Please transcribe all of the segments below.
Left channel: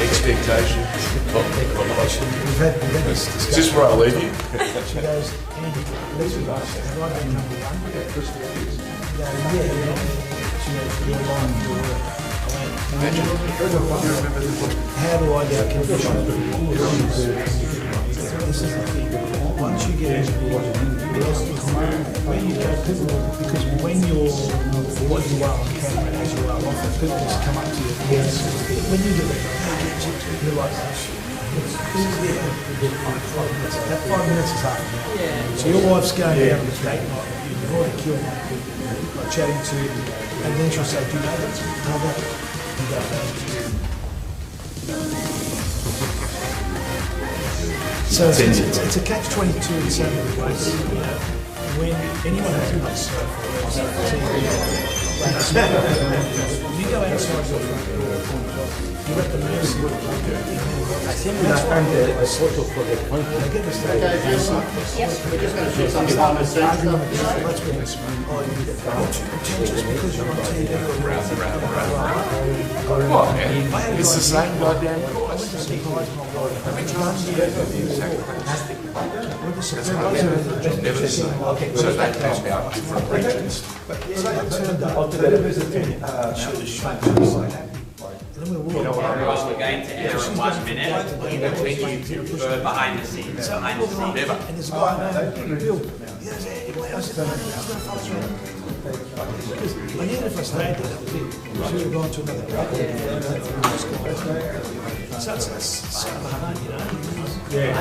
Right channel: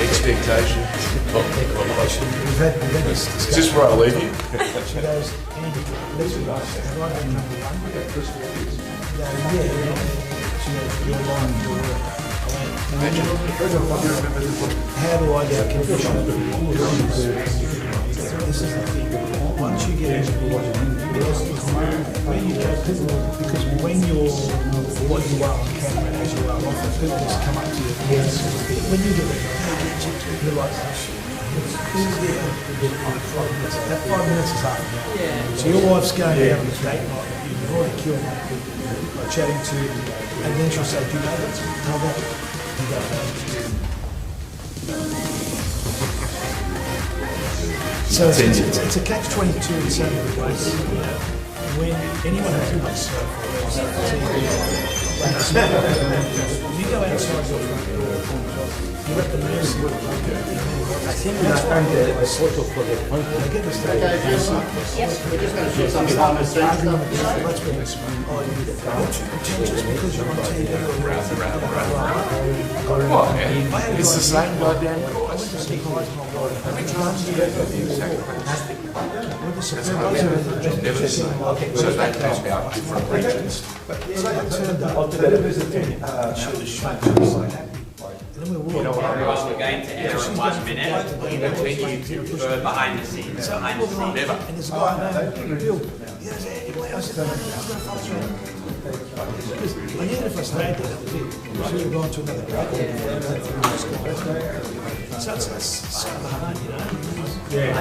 Expectation. It's just where I leave you. She goes, Andy, let's be honest, have I been number one? Yeah. She goes, you're lying to work. How do I get conditioned? This is the thing. Once you get into because when you're what you are on camera as you are off, people just come up to you. When you get it, you're like, that 5 minutes is up. Yeah. So your wife's going out on a date night, you've already killed like chatting to you, and then she'll say, do you know that? How about it? You don't know. So it's a catch-22 in so many ways. When anyone who does you go outside your front door, you let the nurse in. I think that's one the sort of for the point. They get the stuff. Yes, we're just going to share something on the screen. Let's get this one. Oh, you did it. You're too contentious because you're on TV or What, man? It's the same goddamn course. How many times do you get okay, so that comes out different regions. You know what I realised? We're going to air in 1 minute. Behind the scenes. Never. And there's a guy named Bill. And even if I stayed there, I should have gone to another club. So it's so hard, you know. Yeah.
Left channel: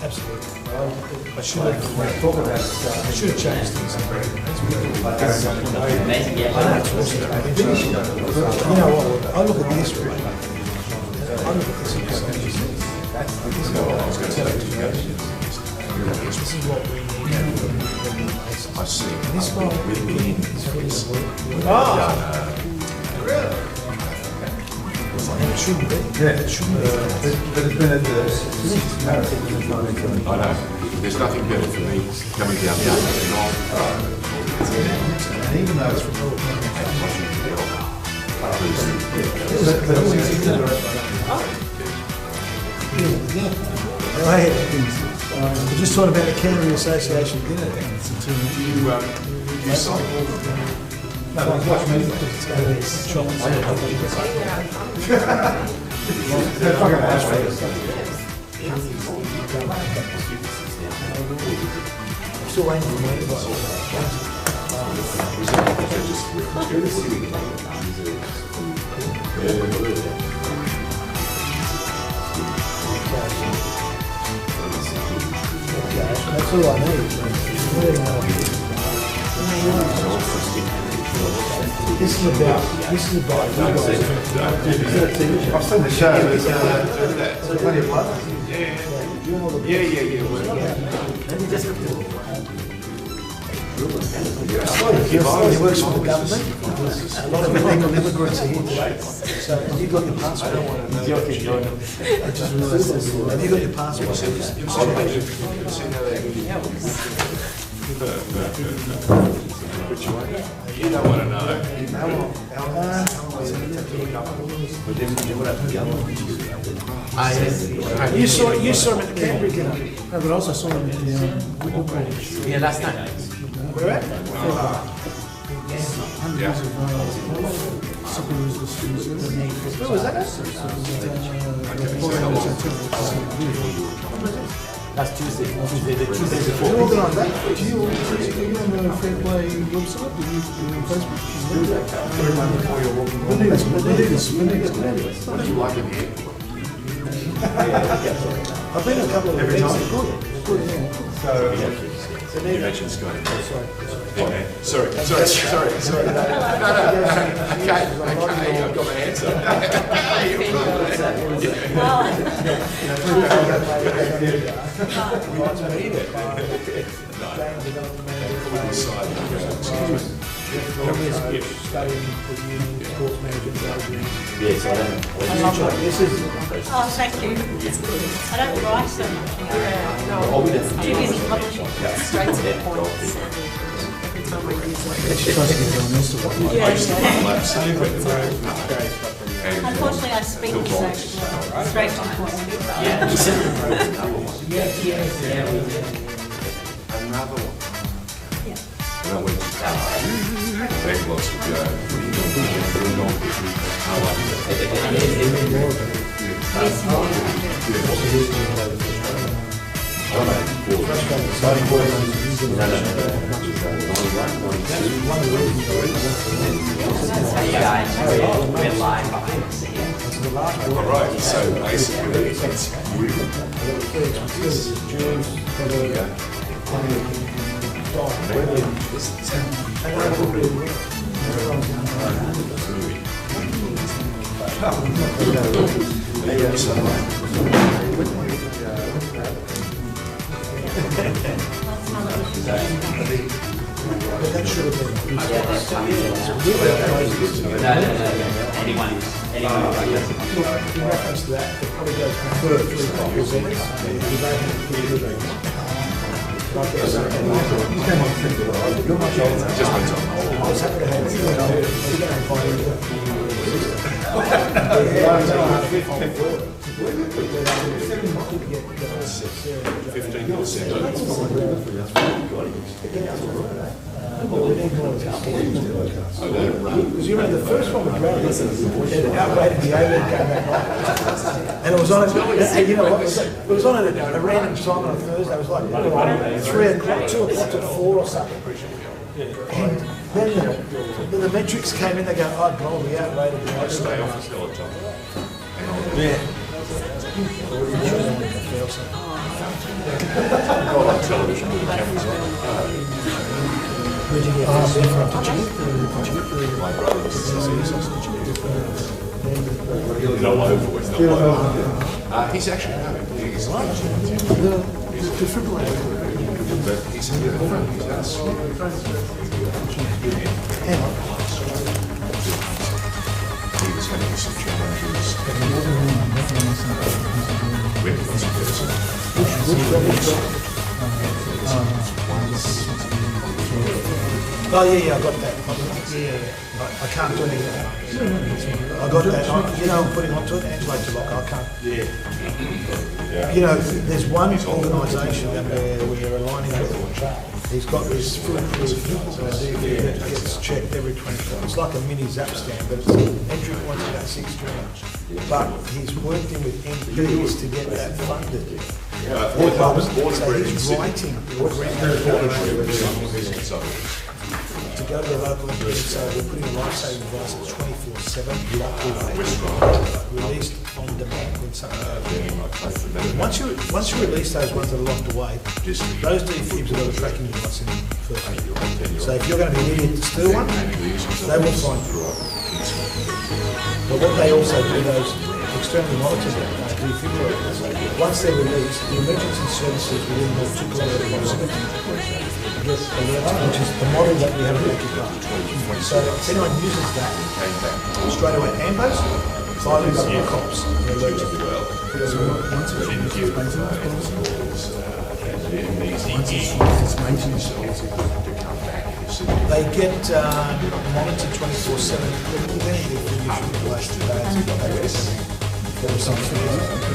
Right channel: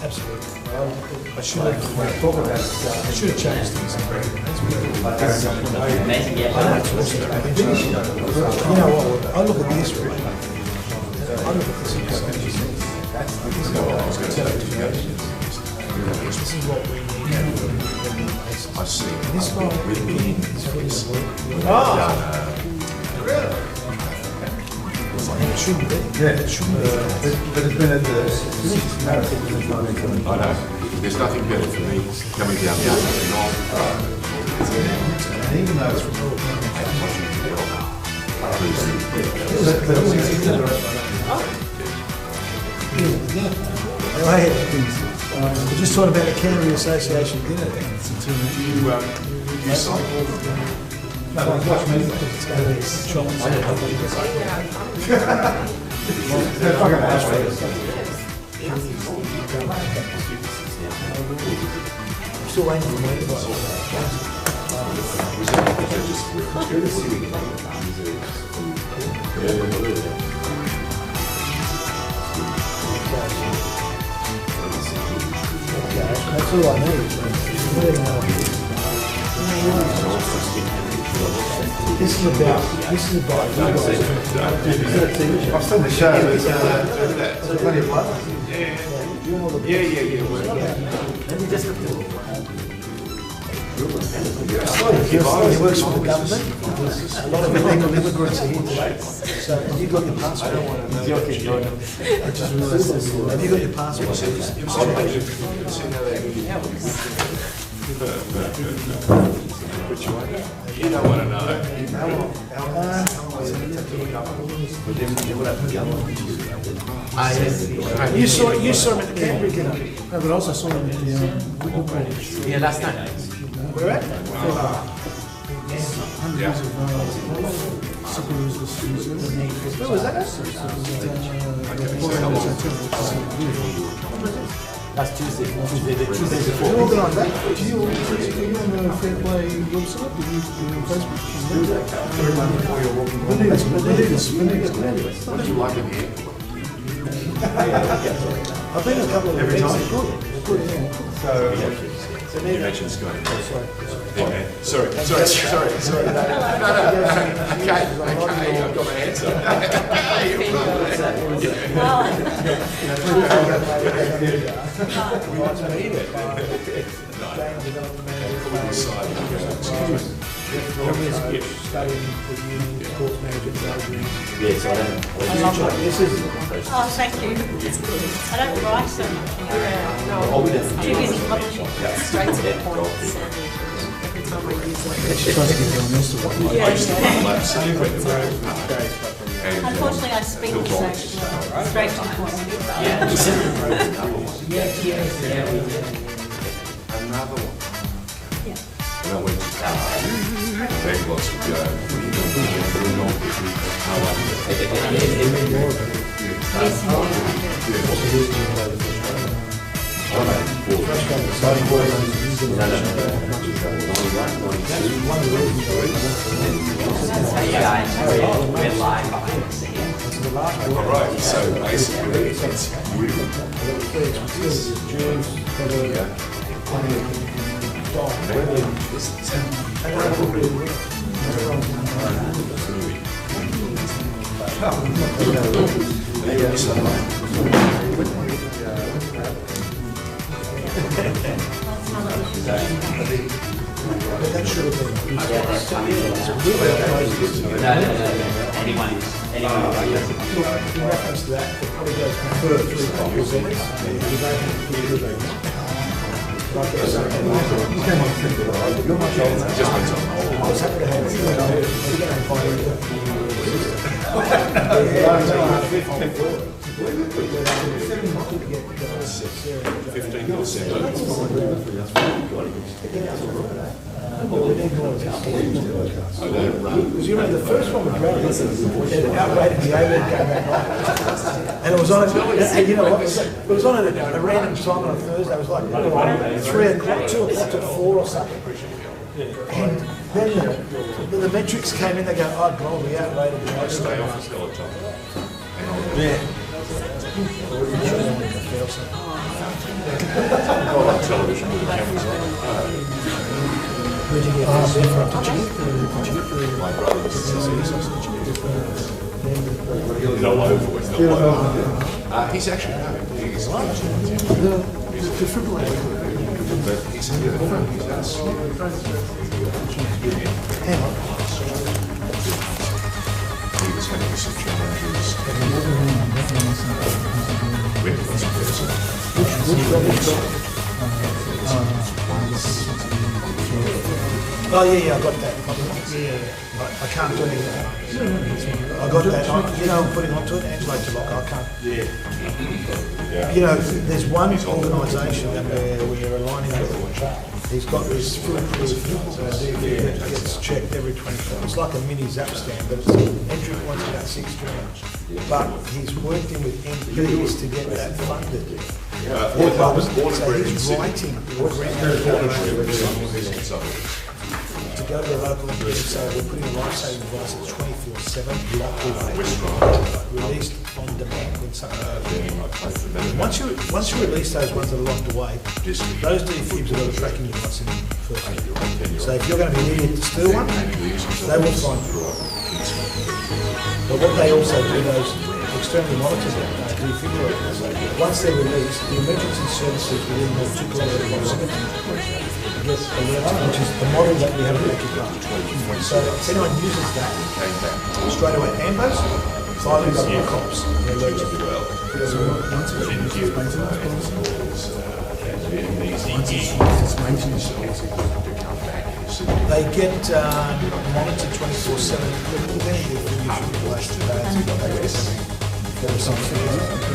Absolutely. I should have changed things. You know what? I look at this right now. I look at this and this is what we need. I see. This guy really is Really? and it shouldn't be. Yeah, it shouldn't be. But it's been I know. There's nothing better for me coming down here. and even though it's We're just talking about the Canterbury Association dinner. Do you sign? no, watch me. It's going to be shots. I'm still waiting for me. That's all I need. This is about you guys. I've seen the show. He works for the government. A lot of illegal immigrants are here. So have you got your passport? I just realised this. Have you got your passport? You don't want to know. You saw him at the Canberra game. No, but also saw him at the Yeah, that's nice. where at? Hundreds of Superus was where was that? That's Tuesday. The Tuesday You organised that? Do you on the Fair Play website? You on Facebook? What do you like in here? I've been a couple of events. It's good. You mentioned Scott. Sorry. No. Okay, I've got my answer. Yes, I don't. This is. Oh, thank you. I don't write so much. Too busy publishing. Straight to the point. Every time I use unfortunately, I speak so straight to the point. Another one. When I went to Big Lots would go, what are you going to Right, so basically it's you. The first one was great. It outrated the overhead game that night. And it was on, you know what, it was on a random time on a Thursday. It was like 3 o'clock, 2 o'clock to 4 or something. And then the metrics came in, they go, oh, God, we outrated the overhead. Stay off the top. Yeah. On television with the cameras on. Where'd you get this? My brother was no over was not he's actually no, he's The defibrillator. but he's a good friend. Hang on. He was having some challenges. With this person. Oh yeah, I got that. Yeah. I can't do anything. I got that. You know, I'm putting onto it. Angela to lock. I can't. Yeah. You know, there's one organisation that we're aligning with. He's got this foolproof DVR that gets checked every 24. It's like a mini zap stand, but it's entry point's about $6,000. But he's worked in with MPs to get that funded. So he's writing to go to the local MP, so we're putting a life-saving device that's 24/7, released on demand when something goes. Once you release those ones that are locked away, those defibs have got a tracking device in them first. So if you're going to be needed to steal one, they will find you. But what they also do, those externally monitored defibrillators, once they're released, the emergency services within the particular get alerted, which is the model that we have at Archie. So if anyone uses that, straight away ambos, fires, and cops, they're allergic. They get monitored 24/7. There was some things.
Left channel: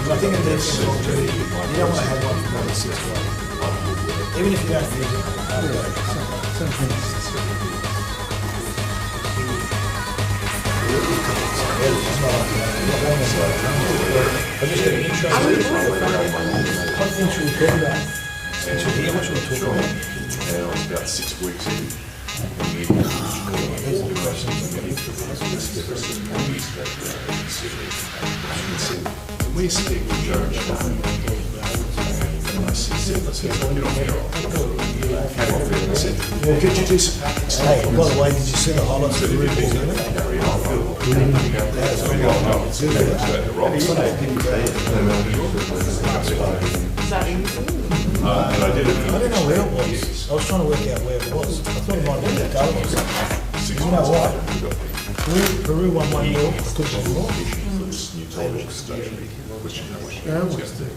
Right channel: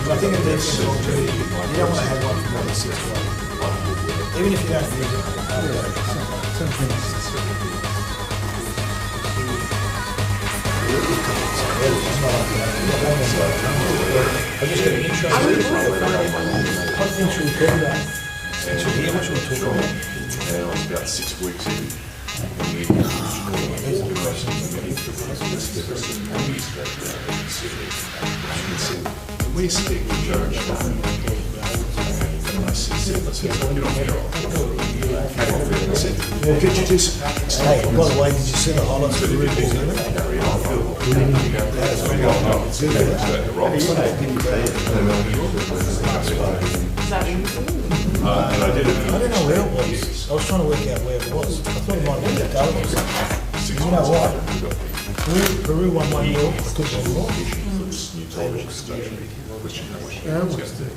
I think in this, you don't want to have one for more than 6 months. Even if you don't use it. I just got an intro. What things should we talk about? What should we talk about? I was about 6 weeks in. We speak with George. Did you do some? Hey, by the way, did you see the highlights of the Ruby? I don't know where it was. I was trying to work out where it was. I thought it might have been the Gullies. You know what? Peru won 1-0. I took it all. Yeah, I watched it.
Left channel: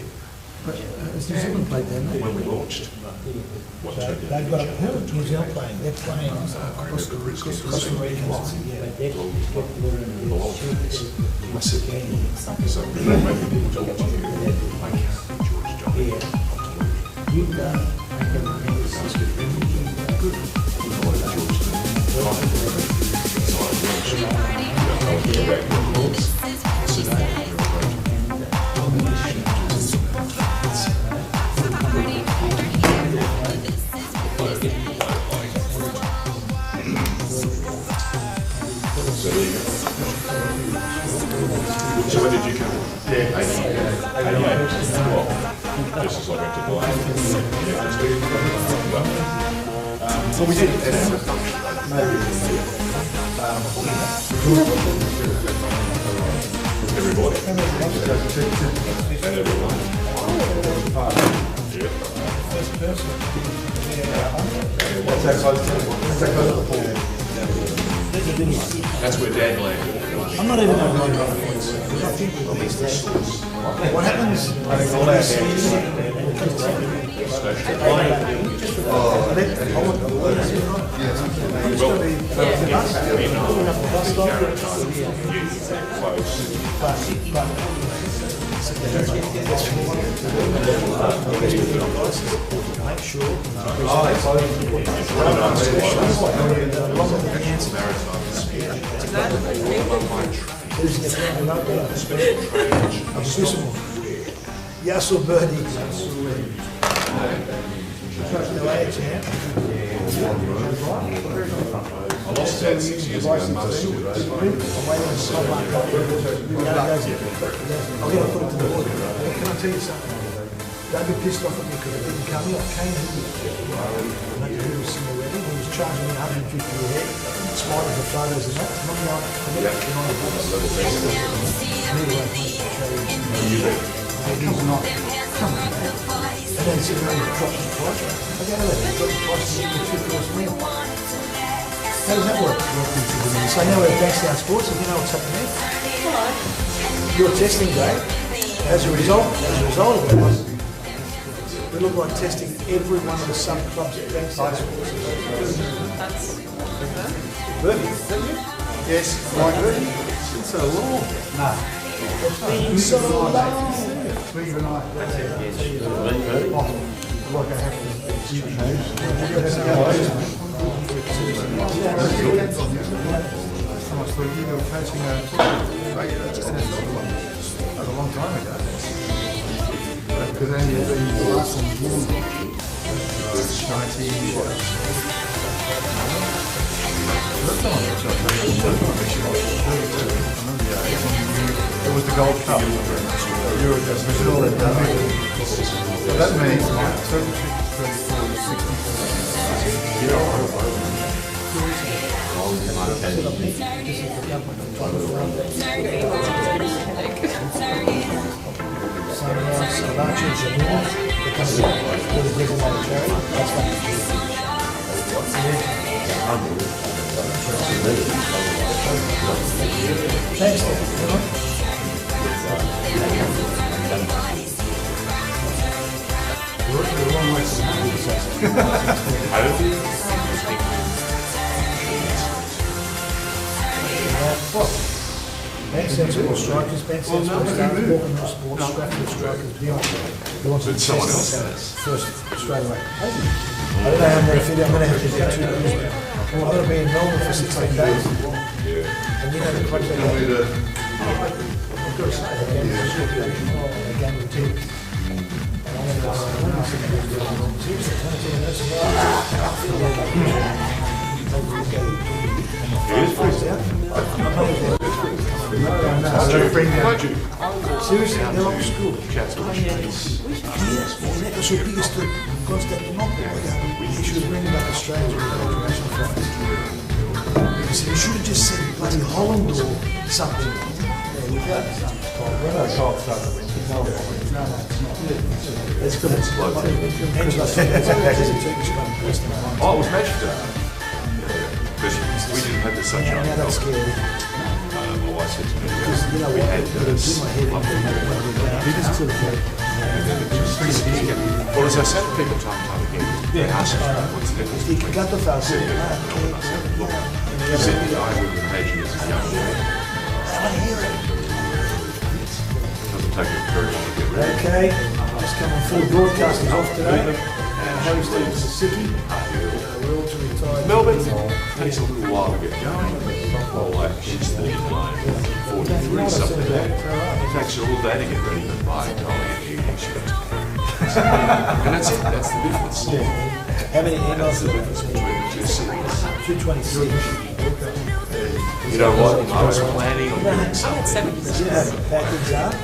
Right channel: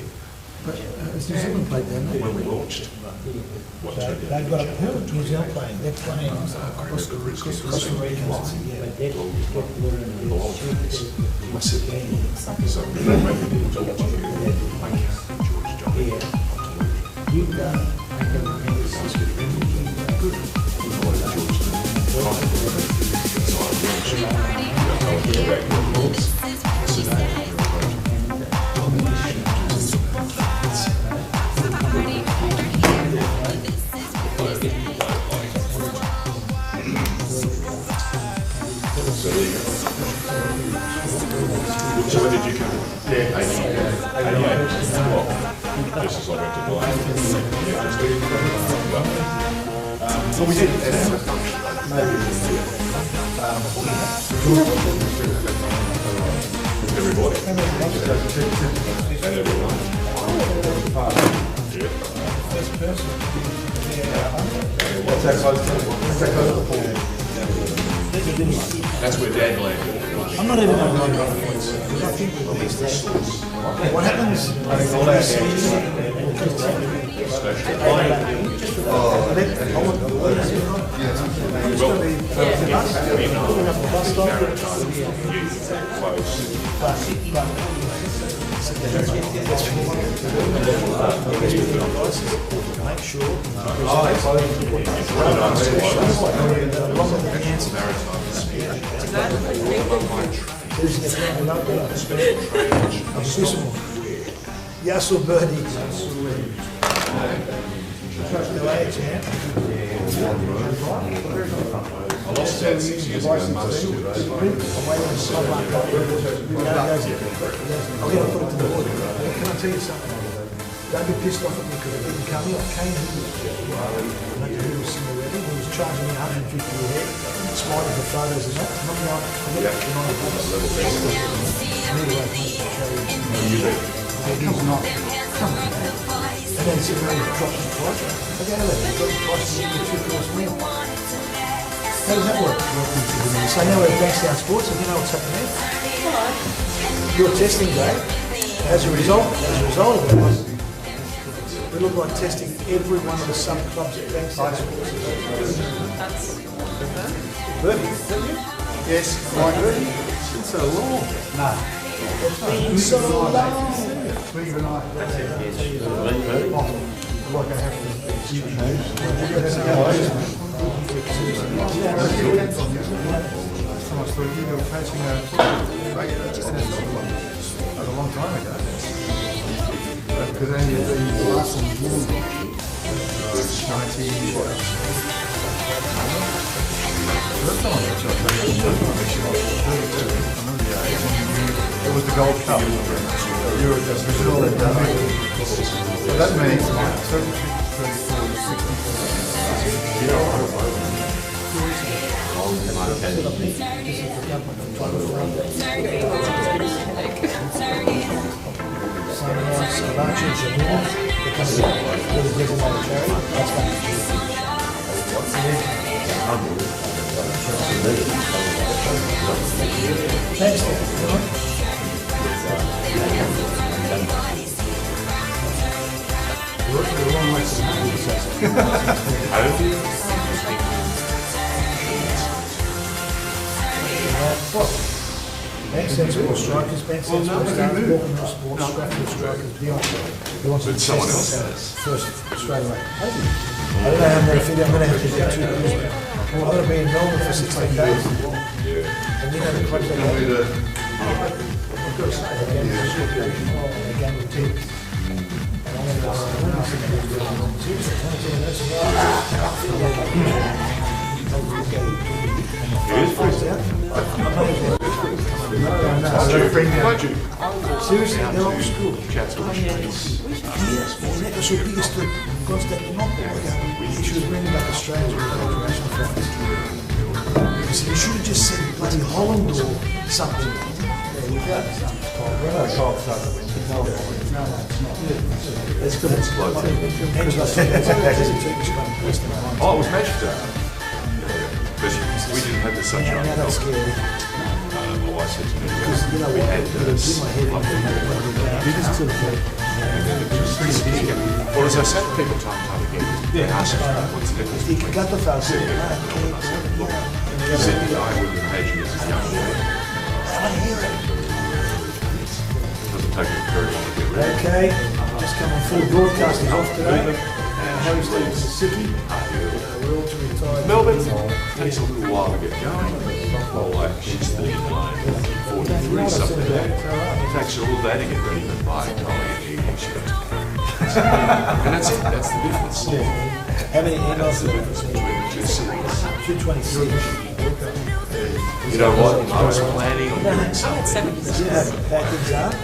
But New Zealand played then. When we launched, They've got New Zealand playing. They're playing Costa Rica. Well, we did. that's where Dad landed. I'm not even going to what happens? Make sure. Yes or birdie? I lost that 6 years ago. I'm going to put it to the water. Can I tell you something? Don't be pissed off at me because I didn't come here. I came here. He was sitting already. He was charging me 150 a head. Smiling for photos and not. I'm not going to deny it. He's not. Come on. And then sitting there, he dropped the price. I don't know whether he got the price and he took it me. How does that work? So now we're at Downtown Sports, and you know what's happening there? Your testing day, as a result of it, we look like testing every one of the sub-clubs at Downtown Sports. Bertie, is that you? Yes, right, Bertie. It's been so long. No. It's been so long. Like I have to a long time ago. Because then you last some years, 90. It was the Gold Cup. Euro Brazil and so that means like 36 Ben sensible strikers, Ben sensible stars, walking the sport, structured strikers, beyond. He wants to But someone test else that does. first straight away. I don't know how I'm going to fit. I'm going to have to get 2 years now. I've got to be in Melbourne for 16 days. And you know the contract. I've got to say, a game of tips. Seriously, they're old school. Yes, and that was her biggest Constantinople. She was reading about Australia with international flights. He said, you should have just said bloody Holland or something. There you go. It's going to explode. Oh, it was magic day. Because we didn't have the sunshine. Now that's scary. My wife said to me, You know, we had to do my head in biggest to the well, as I say to people time and time again, ask me what's the difference You between got the fast. look, you said, I would imagine as a young boy. It doesn't take me very long to get rid of it. Okay, just coming through. Broadcasters off today. Our host is Siki. We're all to retire. Melbourne takes a little while to get going. Well, like she's 39, 43, something like that. It takes all day to get ready, but by the time you get she goes. And that's it, that's the difference. How many emails The difference between the two cities. 223. You know what? I was planning on doing something. Backwards up. I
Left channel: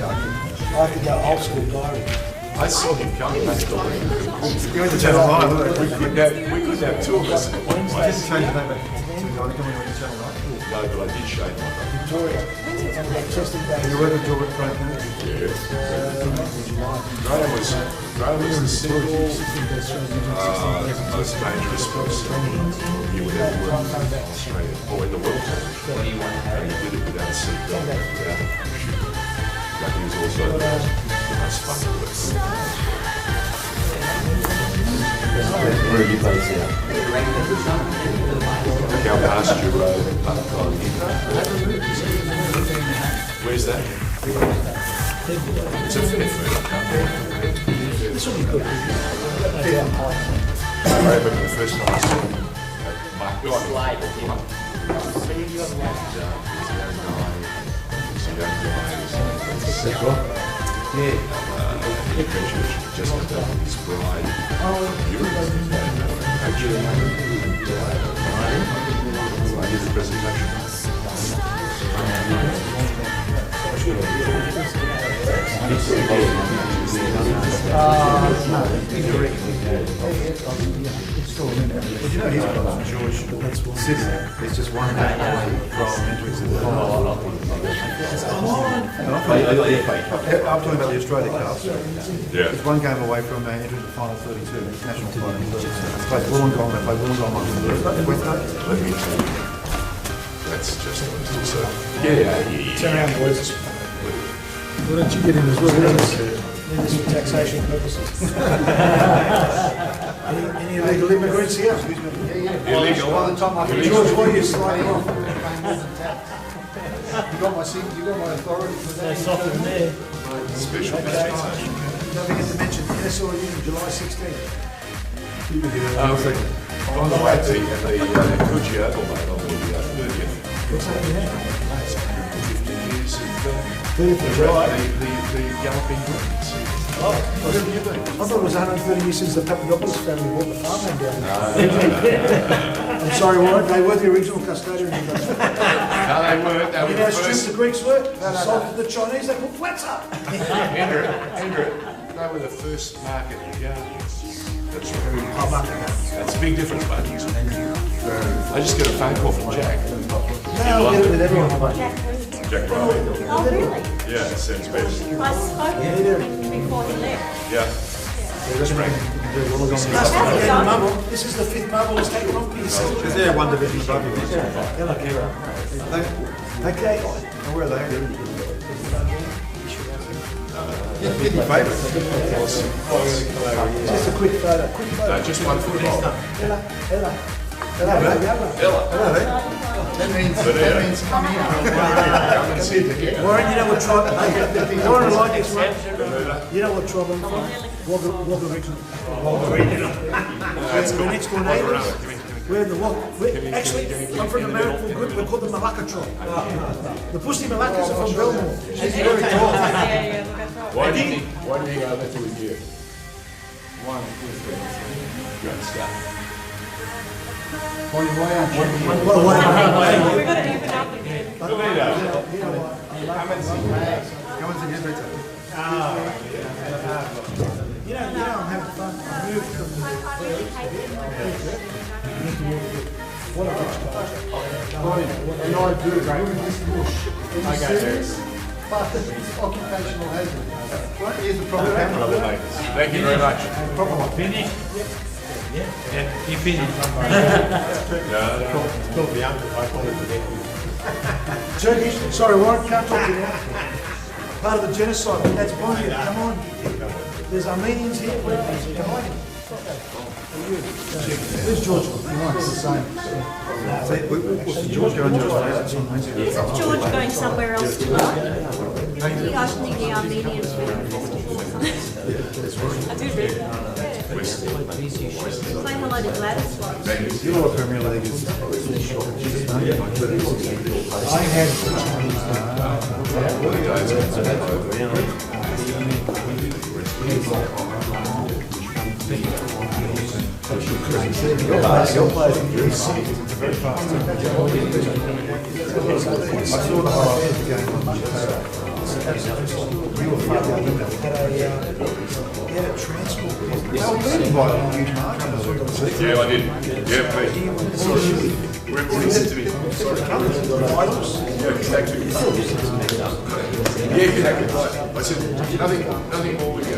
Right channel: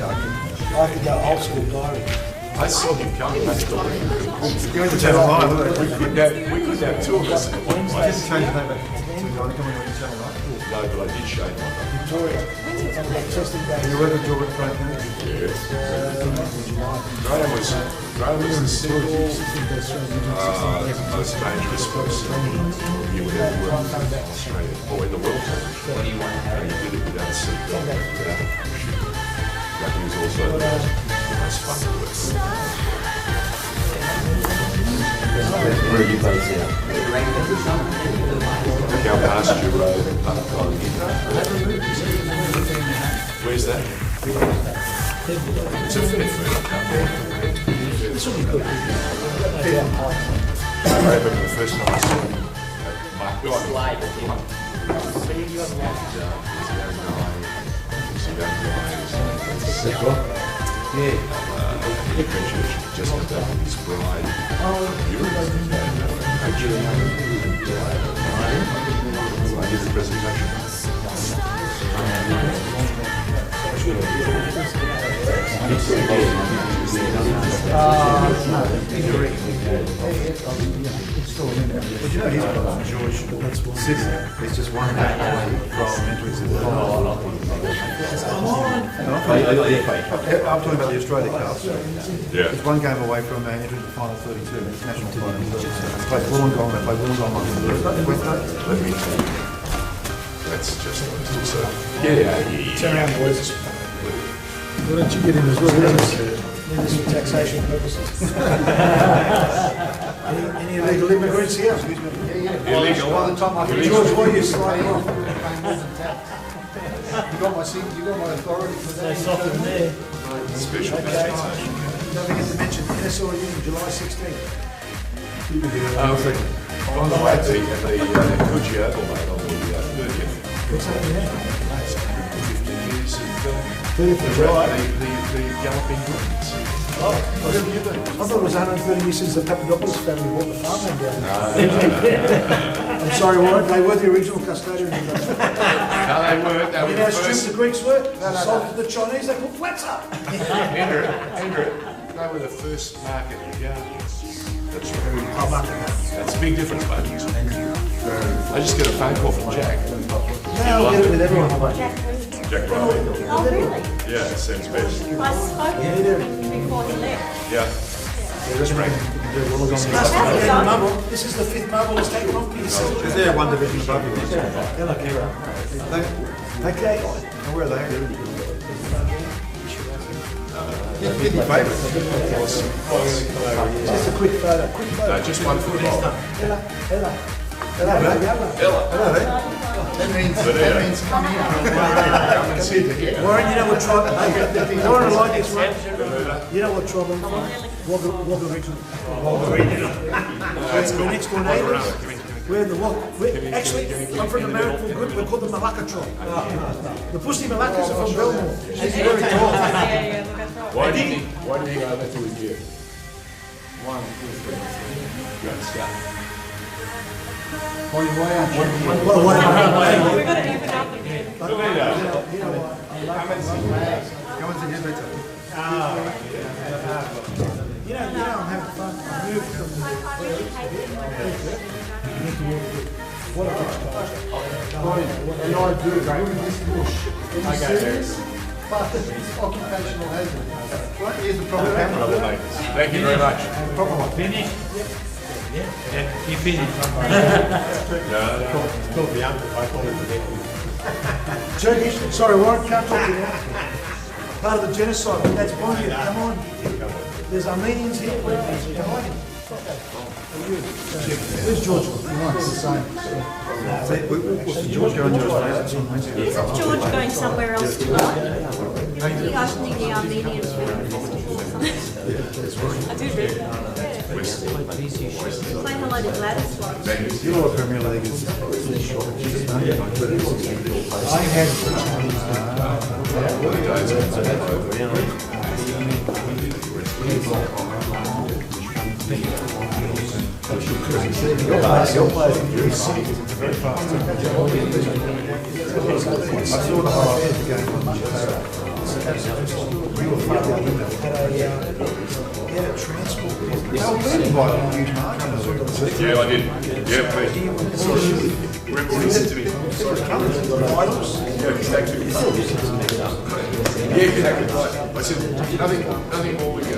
have to go old school diary. I saw him coming back to the ring. Go to Channel 9. We could have two of us in one I place. didn't change the name back to Donica when we went to Channel 9. No, but I did show you. Victoria. Testing And you day. worked with George Donikian? Graham was the single most dangerous person you would ever work with in Australia or in the world. And he did it without a seatbelt, without a parachute. But he was also the most fun to work with. Where are you based here? Our pasture road in Pascalidis. Where's that? It's a fair food. This will be good. I remember the first time I saw him at just his bride. I did the presentation. But you know he's got George Sydney. There's just one day away from entering to the final. I'm talking about the Australia Cup. Yeah. It's one game away from entering the final 32, international final 32. They play Wollongong, they play Wollongong on Wednesday. Let me tell you, that's just absurd. Yeah. Turn around, boys. Why don't you get in as well? Need this for taxation purposes. Any illegal immigrants here? Illegal. By the time I can George, what are you sliding off? You got my authority for that. They're soft in there. Special. Okay. Don't forget to mention NSLU, July 16th. On the way to the Coogee Overload on the 30th. What's happening there? 50 years of 30th of July. the Galloping Greens. I thought it was 130 years since the Papadopoulos family bought the farmland down there. I'm sorry, Warren, they were the original custodians. No, they weren't. They You were know how the strict first. the Greeks were? Sold to the Chinese, they put flats up. Andrew, they were the first market in Ghana. That's right. That's a big difference, mate. I just got a phone call from Jack. No, I'll get it with everyone. Jack Riley. Oh, really? Yeah, it sounds best. I spoke to him before he left. Yeah. Just ring. This is the 5th marble estate property. Is there one division above you? Okay. And where are they? Did my favourite. Just a quick photo. No, just one for a while. Hello, That means come here. Warren, you know what tribe? You don't want to like this one. You know what tribe I'm from? Wagga originally. That's the next door neighbours. We're the Wagga. Actually, I'm from the Marrickville group. We're called the Malacca tribe. The Pussy Malaccas are from Belmore. She's very tall. Why do you think over to a year? One. Well, We're going to even up again. Come on together. You know, I'm having fun. I moved from the what a And I do, right? Occupational hazard. What is the proper camera? Thank you very much. Proper one. Finished? Yeah. You finished. Turkish. Sorry, Warren, can't talk to you now. Part of the genocide. That's Bosnia. Come on. There's Armenians here. Come on. Where's George? It's the same. George going to Is George going somewhere else tonight? He asked me the Armenians film festival. I do read that. Playing a load of Gladys ones. You know what Premier League is? Yeah, I did. Yeah, please. Recording to me. Yeah, exactly right. I said, nothing more we go.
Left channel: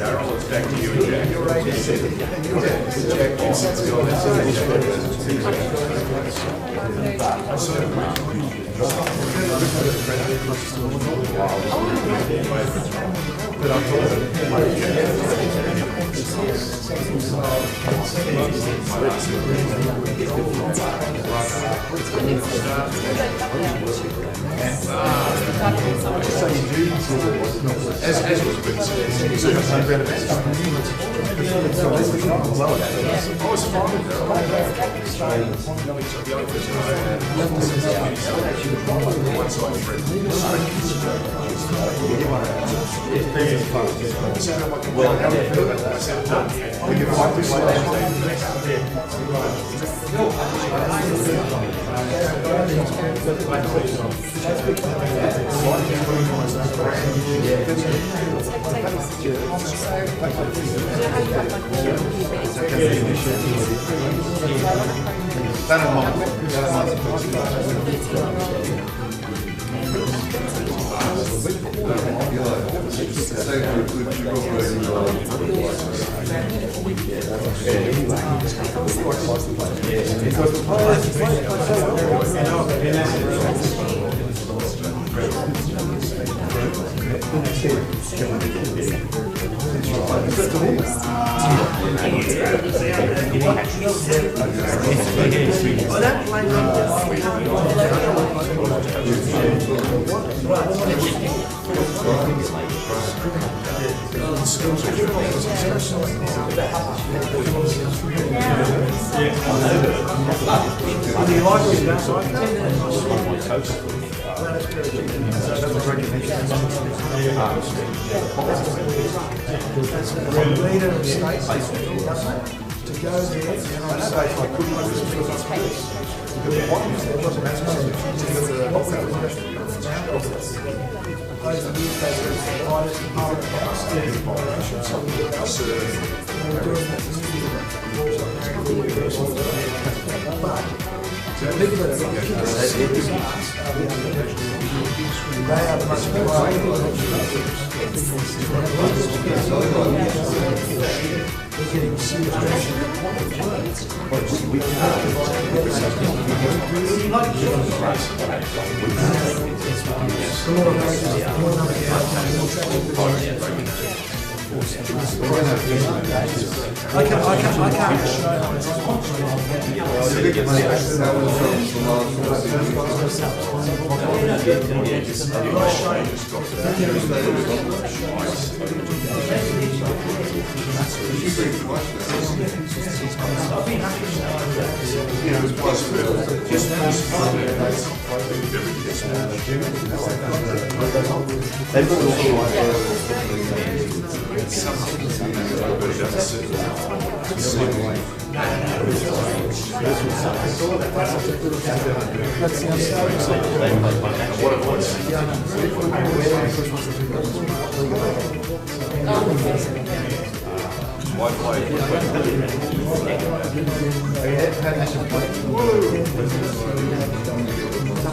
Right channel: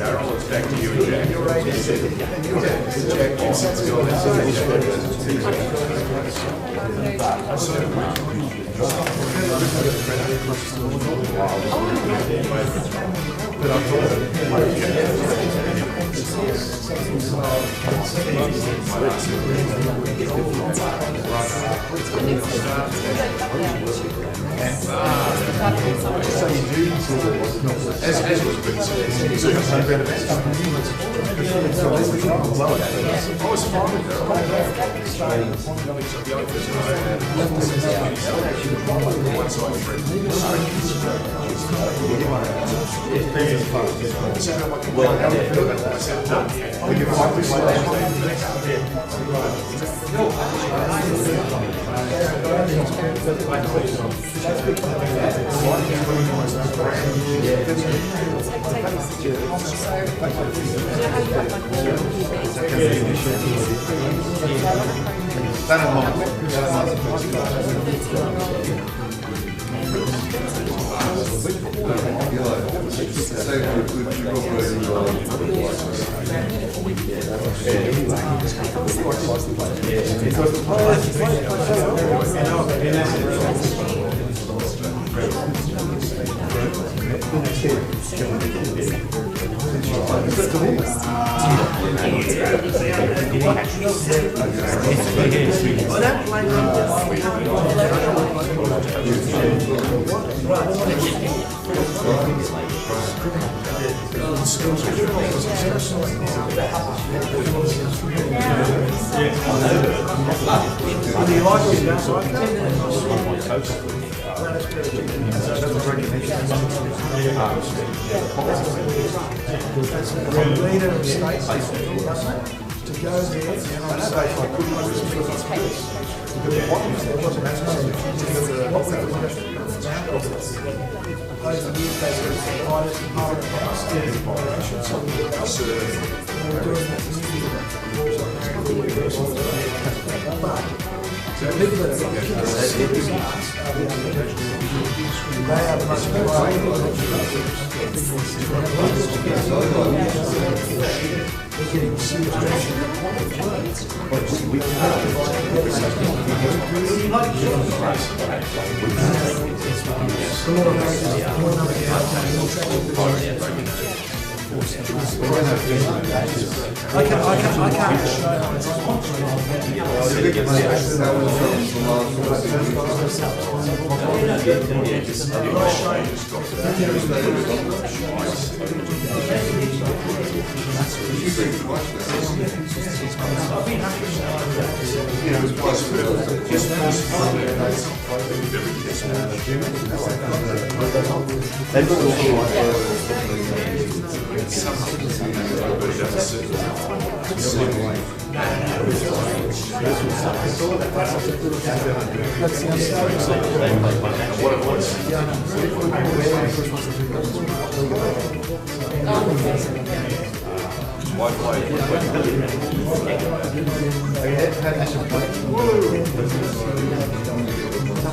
Darryl, it's back to you and Jack. You're right.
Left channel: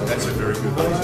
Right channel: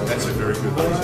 That's a very good one.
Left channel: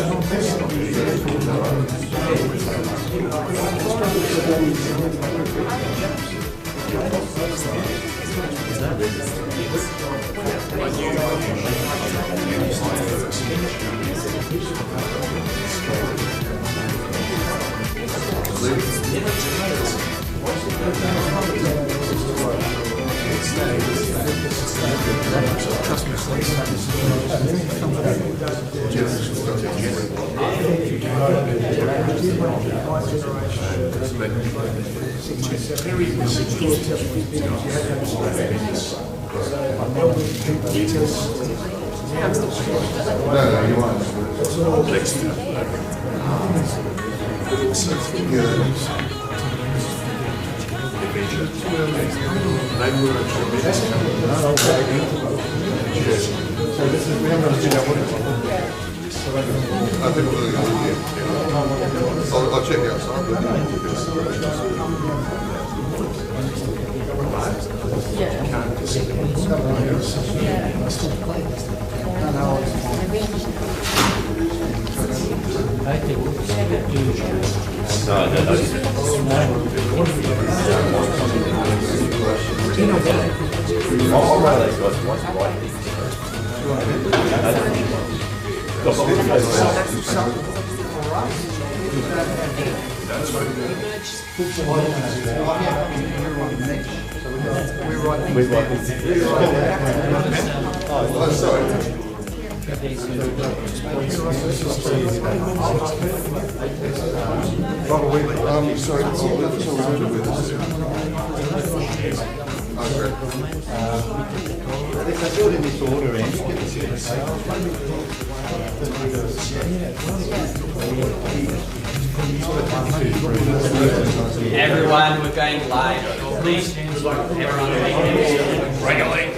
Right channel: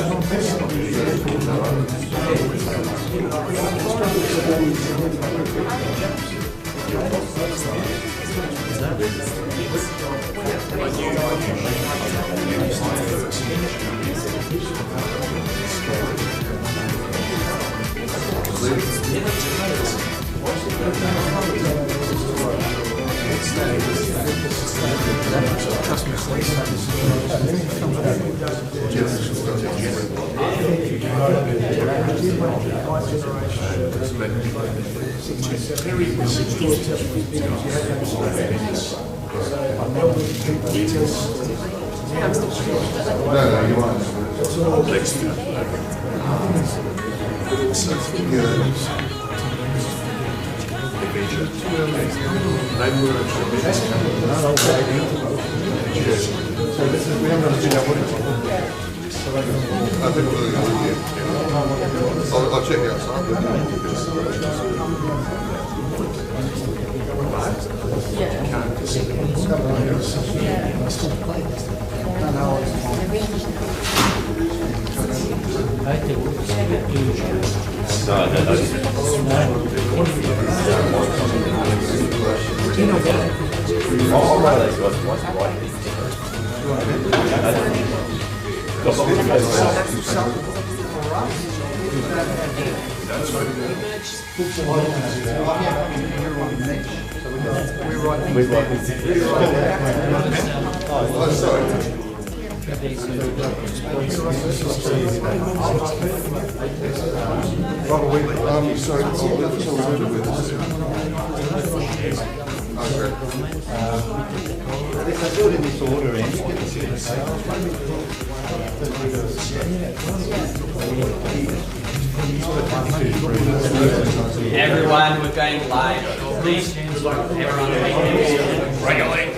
I'll check it outside. Everyone, we're going live. Please, everyone, regulate.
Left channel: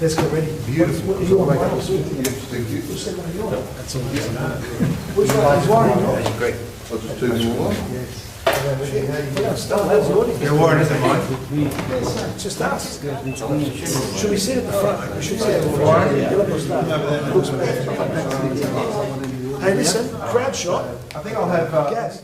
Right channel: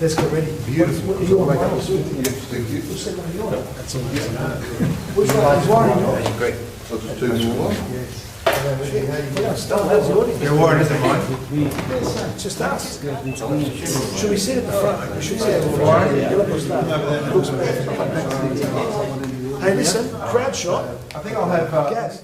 Let's get ready. Beautiful. You want to write this? Thank you. That's all. Which one is one? Great. I'll just do more. Your word is mine. Just ask. Should we sit at the front? We should sit at the front. Hey, listen, crowd shot. I think I'll have Gas.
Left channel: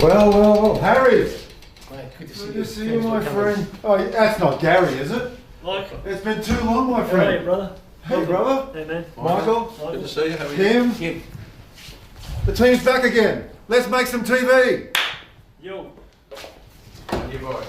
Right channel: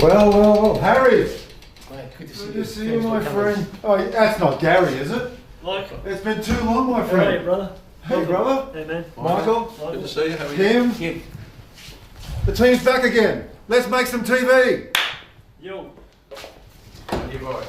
Well, Harry. Good to Good to see you, my friend. Oh, that's not Gary, is it? Like, It's been too long, my hey, friend. brother. Hey, brother. Hey, man. Michael. Good to see you. How are you? Kim. The team's back again. Let's make some TV. Yo. You boys.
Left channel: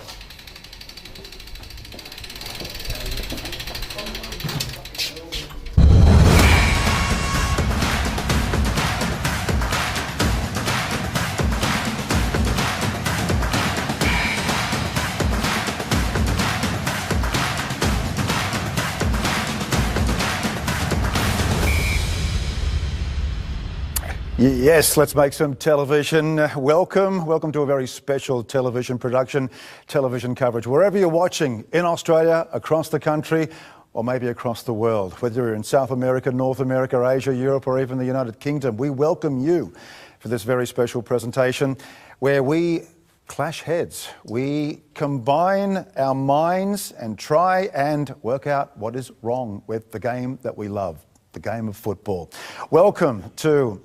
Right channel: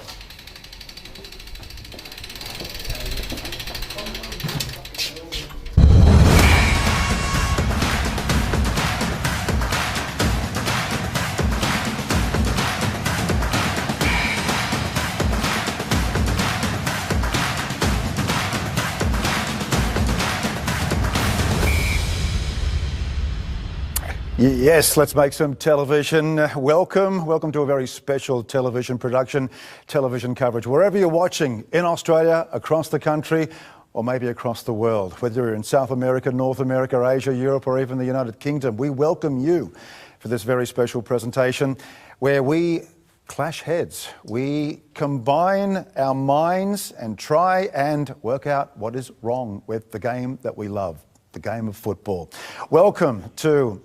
Yes, let's make some television. Welcome to a very special television production, television coverage. Wherever you're watching, in Australia, across the country, or maybe across the world, whether you're in South America, North America, Asia, Europe, or even the United Kingdom, we welcome you for this very special presentation where we clash heads. We combine our minds and try and work out what is wrong with the game that we love, the game of football. Welcome to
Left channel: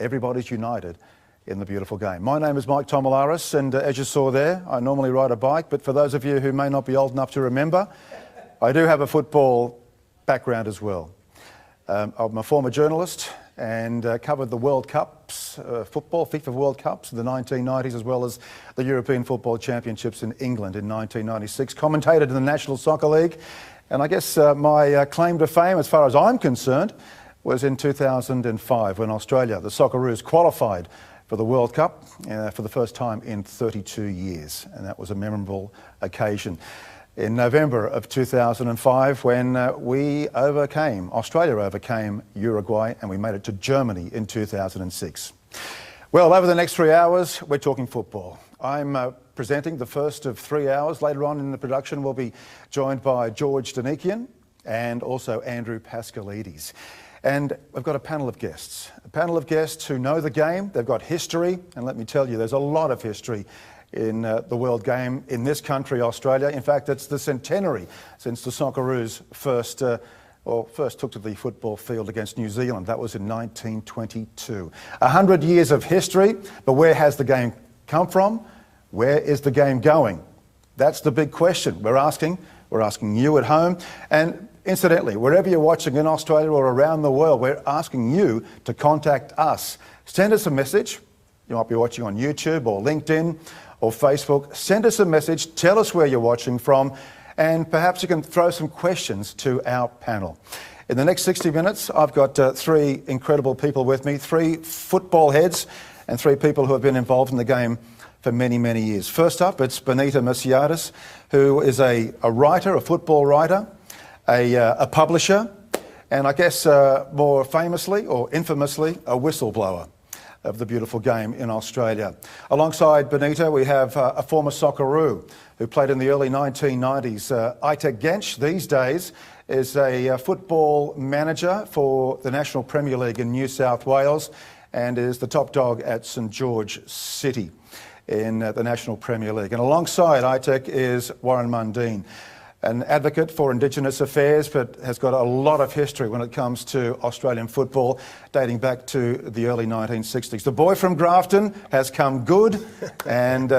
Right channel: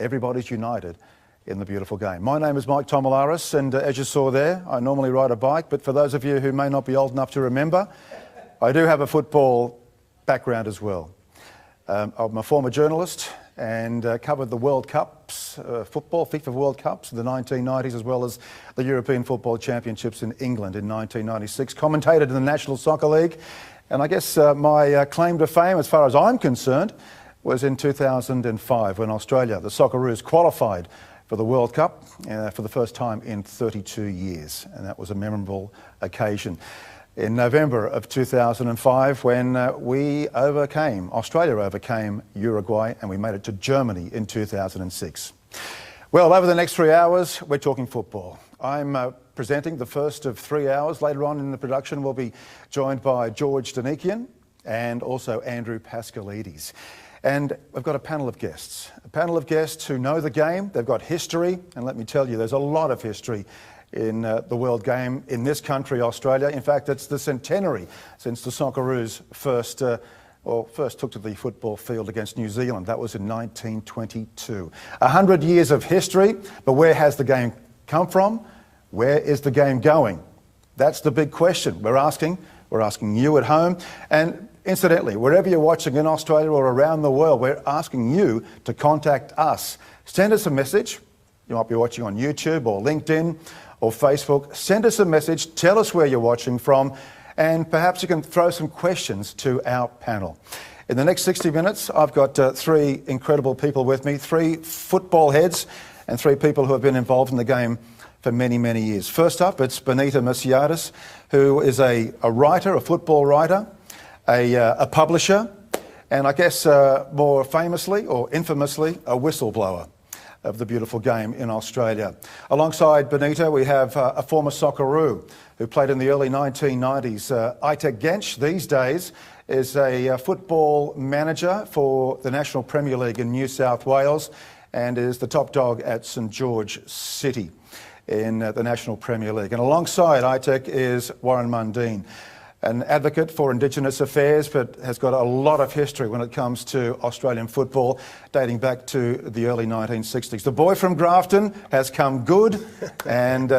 Everybody's United in the beautiful game. My name is Mike Tomalaris, and as you saw there, I normally ride a bike, but for those of you who may not be old enough to remember, I do have a football background as well. I'm a former journalist and covered the World Cups, football, FIFA World Cups in the 1990s, as well as the European Football Championships in England in 1996, commentated in the National Soccer League, and I guess my claim to fame, as far as I'm concerned, was in 2005 when Australia, the Socceroos, qualified for the World Cup for the first time in 32 years. And that was a memorable occasion. In November of 2005 when Australia overcame Uruguay, and we made it to Germany in 2006. Well, over the next 3 hours, we're talking football. I'm presenting the first of 3 hours. Later on in the production, we'll be joined by George Donikian and also Andrew Pascalidis. And we've got a panel of guests who know the game. They've got history, and let me tell you, there's a lot of history in the world game in this country, Australia. In fact, it's the centenary since the Socceroos first took to the football field against New Zealand. That was in 1922. 100 years of history, but where has the game come from? Where is the game going? That's the big question we're asking you at home. And incidentally, wherever you're watching in Australia or around the world, we're asking you to contact us. Send us a message. You might be watching on YouTube or LinkedIn or Facebook. Send us a message. Tell us where you're watching from, and perhaps you can throw some questions to our panel. In the next 60 minutes, I've got three incredible people with me, three football heads and three people who have been involved in the game for many, many years. First up, it's Benita Merciades, who is a writer, a football writer, a publisher, and I guess more famously or infamously, a whistleblower of the beautiful game in Australia. Alongside Benita, we have a former Socceroo who played in the early 1990s. Aitek Gensch, these days, is a football manager for the National Premier League in New South Wales and is the top dog at St George City in the National Premier League. And alongside Aitek is Warren Mundine, an advocate for Indigenous affairs, but has got a lot of history when it comes to Australian football, dating back to the early 1960s. The boy from Grafton has come good and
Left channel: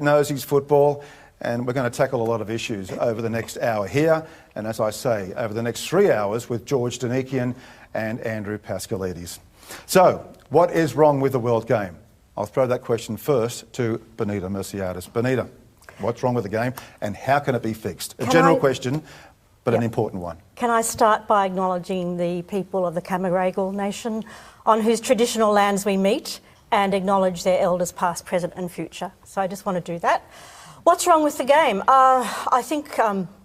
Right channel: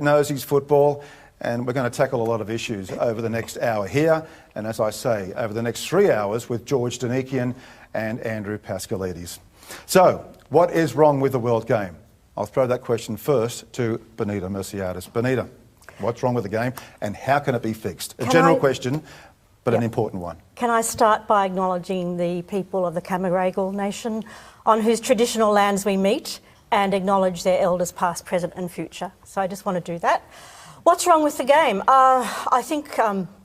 knows his football, and we're going to tackle a lot of issues over the next hour here, and as I say, over the next 3 hours with George Donikian and Andrew Pascalidis. So, what is wrong with the world game? I'll throw that question first to Benita Merciades. Benita, what's wrong with the game and how can it be fixed? A general question, but an important one. Can I start by acknowledging the people of the Cammeraygal Nation on whose traditional lands we meet and acknowledge their elders past, present and future. So I just want to do that. What's wrong with the game? I think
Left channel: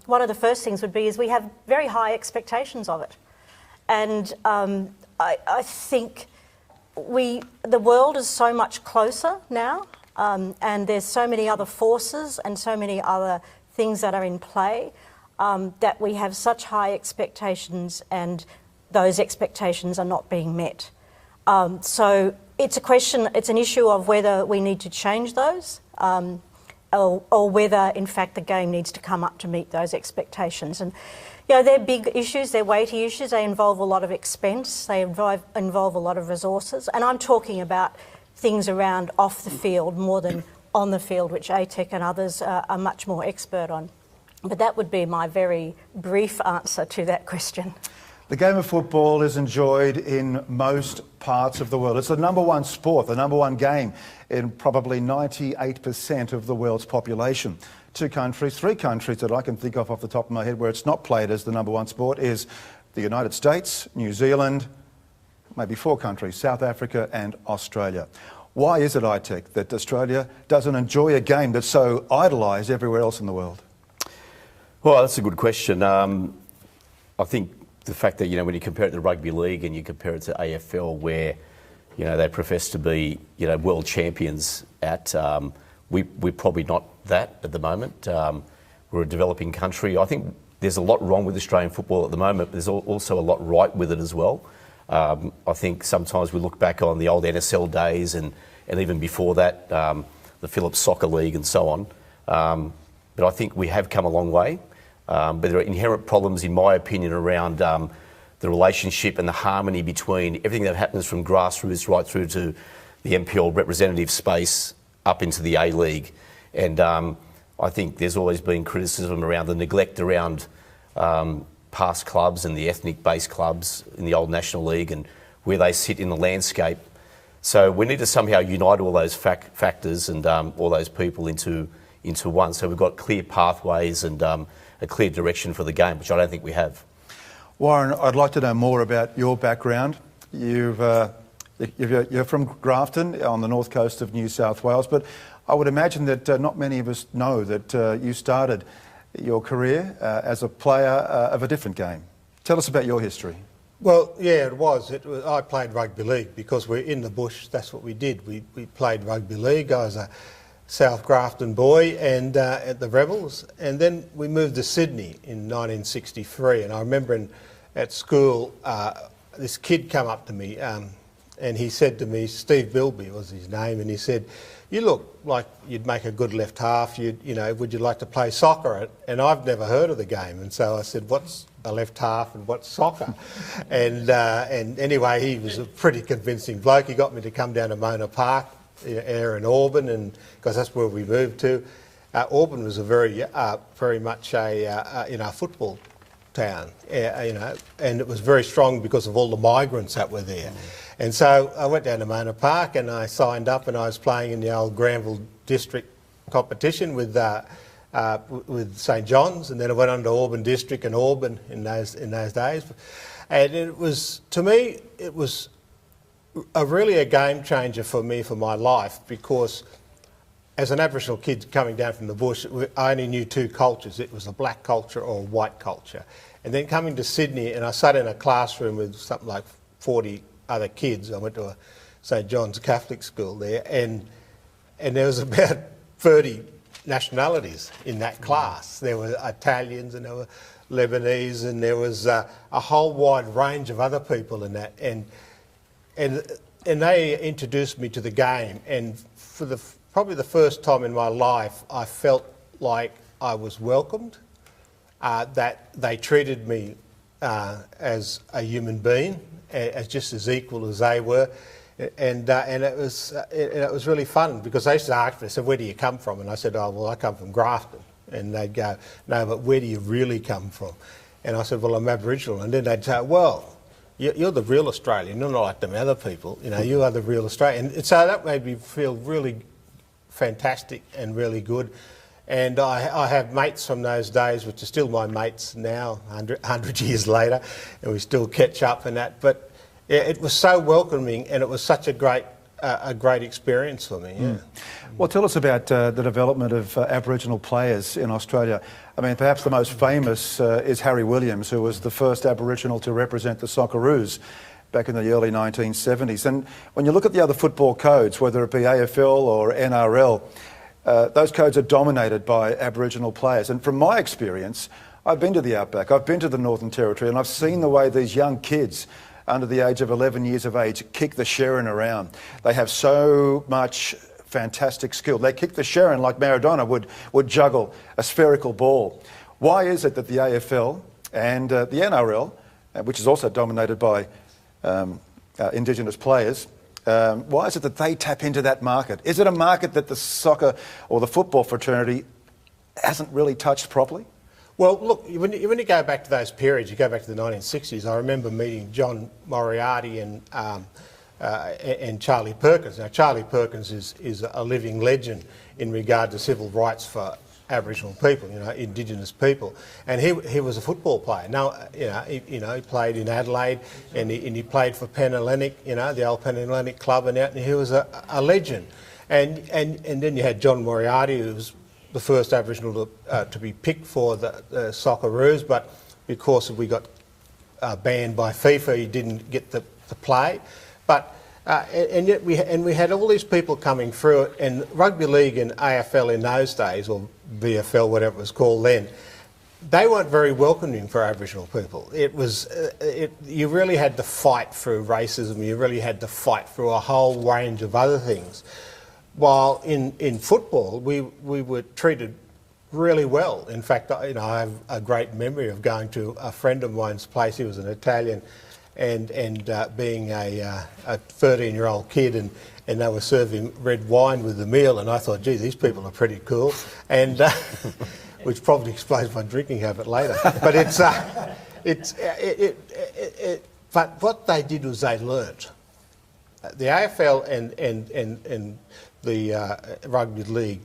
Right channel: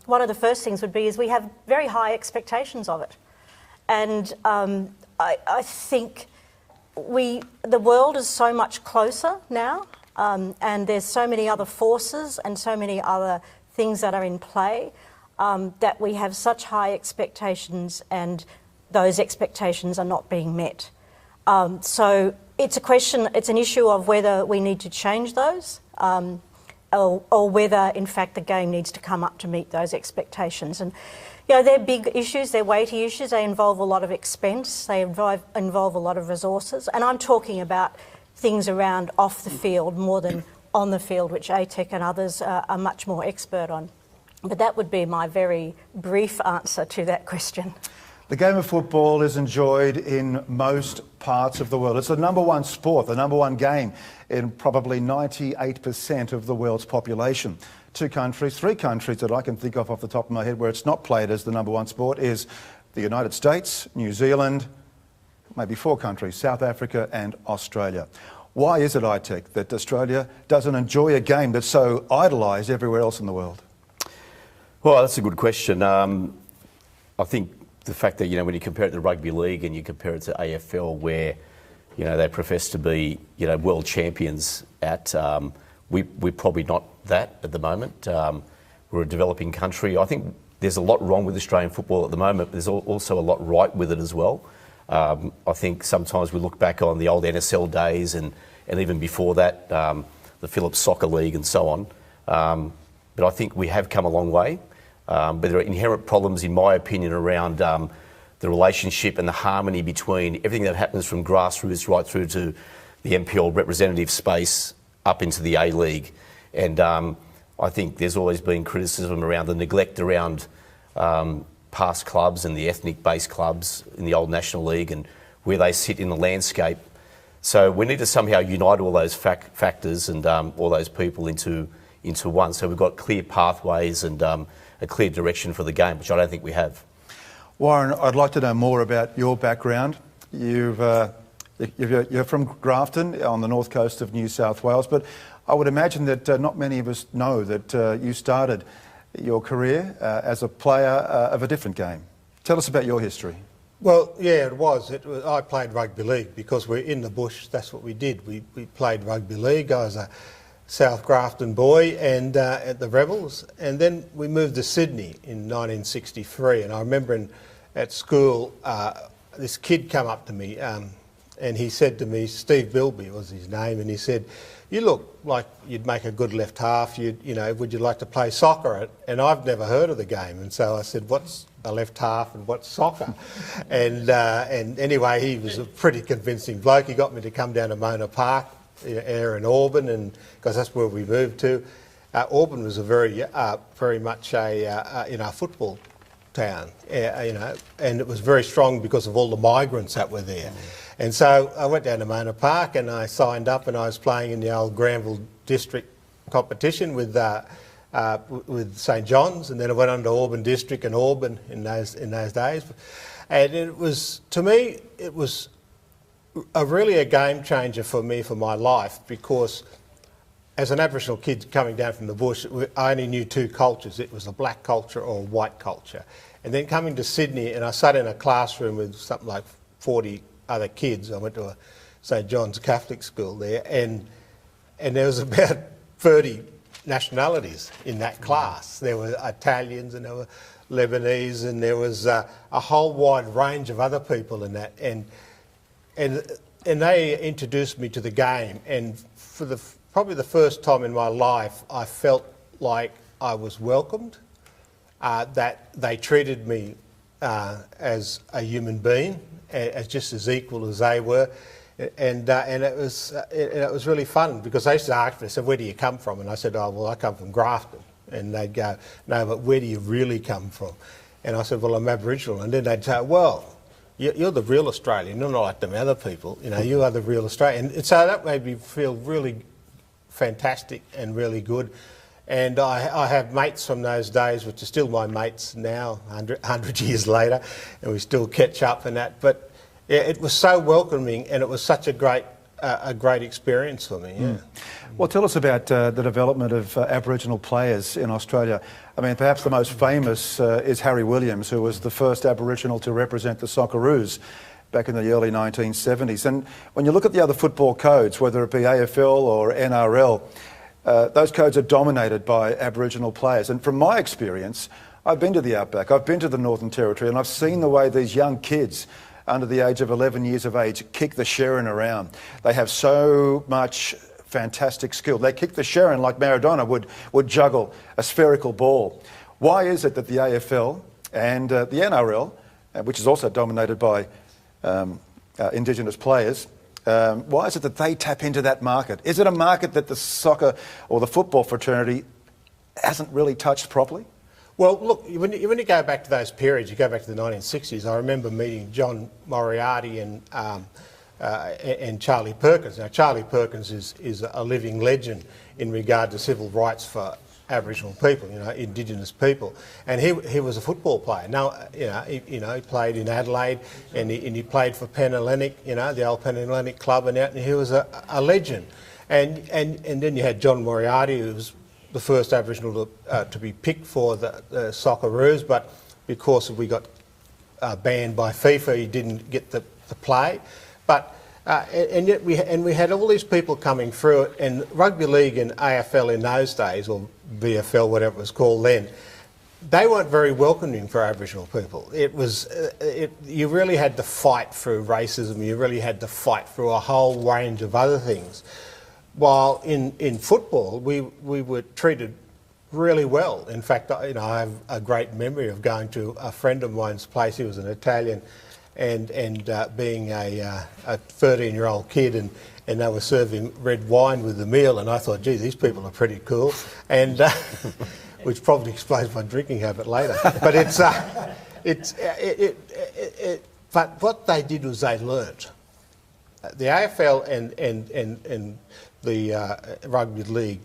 one of the first things would be is we have very high expectations of it. And I think the world is so much closer now, and there's so many other forces and so many other things that are in play that we have such high expectations, and those expectations are not being met. So it's an issue of whether we need to change those, or whether, in fact, the game needs to come up to meet those expectations. And you know, they're big issues, they're weighty issues, they involve a lot of expense, they involve a lot of resources, and I'm talking about things around off the field more than on the field, which ATEC and others are much more expert on. But that would be my very brief answer to that question. The game of football is enjoyed in most parts of the world. It's the number one sport, the number one game in probably 98% of the world's population. Three countries that I can think of off the top of my head where it's not played as the number one sport is the United States, New Zealand, maybe 4 countries, South Africa and Australia. Why is it, ITEC, that Australia doesn't enjoy a game that's so idolised everywhere else in the world? Well, that's a good question. I think the fact that, when you compare it to rugby league and you compare it to AFL where, they profess to be, world champions at, we're probably not that at the moment. We're a developing country. I think there's a lot wrong with Australian football at the moment, but there's also a lot right with it as well. I think sometimes we look back on the old NSL days and even before that, the Phillips Soccer League and so on. But I think we have come a long way. But there are inherent problems, in my opinion, around the relationship and the harmony between everything that happens from grassroots right through to the NPL representative space up into the A-League. And I think there's always been criticism around the neglect around past clubs and the ethnic-based clubs in the old National League and where they sit in the landscape. So we need to somehow unite all those factors and all those people into one. So we've got clear pathways and a clear direction for the game, which I don't think we have. Warren, I'd like to know more about your background. You're from Grafton on the north coast of New South Wales, but I would imagine that not many of us know that you started your career as a player of a different game. Tell us about your history. Well, yeah, it was. I played rugby league because we're in the bush. That's what we did. We played rugby league. I was a South Grafton boy and at the Rebels, and then we moved to Sydney in 1963. And I remember at school, this kid came up to me and he said to me, Steve Bilby was his name, and he said, "You look like you'd make a good left half. Would you like to play soccer?" And I've never heard of the game, and so I said, "What's a left half and what's soccer?" and anyway, he was a pretty convincing bloke. He got me to come down to Mona Park, in Auburn, and because that's where we moved to. Auburn was a very much a football town, and it was very strong because of all the migrants that were there. And so I went down to Mona Park and I signed up, and I was playing in the old Granville District competition with St John's, and then I went on to Auburn District and Auburn in those days. And it was, to me, it was really a game changer for me, for my life, because as an Aboriginal kid coming down from the bush, I only knew 2 cultures. It was a black culture or a white culture. And then coming to Sydney, and I sat in a classroom with something like 40 other kids. I went to a St John's Catholic school there, and there was about 30 nationalities in that class. There were Italians and there were Lebanese, and there was a whole wide range of other people in that. And they introduced me to the game, and for probably the first time in my life, I felt like I was welcomed, that they treated me as a human being, as just as equal as they were, and it was really fun, because they used to ask me, said, "Where do you come from?" And I said, "Oh, well, I come from Grafton." And they'd go, "No, but where do you really come from?" And I said, "Well, I'm Aboriginal." And then they'd say, "Well, you're the real Australian. You're not like them other people. You are the real Australian." And so that made me feel really fantastic and really good. And I have mates from those days, which are still my mates now, 100 years later, and we still catch up and that. But it was so welcoming, and it was such a great experience for me. Yeah. Well, tell us about the development of Aboriginal players in Australia. I mean, perhaps the most famous is Harry Williams, who was the first Aboriginal to represent the Socceroos back in the early 1970s. And when you look at the other football codes, whether it be AFL or NRL, those codes are dominated by Aboriginal players. And from my experience, I've been to the Outback, I've been to the Northern Territory, and I've seen the way these young kids under the age of 11 years of age kick the Sherrin around. They have so much fantastic skill. They kick the Sherrin like Maradona would juggle a spherical ball. Why is it that the AFL and the NRL, which is also dominated by Indigenous players, Why is it that they tap into that market? Is it a market that the soccer or the football fraternity hasn't really touched properly? Well, look, when you go back to those periods, you go back to the 1960s, I remember meeting John Moriarty and Charlie Perkins. Now, Charlie Perkins is a living legend in regard to civil rights for Aboriginal people, Indigenous people, and he was a football player. Now, he played in Adelaide, and he played for Penhellenic, the old Penhellenic club, and he was a legend. And then you had John Moriarty, who was the first Aboriginal to be picked for the Socceroos, but because we got banned by FIFA, he didn't get the play. But and yet we had all these people coming through it, and rugby league and AFL in those days, or VFL, whatever it was called then, they weren't very welcoming for Aboriginal people. It was you really had to fight through racism. You really had to fight through a whole range of other things. While in football, we were treated really well. In fact, I have a great memory of going to a friend of mine's place. He was an Italian, and being a 13-year-old kid, and they were serving red wine with the meal, and I thought, gee, these people are pretty cool, and which probably explains my drinking habit later. But but what they did was they learnt. The AFL and the rugby league,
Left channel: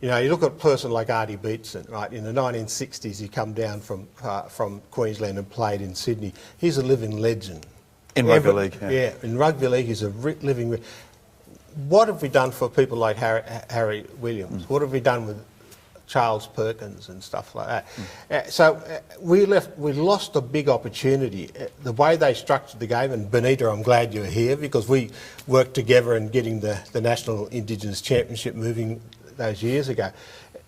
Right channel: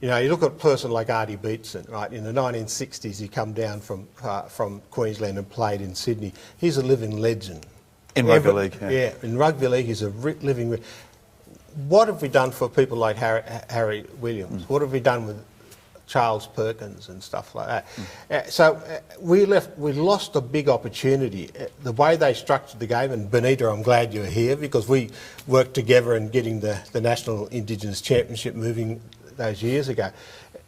you look at a person like Archie Beetson, right? In the 1960s, he come down from Queensland and played in Sydney. He's a living legend. In rugby league, yeah. In rugby league, he's a living. What have we done for people like Harry Williams? What have we done with Charles Perkins and stuff like that? So we lost a big opportunity. The way they structured the game, and Benita, I'm glad you're here, because we worked together in getting the National Indigenous Championship moving those years ago,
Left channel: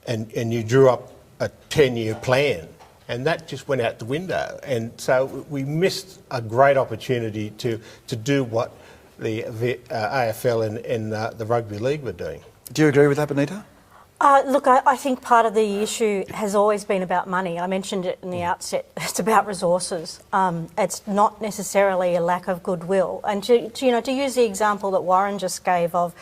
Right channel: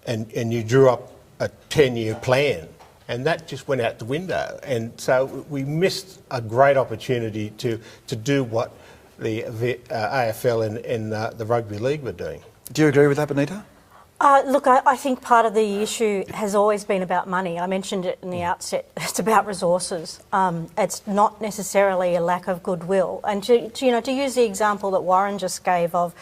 and you drew up a 10-year plan, and that just went out the window. And so we missed a great opportunity to do what the AFL and the rugby league were doing. Do you agree with that, Benita? Look, I think part of the issue has always been about money. I mentioned it in the outset. It's about resources. It's not necessarily a lack of goodwill. And to use the example that Warren just gave of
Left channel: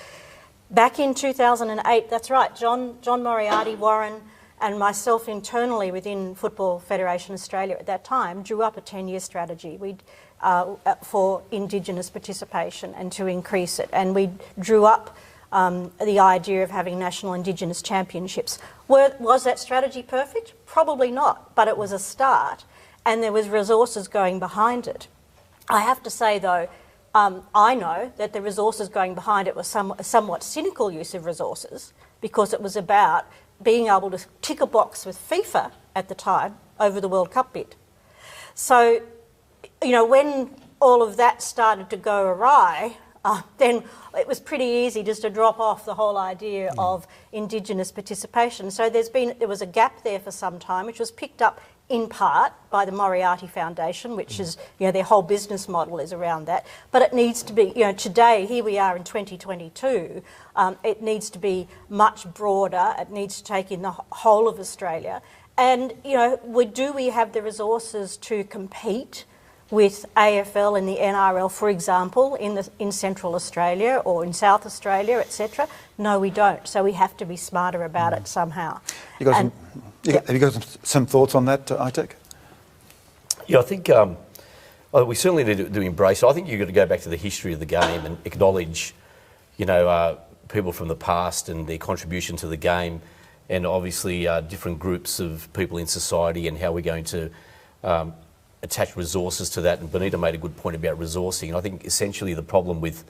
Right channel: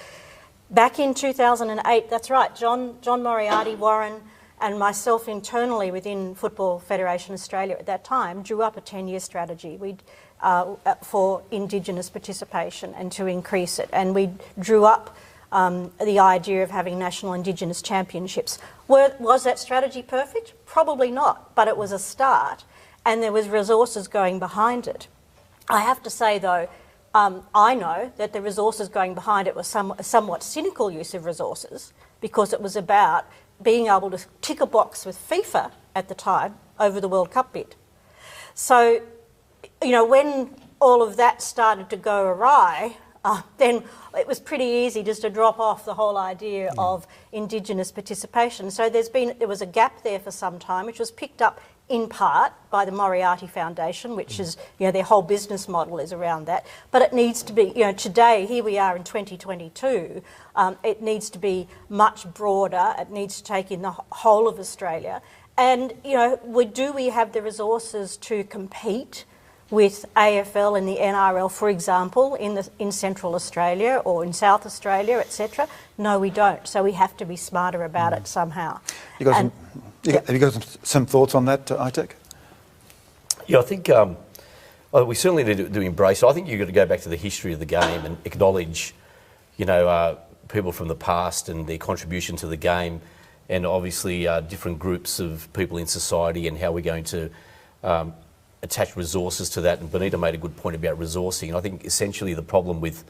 back in 2008, that's right, John Moriarty, Warren, and myself internally within Football Federation Australia at that time drew up a 10-year strategy for Indigenous participation and to increase it. And we drew up the idea of having national Indigenous championships. Was that strategy perfect? Probably not, but it was a start, and there was resources going behind it. I have to say, though, I know that the resources going behind it was a somewhat cynical use of resources, because it was about being able to tick a box with FIFA at the time over the World Cup bid. So, when all of that started to go awry, then it was pretty easy just to drop off the whole idea of Indigenous participation. So there was a gap there for some time, which was picked up in part by the Moriarty Foundation, which is, their whole business model is around that. But it needs to be, today, here we are in 2022, it needs to be much broader. It needs to take in the whole of Australia. And, do we have the resources to compete with AFL and the NRL, for example, in Central Australia or in South Australia, etc.? No, we don't. So we have to be smarter about it somehow. Have you got some thoughts on that, Itek? Yeah, I think we certainly need to embrace it. I think you've got to go back to the history of the game and acknowledge, people from the past and their contribution to the game, and obviously different groups of people in society and how we're going to attach resources to that. And Benita made a good point about resourcing. And I think essentially the problem with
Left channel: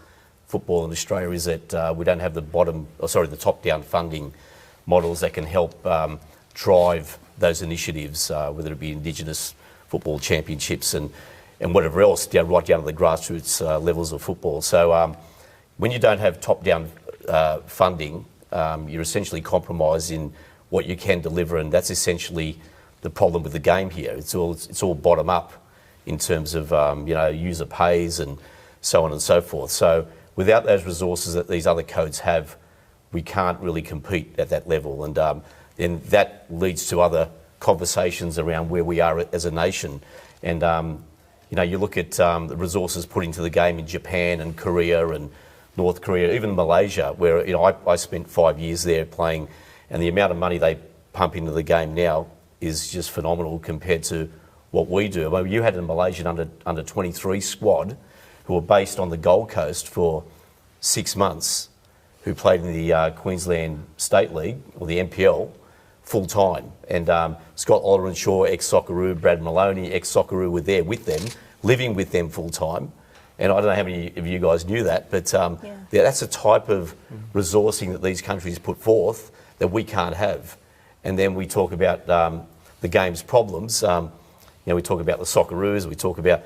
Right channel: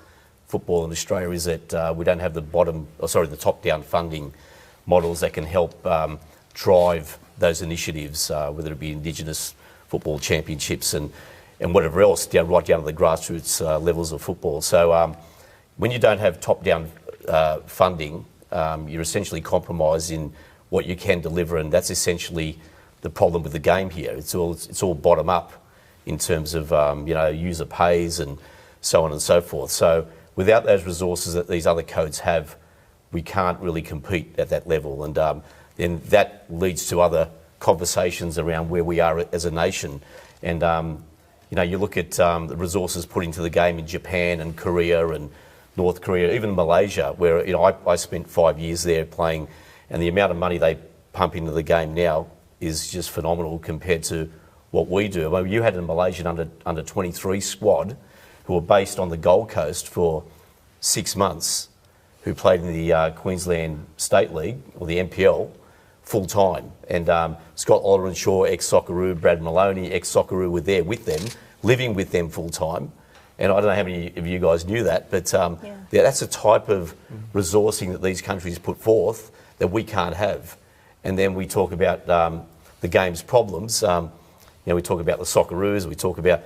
football in Australia is that we don't have the top-down funding models that can help drive those initiatives, whether it be Indigenous football championships and whatever else, right down to the grassroots levels of football. So when you don't have top-down funding, you're essentially compromising what you can deliver, and that's essentially the problem with the game here. It's all bottom up in terms of user pays and so on and so forth. So without those resources that these other codes have, we can't really compete at that level, and then that leads to other conversations around where we are as a nation. And You know, you look at the resources put into the game in Japan and Korea and North Korea, even Malaysia, where, you know, I spent 5 years there playing, and the amount of money they pump into the game now is just phenomenal compared to what we do. I mean, you had a Malaysian under 23 squad who were based on the Gold Coast for 6 months, who played in the Queensland State League, or the NPL, full-time. And Scott Alderenshaw, ex-Socceroo, Brad Maloney, ex-Socceroo, were there with them, living with them full-time. And I don't know how many of you guys knew that, but yeah, that's the type of resourcing that these countries put forth that we can't have. And then we talk about the game's problems. You know, we talk about the Socceroos, we talk about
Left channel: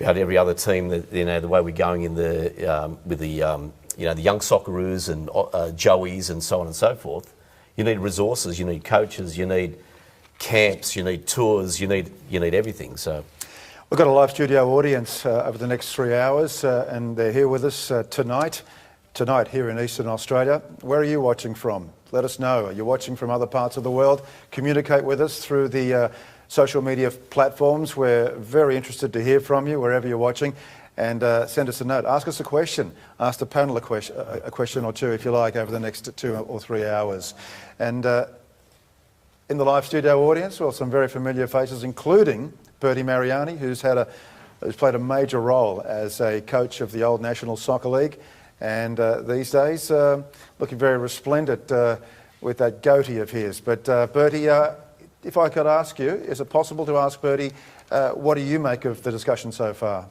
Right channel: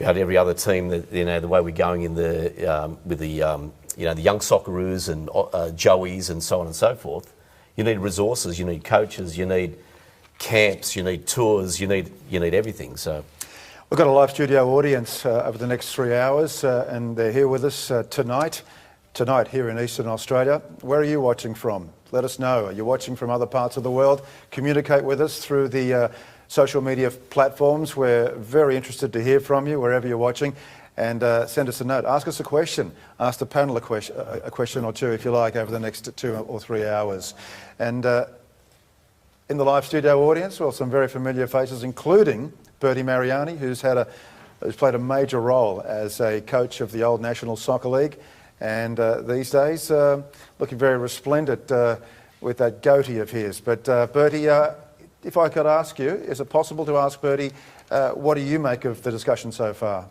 every other team that, you know, the way we're going in the with the you know, the young Socceroos and Joeys and so on and so forth. You need resources, you need coaches, you need camps, you need tours, you need everything. So we've got a live studio audience over the next 3 hours, and they're here with us tonight here in Eastern Australia. Where are you watching from? Let us know. Are you watching from other parts of the world? Communicate with us through the social media platforms. We're very interested to hear from you wherever you're watching. And send us a note. Ask us a question. Ask the panel a question or two, if you like, over the next 2 or 3 hours. And in the live studio audience, well, some very familiar faces, including Bertie Mariani, who's played a major role as a coach of the old National Soccer League, and these days looking very resplendent with that goatee of his. But Bertie, if I could ask you, is it possible to ask Bertie, what do you make of the discussion so far?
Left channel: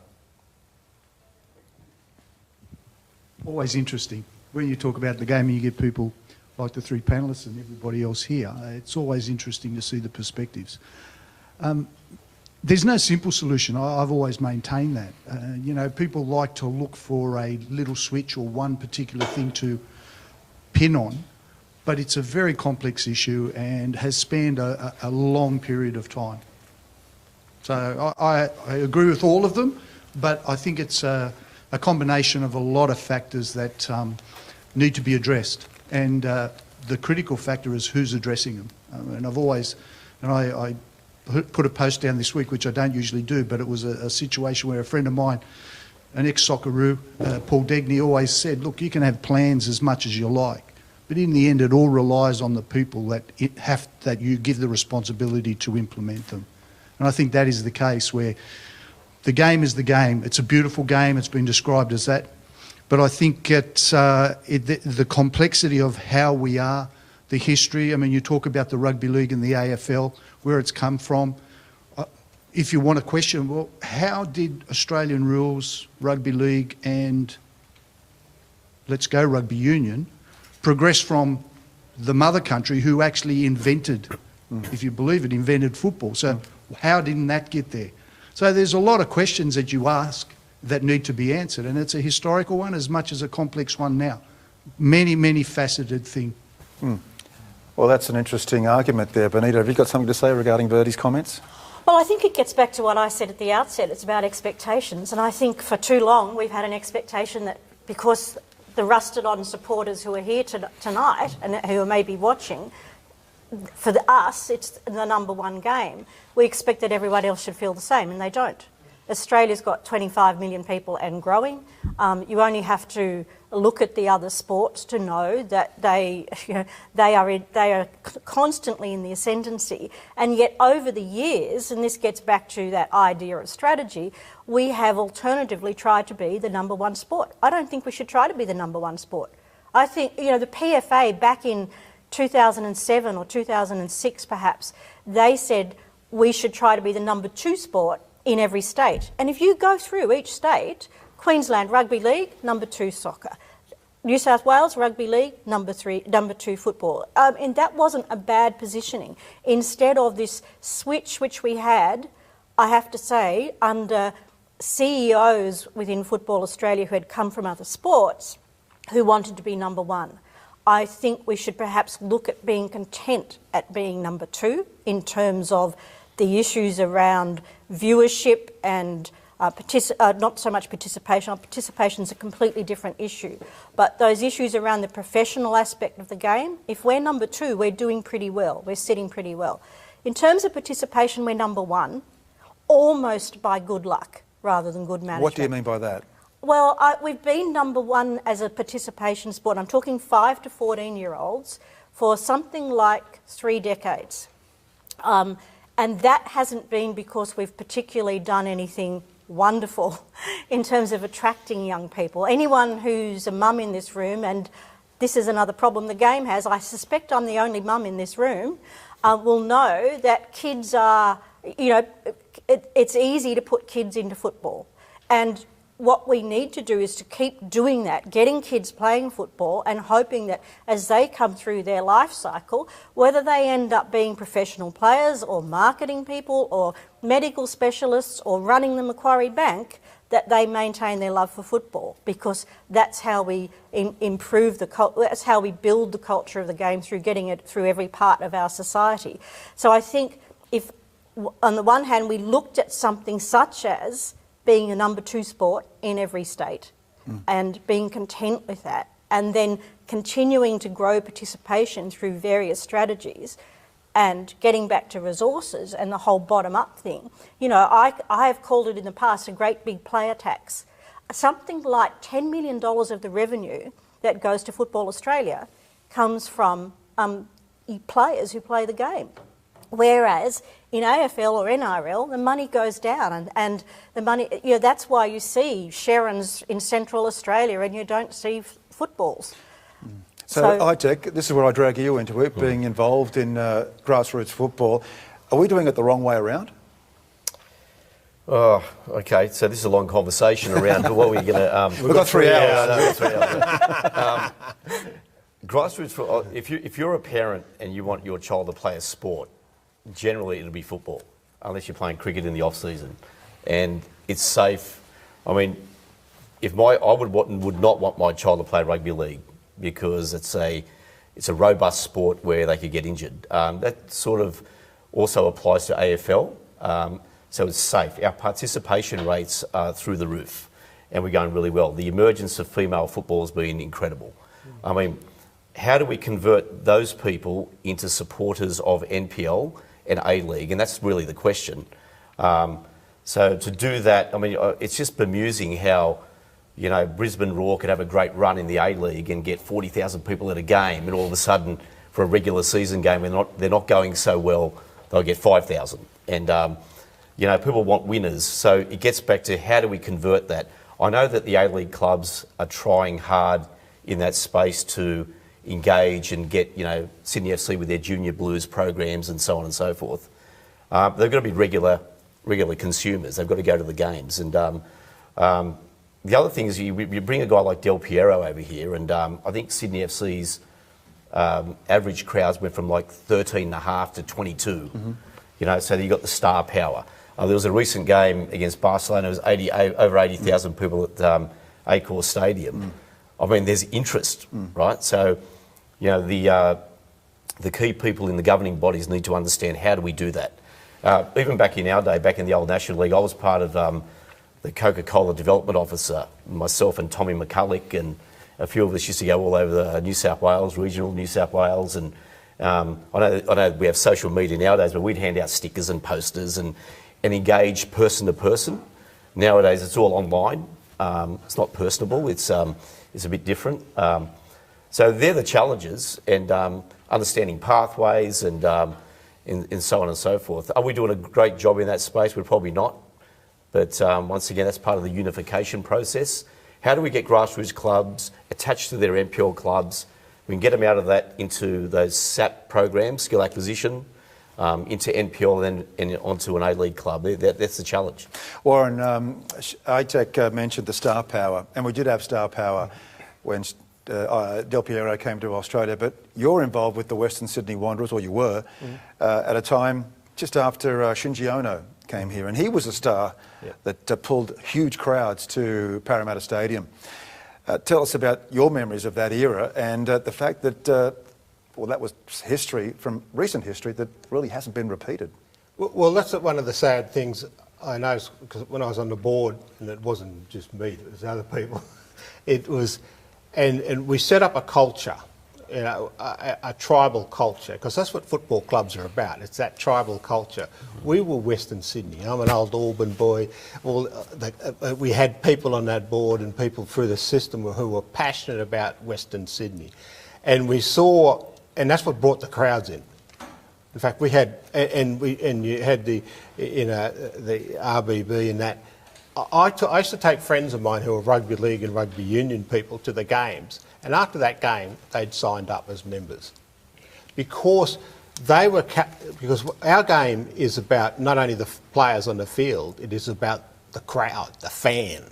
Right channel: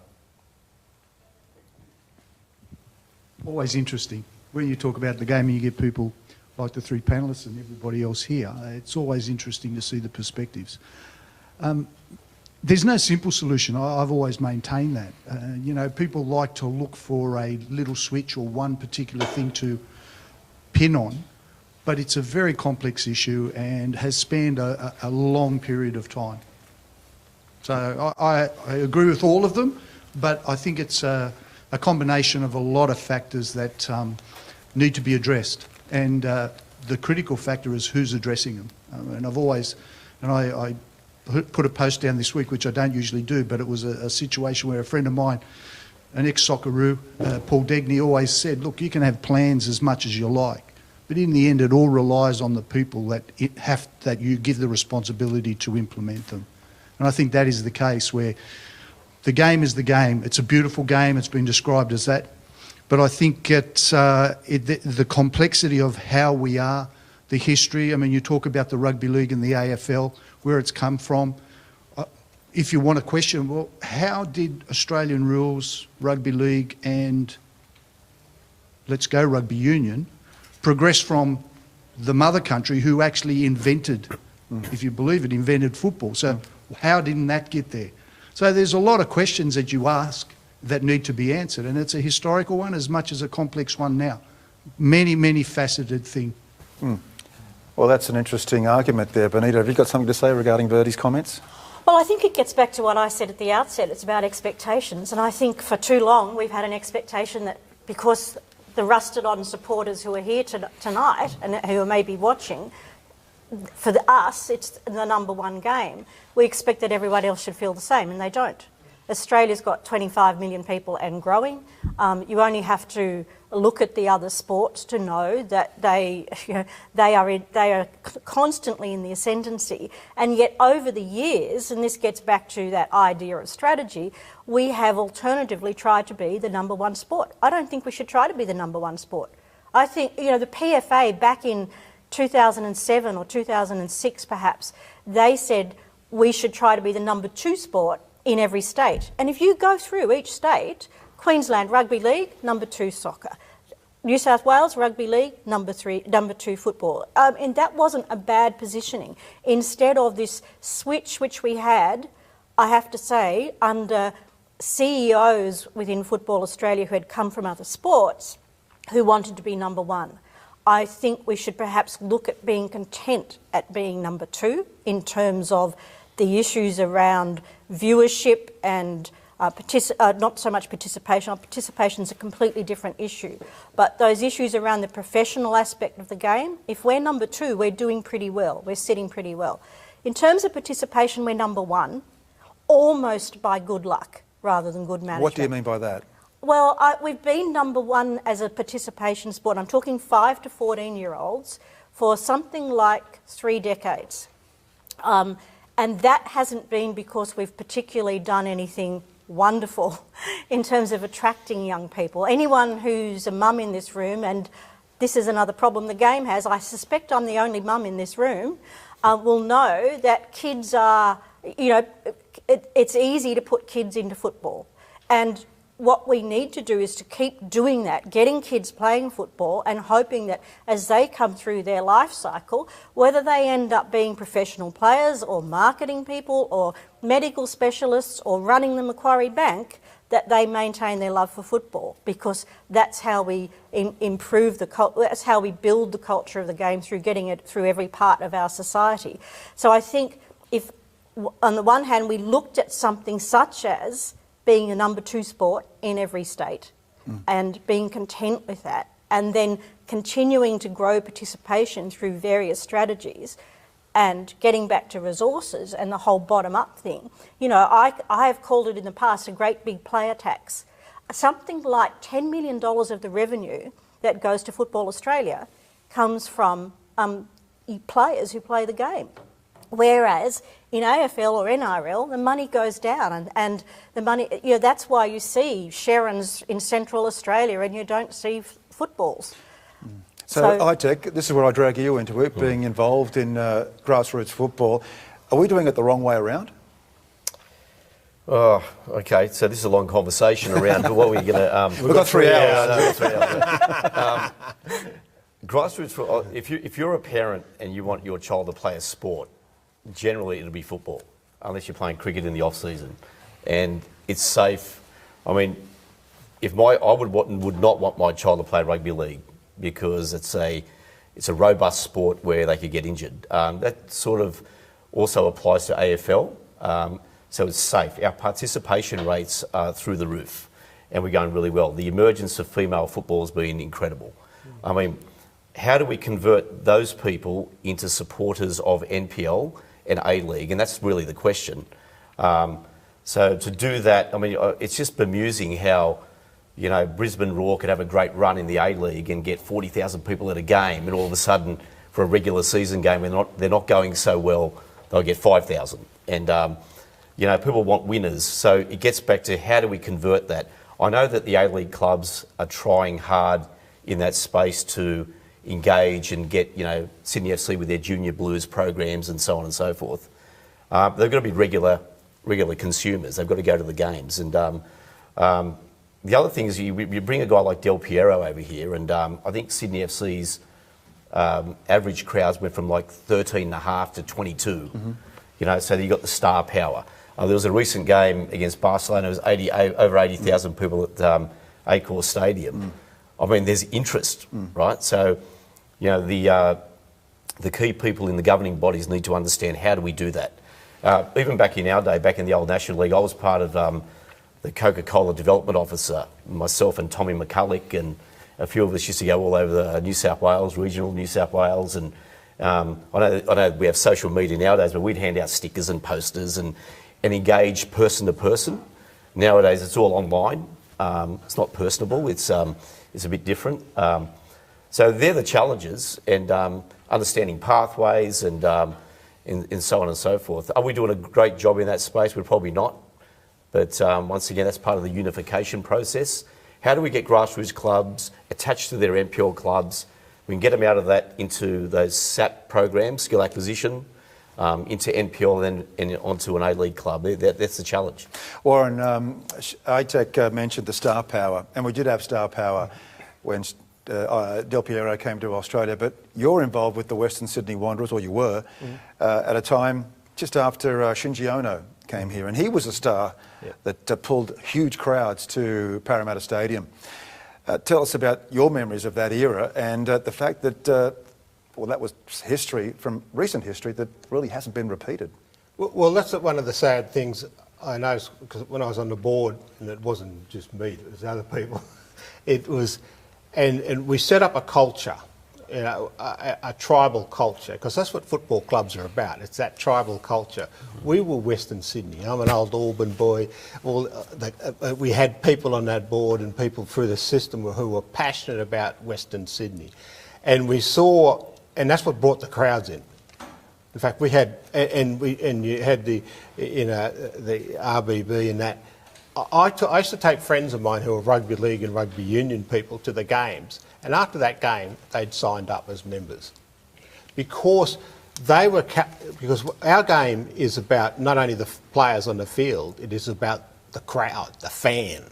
Always interesting. When you talk about the game and you get people like the three panellists and everybody else here, it's always interesting to see the perspectives. There's no simple solution. I've always maintained that. You know, people like to look for a little switch or one particular thing to pin on, but it's a very complex issue and has spanned a long period of time. So I agree with all of them, but I think it's a combination of a lot of factors that need to be addressed, and the critical factor is who's addressing them. And I've always, and I put a post down this week, which I don't usually do, but it was a situation where a friend of mine, an ex-Socceroo, Paul Degny, always said, look, you can have plans as much as you like, but in the end it all relies on the people that you give the responsibility to implement them. And I think that is the case, where the game is the game. It's a beautiful game. It's been described as that. But I think it's the complexity of how we are, the history. I mean, you talk about the rugby league and the AFL, where it's come from. If you want to question, well, how did Australian rules, rugby league and let's go rugby union progress from the mother country who actually invented, if you believe it, invented football? So how didn't that get there? So there's a lot of questions that you ask that need to be answered, and it's a historical one as much as a complex one now. Many, many faceted thing. Well, that's an interesting argument there. Benita, have you got something to say regarding Bertie's comments? Well, I think it gets back to what I said at the outset. It's about expectations, and I think for too long we've had an expectation that because the rusted-on supporters who are here tonight and who are maybe watching, for us, it's the number one game. We expect that everyone else should feel the same, and they don't. Australia's got 25 million people and growing. You only have to look at the other sports to know that they are constantly in the ascendancy. And yet over the years, and this gets back to that idea of strategy, we have alternatively tried to be the number one sport. I don't think we should try to be the number one sport. I think, you know, the PFA back in 2007 or 2006 perhaps, they said we should try to be the number two sport in every state. And if you go through each state, Queensland Rugby League, number two soccer. New South Wales Rugby League, number two football. And that wasn't a bad positioning. Instead of this switch which we had, I have to say, under CEOs within Football Australia who had come from other sports who wanted to be number one. I think we should perhaps look at being content at being number two in terms of the issues around viewership and not so much participation. Participation is a completely different issue. But those issues around the professional aspect of the game, if we're number two, we're doing pretty well. We're sitting pretty well. In terms of participation, we're number one. almost by good luck rather than good management. What do you mean by that? Well, we've been number one as a participation sport. I'm talking 5 to 14-year-olds for something like 3 decades. And that hasn't been because we've particularly done anything wonderful in terms of attracting young people. Anyone who's a mum in this room, and this is another problem the game has, I suspect I'm the only mum in this room, will know that kids are, it's easy to put kids into football. And what we need to do is to keep doing that, getting kids playing football and hoping that as they come through their life cycle, whether they end up being professional players or marketing people or medical specialists or running the Macquarie Bank, that they maintain their love for football, because that's how we improve that's how we build the culture of the game, through getting it through every part of our society. So I think if, on the one hand, we looked at something such as being a number 2 sport in every state and being content with that, and then continuing to grow participation through various strategies and getting back to resources and the whole bottom-up thing. I have called it in the past a great big player tax. Something like $10 million of the revenue that goes to Football Australia comes from players who play the game. Whereas in AFL or NRL, the money goes down, and the money, that's why you see Sherons in Central Australia and you don't see footballs. So ITEC, this is where I drag you into it, being involved in grassroots football. Are we doing it the wrong way around? Oh, okay. So this is a long conversation around what we're going to... We've got 3 hours. Grassroots, if you're a parent and you want your child to play a sport, generally it'll be football, unless you're playing cricket in the off-season. And it's safe. I mean, I would not want my child to play rugby league, because it's a robust sport where they could get injured. That sort of also applies to AFL, so it's safe. Our participation rates are through the roof, and we're going really well. The emergence of female football has been incredible. I mean, how do we convert those people into supporters of NPL and A-League? And that's really the question. So to do that, I mean, it's just bemusing how, Brisbane Roar could have a great run in the A-League and get 40,000 people at a game, and all of a sudden, for a regular season game, they're not going so well, they'll get 5,000. And, people want winners. So it gets back to, how do we convert that? I know that the A-League clubs are trying hard in that space to engage and get, Sydney FC with their Junior Blues programs and so on and so forth. They've got to be regular consumers. They've got to go to the games. And the other thing is, you bring a guy like Del Piero over here, and I think Sydney FC's average crowds went from like 13.5 to 22. So you got the star power. There was a recent game against Barcelona. It was over 80,000 people at Accor Stadium. I mean, there's interest, right? So, the key people in the governing bodies need to understand, how do we do that? Even back in our day, back in the old National League, I was part of the Coca-Cola Development Officer, myself and Tommy McCulloch, and a few of us used to go all over New South Wales, regional New South Wales, and I know we have social media nowadays, but we'd hand out stickers and posters and engage person to person. Nowadays, it's all online. It's not personable. It's a bit different. So they're the challenges, and understanding pathways and so on and so forth. Are we doing a great job in that space? We're probably not. But once again, that's part of the unification process. How do we get grassroots clubs attached to their NPL clubs? We can get them out of that into those SAP programs, skill acquisition, into NPL and then onto an A-League club. That's the challenge. Warren, ITEC mentioned the star power, and we did have star power when Del Piero came to Australia, but you're involved with the Western Sydney Wanderers, or you were, at a time just after Shinji Ono came here, and he was a star that pulled huge crowds to Parramatta Stadium. Tell us about your memories of that era, and the fact that, that was history from recent history that really hasn't been repeated. Well, that's one of the sad things I noticed, because when I was on the board, and it wasn't just me, it was other people, it was, and we set up a culture, a tribal culture, because that's what football clubs are about. It's that tribal culture. We were Western Sydney. I'm an old Auburn boy. We had people on that board and people through the system who were passionate about Western Sydney, and we saw, and that's what brought the crowds in. In fact, we had, and you had the RBB and that. I used to take friends of mine who were rugby league and rugby union people to the games, and after that game, they'd signed up as members because they were because our game is about not only the players on the field, it is about the crowd, the fan.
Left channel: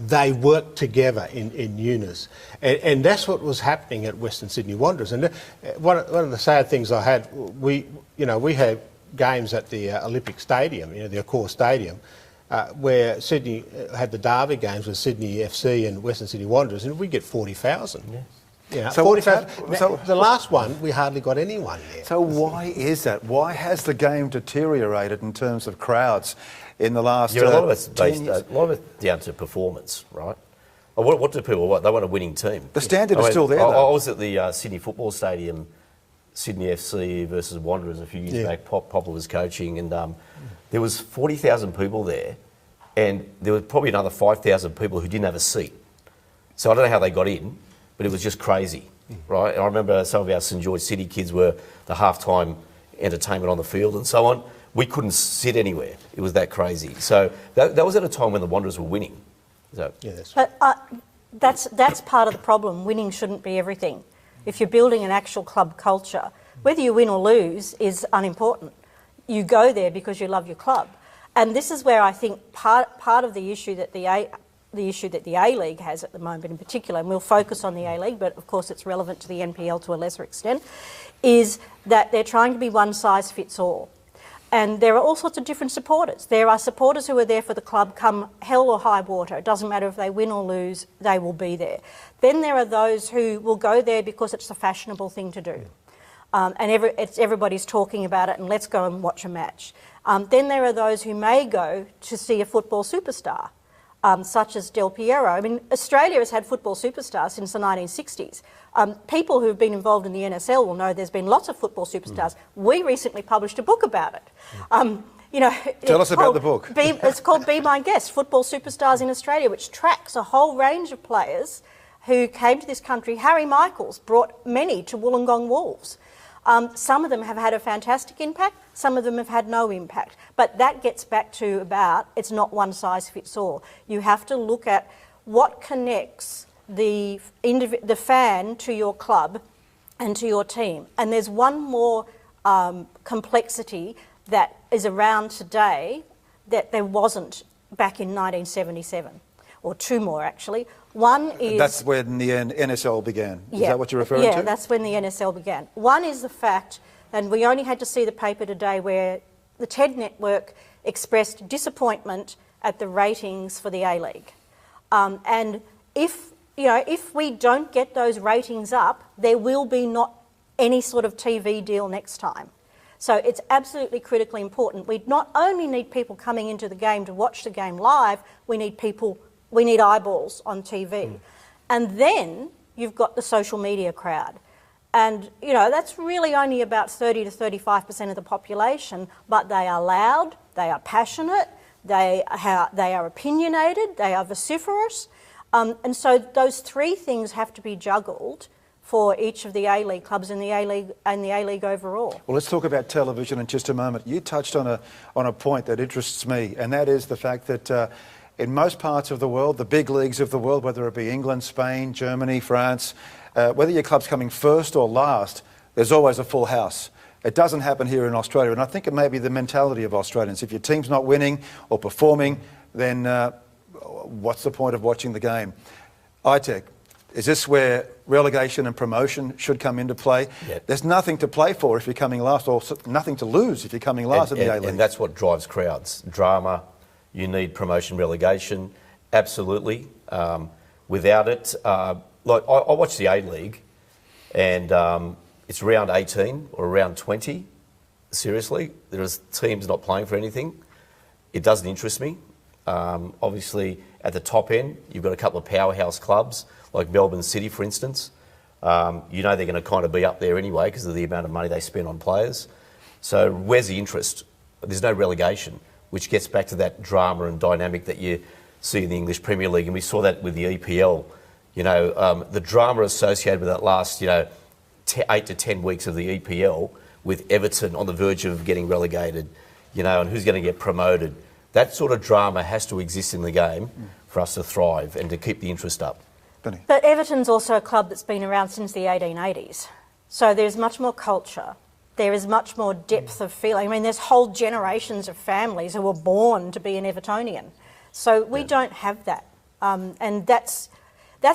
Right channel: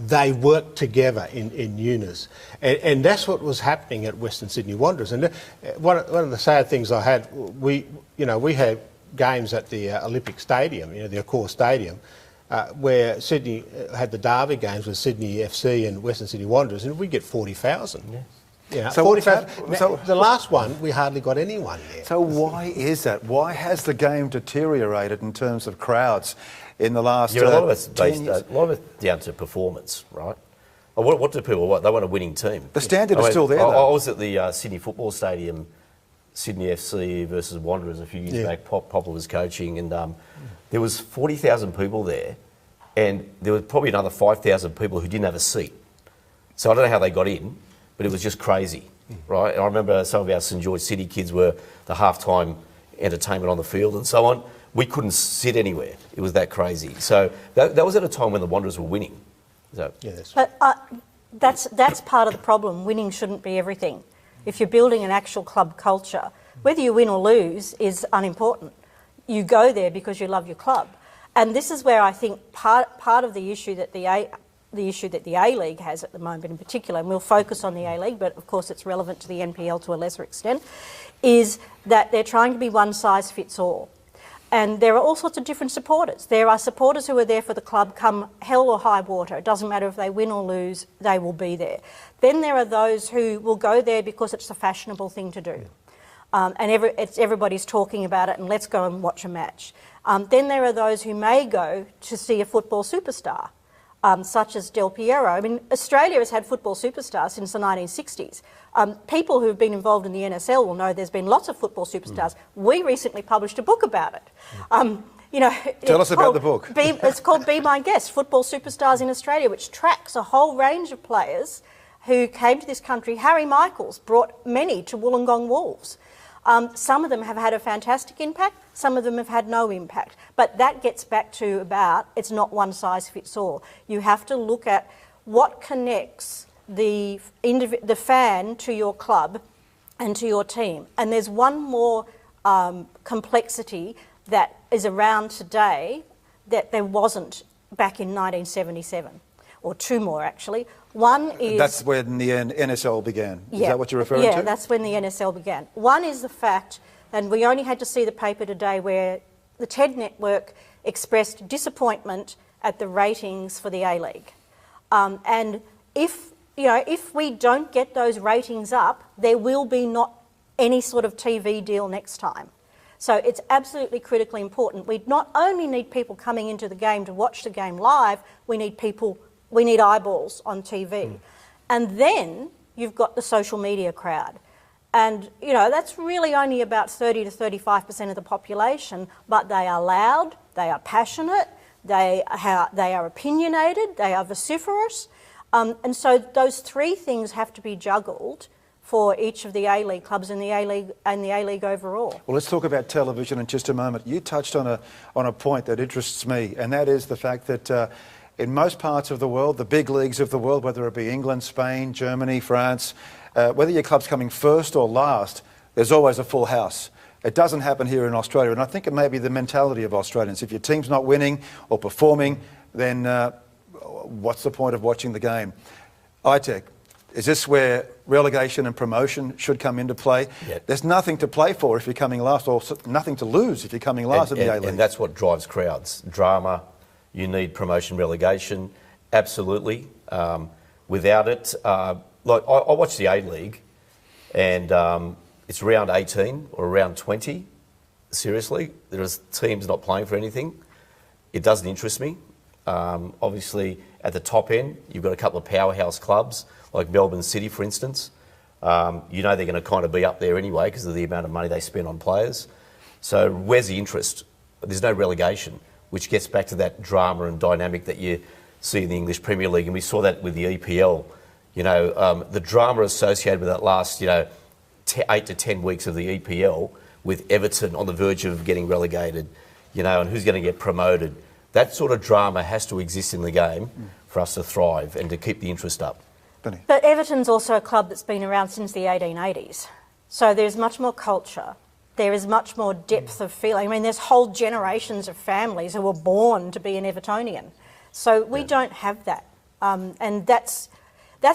They work together in unison, and that's what was happening at Western Sydney Wanderers. And one of the sad things I had, we had games at the Olympic Stadium, the Accor Stadium. Where Sydney had the derby games with Sydney FC and Western Sydney Wanderers, and we get 40,000. Yes. So 40,000. So the last one, we hardly got anyone there. So why is that? Why has the game deteriorated in terms of crowds in the last? A lot of it's based. A lot of it's down to performance, right? What do people want? They want a winning team. The standard is still there. I was at the Sydney Football Stadium, Sydney FC versus Wanderers a few years back. Popper was coaching, and there was 40,000 people there, and there was probably another 5,000 people who didn't have a seat. So I don't know how they got in, but it was just crazy, right? And I remember some of our St George City kids were the halftime entertainment on the field and so on. We couldn't sit anywhere. It was that crazy. So that was at a time when the Wanderers were winning. So, but that's part of the problem. Winning shouldn't be everything. If you're building an actual club culture, whether you win or lose is unimportant. You go there because you love your club, and this is where I think part of the issue that the A-League has at the moment, in particular, and we'll focus on the A-League, but of course it's relevant to the NPL to a lesser extent, is that they're trying to be one size fits all, and there are all sorts of different supporters. There are supporters who are there for the club come hell or high water. It doesn't matter if they win or lose; they will be there. Then there are those who will go there because it's a fashionable thing to do. And everybody's talking about it, and let's go and watch a match. Then there are those who may go to see a football superstar, such as Del Piero. I mean, Australia has had football superstars since the 1960s. People who've been involved in the NSL will know there's been lots of football superstars. We recently published a book about it. Tell us about the book. It's called Be My Guest, Football Superstars in Australia, which tracks a whole range of players who came to this country. Harry Michaels brought many to Wollongong Wolves. Some of them have had a fantastic impact, some of them have had no impact. But that gets back to about it's not one size fits all. You have to look at what connects the fan to your club and to your team. And there's one more complexity that is around today that there wasn't back in 1977, or two more actually. One is... That's when the NSL began. Is that what you're referring to? Yeah, that's when the NSL began. One is the fact, and we only had to see the paper today where the TED Network expressed disappointment at the ratings for the A-League. And if we don't get those ratings up, there will be not any sort of TV deal next time. So it's absolutely critically important. We not only need people coming into the game to watch the game live, we need eyeballs on TV. And then you've got the social media crowd. And, that's really only about 30 to 35% of the population, but they are loud, they are passionate, they are opinionated, they are vociferous. And so those three things have to be juggled for each of the A-League clubs and the A-League overall. Well, let's talk about television in just a moment. You touched on a point that interests me, and that is the fact that in most parts of the world, the big leagues of the world, whether it be England, Spain, Germany, France, whether your club's coming first or last, there's always a full house. It doesn't happen here in Australia, and I think it may be the mentality of Australians. If your team's not winning or performing, then what's the point of watching the game? ITEC, is this where relegation and promotion should come into play? Yeah. There's nothing to play for if you're coming last, or nothing to lose if you're coming last in the A-League. And that's what drives crowds. Drama. You need promotion, relegation, absolutely. Without it, I watch the A-League, and it's round 18 or round 20. Seriously, there are teams not playing for anything. It doesn't interest me. Obviously, at the top end, you've got a couple of powerhouse clubs like Melbourne City, for instance. You know they're going to kind of be up there anyway because of the amount of money they spend on players. So where's the interest? There's no relegation, which gets back to that drama and dynamic that you see in the English Premier League, and we saw that with the EPL. The drama associated with that last, 8 to 10 weeks of the EPL, with Everton on the verge of getting relegated, and who's going to get promoted. That sort of drama has to exist in the game for us to thrive and to keep the interest up. Benny. But Everton's also a club that's been around since the 1880s. So there's much more culture. There is much more depth of feeling. I mean, there's whole generations of families who were born to be an Evertonian. So we don't have that. And that's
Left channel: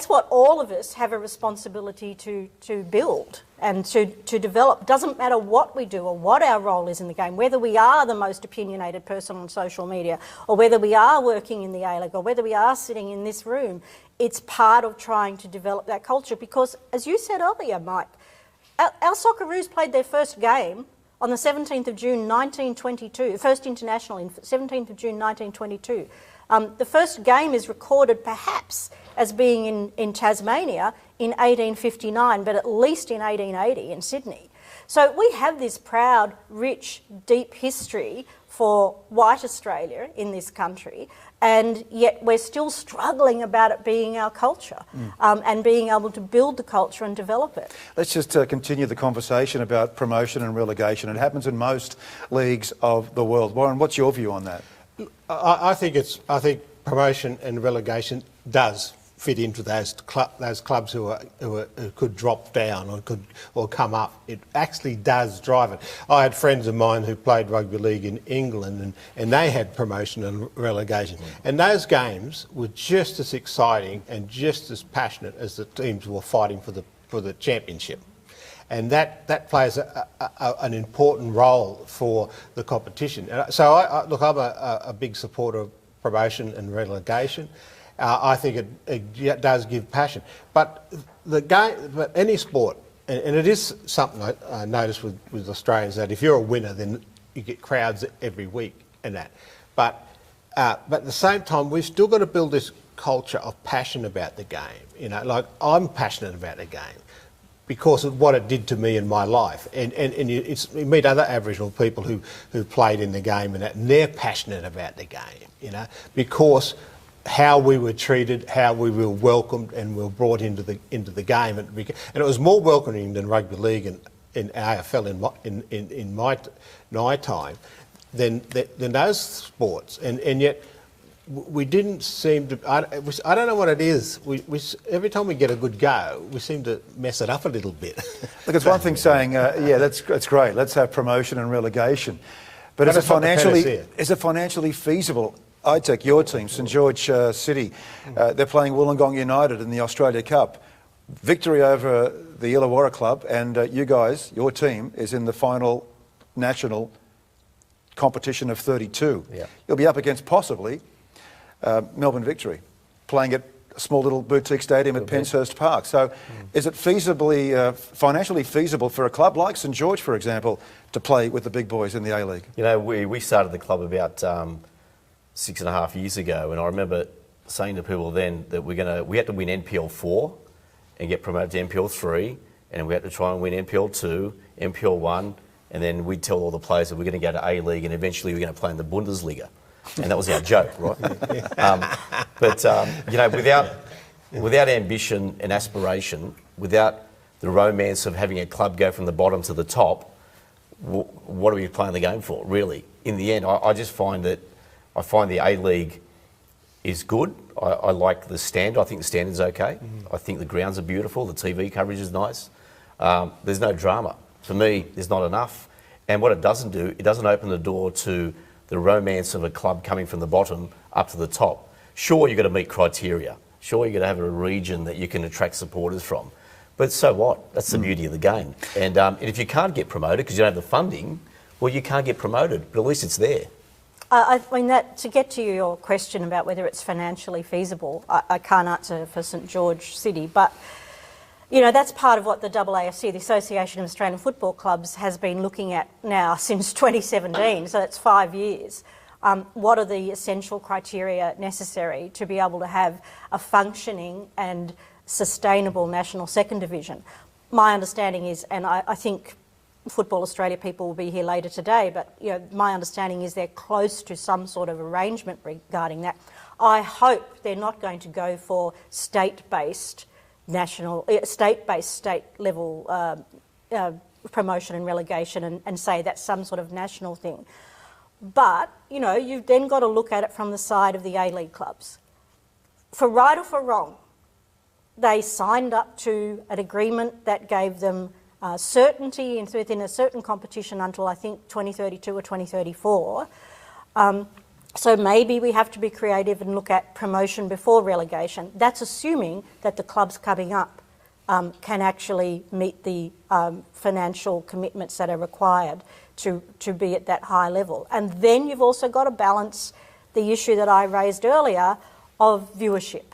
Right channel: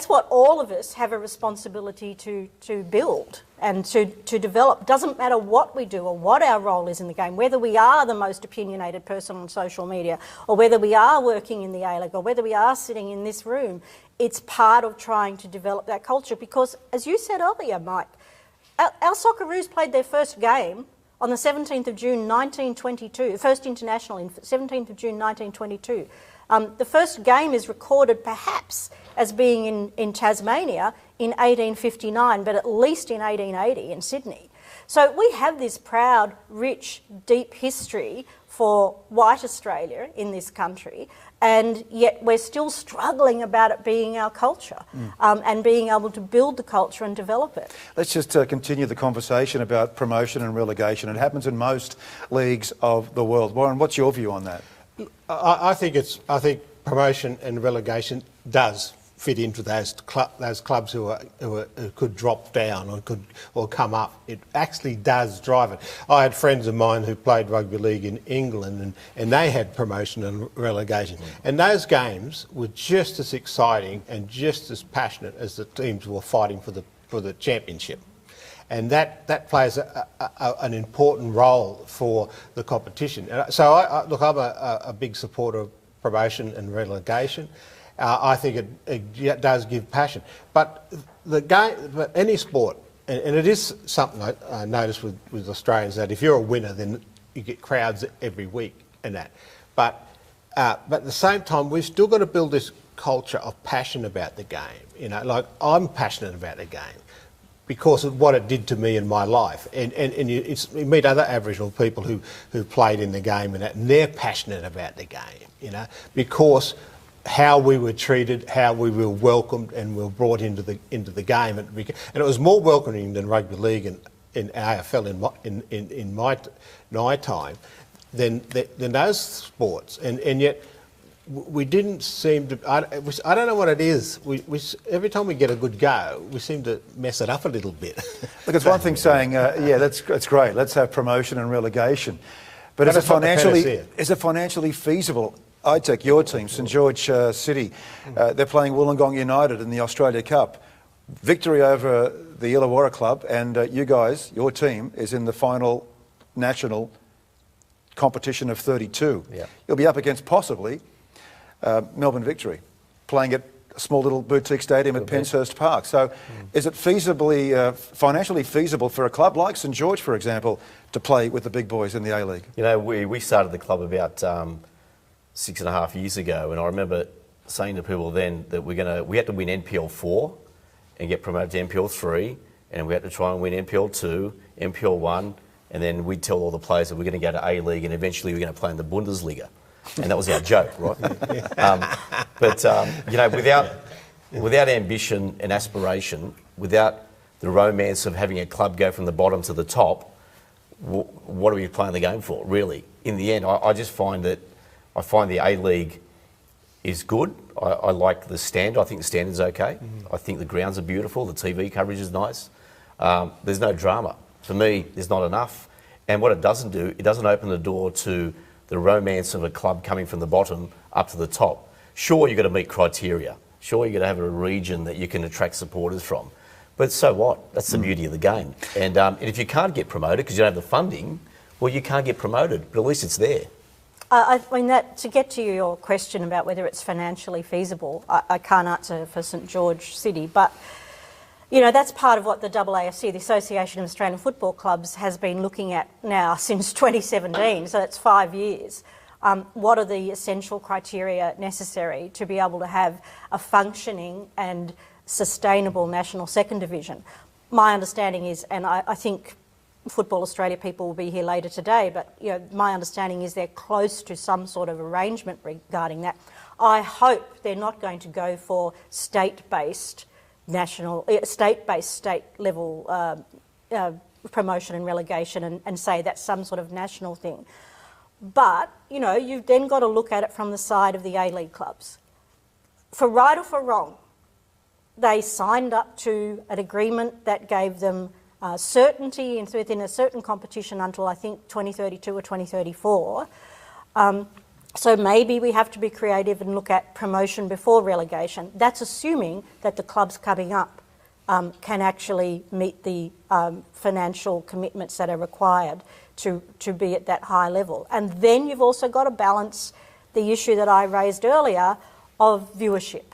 what all of us have a responsibility to build and to develop. Doesn't matter what we do or what our role is in the game, whether we are the most opinionated person on social media or whether we are working in the A-League or whether we are sitting in this room, it's part of trying to develop that culture because, as you said earlier, Mike, our Socceroos played their first game on the 17th of June 1922, the first international in 17th of June 1922. The first game is recorded perhaps as being in Tasmania in 1859, but at least in 1880 in Sydney. So we have this proud, rich, deep history for white Australia in this country, and yet we're still struggling about it being our culture and being able to build the culture and develop it. Let's just continue the conversation about promotion and relegation. It happens in most leagues of the world. Warren, what's your view on that? I think promotion and relegation does fit into those clubs who could drop down or come up. It actually does drive it. I had friends of mine who played rugby league in England, and they had promotion and relegation. And those games were just as exciting and just as passionate as the teams were fighting for the championship. And that plays an important role for the competition. So, I'm a big supporter of promotion and relegation. I think it does give passion. But but any sport, and it is something I notice with Australians, that if you're a winner, then you get crowds every week and that. But at the same time, we've still got to build this culture of passion about the game. Like I'm passionate about the game because of what it did to me in my life. And you meet other Aboriginal people who played in the game and they're passionate about the game, because how we were treated, how we were welcomed and were brought into the game. And it was more welcoming than rugby league and AFL in my time than those sports. And yet we didn't seem to. I don't know what it is. We every time we get a good go, we seem to mess it up a little bit. Look, it's one thing saying, that's great. Let's have promotion and relegation, but is it financially feasible? I take your team, St George City. They're playing Wollongong United in the Australia Cup. Victory over the Illawarra club, and you guys, your team, is in the final national competition of 32. Yeah. You'll be up against possibly Melbourne Victory, playing at a small little boutique stadium at Penshurst Park. So is it financially feasible for a club like St George, for example, to play with the big boys in the A-League? We started the club about 6.5 years ago, and I remember saying to people then that we had to win NPL 4 and get promoted to NPL 3, and we had to try and win NPL 2, NPL 1, and then we'd tell all the players that we're going to go to A-League and eventually we're going to play in the Bundesliga. And that was our joke, right? Without ambition and aspiration, without the romance of having a club go from the bottom to the top, what are we playing the game for, really? In the end, I just find that I find the A-League is good. I like the standard. I think the standard's okay. I think the grounds are beautiful. The TV coverage is nice. There's no drama. For me, there's not enough. And what it doesn't do, it doesn't open the door to the romance of a club coming from the bottom up to the top. Sure, you've got to meet criteria. Sure, you've got to have a region that you can attract supporters from. But so what? That's the beauty of the game. And if you can't get promoted because you don't have the funding, well, you can't get promoted, but at least it's there. I mean, to get to your question about whether it's financially feasible, I can't answer for St George City, but that's part of what the AAFC, the Association of Australian Football Clubs, has been looking at now since 2017, so that's 5 years. What are the essential criteria necessary to be able to have a functioning and sustainable national second division? my understanding is, and I think Football Australia people will be here later today, but my understanding is they're close to some sort of arrangement regarding that. I hope they're not going to go for state-based state-level promotion and relegation and say that's some sort of national thing. But, you've then got to look at it from the side of the A-League clubs. For right or for wrong, they signed up to an agreement that gave them certainty within a certain competition until, I think, 2032 or 2034. So maybe we have to be creative and look at promotion before relegation. That's assuming that the clubs coming up can actually meet the financial commitments that are required to be at that high level. And then you've also got to balance the issue that I raised earlier of viewership.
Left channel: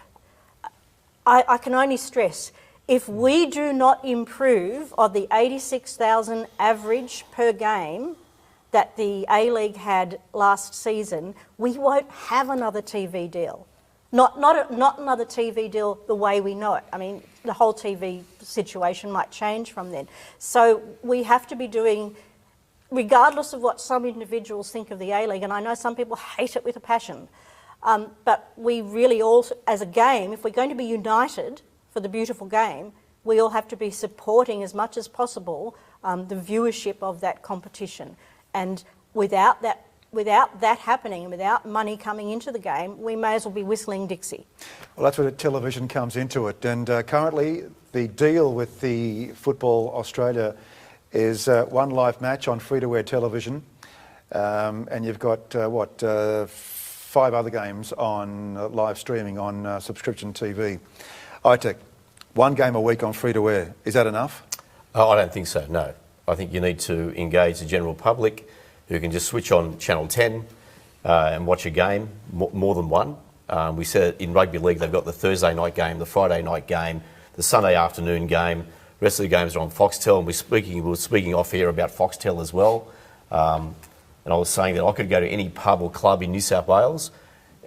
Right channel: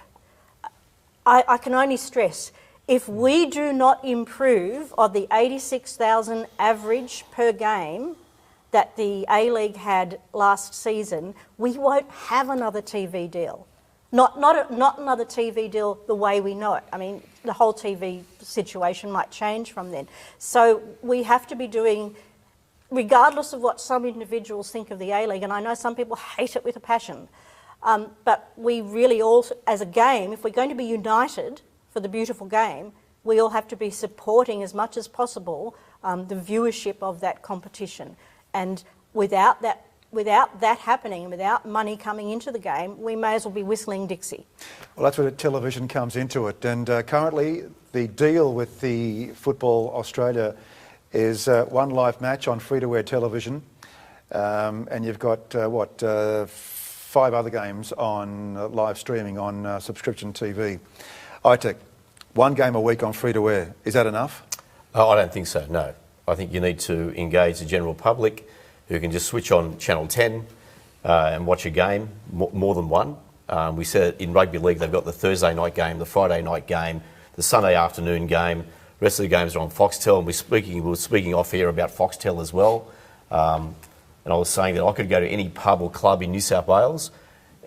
I can only stress, if we do not improve on the 86,000 average per game that the A-League had last season, we won't have another TV deal. Not another TV deal the way we know it. I mean, the whole TV situation might change from then. So we have to be doing, regardless of what some individuals think of the A-League, and I know some people hate it with a passion, but we really all, as a game, if we're going to be united for the beautiful game, we all have to be supporting as much as possible the viewership of that competition. And without that happening, and without money coming into the game, we may as well be whistling Dixie. Well, that's where television comes into it. And currently, the deal with the Football Australia is one live match on free-to-air television, and you've got 5 other games on live streaming on subscription TV. ITEC, 1 game a week on free-to-air. Is that enough? Oh, I don't think so, no. I think you need to engage the general public who can just switch on Channel 10 and watch a game, more than one. We said in rugby league they've got the Thursday night game, the Friday night game, the Sunday afternoon game. The rest of the games are on Foxtel, and we were speaking off here about Foxtel as well. And I was saying that I could go to any pub or club in New South Wales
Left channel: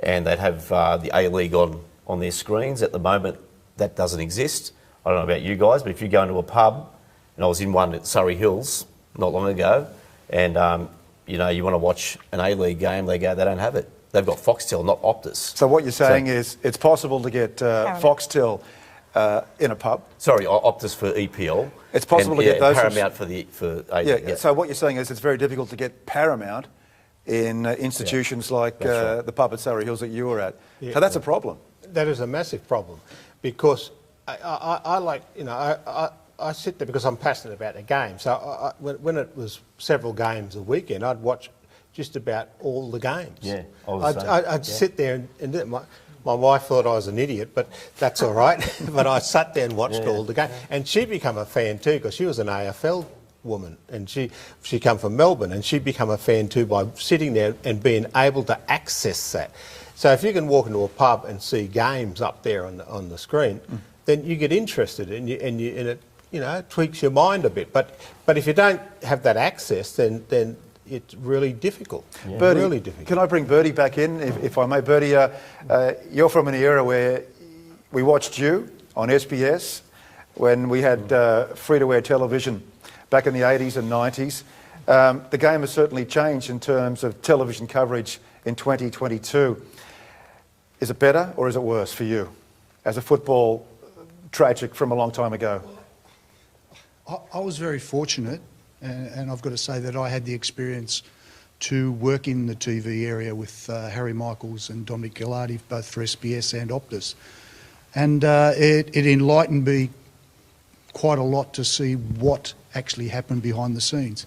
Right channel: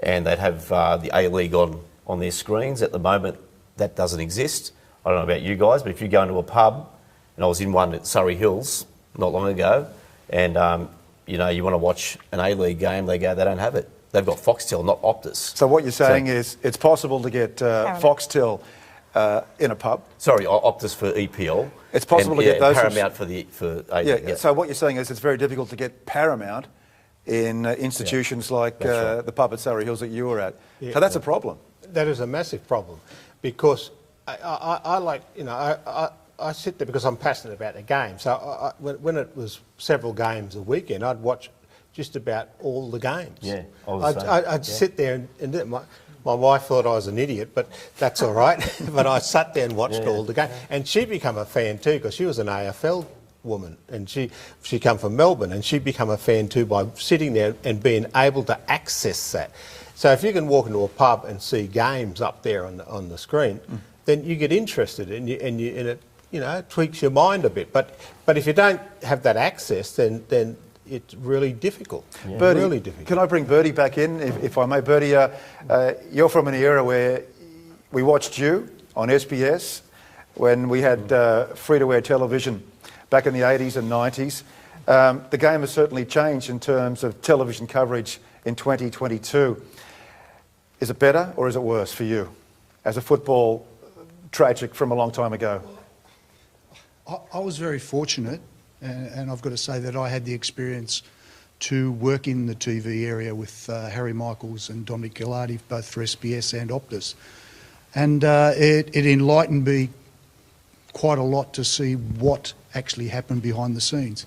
and they'd have the A-League on their screens. At the moment, that doesn't exist. I don't know about you guys, but if you go into a pub, and I was in one at Surrey Hills not long ago, and you want to watch an A-League game, they don't have it. They've got Foxtel, not Optus. So what you're saying is it's possible to get Foxtel in a pub? Sorry, Optus for EPL. It's possible to get those. Paramount for A-League. So what you're saying is it's very difficult to get Paramount in institutions like the pub at Surrey Hills that you were at. Yeah. So that's a problem. That is a massive problem, because I sit there because I'm passionate about the game. So when it was several games a weekend, I'd watch just about all the games. Yeah, I'd sit there and my wife thought I was an idiot, but that's all right. But I sat there and watched all the games, and she became a fan too because she was an AFL woman, and she come from Melbourne, and she become a fan too by sitting there and being able to access that. So if you can walk into a pub and see games up there on the screen, then you get interested, and it tweaks your mind a bit. But if you don't have that access, then it's really difficult. Yeah. Bertie, really difficult. Can I bring Bertie back in, if I may? Bertie, you're from an era where we watched you on SBS when we had free-to-air television back in the 80s and 90s. The game has certainly changed in terms of television coverage in 2022. Is it better or is it worse for you as a football tragic from a long time ago? I was very fortunate, and I've got to say that I had the experience to work in the TV area with Harry Michaels and Dominic Gilardi, both for SBS and Optus. And it enlightened me quite a lot to see what actually happened behind the scenes.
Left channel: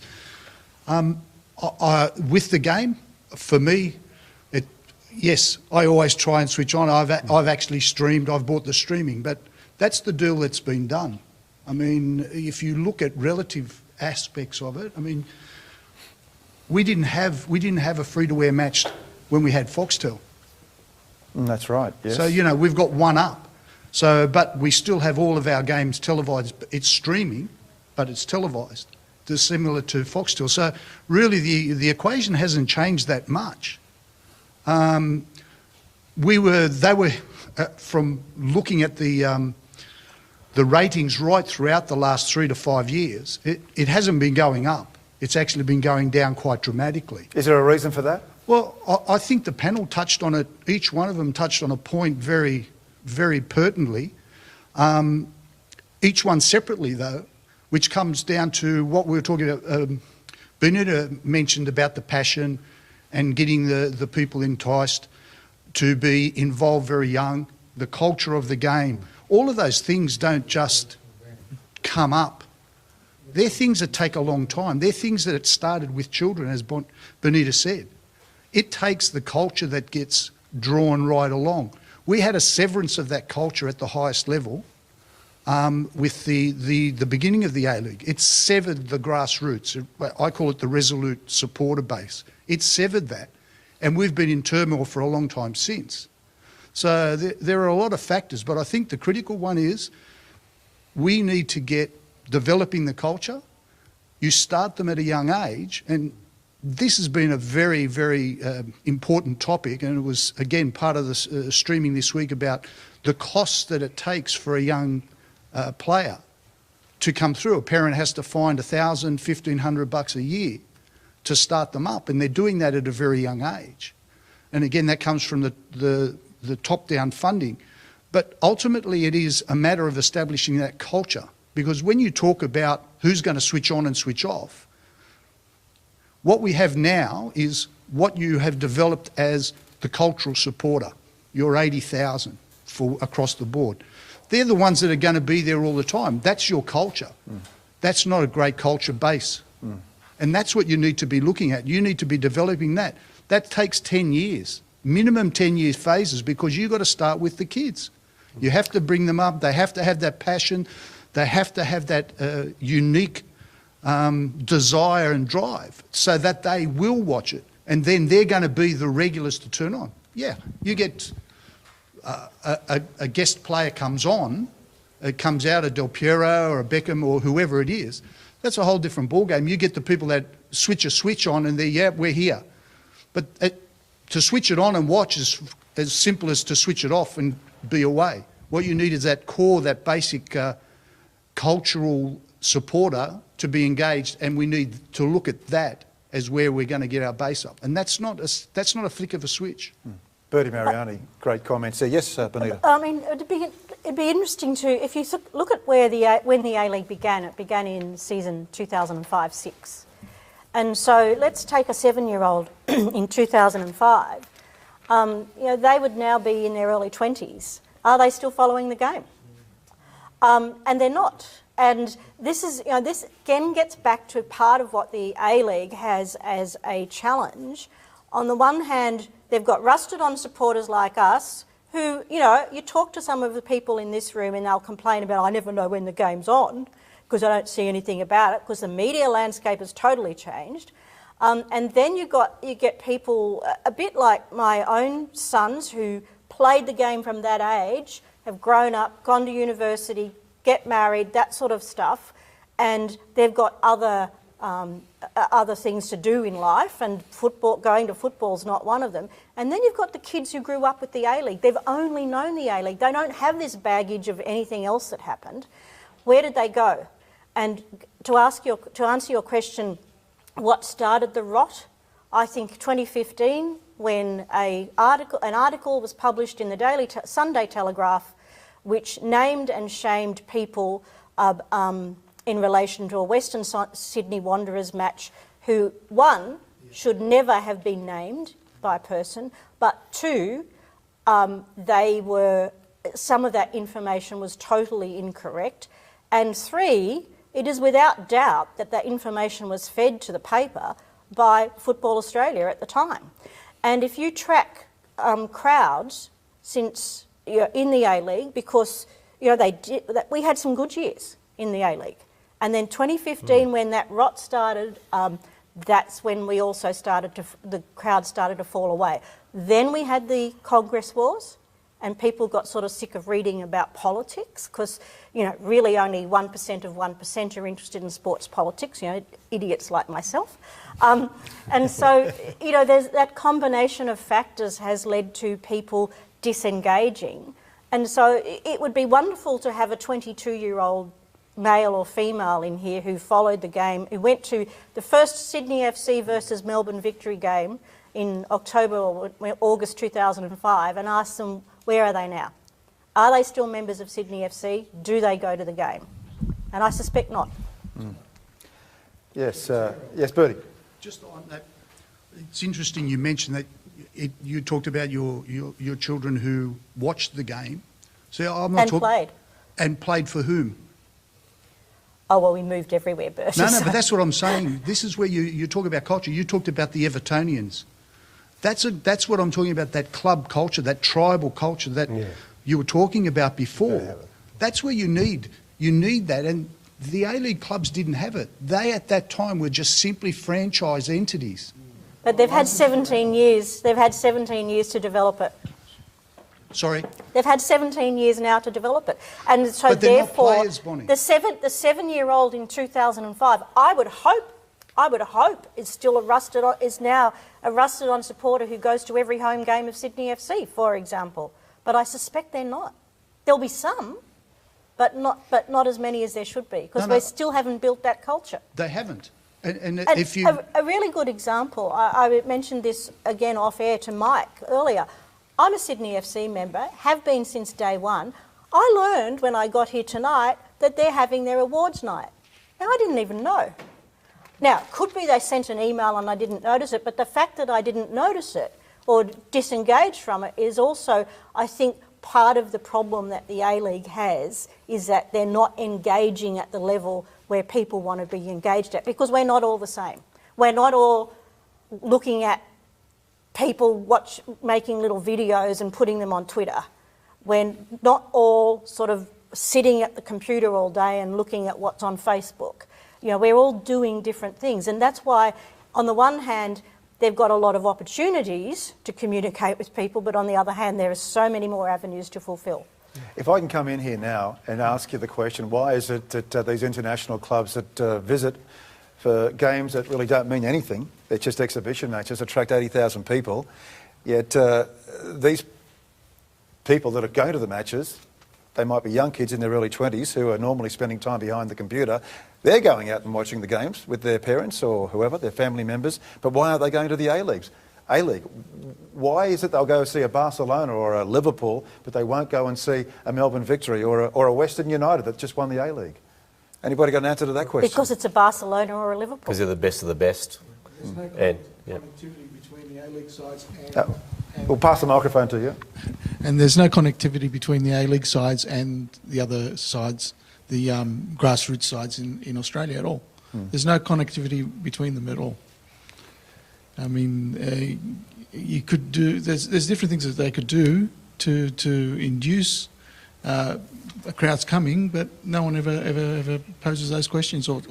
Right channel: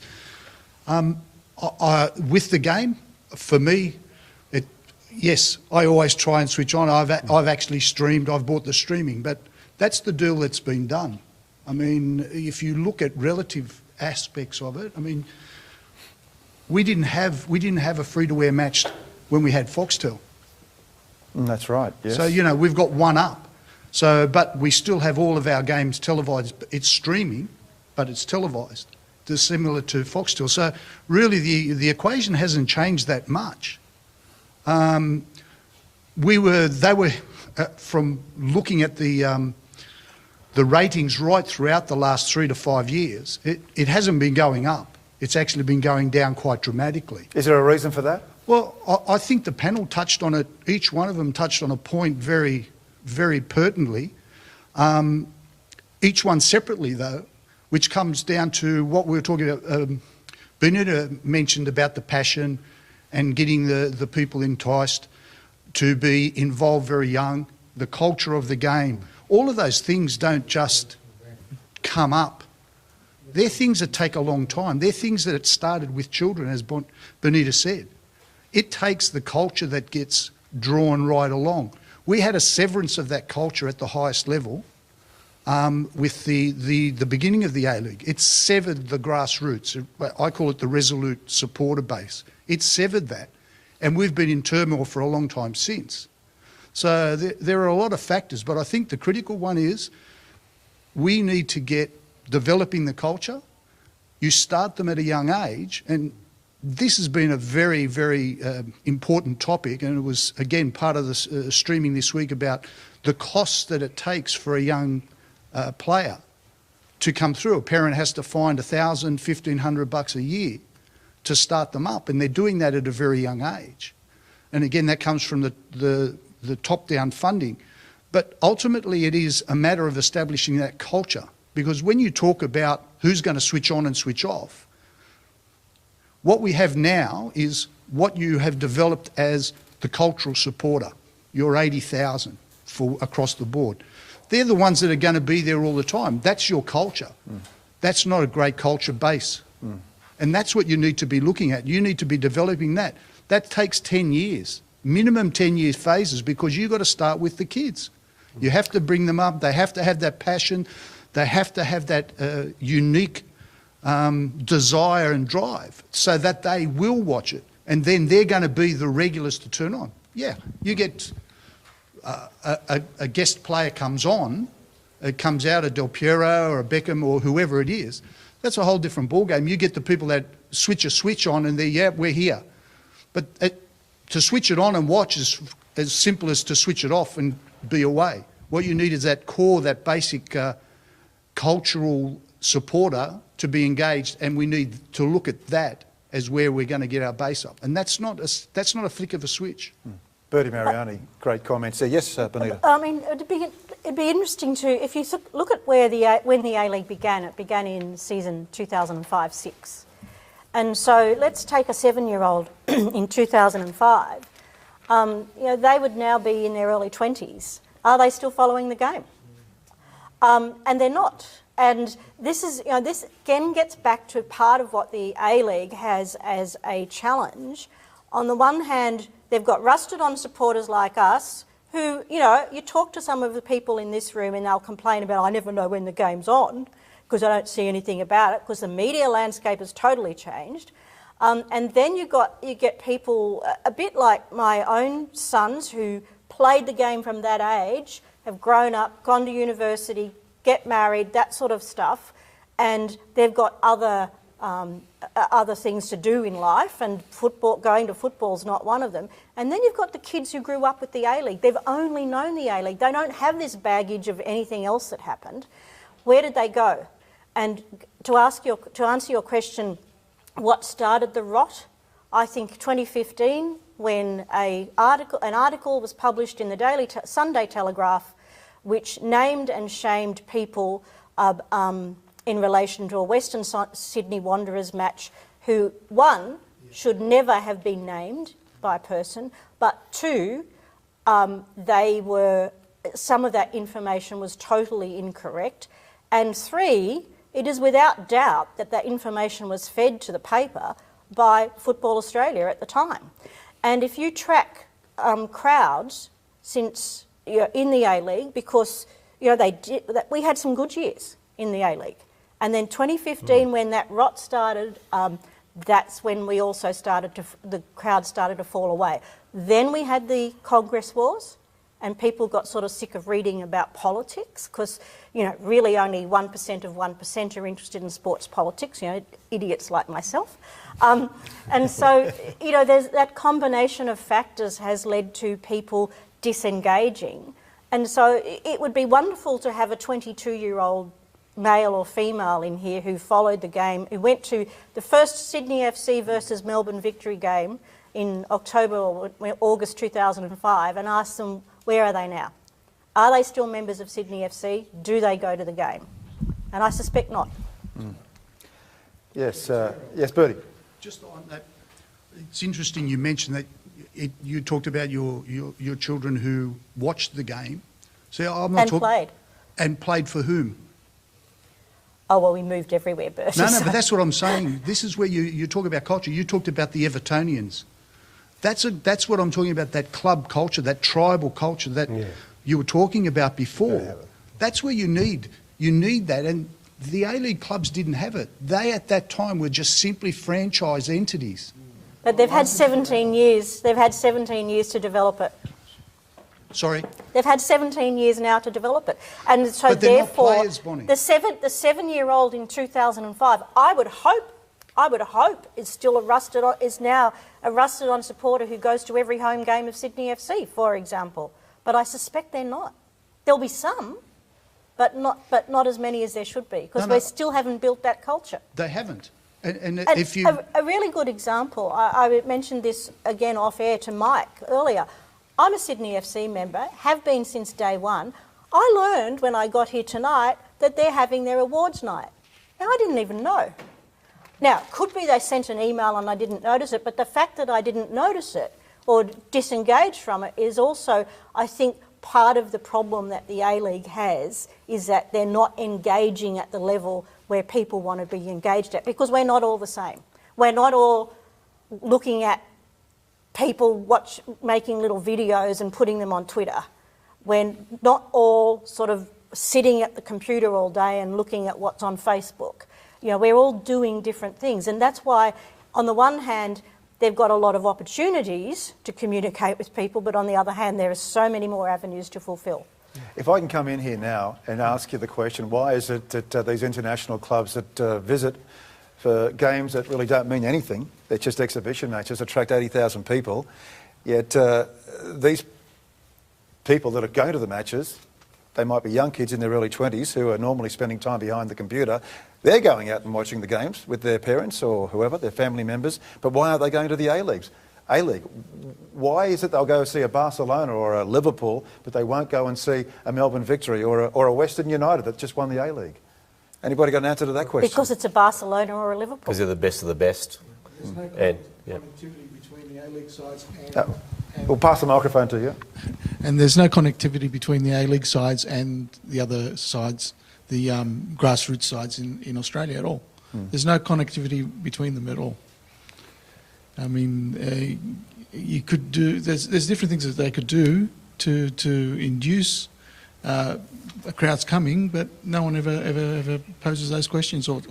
With the game, for me, yes, I always try and switch on. I've actually streamed, I've bought the streaming, but that's the deal that's been done. I mean, if you look at relative aspects of it, I mean, we didn't have a free-to-air match when we had Foxtel. That's right, yes. So, we've got one up. So, but we still have all of our games televised. It's streaming, but it's televised. It's similar to Foxtel. So, really, the equation hasn't changed that much. They were from looking at the the ratings right throughout the last 3 to 5 years, it hasn't been going up. It's actually been going down quite dramatically. Is there a reason for that? Well, I think the panel touched on it. Each one of them touched on a point very, very pertinently. Each one separately, though, which comes down to what we were talking about. Benita mentioned about the passion and getting the people enticed to be involved very young, the culture of the game. All of those things don't just come up. They're things that take a long time. They're things that it started with children, as Benita said. It takes the culture that gets drawn right along. We had a severance of that culture at the highest level with the beginning of the A-League. It severed the grassroots. I call it the resolute supporter base. It severed that. And we've been in turmoil for a long time since. So there are a lot of factors, but I think the critical one is we need to get developing the culture. You start them at a young age, and this has been a very, very important topic, and it was, again, part of the streaming this week about the costs that it takes for a young player to come through. A parent has to find $1,000, $1,500 a year to start them up, and they're doing that at a very young age. And again, that comes from the top-down funding. But ultimately, it is a matter of establishing that culture, because when you talk about who's going to switch on and switch off, what we have now is what you have developed as the cultural supporter, your 80,000 across the board. They're the ones that are going to be there all the time. That's your culture. That's not a great culture base. And that's what you need to be looking at. You need to be developing that. That takes 10 years, minimum 10-year phases, because you've got to start with the kids. You have to bring them up. They have to have that passion. They have to have that unique desire and drive so that they will watch it. And then they're going to be the regulars to turn on. Yeah, you get a guest player comes on, it comes out a Del Piero or a Beckham or whoever it is. That's a whole different ballgame. You get the people that switch a switch on and they're, yeah, we're here. But to switch it on and watch is as simple as to switch it off and be away. What you need is that core, that basic cultural supporter to be engaged, and we need to look at that as where we're going to get our base up. And that's not a flick of a switch. Bertie Mariani, great comments there. Yes, Benita. I mean, it'd be interesting to, if you look at when the A-League began, it began in season 2005-06. And so let's take a 7-year-old in 2005. They would now be in their early 20s. Are they still following the game? And they're not. And this is, this again gets back to part of what the A-League has as a challenge. On the one hand, they've got rusted-on supporters like us who, you talk to some of the people in this room and they'll complain about, I never know when the game's on because I don't see anything about it, because the media landscape has totally changed. And then you get people a bit like my own sons who played the game from that age, have grown up, gone to university, get married, that sort of stuff, and they've got other things to do in life, and going to football's not one of them. And then you've got the kids who grew up with the A-League. They've only known the A-League. They don't have this baggage of anything else that happened. Where did they go? And to answer your question, what started the rot? I think 2015, when an article was published in the Sunday Telegraph, which named and shamed people in relation to a Western Sydney Wanderers match who, one, should never have been named by a person, but two, some of that information was totally incorrect, and three, it is without doubt that that information was fed to the paper by Football Australia at the time. And if you track crowds since in the A-League, because we had some good years in the A-League, and then 2015 when that rot started, that's when we also the crowd started to fall away. Then we had the Congress Wars, and people got sort of sick of reading about politics because, really only 1% of 1% are interested in sports politics, idiots like myself. And so, there's that combination of factors has led to people disengaging. And so it would be wonderful to have a 22-year-old male or female in here who followed the game, who went to the first Sydney FC versus Melbourne Victory game in October or August 2005 and asked them, where are they now? Are they still members of Sydney FC? Do they go to the game? And I suspect not. Yes, yes, Bertie. Just on that, it's interesting you mentioned that you talked about your children who watched the game. So I'm not played. And played for whom? Oh, well, we moved everywhere, Bertie. No, but that's what I'm saying. This is where you talk about culture. You talked about the Evertonians. That's what I'm talking about, that club culture, that tribal culture that you were talking about before. That's where you need that. And the A-League clubs didn't have it. They, at that time, were just simply franchise entities. But they've had 17 years. They've had 17 years to develop it. Sorry? They've had 17 years now to develop it. And so but they're therefore, not players, Bonnie. the 7-year-old in 2005, I would hope is now a rusted-on supporter who goes to every home game of Sydney FC, for example. But I suspect they're not. There'll be some, but not as many as there should be, because we still haven't built that culture. They haven't. And if you... A really good example, I mentioned this again off-air to Mike earlier. I'm a Sydney FC member, have been since day one. I learned when I got here tonight that they're having their awards night. Now, I didn't even know. Now, could be they sent an email and I didn't notice it, but the fact that I didn't notice it or disengage from it is also, I think, part of the problem that the A-League has, is that they're not engaging at the level where people want to be engaged at, because we're not all the same. We're not all looking at people making little videos and putting them on Twitter. We're not all sort of sitting at the computer all day and looking at what's on Facebook. You know, we're all doing different things, and that's why, on the one hand, they've got a lot of opportunities to communicate with people, but on the other hand, there are so many more avenues to fulfil. If I can come in here now and ask you the question, why is it that these international clubs that visit for games that really don't mean anything, they're just exhibition matches, attract 80,000 people, yet these people that are going to the matches, they might be young kids in their early 20s who are normally spending time behind the computer. They're going out and watching the games with their parents or whoever, their family members, but why aren't they going to the A-League? Why is it they'll go see a Barcelona or a Liverpool, but they won't go and see a Melbourne Victory or a Western United that just won the A-League? Anybody got an answer to that question? Because it's a Barcelona or a Liverpool. Because they're the best of the best. There's no connectivity between the A-League sides and... We'll pass the microphone to you. And there's no connectivity between the A-League sides and the other sides, the grassroots sides in Australia at all. There's no connectivity between them at all. I mean, you could do... There's different things that they could do to induce crowds coming, but no one ever poses those questions or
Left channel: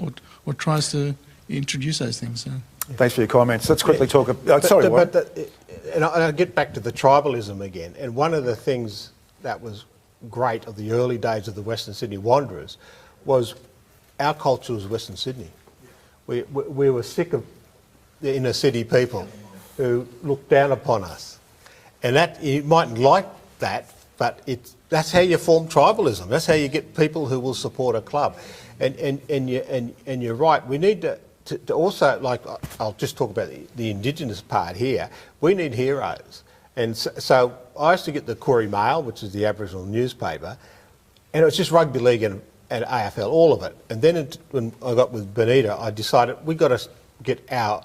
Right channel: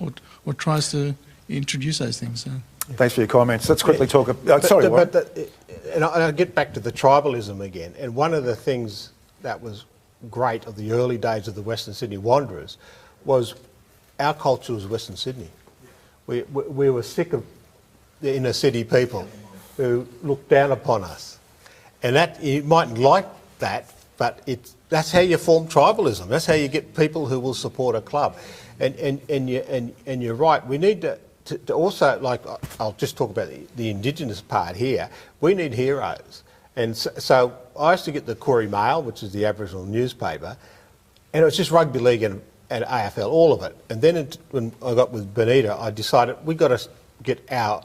tries to introduce those things. So. Thanks for your comments. Let's quickly talk... And I get back to the tribalism again. And one of the things that was great of the early days of the Western Sydney Wanderers was our culture was Western Sydney. We were sick of the inner city people who looked down upon us. And that, you mightn't like that, but that's how you form tribalism. That's how you get people who will support a club. And you're right. We need to also, like, I'll just talk about the Indigenous part here. We need heroes. And so I used to get the Koori Mail, which is the Aboriginal newspaper, and it was just rugby league and AFL, all of it. And then when I got with Benita, I decided we've got to get our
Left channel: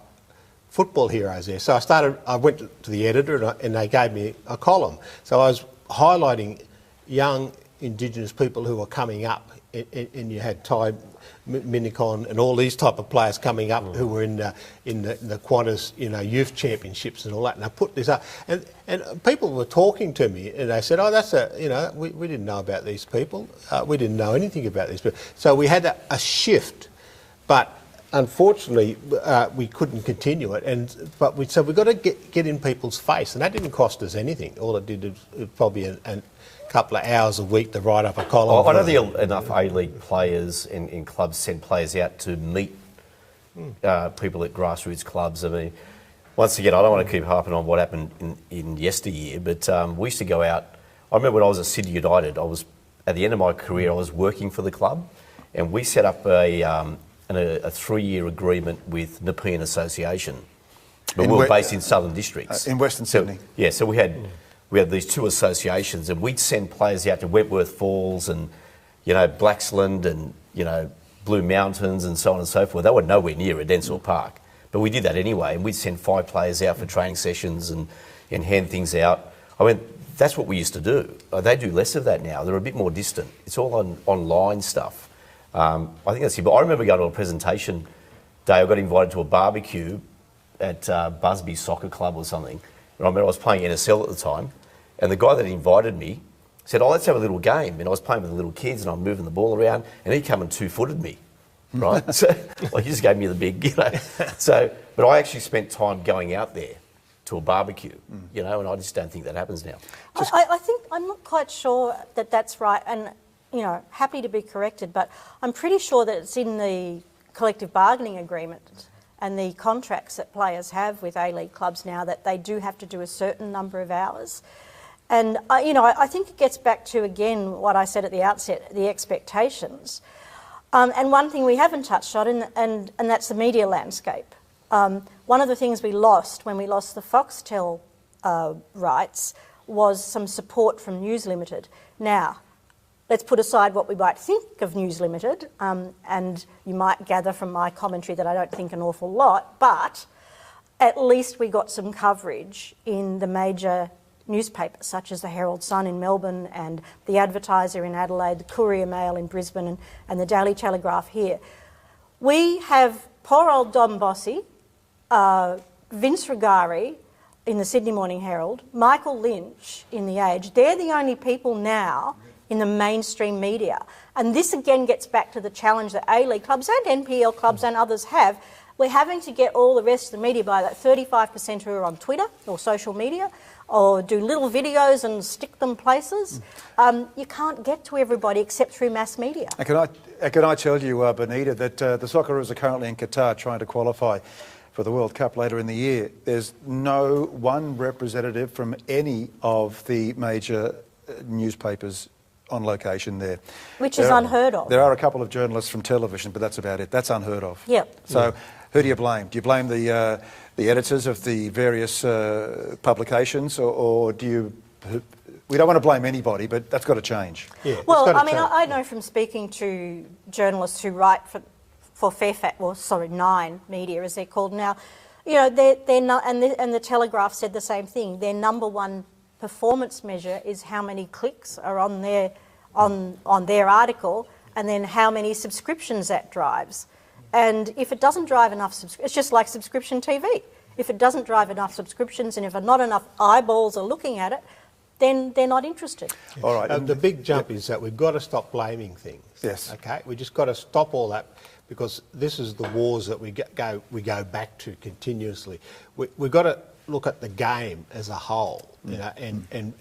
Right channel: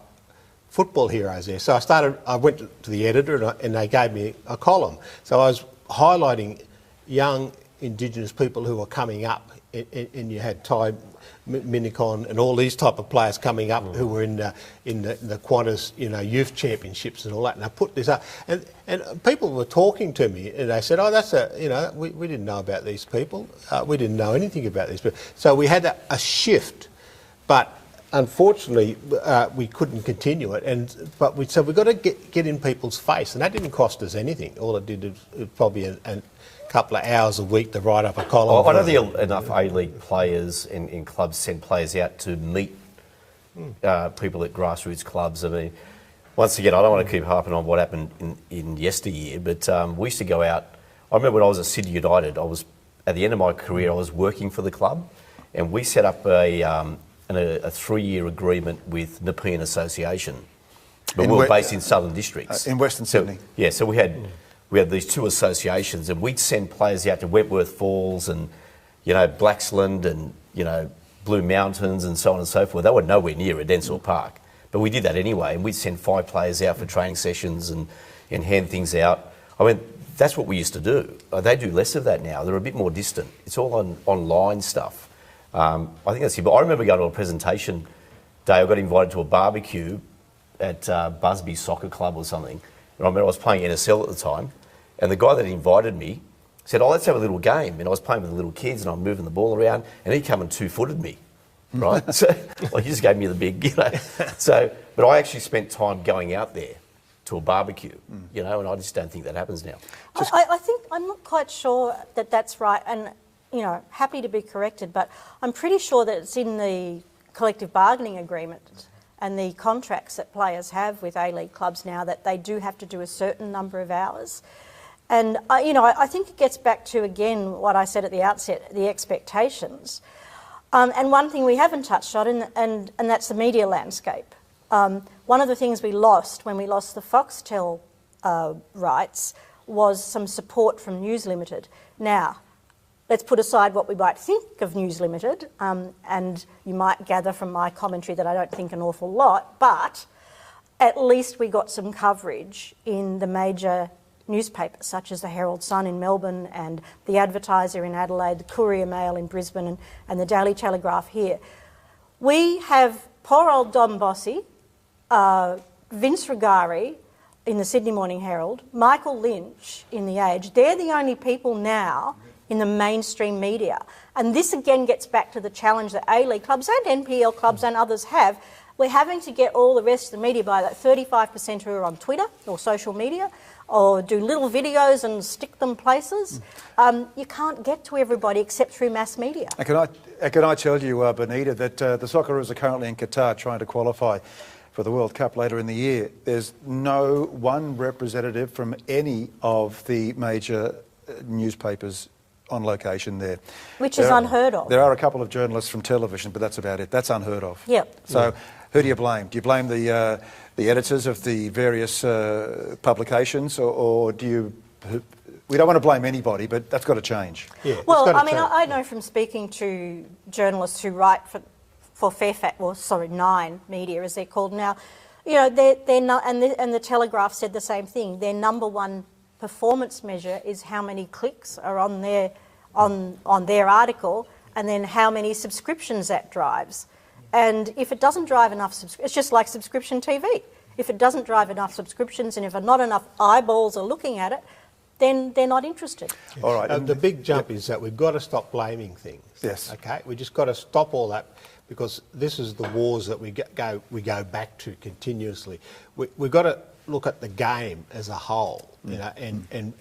football heroes there. So I went to the editor and they gave me a column. So I was highlighting young Indigenous people who were coming up, and you had Ty Minicon and all these type of players coming up who were in the Qantas, youth championships and all that. And I put this up, and people were talking to me, and they said, "Oh, we didn't know about these people. We didn't know anything about these people." So we had a shift, but unfortunately we couldn't continue it. So we've got to get in people's face, and that didn't cost us anything. All it did was probably a couple of hours a week to write up a column. I know enough A-League players in clubs send players out to meet people at grassroots clubs. I mean, once again, I don't want to keep harping on what happened in yesteryear, but we used to go out I remember when I was at Sydney United, at the end of my career, I was working for the club, and we set up a 3-year agreement with Nepean Association. But we were based in Southern Districts. In Western Sydney. Yeah, so we had these 2 associations, and we'd send players out to Wentworth Falls and, Blaxland and, Blue Mountains and so on and so forth. They were nowhere near Edensor Park. But we did that anyway, and we'd send 5 players out for training sessions and hand things out. I mean, that's what we used to do. They do less of that now. They're a bit more distant. It's all online stuff. I think that's it. But I remember going to a presentation day. I got invited to a barbecue at Busby Soccer Club or something. And I remember I was playing NSL at the time, and the guy that invited me said, let's have a little game. And I was playing with the little kids, and I'm moving the ball around, and he came and 2-footed me, right? So, he just gave me the big, So, but I actually spent time going out there to a barbecue, and I just don't think that happens now. I think, I'm not quite sure that that's right, and, happy to be corrected, but I'm pretty sure that it's in the collective bargaining agreement and the contracts that players have with A-League clubs now that they do have to do a certain number of hours. And, I think it gets back to, again, what I said at the outset, the expectations. And one thing we haven't touched on, and that's the media landscape. One of the things we lost when we lost the Foxtel rights was some support from News Limited. Now, let's put aside what we might think of News Limited, and you might gather from my commentary that I don't think an awful lot, but at least we got some coverage in the major newspapers such as the Herald Sun in Melbourne and the Advertiser in Adelaide, the Courier Mail in Brisbane and the Daily Telegraph here. We have poor old Dom Bossi, Vince Rugari in the Sydney Morning Herald, Michael Lynch in The Age. They're the only people now in the mainstream media. And this again gets back to the challenge that A-League clubs and NPL clubs and others have. We're having to get all the rest of the media by that 35% who are on Twitter or social media or do little videos and stick them places. You can't get to everybody except through mass media. Can I tell you, Benita, that the Socceroos are currently in Qatar trying to qualify for the World Cup later in the year. There's no one representative from any of the major newspapers on location there. Which is unheard of. There are a couple of journalists from television, but that's about it. That's unheard of. Yep. So who do you blame? Do you blame the editors of the various publications, or do you... We don't want to blame anybody, but that's got to change. Yeah, well, I know from speaking to journalists who write for Fairfax, Nine Media, as they're called now, they're not, and the Telegraph said the same thing. Their number one performance measure is how many clicks are on their article, and then how many subscriptions that drives. And if it doesn't drive enough, it's just like subscription TV. If it doesn't drive enough subscriptions, and if not enough eyeballs are looking at it, then they're not interested. All right. The big jump is that we've got to stop blaming things. Yes. Okay. We just got to stop all that, because this is the wars that we go back to continuously. We've got to look at the game as a whole, and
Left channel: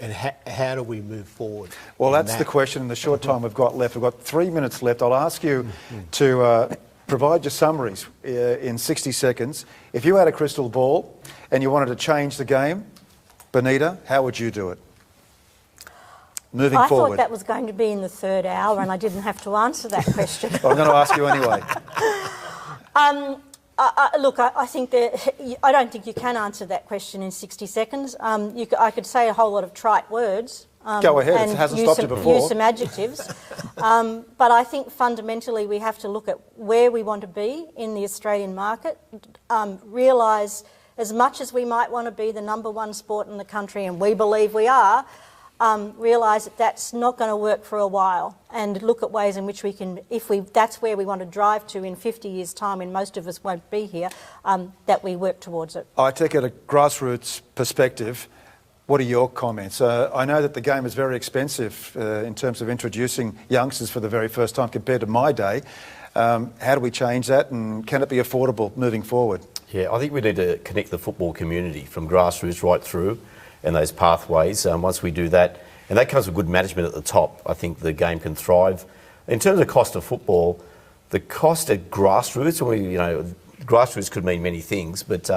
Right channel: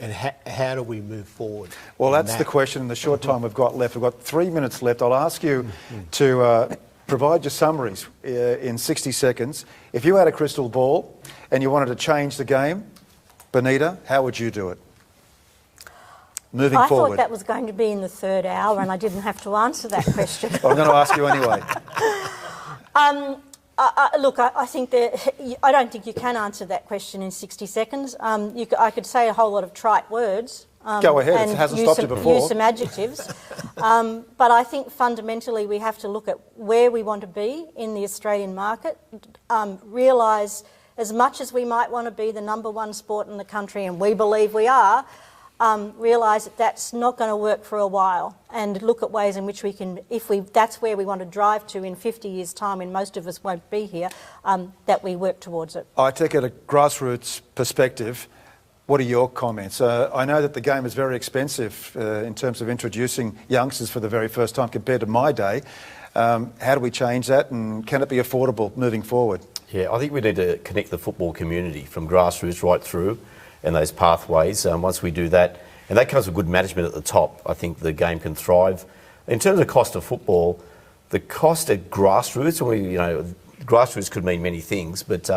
how do we move forward? Well, that's the question in the short time we've got left. We've got 3 minutes left. I'll ask you to provide your summaries in 60 seconds. If you had a crystal ball and you wanted to change the game, Benita, how would you do it? Moving forward. I thought that was going to be in the third hour and I didn't have to answer that question. Well, I'm going to ask you anyway. Look, I think that I don't think you can answer that question in 60 seconds. I could say a whole lot of trite words. Go ahead, it hasn't stopped you before. Use some adjectives. But I think fundamentally we have to look at where we want to be in the Australian market, realise as much as we might want to be the number one sport in the country, and we believe we are, realise that that's not going to work for a while, and look at ways in which we can, that's where we want to drive to in 50 years' time, and most of us won't be here, that we work towards it. I take it a grassroots perspective. What are your comments? I know that the game is very expensive in terms of introducing youngsters for the very first time compared to my day. How do we change that, and can it be affordable moving forward? Yeah, I think we need to connect the football community from grassroots right through, and those pathways. Once we do that, and that comes with good management at the top, I think the game can thrive. In terms of cost of football, the cost at grassroots, grassroots could mean many things, but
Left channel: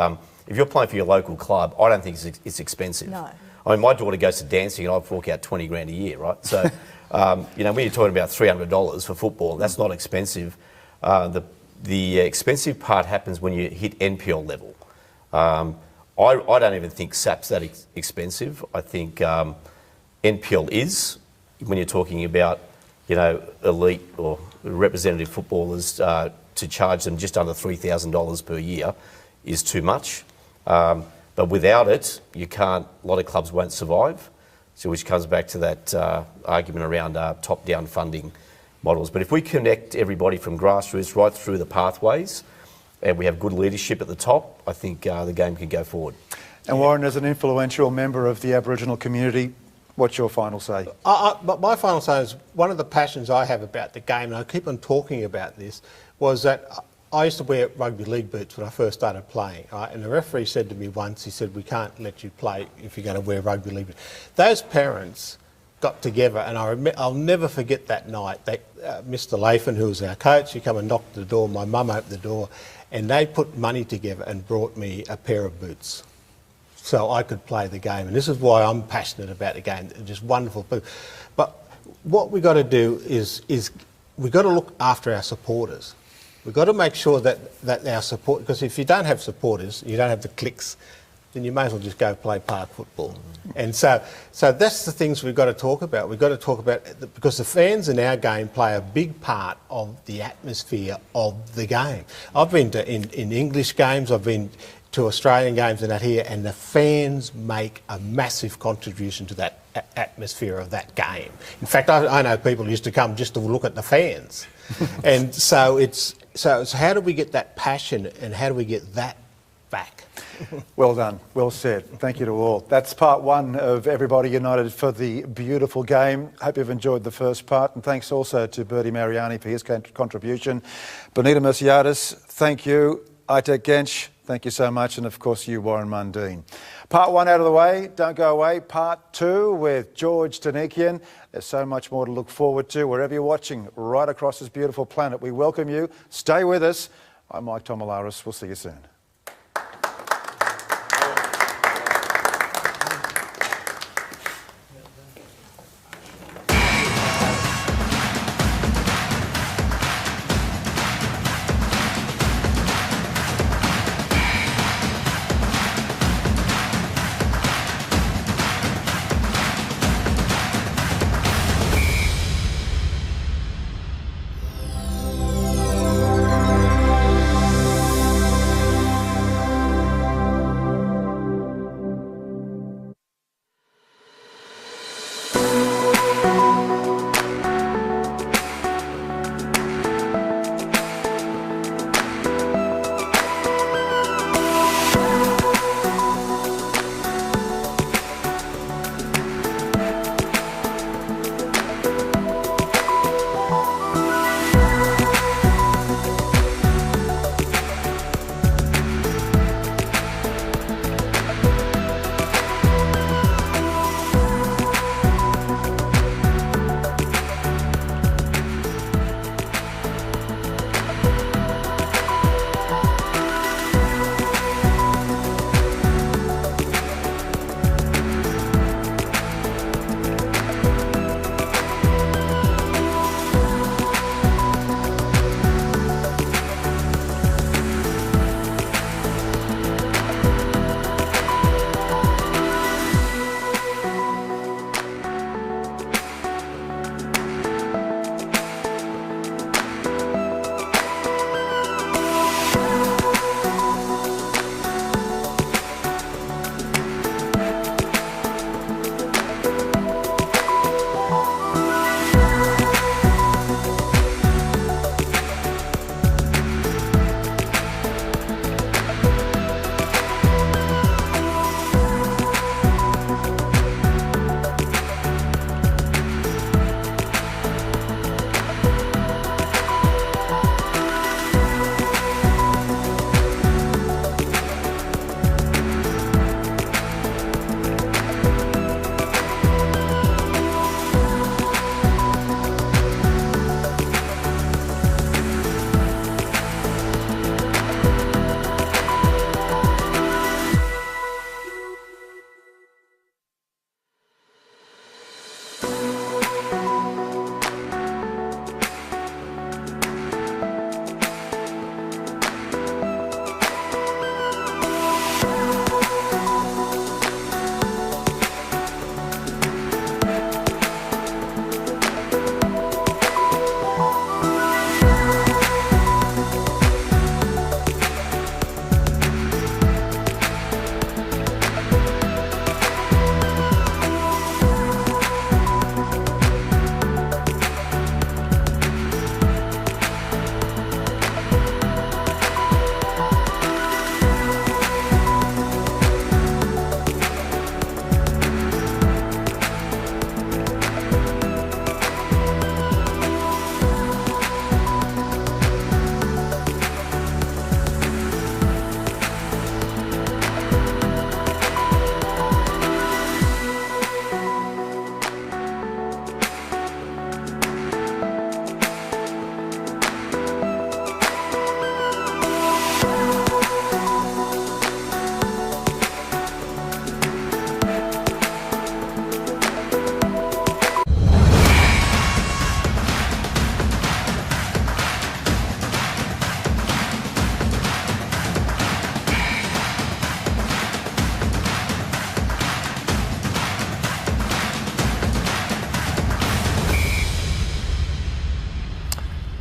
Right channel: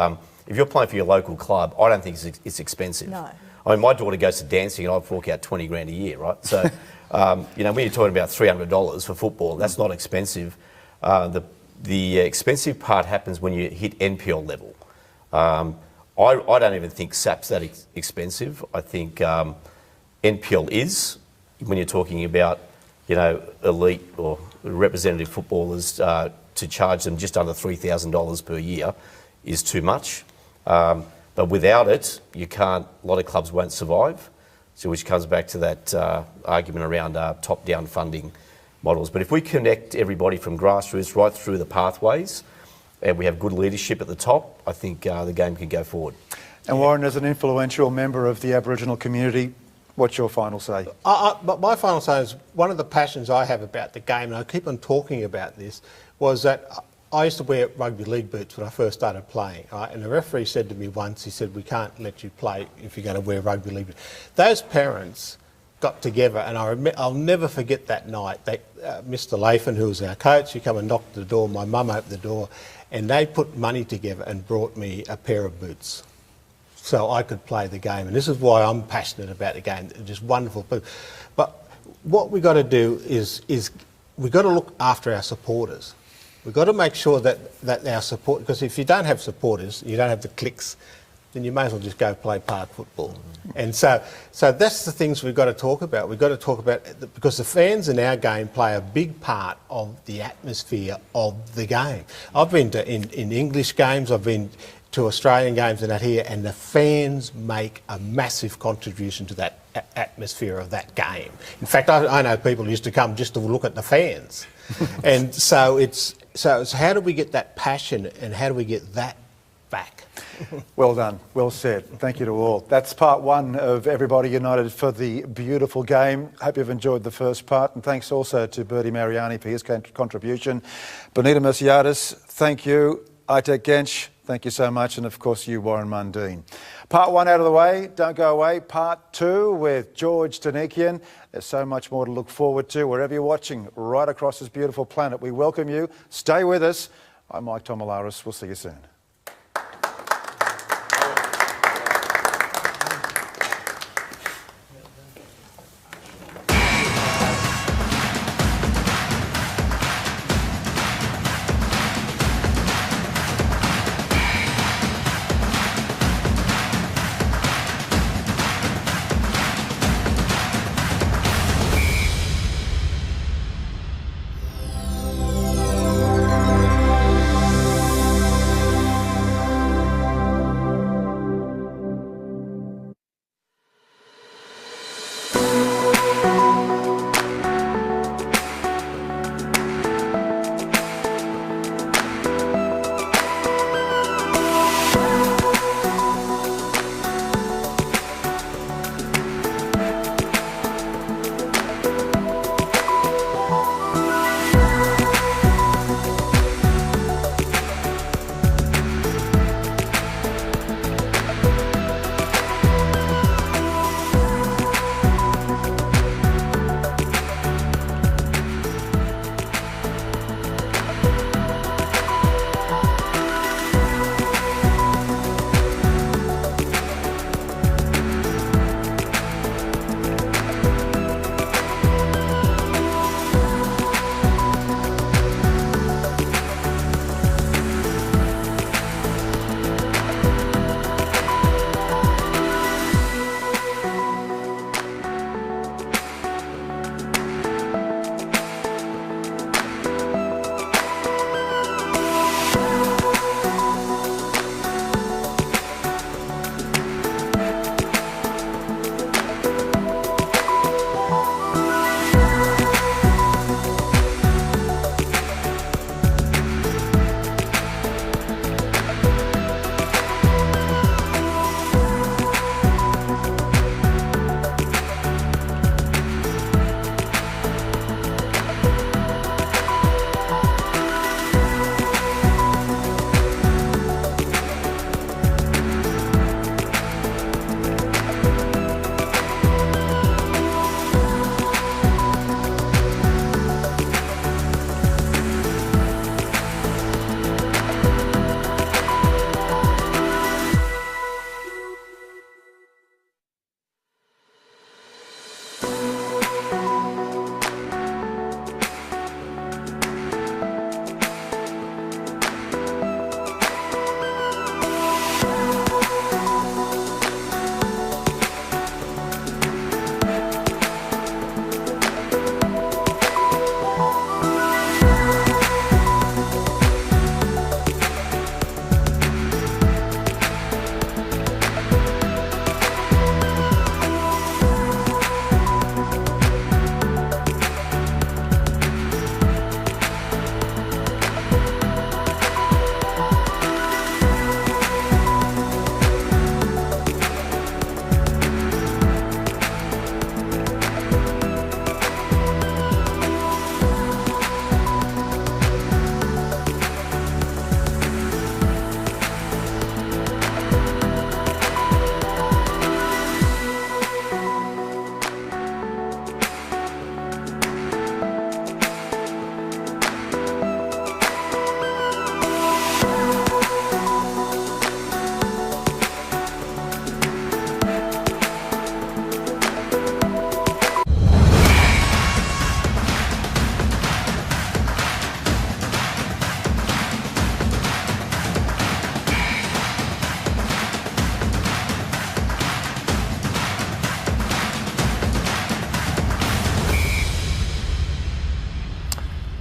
if you're playing for your local club, I don't think it's expensive. No. I mean, my daughter goes to dancing and I fork out 20 grand a year, right? So, when you're talking about $300 for football, that's not expensive. The expensive part happens when you hit NPL level. I don't even think SAP's that expensive. I think NPL is, when you're talking about, elite or representative footballers, to charge them just under $3,000 per year is too much. But without it, a lot of clubs won't survive. So which comes back to that argument around top-down funding models. But if we connect everybody from grassroots right through the pathways, and we have good leadership at the top, I think the game can go forward. And Warren, as an influential member of the Aboriginal community, what's your final say? But my final say is one of the passions I have about the game, and I keep on talking about this, was that I used to wear rugby league boots when I first started playing, right? And the referee said to me once, he said, we can't let you play if you're going to wear rugby league boots. Those parents got together, and I'll never forget that night. Mr. Lathan, who was our coach, he come and knocked at the door, my mum opened the door, and they put money together and brought me a pair of boots so I could play the game. And this is why I'm passionate about the game. It's just wonderful. But what we've got to do is we've got to look after our supporters. We've got to make sure that our support, because if you don't have supporters, you don't have the clicks, then you may as well just go play park football. And so that's the things we've got to talk about. We've got to talk about, because the fans in our game play a big part of the atmosphere of the game. I've been to in English games, I've been to Australian games and that here, and the fans make a massive contribution to that atmosphere of that game. In fact, I know people used to come just to look at the fans. And so it's how do we get that passion and how do we get that back? Well done. Well said. Thank you to all. That's part one of Everybody United for the beautiful game. Hope you've enjoyed the first part, and thanks also to Bertie Mariani for his contribution. Benita Merciades, thank you. Aitek Gench, thank you so much. And of course you, Warren Mundine. Part one out of the way. Don't go away. Part two with George Donikian. There's so much more to look forward to wherever you're watching right across this beautiful planet. We welcome you. Stay with us. I'm Mike Tomalaris. We'll see you soon.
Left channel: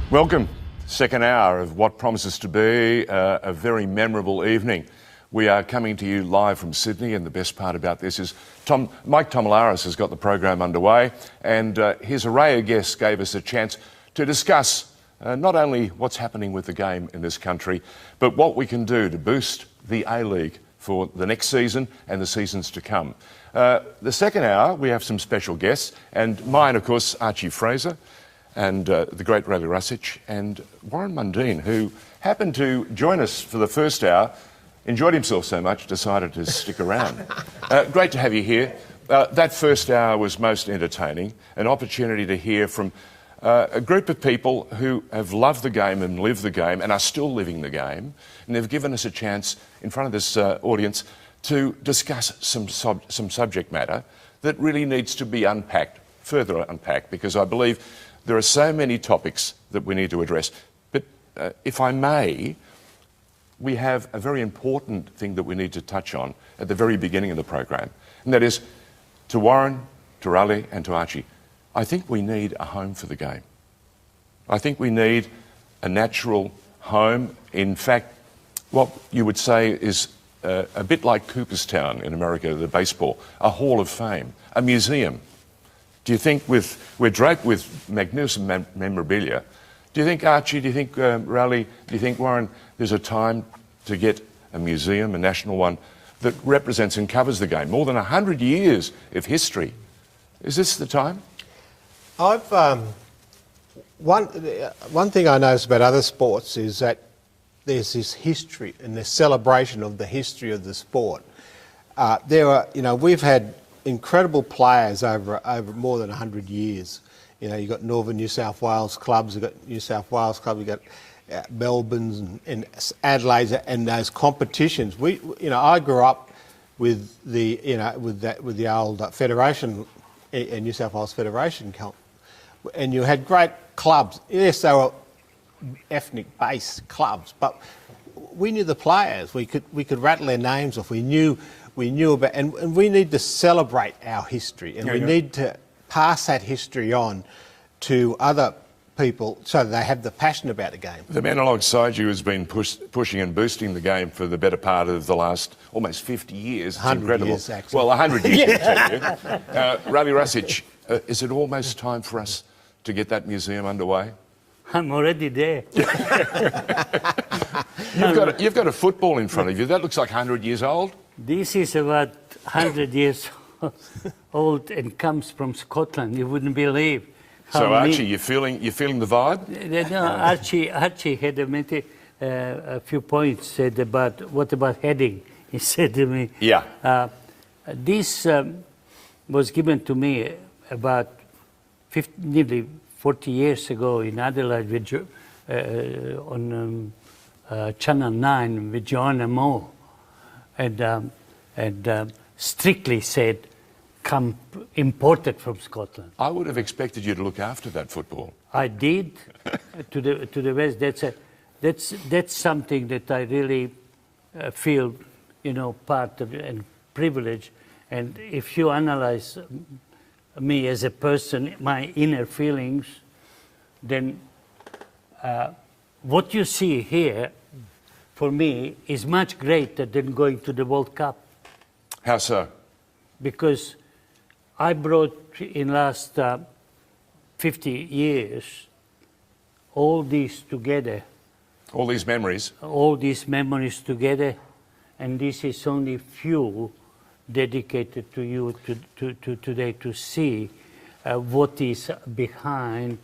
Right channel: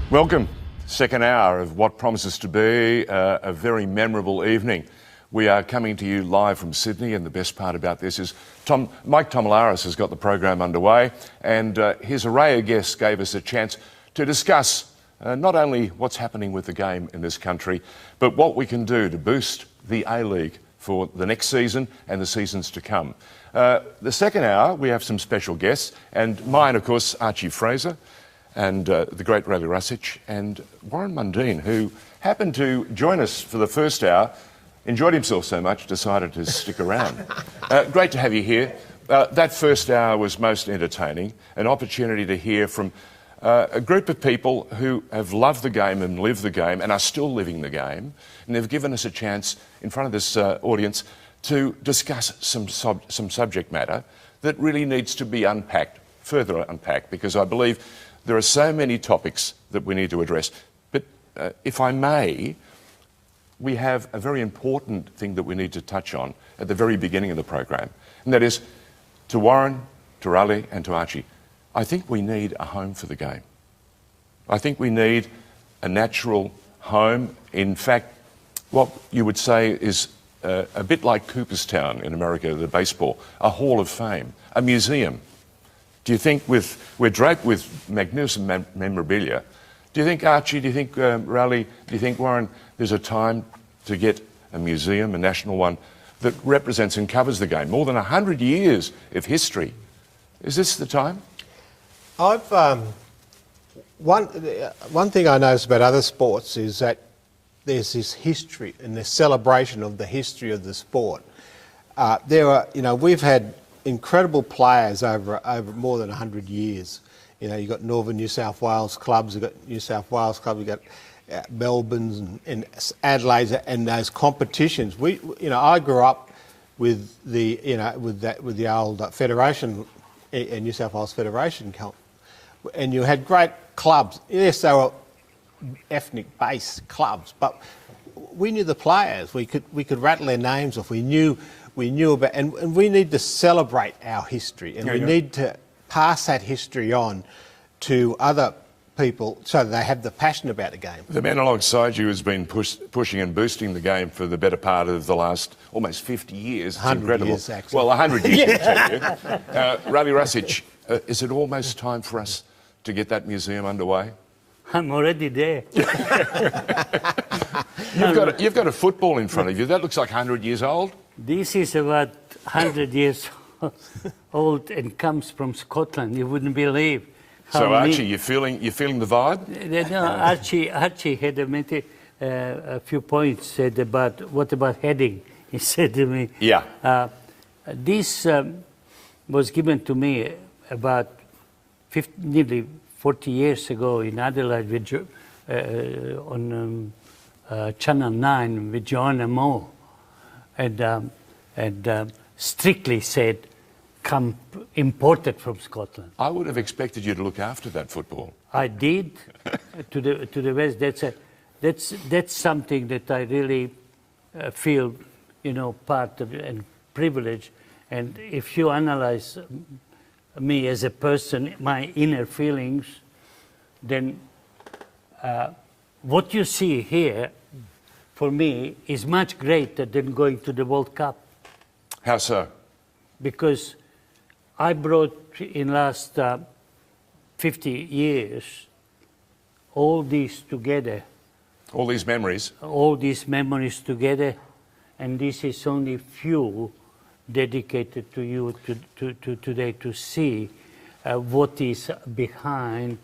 Welcome. Second hour of what promises to be a very memorable evening. We are coming to you live from Sydney, and the best part about this is Mike Tomalaris has got the program underway, and his array of guests gave us a chance to discuss not only what's happening with the game in this country, but what we can do to boost the A-League for the next season and the seasons to come. The second hour, we have some special guests, and mine, of course, Archie Fraser, and the great Ravi Rusic, and Warren Mundine, who happened to join us for the first hour, enjoyed himself so much, decided to stick around. Great to have you here. That first hour was most entertaining, an opportunity to hear from a group of people who have loved the game and lived the game and are still living the game, and they've given us a chance in front of this audience to discuss some subject matter that really needs to be unpacked, further unpacked, because I believe there are so many topics that we need to address. But if I may, we have a very important thing that we need to touch on at the very beginning of the program, and that is to Warren, to Raleigh and to Archie. I think we need a home for the game. I think we need a natural home. In fact, what you would say is a bit like Cooperstown in America, the baseball, a hall of fame, a museum. Do you think we're draped with magnificent memorabilia? Do you think, Archie, do you think, Raleigh, do you think, Warren, there's a time to get a museum, a national one, that represents and covers the game? More than 100 years of history. Is this the time? One thing I notice about other sports is that there's this history and this celebration of the history of the sport. We've had incredible players over more than 100 years. You've got Northern New South Wales clubs, you've got New South Wales clubs, you've got Melbourne's and Adelaide's and those competitions. I grew up with the old Federation, New South Wales Federation, and you had great clubs. Yes, they were ethnic-based clubs, but we knew the players. We could rattle their names off. We knew about, and we need to celebrate our history, and we need to pass that history on to other people so that they have the passion about the game. The man alongside you has been pushing and boosting the game for the better part of the last almost 50 years. It's 100 incredible. years, actually. Well, 100 years, I tell you. Ravi Rusic, is it almost time for us to get that museum underway? I'm already there. You've got a football in front of you. That looks like 100 years old. This is about 100 years old and comes from Scotland. You wouldn't believe. So Archie, you're feeling the vibe? No, Archie had a few points said about what about heading. He said to me, "Yeah, this was given to me about nearly 40 years ago in Adelaide on Channel 9 with Joanna Moore, and strictly said, come imported from Scotland." I would have expected you to look after that football. I did to the West. That's something that I really feel, part of and privilege. And if you analyze me as a person, my inner feelings, then what you see here, for me, is much greater than going to the World Cup. How so? Because I brought in last 50 years all these together. All these memories? All these memories together, and this is only few dedicated to you today to see what is behind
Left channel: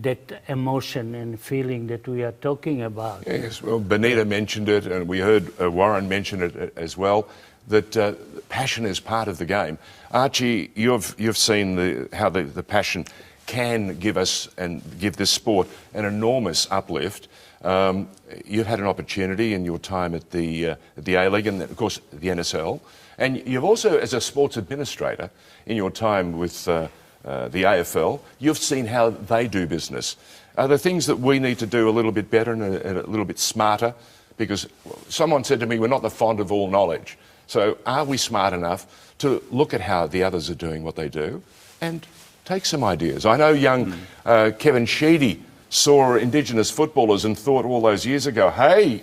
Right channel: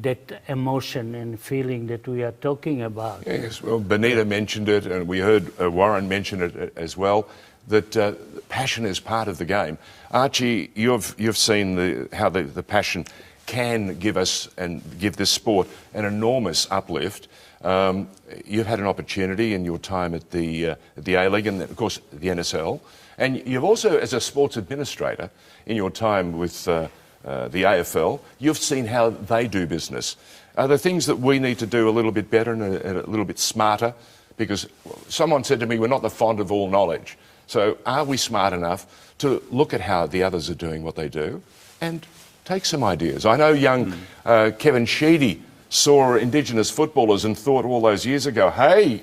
that emotion and feeling that we are talking about. Yes, well, Benita mentioned it, and we heard Warren mention it as well, that passion is part of the game. Archie, you've seen how the passion can give us and give this sport an enormous uplift. You've had an opportunity in your time at the A-League and, of course, the NSL. And you've also, as a sports administrator, in your time with the AFL, you've seen how they do business. Are there things that we need to do a little bit better and a little bit smarter? Because someone said to me, we're not the font of all knowledge. So are we smart enough to look at how the others are doing what they do and take some ideas? I know young Kevin Sheedy saw Indigenous footballers and thought all those years ago, hey,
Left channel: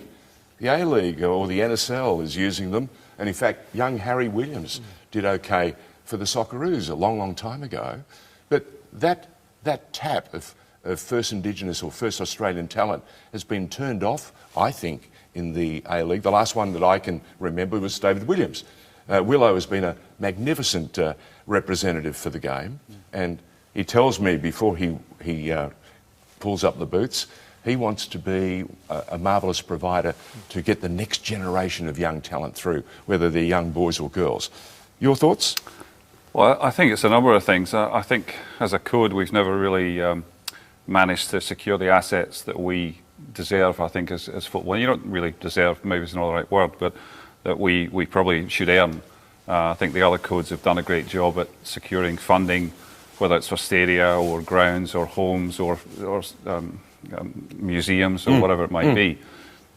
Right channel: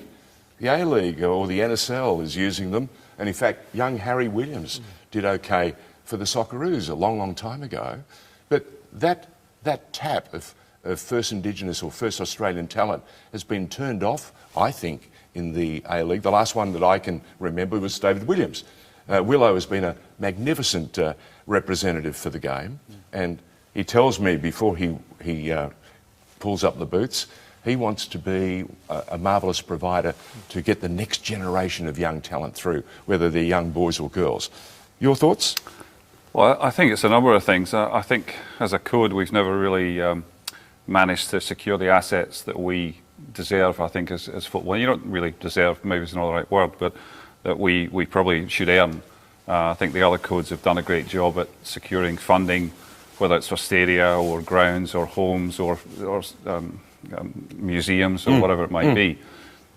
the A-League or the NSL is using them. And in fact, young Harry Williams did okay for the Socceroos a long, long time ago. But that tap of first Indigenous or first Australian talent has been turned off, I think, in the A-League. The last one that I can remember was David Williams. Willow has been a magnificent representative for the game, and he tells me before he pulls up the boots, he wants to be a marvellous provider to get the next generation of young talent through, whether they're young boys or girls. Your thoughts? Well, I think it's a number of things. I think as a code we've never really managed to secure the assets that we deserve, I think, as football. You don't really deserve, maybe it's not the right word, but that we probably should earn. I think the other codes have done a great job at securing funding, whether it's for stadia or grounds or homes or museums or whatever it might be.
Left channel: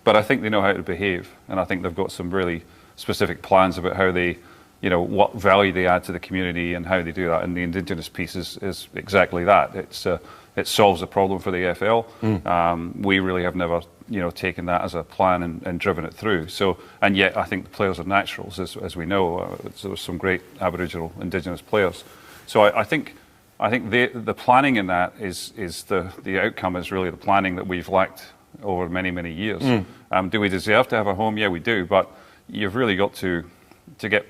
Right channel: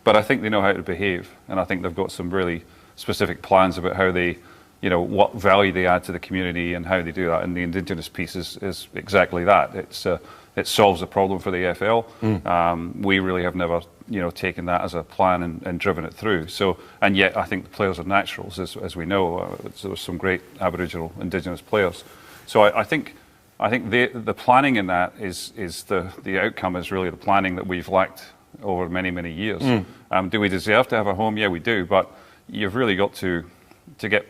But I think they know how to behave, and I think they've got some really specific plans about how they, what value they add to the community and how they do that. And the Indigenous piece is exactly that. It solves a problem for the AFL. We really have never, taken that as a plan and driven it through. So, and yet I think the players are naturals, as we know. There were some great Aboriginal Indigenous players. So I think the planning in that is the outcome is really the planning that we've lacked over many, many years. Do we deserve to have a home? Yeah, we do. But you've really got to get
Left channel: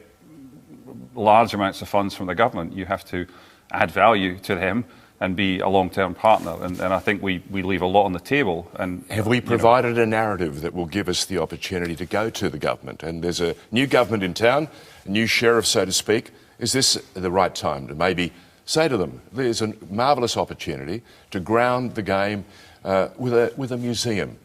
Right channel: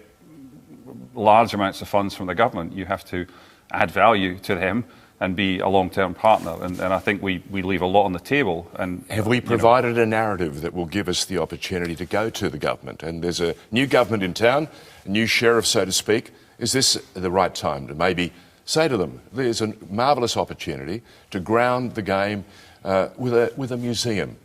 large amounts of funds from the government. You have to add value to them and be a long-term partner. And I think we leave a lot on the table. And have we provided a narrative that will give us the opportunity to go to the government? And there's a new government in town, a new sheriff, so to speak. Is this the right time to maybe say to them, there's a marvellous opportunity to ground the game with a museum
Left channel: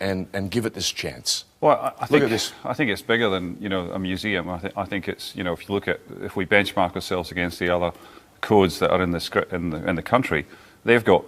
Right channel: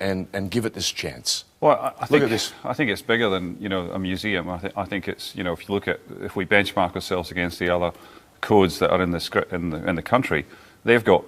and give it this chance? Well, I think it's bigger than a museum. I think it's if we benchmark ourselves against the other codes that are in the country, they've got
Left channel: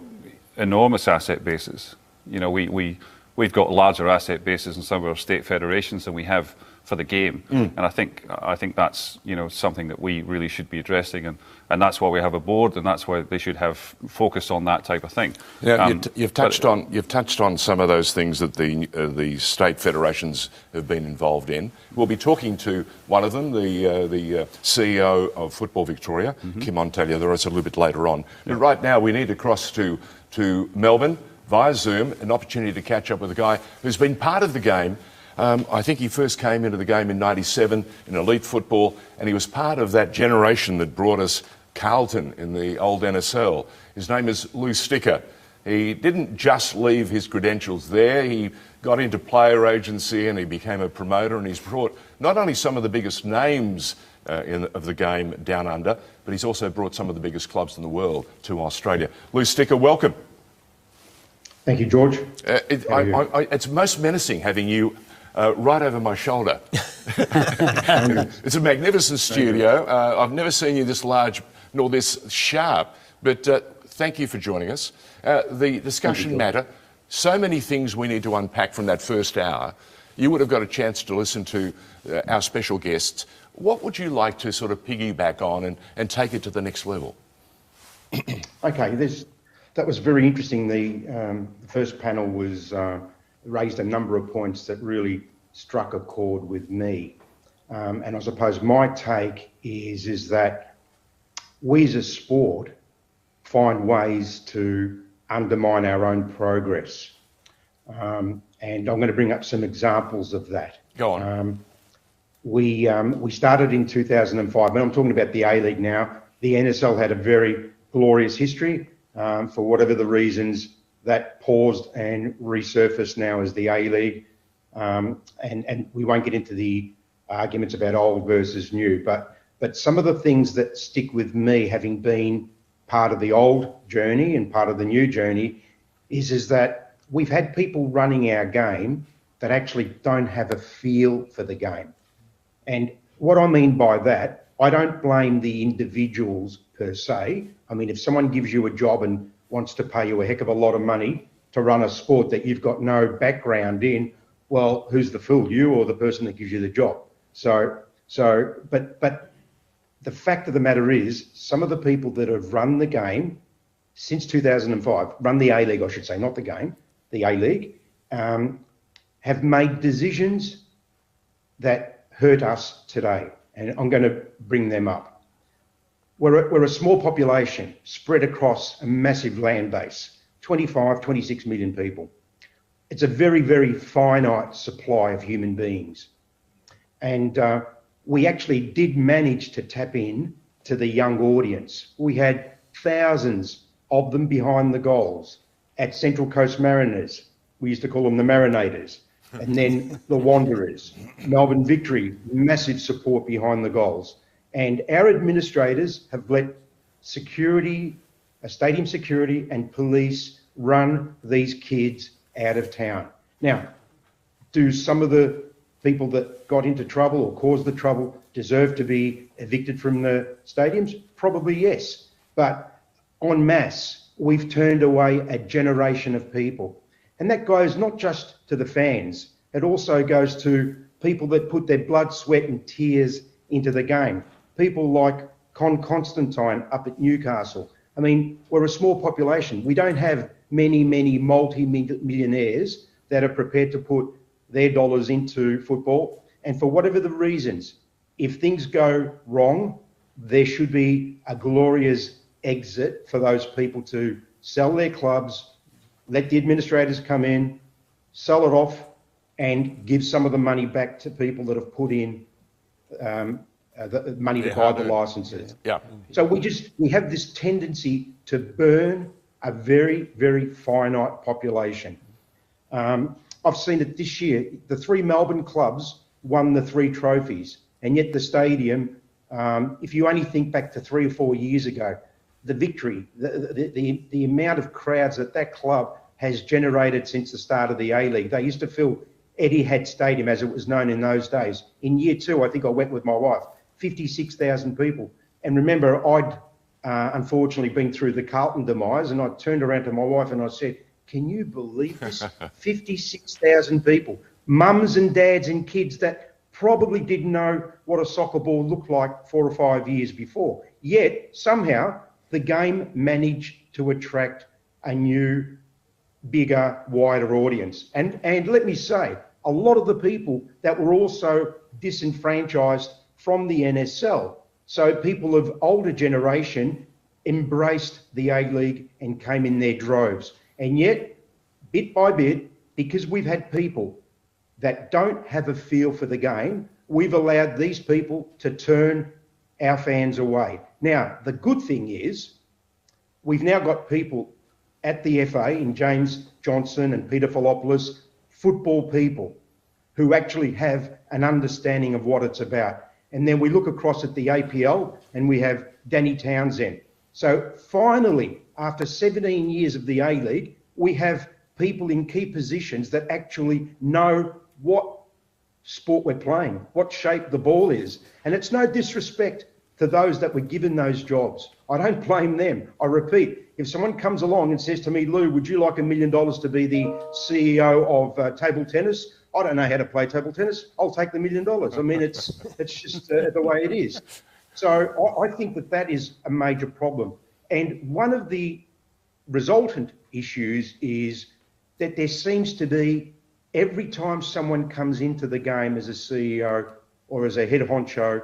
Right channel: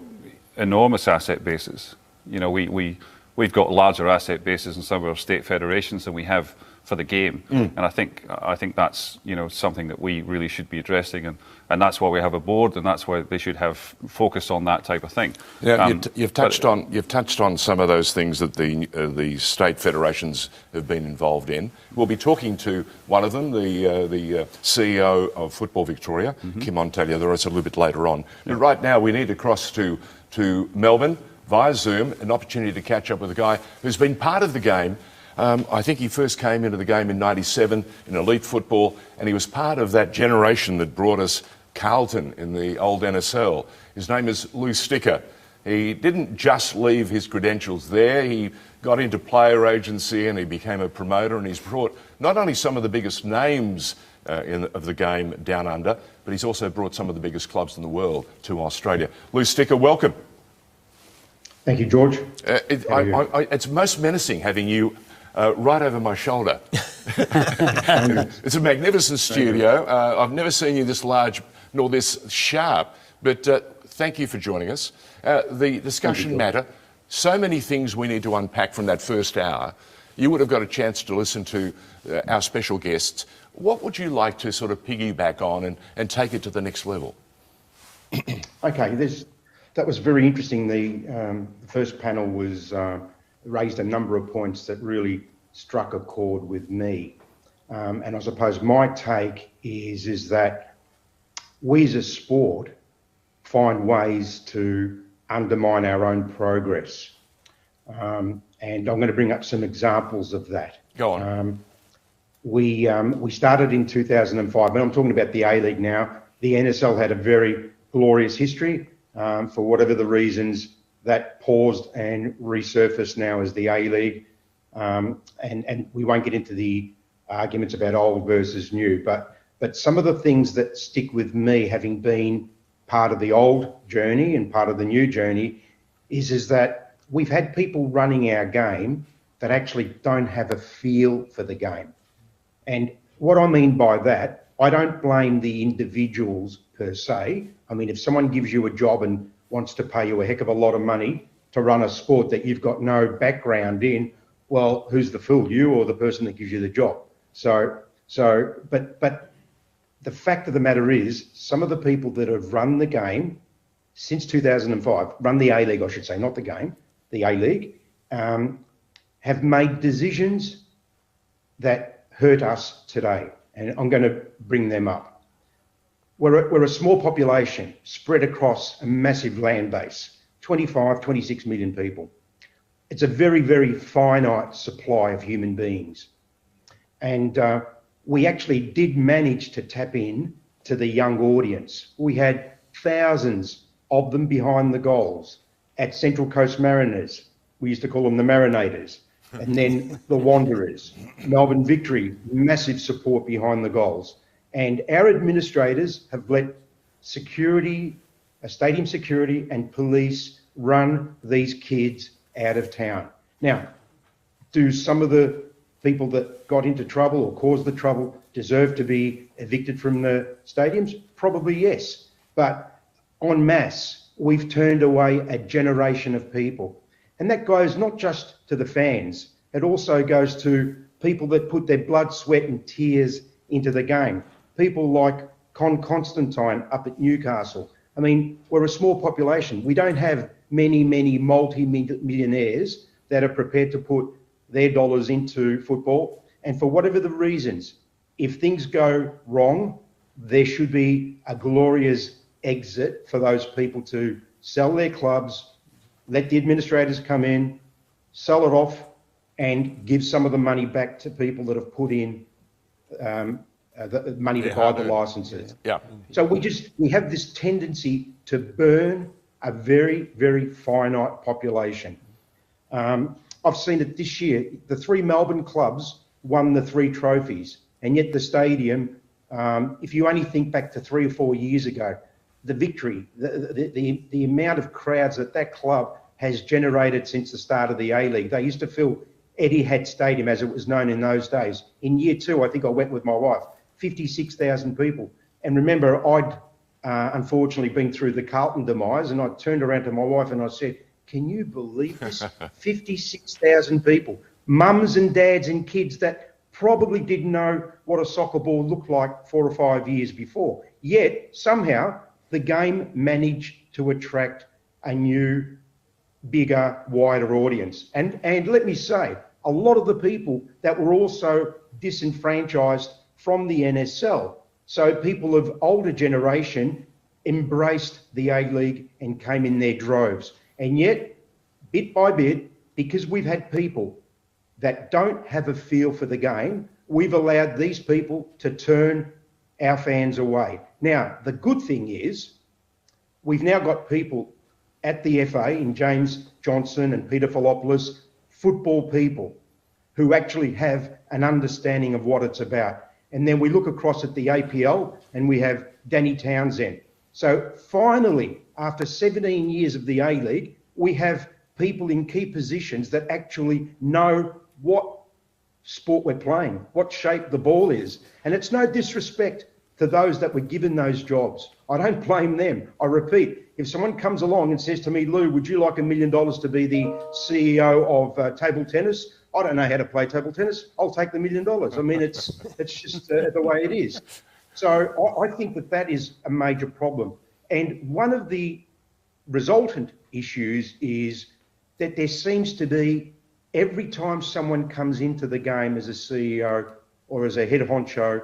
enormous asset bases. We've got larger asset bases in some of our state federations than we have for the game, and I think that's something that we really should be addressing, and that's why we have a board, and that's why they should have focus on that type of thing. Yeah, you've touched on some of those things that the state federations have been involved in. We'll be talking to one of them, the CEO of Football Victoria, Kim Montaliadoris, a little bit later on. But right now we need to cross to Melbourne via Zoom, an opportunity to catch up with a guy who's been part of the game. I think he first came into the game in '97 in elite football, and he was part of that generation that brought us Carlton in the old NSL. His name is Lou Sticker. He didn't just leave his credentials there. He got into player agency and he became a promoter, and he's brought not only some of the biggest names of the game down under, but he's also brought some of the biggest clubs in the world to Australia. Lou Sticker, welcome. Thank you, George. It's most menacing having you right over my shoulder. It's a magnificent studio. I've never seen you this large nor this sharp, but thank you for joining us. The discussion matter, so many things we need to unpack from that first hour. You would have got a chance to listen to our special guests. What would you like to sort of piggyback on and take it to the next level? Okay, that was very interesting. The first panel was raised a number of points that really struck a chord with me. And I suppose my take is that we as a sport find ways to undermine our own progress. And I'm going to bring up some examples of that. Go on. We started in 2005, and I'm talking about the A-League now. The NSL had a very glorious history. For whatever the reasons, that paused and resurfaced now as the A-League. And we won't get into the arguments about old versus new, but some of the things that stick with me, having been part of the old journey and part of the new journey, is that we've had people running our game that actually don't have a feel for the game. And what I mean by that, I don't blame the individuals per se. I mean, if someone gives you a job and wants to pay you a heck of a lot of money to run a sport that you've got no background in, well, who's the fool, you or the person that gives you the job? But the fact of the matter is, some of the people that have run the game since 2005, run the A-League, I should say, not the game, the A-League, have made decisions that hurt us today. And I'm going to bring them up. We're a small population spread across a massive land base, 25, 26 million people. It's a very, very finite supply of human beings. And we actually did manage to tap in to the young audience. We had thousands of them behind the goals at Central Coast Mariners. We used to call them the Marinators. And then the Wanderers, Melbourne Victory, massive support behind the goals. And our administrators have let security, stadium security and police run these kids out of town. Now, do some of the people that got into trouble or caused the trouble deserve to be evicted from the stadiums? Probably yes. But en masse, we've turned away a generation of people. And that goes not just to the fans, it also goes to people that put their blood, sweat and tears into the game. People like Con Constantine up at Newcastle. I mean, we're a small population. We don't have many multi-millionaires that are prepared to put their dollars into football. And for whatever the reasons, if things go wrong, there should be a glorious exit for those people to sell their clubs, let the administrators come in, sell it off, and give some of the money back to people that have put in the money to buy the licenses. Yeah. So we have this tendency to burn a very, very finite population. I've seen it this year. The 3 Melbourne clubs won the 3 trophies, and yet the stadium, if you only think back to 3 or 4 years ago, the Victory, the amount of crowds that club has generated since the start of the A-League. They used to fill Etihad Stadium, as it was known in those days. In year 2, I think I went with my wife, 56,000 people. And remember, I'd unfortunately been through the Carlton demise, and I turned around to my wife and I said, can you believe this? 56,000 people, mums and dads and kids that probably didn't know what a soccer ball looked like 4 or 5 years before. Yet, somehow, the game managed to attract a new, bigger, wider audience. And let me say, a lot of the people that were also disenfranchised from the NSL. So people of older generation embraced the A-League and came in their droves. And yet, bit by bit, because we've had people that don't have a feel for the game, we've allowed these people to turn our fans away. Now, the good thing is, we've now got people at the FA, in James Johnson and Peter Filopoulos, football people who actually have an understanding of what it's about. And then we look across at the APL and we have Danny Townsend. So finally, after 17 years of the A-League, we have people in key positions that actually know what sport we're playing, what shape the ball is. And it's no disrespect to those that were given those jobs. I don't blame them. I repeat, if someone comes along and says to me, Lou, would you like $1 million to be the CEO of table tennis? I don't know how to play table tennis. I'll take the $1 million. I mean, it's just the way it is. So I think that is a major problem. And one of the resultant issues is that there seems to be, every time someone comes into the game as a CEO or as a head honcho,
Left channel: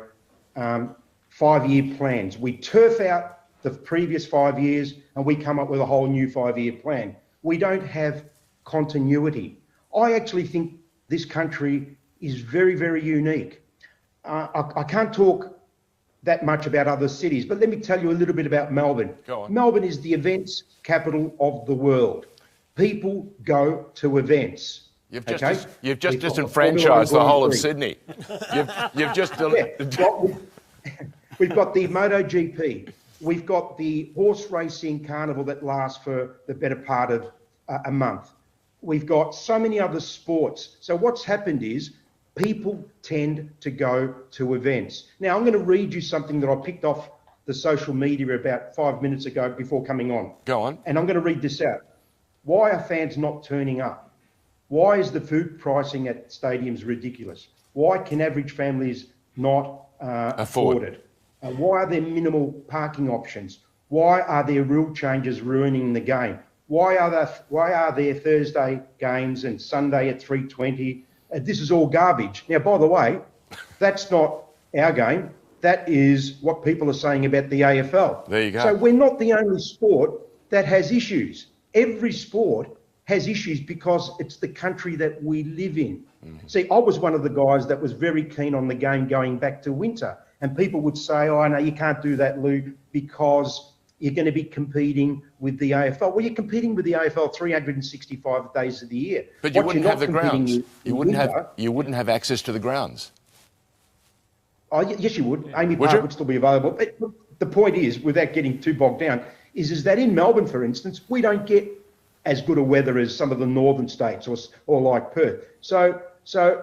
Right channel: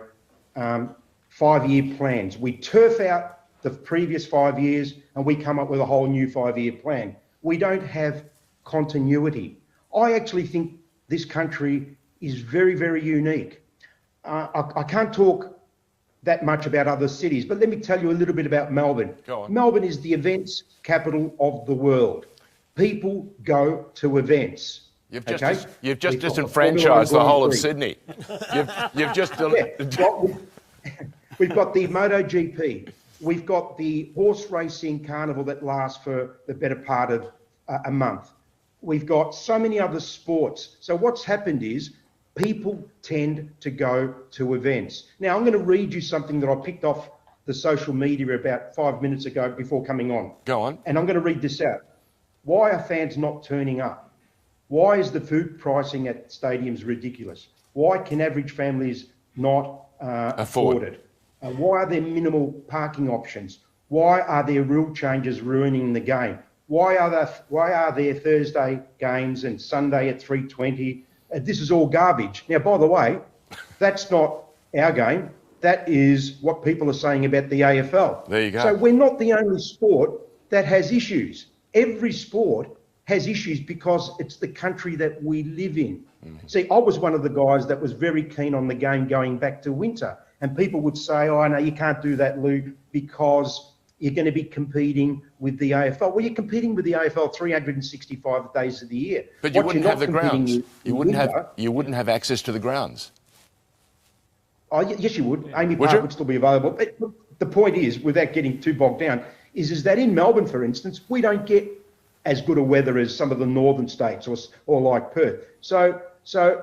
5-year plans. We turf out the previous 5 years and we come up with a whole new 5-year plan. We don't have continuity. I actually think this country is very, very unique. I can't talk that much about other cities, but let me tell you a little bit about Melbourne. Go on. Melbourne is the events capital of the world. People go to events. You've just disenfranchised the whole of Sydney. You've just... We've got the MotoGP. We've got the horse racing carnival that lasts for the better part of a month. We've got so many other sports. So what's happened is people tend to go to events. Now, I'm going to read you something that I picked off the social media about 5 minutes ago before coming on. Go on. And I'm going to read this out. Why are fans not turning up? Why is the food pricing at stadiums ridiculous? Why can average families not afford it? Why are there minimal parking options? Why are there rule changes ruining the game? Why are there Thursday games and Sunday at 3:20? This is all garbage. Now, by the way, that's not our game. That is what people are saying about the AFL. There you go. So we're not the only sport that has issues. Every sport has issues because it's the country that we live in. See, I was one of the guys that was very keen on the game going back to winter. And people would say, oh, no, you can't do that, Lou, because you're going to be competing with the AFL. Well, you're competing with the AFL 365 days of the year. But you wouldn't have the grounds. You wouldn't have access to the grounds. Oh, yes, you would. Amy Park would still be available. But the point is, without getting too bogged down, is that in Melbourne, for instance, we don't get as good a weather as some of the northern states or like Perth. So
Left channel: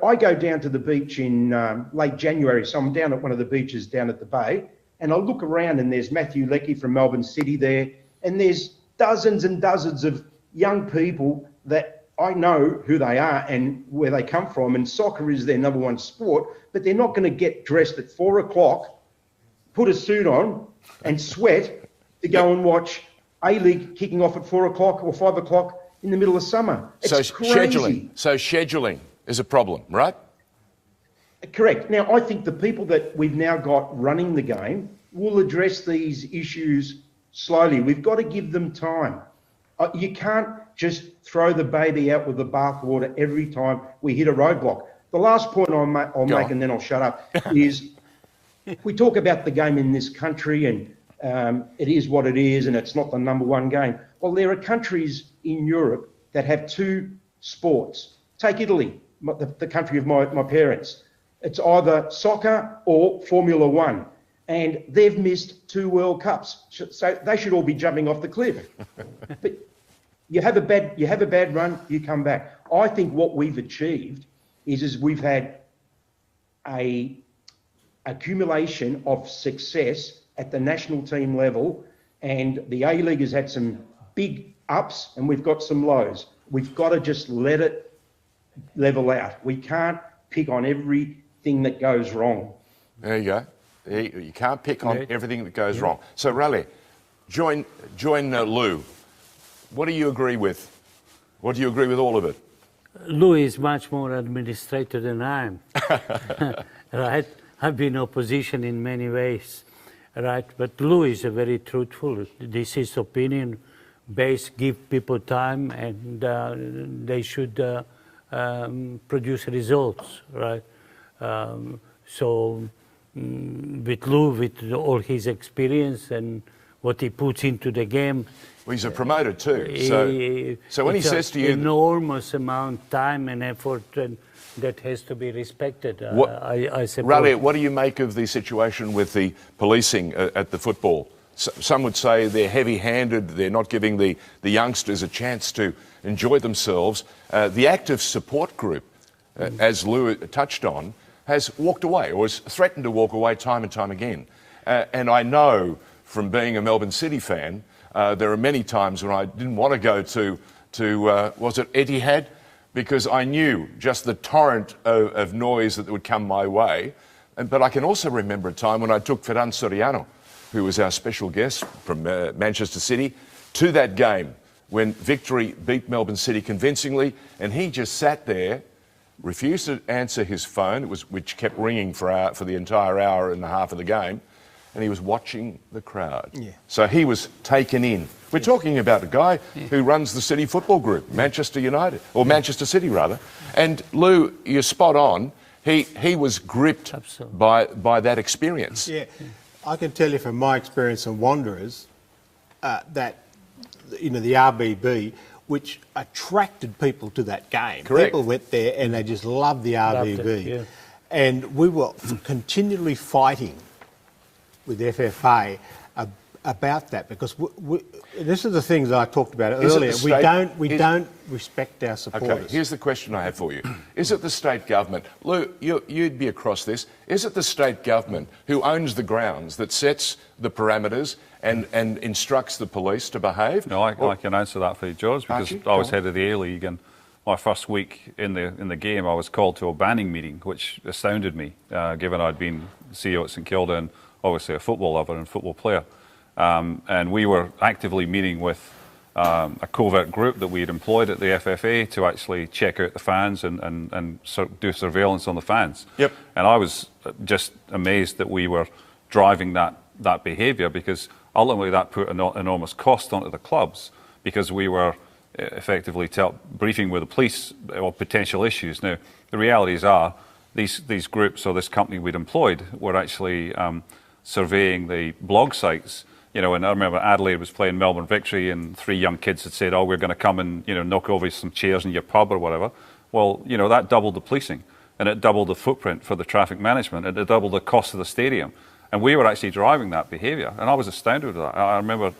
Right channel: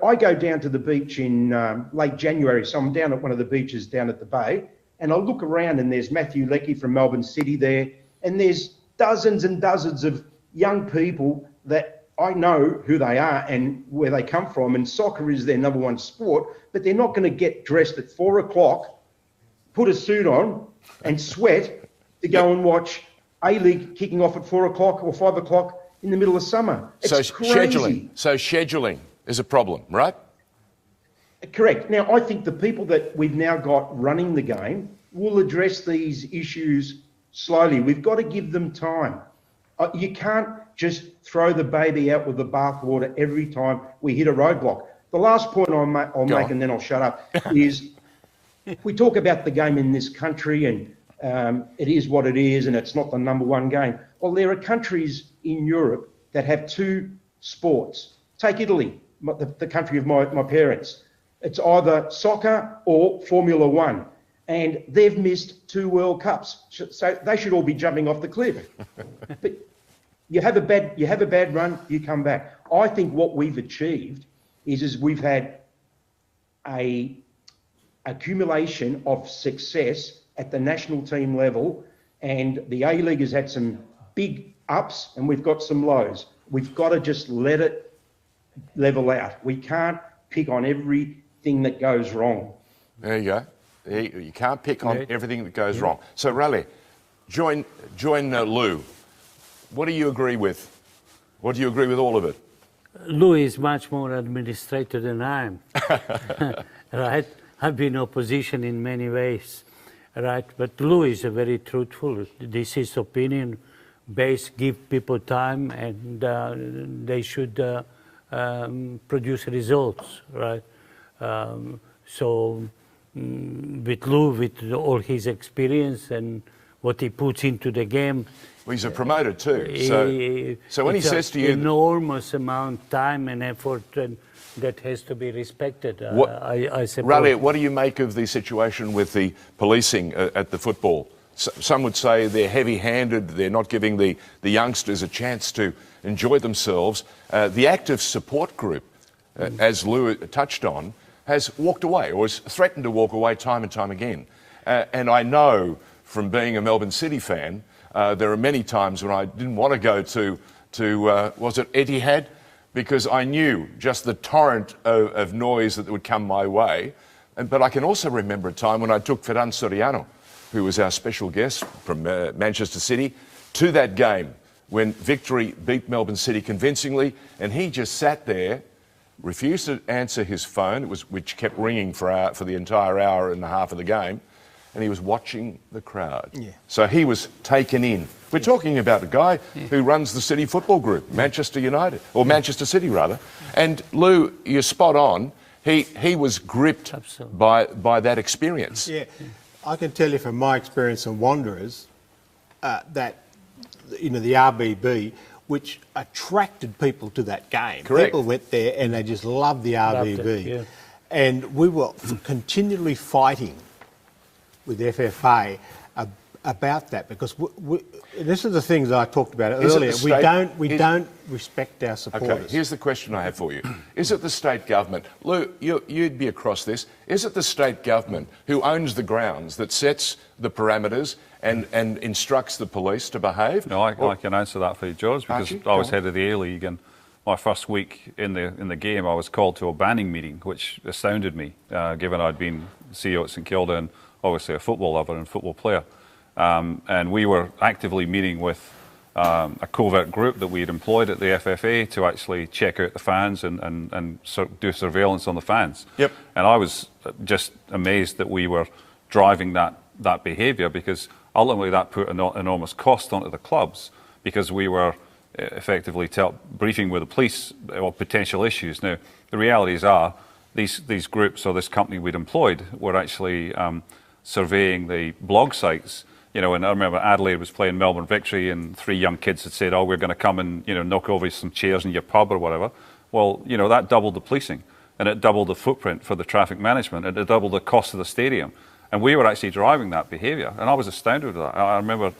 I go down to the beach in late January. So I'm down at one of the beaches down at the Bay, and I look around and there's Matthew Leckie from Melbourne City there, and there's dozens and dozens of young people that I know who they are and where they come from, and soccer is their number one sport, but they're not going to get dressed at 4 o'clock, put a suit on and sweat to go and watch A-League kicking off at 4 o'clock or 5 o'clock in the middle of summer. It's crazy. Scheduling is a problem, right? Correct. Now, I think the people that we've now got running the game will address these issues slowly. We've got to give them time. You can't just throw the baby out with the bathwater every time we hit a roadblock. The last point I'll make, and then I'll shut up, is we talk about the game in this country and it is what it is and it's not the number one game. Well, there are countries in Europe that have two sports. Take Italy, the country of my parents. It's either soccer or Formula One. And they've missed 2 World Cups. So they should all be jumping off the cliff. But you have a bad run, you come back. I think what we've achieved is we've had a accumulation of success at the national team level, and the A-League has had some big ups and we've got some lows. We've got to just let it level out. We can't pick on everything that goes wrong. There you go. You can't pick on everything that goes wrong. So, Raleigh, join Lou. What do you agree with? What do you agree with all of it? Lou is much more administrator than I am. Right? I've been opposition in many ways, right? But Lou is very truthful. This is opinion based. Give people time, and they should produce results, right? With Lou, with all his experience and what he puts into the game. Well, he's a promoter too. So when he says to you, enormous amount of time and effort, and that has to be respected. I suppose. Raleigh, what do you make of the situation with the policing at the football? Some would say they're heavy-handed. They're not giving the youngsters a chance to enjoy themselves. The active support group, as Lou touched on, has walked away or has threatened to walk away time and time again. And I know from being a Melbourne City fan, there are many times when I didn't want to go to was it Etihad? Because I knew just the torrent of noise that would come my way. But I can also remember a time when I took Ferran Soriano, who was our special guest from Manchester City, to that game when Victory beat Melbourne City convincingly, and he just sat there, refused to answer his phone, which kept ringing for the entire hour and a half of the game, and he was watching the crowd. Yeah. So he was taken in. We're talking about a guy who runs the City Football Group, Manchester United, or Manchester City rather. And Lou, you're spot on. He was gripped by that experience. Yeah, I can tell you from my experience on Wanderers that the RBB, which attracted people to that game. Correct. People went there and they just loved the RBB. And we were continually fighting with FFA about that, because this is the things I talked about earlier. We don't respect our supporters. Okay, here's the question I have for you. Is it the state government, Lou, you'd be across this, is it the state government who owns the grounds that sets the parameters and instructs the police to behave? No, I can answer that for you, George, because Archie, I was head of the A-League, and my first week in the game I was called to a banning meeting, which astounded me, given I'd been CEO at St Kilda and obviously a football lover and football player. and we were actively meeting with a covert group that we had employed at the FFA to actually check out the fans and do surveillance on the fans. Yep. And I was just amazed that we were driving that behaviour, because ultimately that put an enormous cost onto the clubs, because we were effectively briefing with the police of potential issues. Now, the realities are these groups or this company we'd employed were actually surveying the blog sites. And I remember Adelaide was playing Melbourne Victory, and 3 young kids had said, "Oh, we're going to come and knock over some chairs in your pub or whatever." Well, that doubled the policing, and it doubled the footprint for the traffic management, and it doubled the cost of the stadium. And we were actually driving that behaviour, and I was astounded with that. I remember,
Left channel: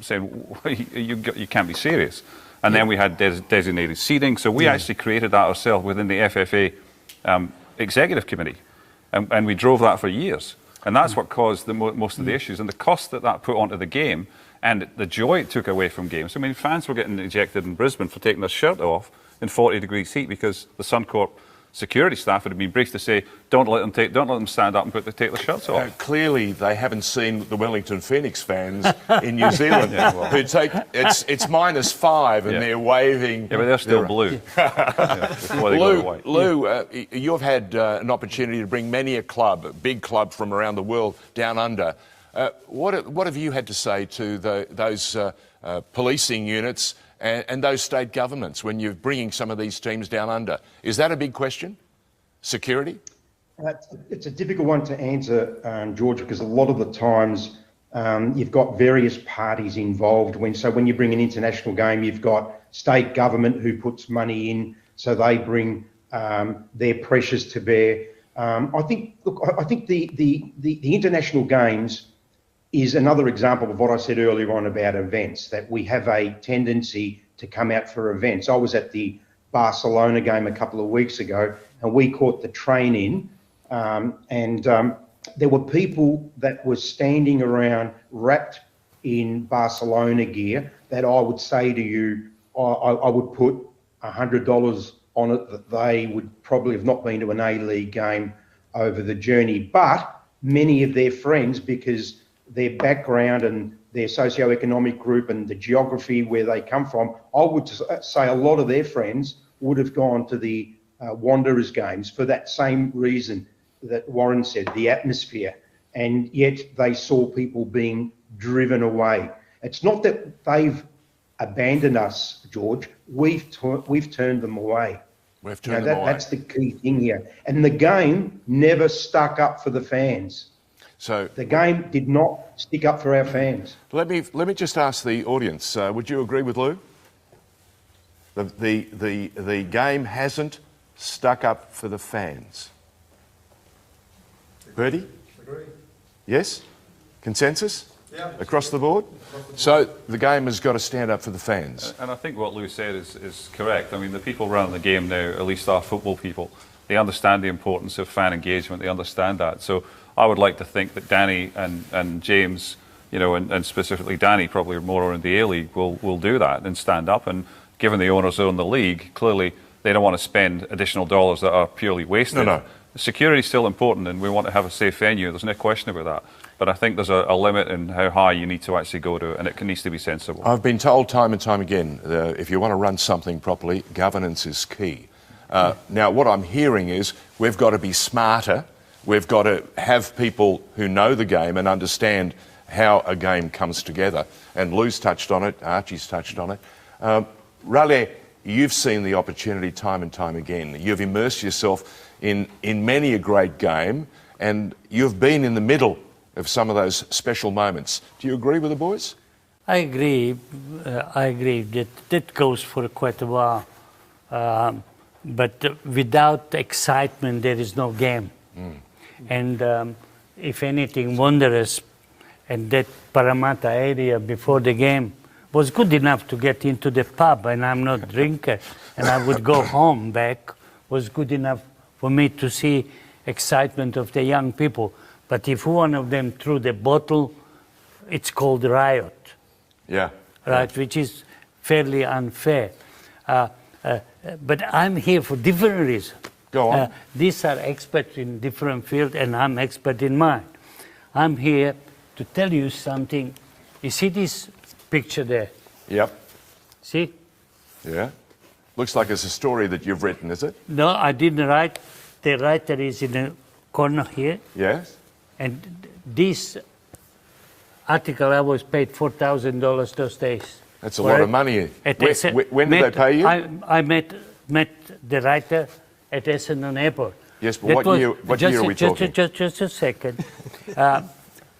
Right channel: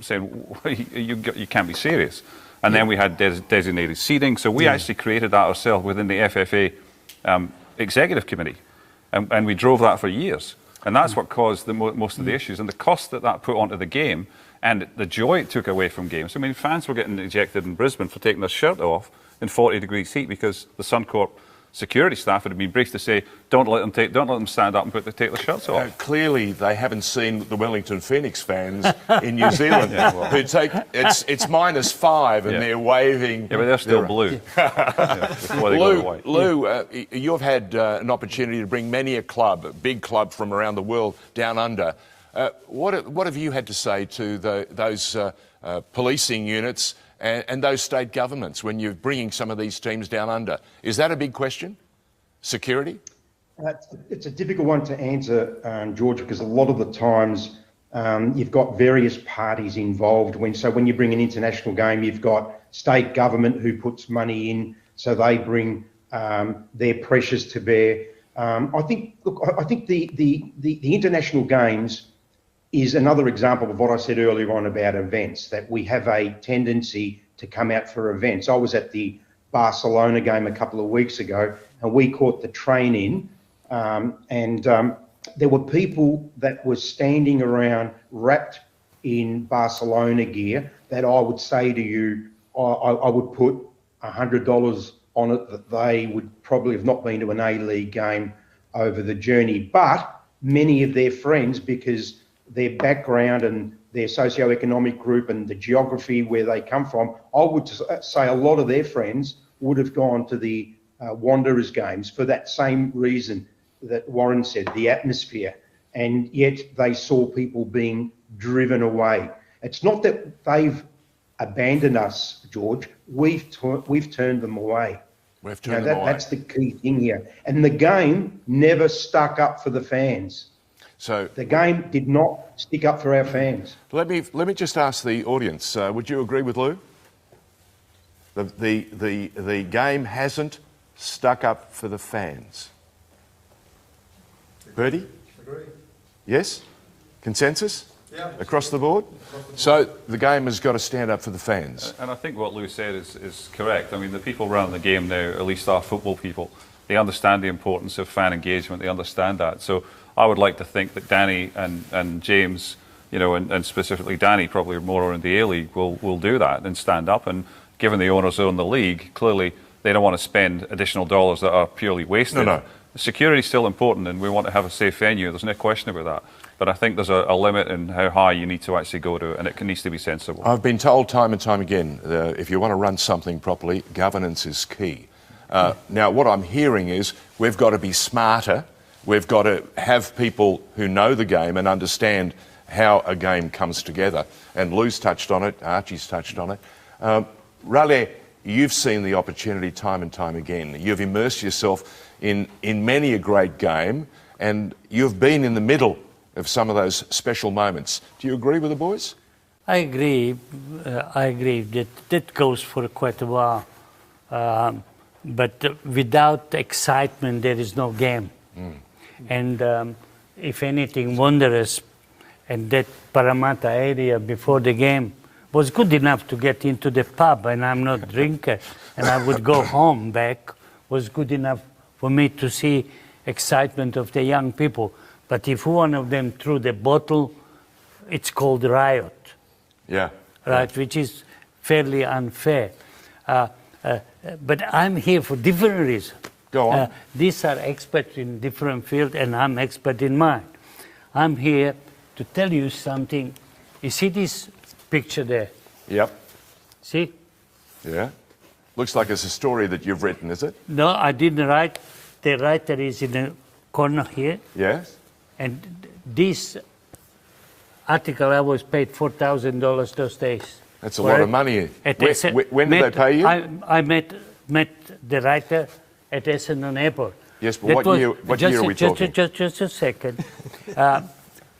saying, "You can't be serious." And then we had designated seating, so we actually created that ourselves within the FFA executive committee, and we drove that for years. And that's what caused most of the issues, and the cost that put onto the game, and the joy it took away from games. I mean, fans were getting ejected in Brisbane for taking their shirt off in 40-degree heat because the Suncorp security staff had been briefed to say, don't let them stand up and take their shirts off. Clearly, they haven't seen the Wellington Phoenix fans in New Zealand who take it's -5 and they're waving. Yeah, but they're still blue. Lou, you've had an opportunity to bring many a big club from around the world down under. What have you had to say to those policing units and those state governments when you're bringing some of these teams down under? Is that a big question? Security? It's a difficult one to answer, George, because a lot of the times you've got various parties involved. When you bring an international game, you've got state government who puts money in, so they bring their pressures to bear. I think the international games is another example of what I said earlier on about events, that we have a tendency to come out for events. I was at the Barcelona game a couple of weeks ago, and we caught the train in, and there were people that were standing around wrapped in Barcelona gear that I would say to you, I would put $100 on it that they would probably have not been to an A-League game over the journey. But many of their friends, because their background and their socio-economic group and the geography where they come from, I would say a lot of their friends would have gone to the Wanderers games for that same reason that Warren said, the atmosphere, and yet they saw people being driven away. It's not that they've abandoned us, George. We've turned them away. We've turned them away. That's the key thing here. And the game never stuck up for the fans. So the game did not stick up for our fans. Let me just ask the audience. Would you agree with Lou? The game hasn't stuck up for the fans. Bertie? Agree. Yes? Consensus? Yeah. Across the board? So the game has got to stand up for the fans. And I think what Lou said is correct. I mean, the people running the game now, at least our football people, they understand the importance of fan engagement. They understand that. So I would like to think that Danny and James, and specifically Danny, probably more in the A-League, will do that and stand up. And given the owners own the league, clearly they don't want to spend additional dollars that are purely wasted. No. Security is still important, and we want to have a safe venue. There's no question about that. But I think there's a limit in how high you need to actually go to, and it needs to be sensible. I've been told time and time again, if you want to run something properly, governance is key. Now, what I'm hearing is we've got to be smarter. We've got to have people who know the game and understand how a game comes together. And Lou's touched on it, Archie's touched on it. Raleigh, you've seen the opportunity time and time again. You've immersed yourself in many a great game, and you've been in the middle of some of those special moments. Do you agree with the boys? I agree. That goes for quite a while. But without excitement, there is no game. And if anything, Wanderers and that Parramatta area before the game was good enough to get into the pub, and I'm not a drinker, and I would go home back, was good enough for me to see excitement of the young people. But if one of them threw the bottle, it's called riot. Yeah. Right, which is fairly unfair. But I'm here for different reasons. Go on. These are experts in different fields, and I'm expert in mine. I'm here to tell you something. You see this picture there? Yep. See? Yeah. Looks like it's a story that you've written, is it? No, I didn't write. The writer is in the corner here. Yes. And this article, I was paid $4,000 those days. That's a lot of money. When did they pay you? I met the writer at Essendon Airport. Yes, but what year are we talking? Just a second.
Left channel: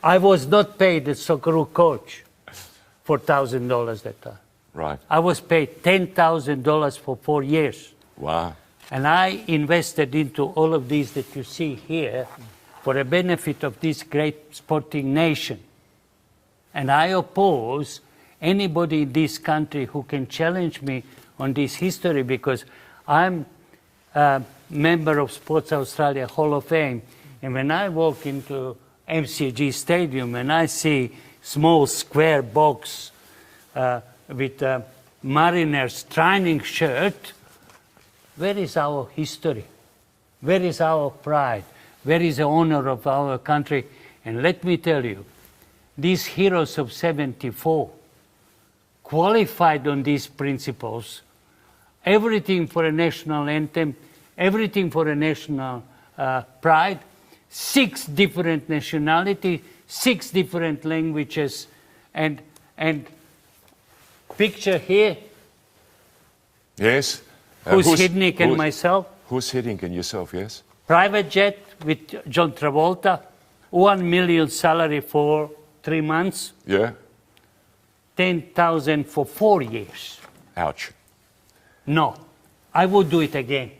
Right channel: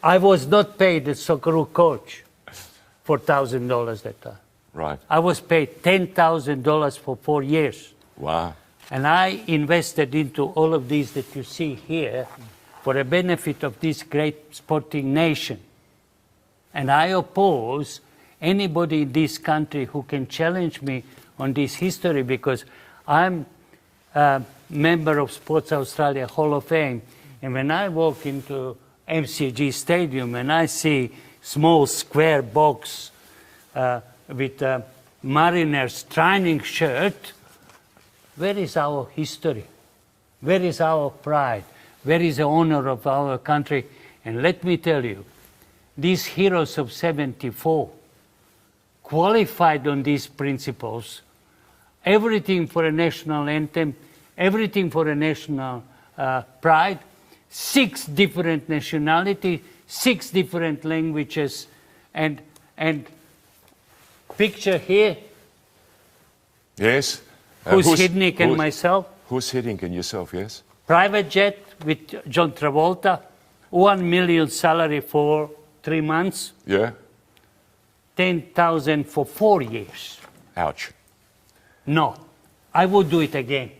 I was not paid as Socceroo coach $4,000 that time. Right. I was paid $10,000 for 4 years. Wow. And I invested into all of these that you see here for the benefit of this great sporting nation. And I oppose anybody in this country who can challenge me on this history, because I'm a member of Sports Australia Hall of Fame. And when I walk into MCG Stadium and I see small square box with a Mariners training shirt, where is our history? Where is our pride? Where is the honor of our country? And let me tell you, these heroes of 74 qualified on these principles, everything for a national anthem, everything for a national pride, 6 different nationalities, 6 different languages, and picture here. Yes. Who's Hiddink and myself. Who's Hiddink and yourself, yes. Private jet with John Travolta, 1 million salary for 3 months. Yeah. 10,000 for 4 years. Ouch. No, I would do it again.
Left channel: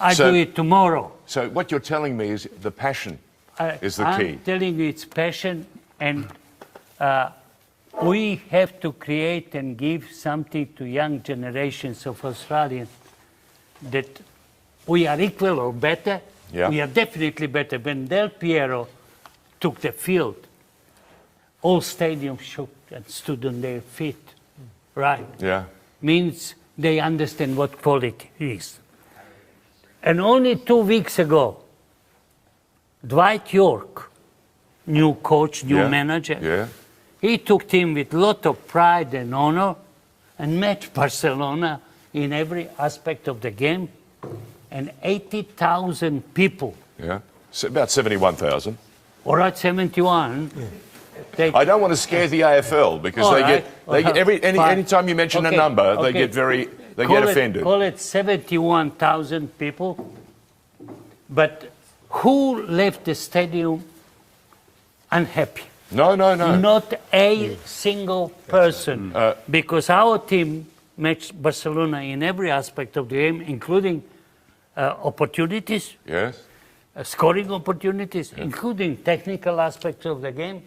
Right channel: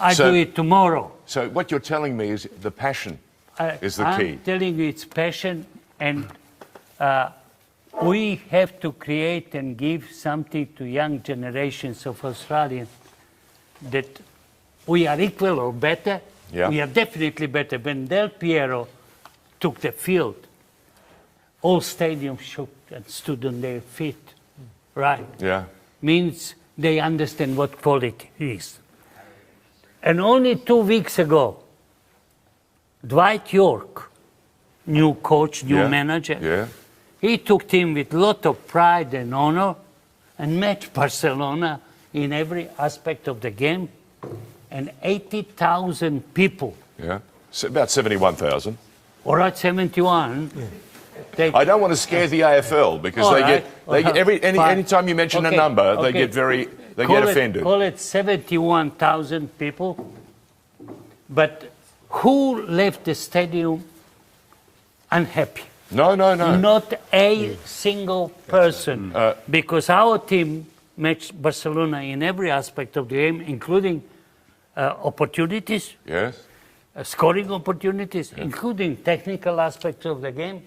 I do it tomorrow. So what you're telling me is the passion is the key. I'm telling you it's passion, and we have to create and give something to young generations of Australians that we are equal or better. Yeah. We are definitely better. When Del Piero took the field, all stadiums shook and stood on their feet. Right. Yeah. Means they understand what quality is. And only 2 weeks ago, Dwight York, new coach, new manager, he took team with a lot of pride and honor and met Barcelona in every aspect of the game, and 80,000 people. Yeah, so about 71,000. All right, 71. I don't want to scare the AFL because any time you mention a number, they get offended. Call it 71,000 people, but who left the stadium unhappy? No. Not a single person, because our team matched Barcelona in every aspect of the game, including opportunities, scoring opportunities, including technical aspects of the game.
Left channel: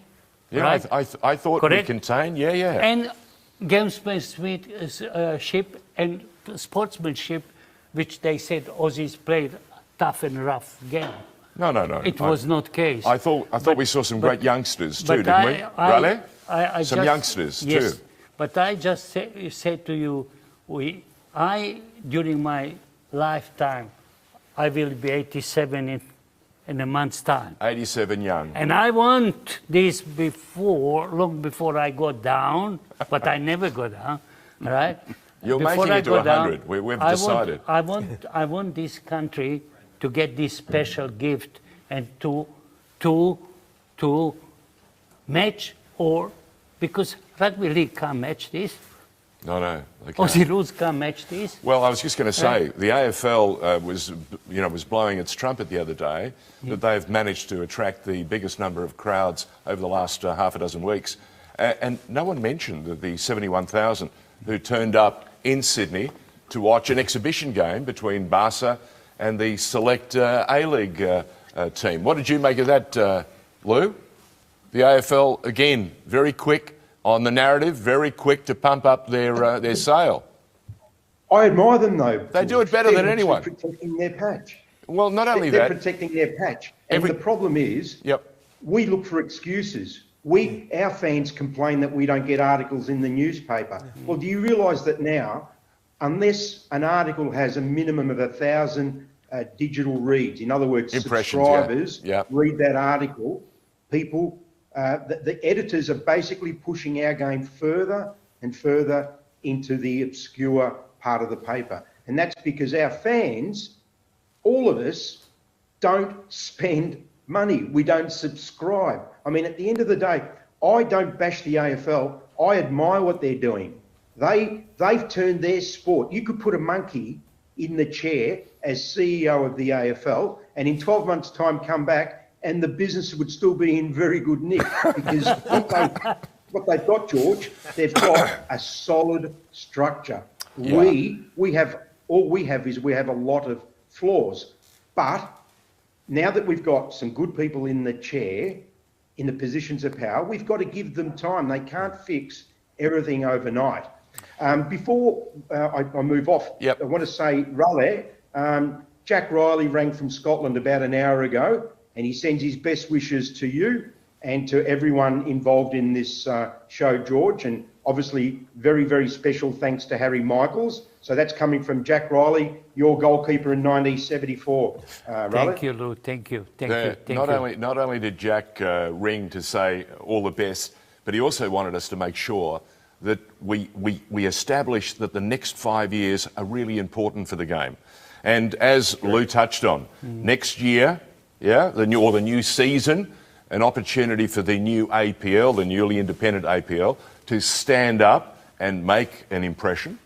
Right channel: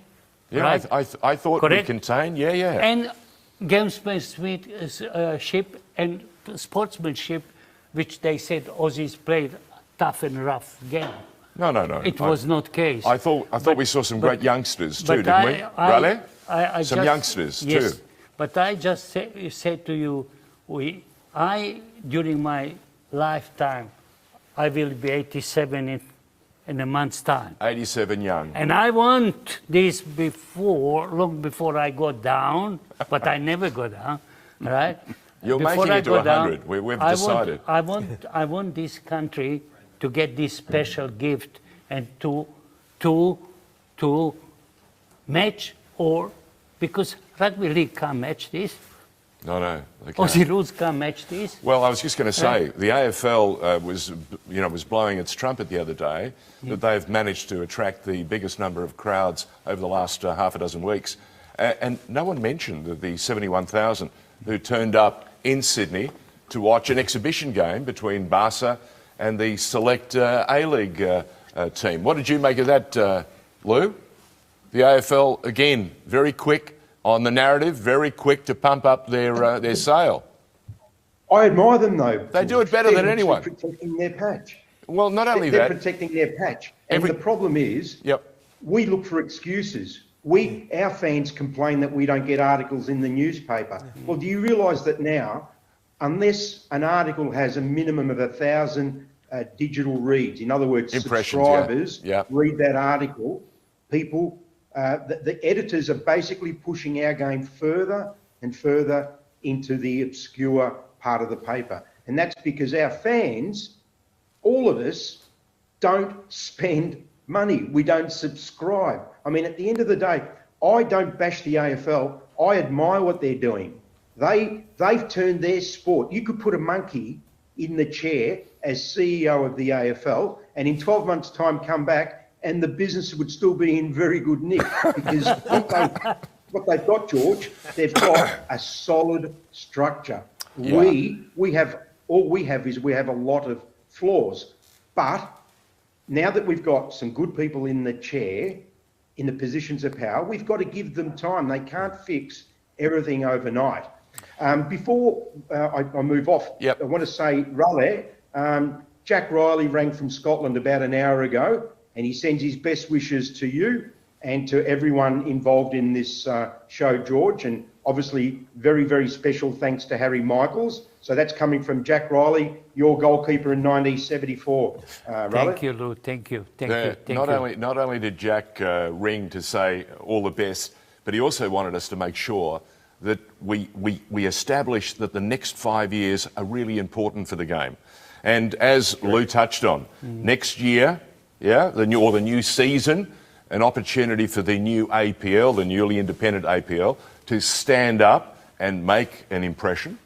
Yeah, right? I thought we contained, And gamesmanship and sportsmanship, which they said Aussies played tough and rough game. No. It was not the case. I thought we saw some great youngsters too, didn't we? Raleigh? Some youngsters too. But I just said to you, during my lifetime, I will be 87 in a month's time. 87 young. And I want this long before I go down, but I never go down, right? You're making it to 100. We've decided. I want this country to get this special gift and to match, or because rugby league can't match this. No. Aussie rules can't match this. Well, I was just going to say, the AFL was blowing its trumpet the other day that they've managed to attract the biggest number of crowds over the last half a dozen weeks. And no one mentioned the 71,000 who turned up in Sydney to watch an exhibition game between Barca and the select A-League team. What did you make of that, Lou? The AFL, again, very quick on the narrative, very quick to pump up their sale. I admire them, though. They do it better than anyone. They're protecting their patch. Well, not only they're that. protecting their patch. And the problem is, we look for excuses. Our fans complain that we don't get articles in the newspaper. Well, do you realise that now, unless an article has a minimum of 1,000 digital reads, in other words, subscribers read that article, people the editors are basically pushing our game further and further into the obscure part of the paper. And that's because our fans, all of us, don't spend money. We don't subscribe. I mean, at the end of the day, I don't bash the AFL. I admire what they're doing. They've turned their sport. You could put a monkey in the chair as CEO of the AFL and in 12 months' time come back and the business would still be in very good nick because what they've got, George, they've got a solid structure. Yeah. We have a lot of flaws, but now that we've got some good people in the chair, in the positions of power, we've got to give them time. They can't fix everything overnight. Before I move off, I want to say, Raleigh, Jack Riley rang from Scotland about an hour ago, and he sends his best wishes to you and to everyone involved in this show, George, and obviously very, very special thanks to Harry Michaels. So that's coming from Jack Riley, your goalkeeper in 1974. Thank you, Lou. Thank you. Not only did Jack ring to say all the best, but he also wanted us to make sure that we establish that the next 5 years are really important for the game. And as Lou touched on, next year, the new season, an opportunity for the new APL, the newly independent APL, to stand up and make an impression,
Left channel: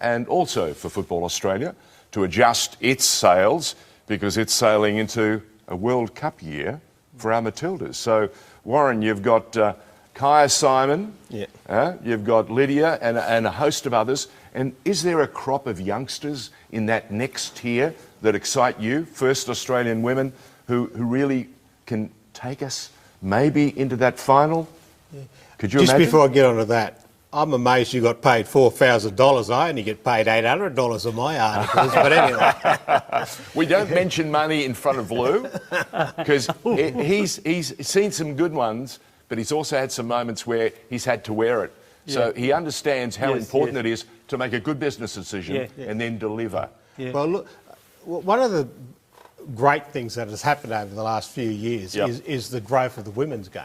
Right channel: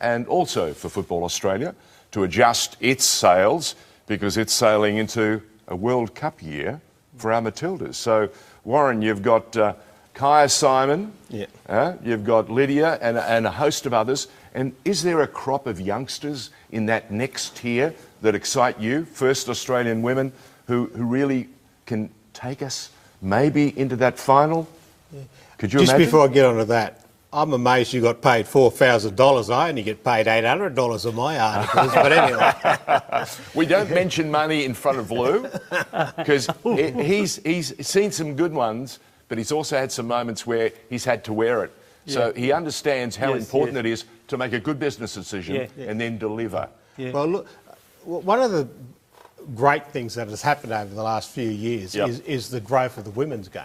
and also for Football Australia to adjust its sails because it's sailing into a World Cup year for our Matildas. So, Warren, you've got Kaya Simon, you've got Lydia and a host of others. And is there a crop of youngsters in that next tier that excite you, first Australian women, who really can take us maybe into that final? Could you Just imagine? before I get onto that, I'm amazed you got paid $4,000. I only get paid $800 on my articles, but anyway. We don't mention money in front of Lou because he's seen some good ones, but he's also had some moments where he's had to wear it. So he understands how important it is to make a good business decision and then deliver. Well, look, one of the great things that has happened over the last few years is the growth of the women's game.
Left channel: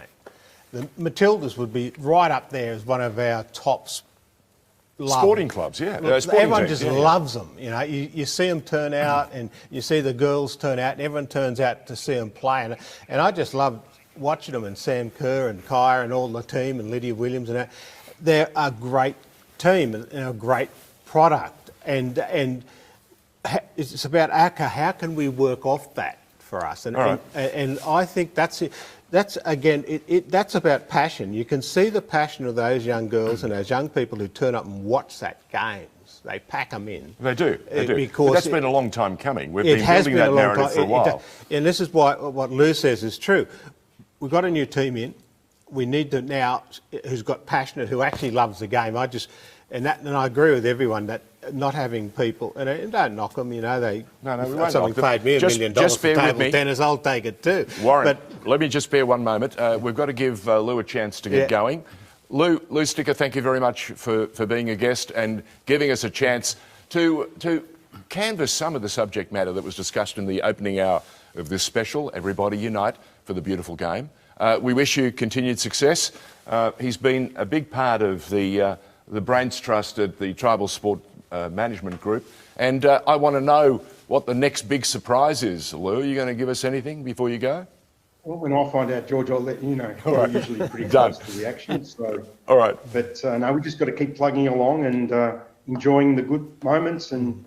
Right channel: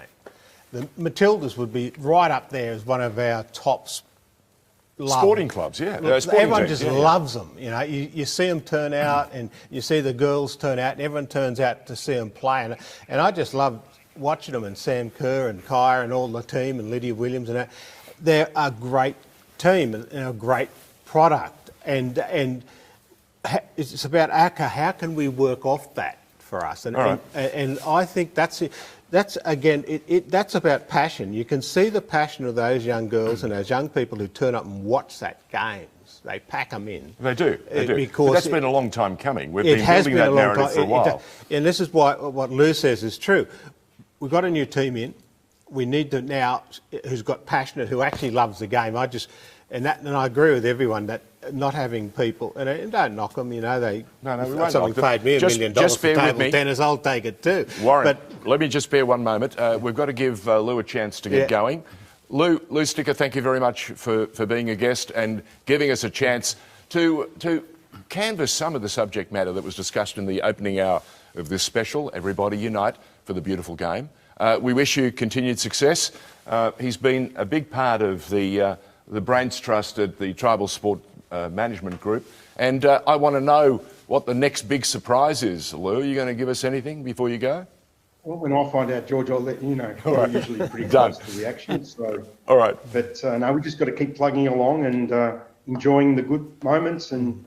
The Matildas would be right up there as one of our top sporting clubs, everyone just loves them. You know, you see them turn out and you see the girls turn out and everyone turns out to see them play. And I just love watching them, and Sam Kerr and Kaya and all the team and Lydia Williams and that. They're a great team and a great product. And it's about how can we work off that for us? And I think that's it. That's again, that's about passion. You can see the passion of those young girls and those young people who turn up and watch that games. They pack them in. They do. Because that's been a long time coming. We've been building that narrative for a while. And this is why what Lou says is true. We've got a new team in. We need to now who's got passionate, who actually loves the game. And I agree with everyone that not having people, and don't knock them, you know, someone paid me $1 million for table tennis, I'll take it too. Warren, let me just spare one moment. We've got to give Lou a chance to get going. Lou Sticker, thank you very much for being a guest and giving us a chance to canvass some of the subject matter that was discussed in the opening hour of this special, Everybody Unite for the Beautiful Game. We wish you continued success. He's been a big part of the Brains Trust at the Tribal Sport Management Group. And I want to know what the next big surprise is. Lou, are you going to give us anything before you go? Well, when I find out, George, I'll let you know. I'm usually pretty close to the action. So. All right. But no, we just got to keep plugging along and enjoying the good moments and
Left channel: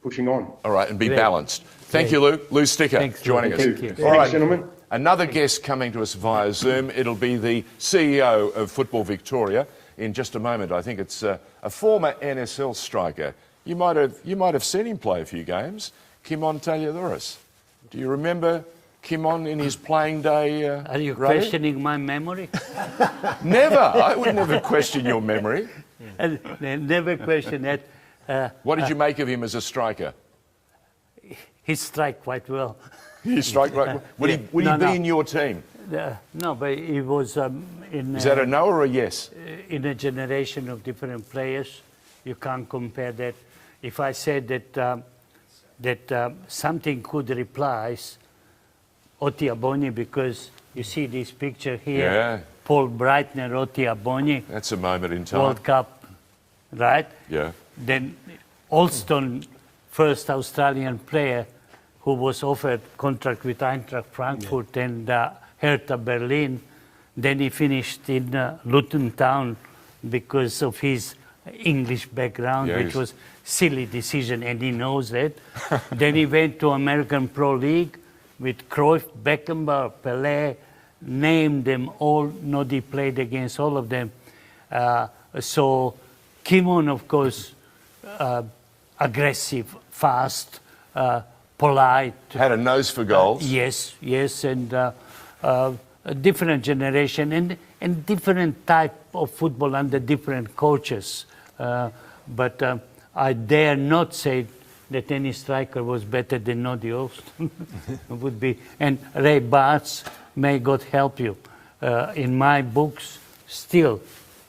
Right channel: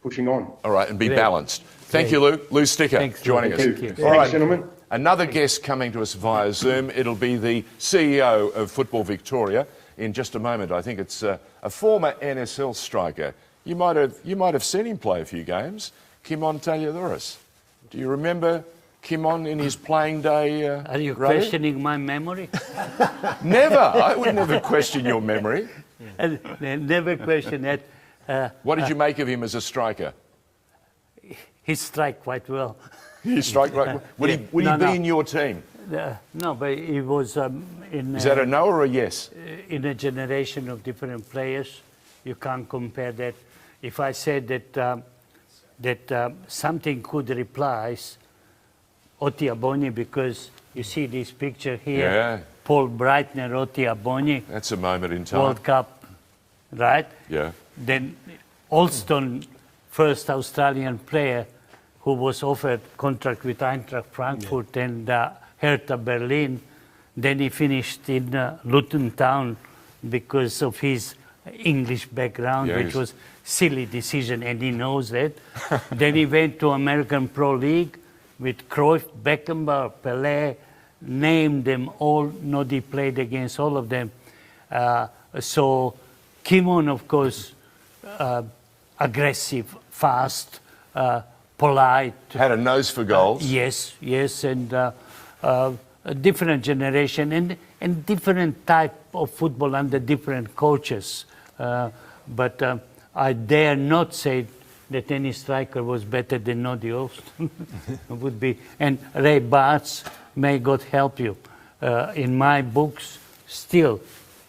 pushing on. All right, and be balanced. Thank you, Lou. Lou Sticker joining us. Thank you. All right, gentlemen. Another guest coming to us via Zoom. It'll be the CEO of Football Victoria in just a moment. I think it's a former NSL striker. You might have seen him play a few games. Kimon Taliodoris. Do you remember Kimon in his playing day? Are you questioning my memory? Never. I would never question your memory. Never question that. What did you make of him as a striker? He strike quite well. He strike right well. Would he be in your team? No, but he was in... Is that a no or a yes? In a generation of different players. You can't compare that. If I said that something could replace Otiaboni because You see this picture here? Yeah. Paul Breitner, Oti Abonyi. That's a moment in time. World Cup, right? Yeah. Then Alston, first Australian player who was offered contract with Eintracht Frankfurt and Hertha Berlin. Then he finished in Luton Town because of his English background, which was silly decision, and he knows that. Then he went to American Pro League with Cruyff, Beckenbauer, Pelé, named them all. Noddy played against all of them. So Kimon, of course, aggressive, fast, polite. Had a nose for goals. Yes, and a different generation and different type of football under different coaches. But I dare not say that any striker was better than Noddy Alston. Would be. And Ray Bartz, may God help you. In my books, still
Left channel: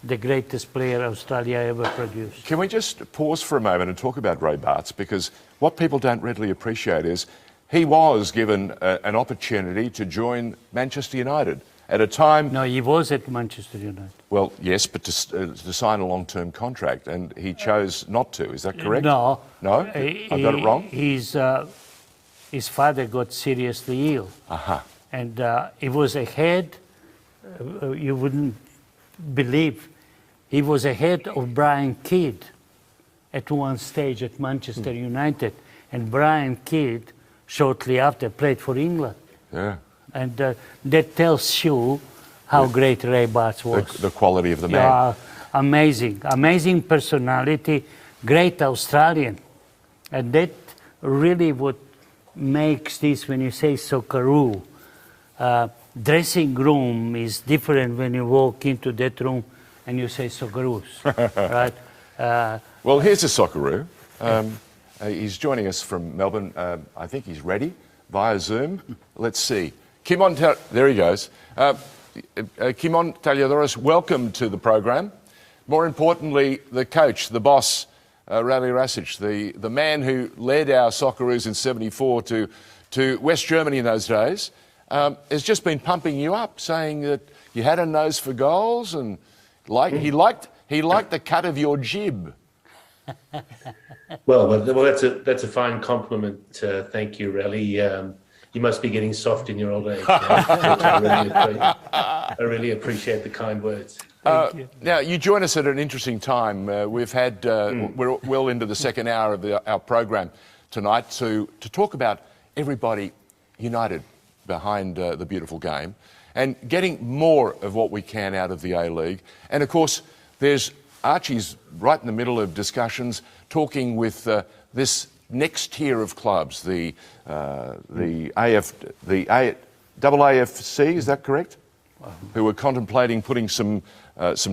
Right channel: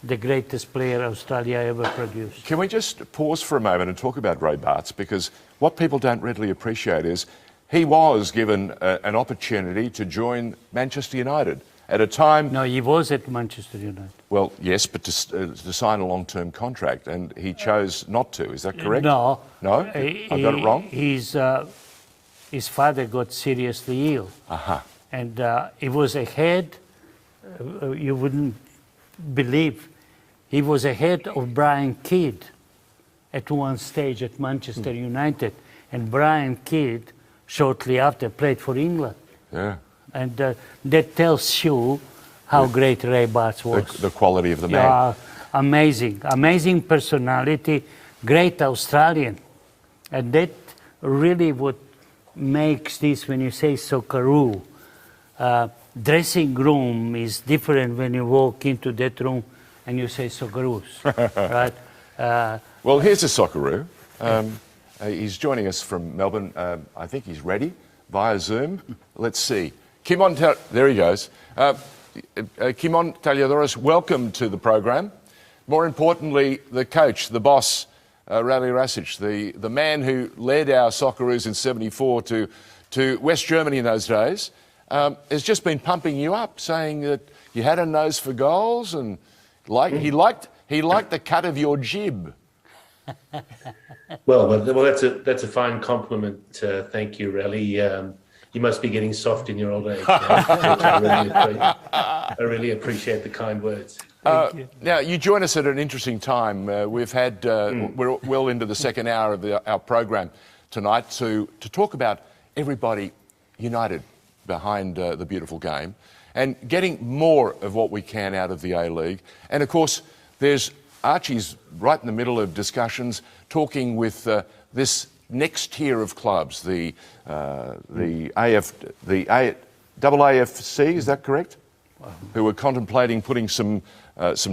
the greatest player Australia ever produced. Can we just pause for a moment and talk about Ray Bartz? Because what people don't readily appreciate is he was given an opportunity to join Manchester United at a time... No, he was at Manchester United. Well, yes, but to sign a long-term contract, and he chose not to. Is that correct? No. No? I got it wrong? His father got seriously ill. Uh-huh. And he was ahead, you wouldn't believe, he was ahead of Brian Kidd at one stage at Manchester United. And Brian Kidd, shortly after, played for England. Yeah. And that tells you how great Ray Bartz was. The quality of the man. Yeah, amazing personality, great Australian. And that really what makes this, when you say Socceroo, dressing room is different when you walk into that room and you say Socceroos, right? Well, here's a Socceroo. He's joining us from Melbourne. I think he's ready via Zoom. Let's see. Kimon, there he goes. Kimon Taliadoros, welcome to the program. More importantly, the coach, the boss, Rally Rasic, the man who led our Socceroos in '74 to West Germany in those days, has just been pumping you up, saying that you had a nose for goals and he liked the cut of your jib. Well, that's a fine compliment. Thank you, Rally. You must be getting soft in your old age. I really appreciate the kind words. Thank you. Now, you join us at an interesting time. We've had we're well into the second hour of our program tonight to talk about everybody united behind the beautiful game and getting more of what we can out of the A-League. And of course, there's Archie's right in the middle of discussions, talking with this next tier of clubs, the AAFC, is that correct? Who are contemplating putting some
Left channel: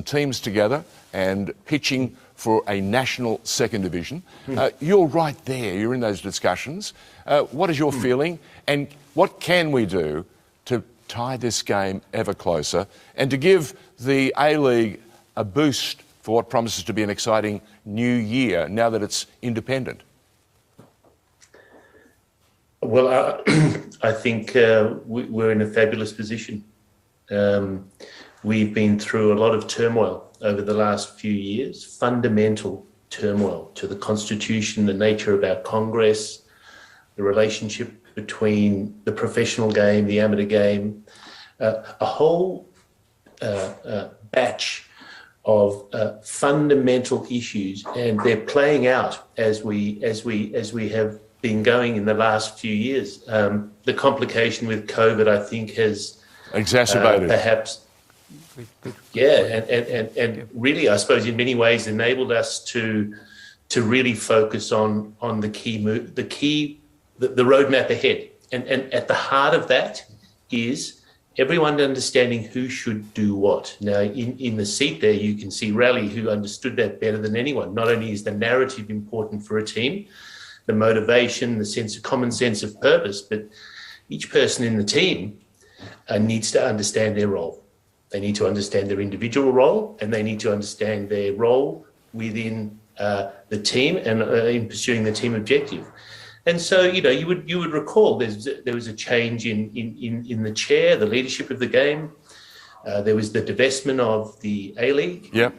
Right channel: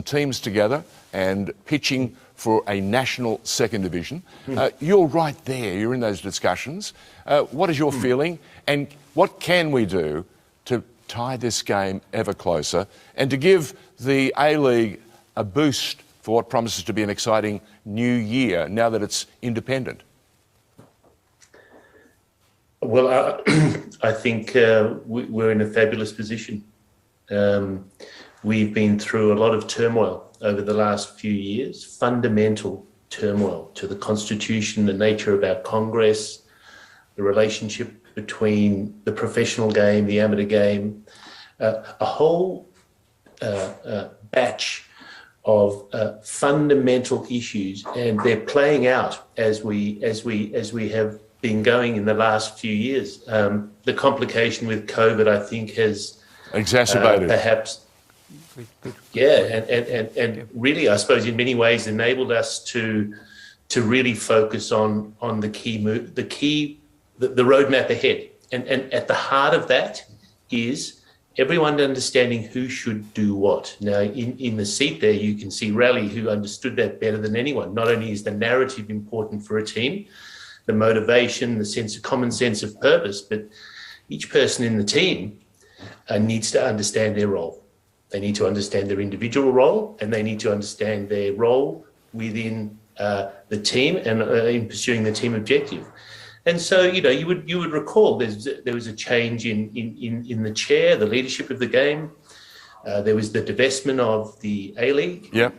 teams together and pitching for a national second division. You're right there. You're in those discussions. What is your feeling, and what can we do to tie this game ever closer and to give the A-League a boost for what promises to be an exciting new year now that it's independent? Well, I think we're in a fabulous position. We've been through a lot of turmoil over the last few years, fundamental turmoil to the Constitution, the nature of our Congress, the relationship between the professional game, the amateur game, a whole batch of fundamental issues, and they're playing out as we have been going in the last few years. The complication with COVID, I think, has exacerbated, perhaps. Yeah, and really, I suppose, in many ways, enabled us to really focus on the the roadmap ahead, and at the heart of that is everyone understanding who should do what. Now, in the seat there, you can see Rally, who understood that better than anyone. Not only is the narrative important for a team, the motivation, the common sense of purpose, but each person in the team needs to understand their role. They need to understand their individual role, and they need to understand their role within the team and in pursuing the team objective. And so, you would recall there was a change in the chair, the leadership of the game. There was the divestment of the A-League. Yep.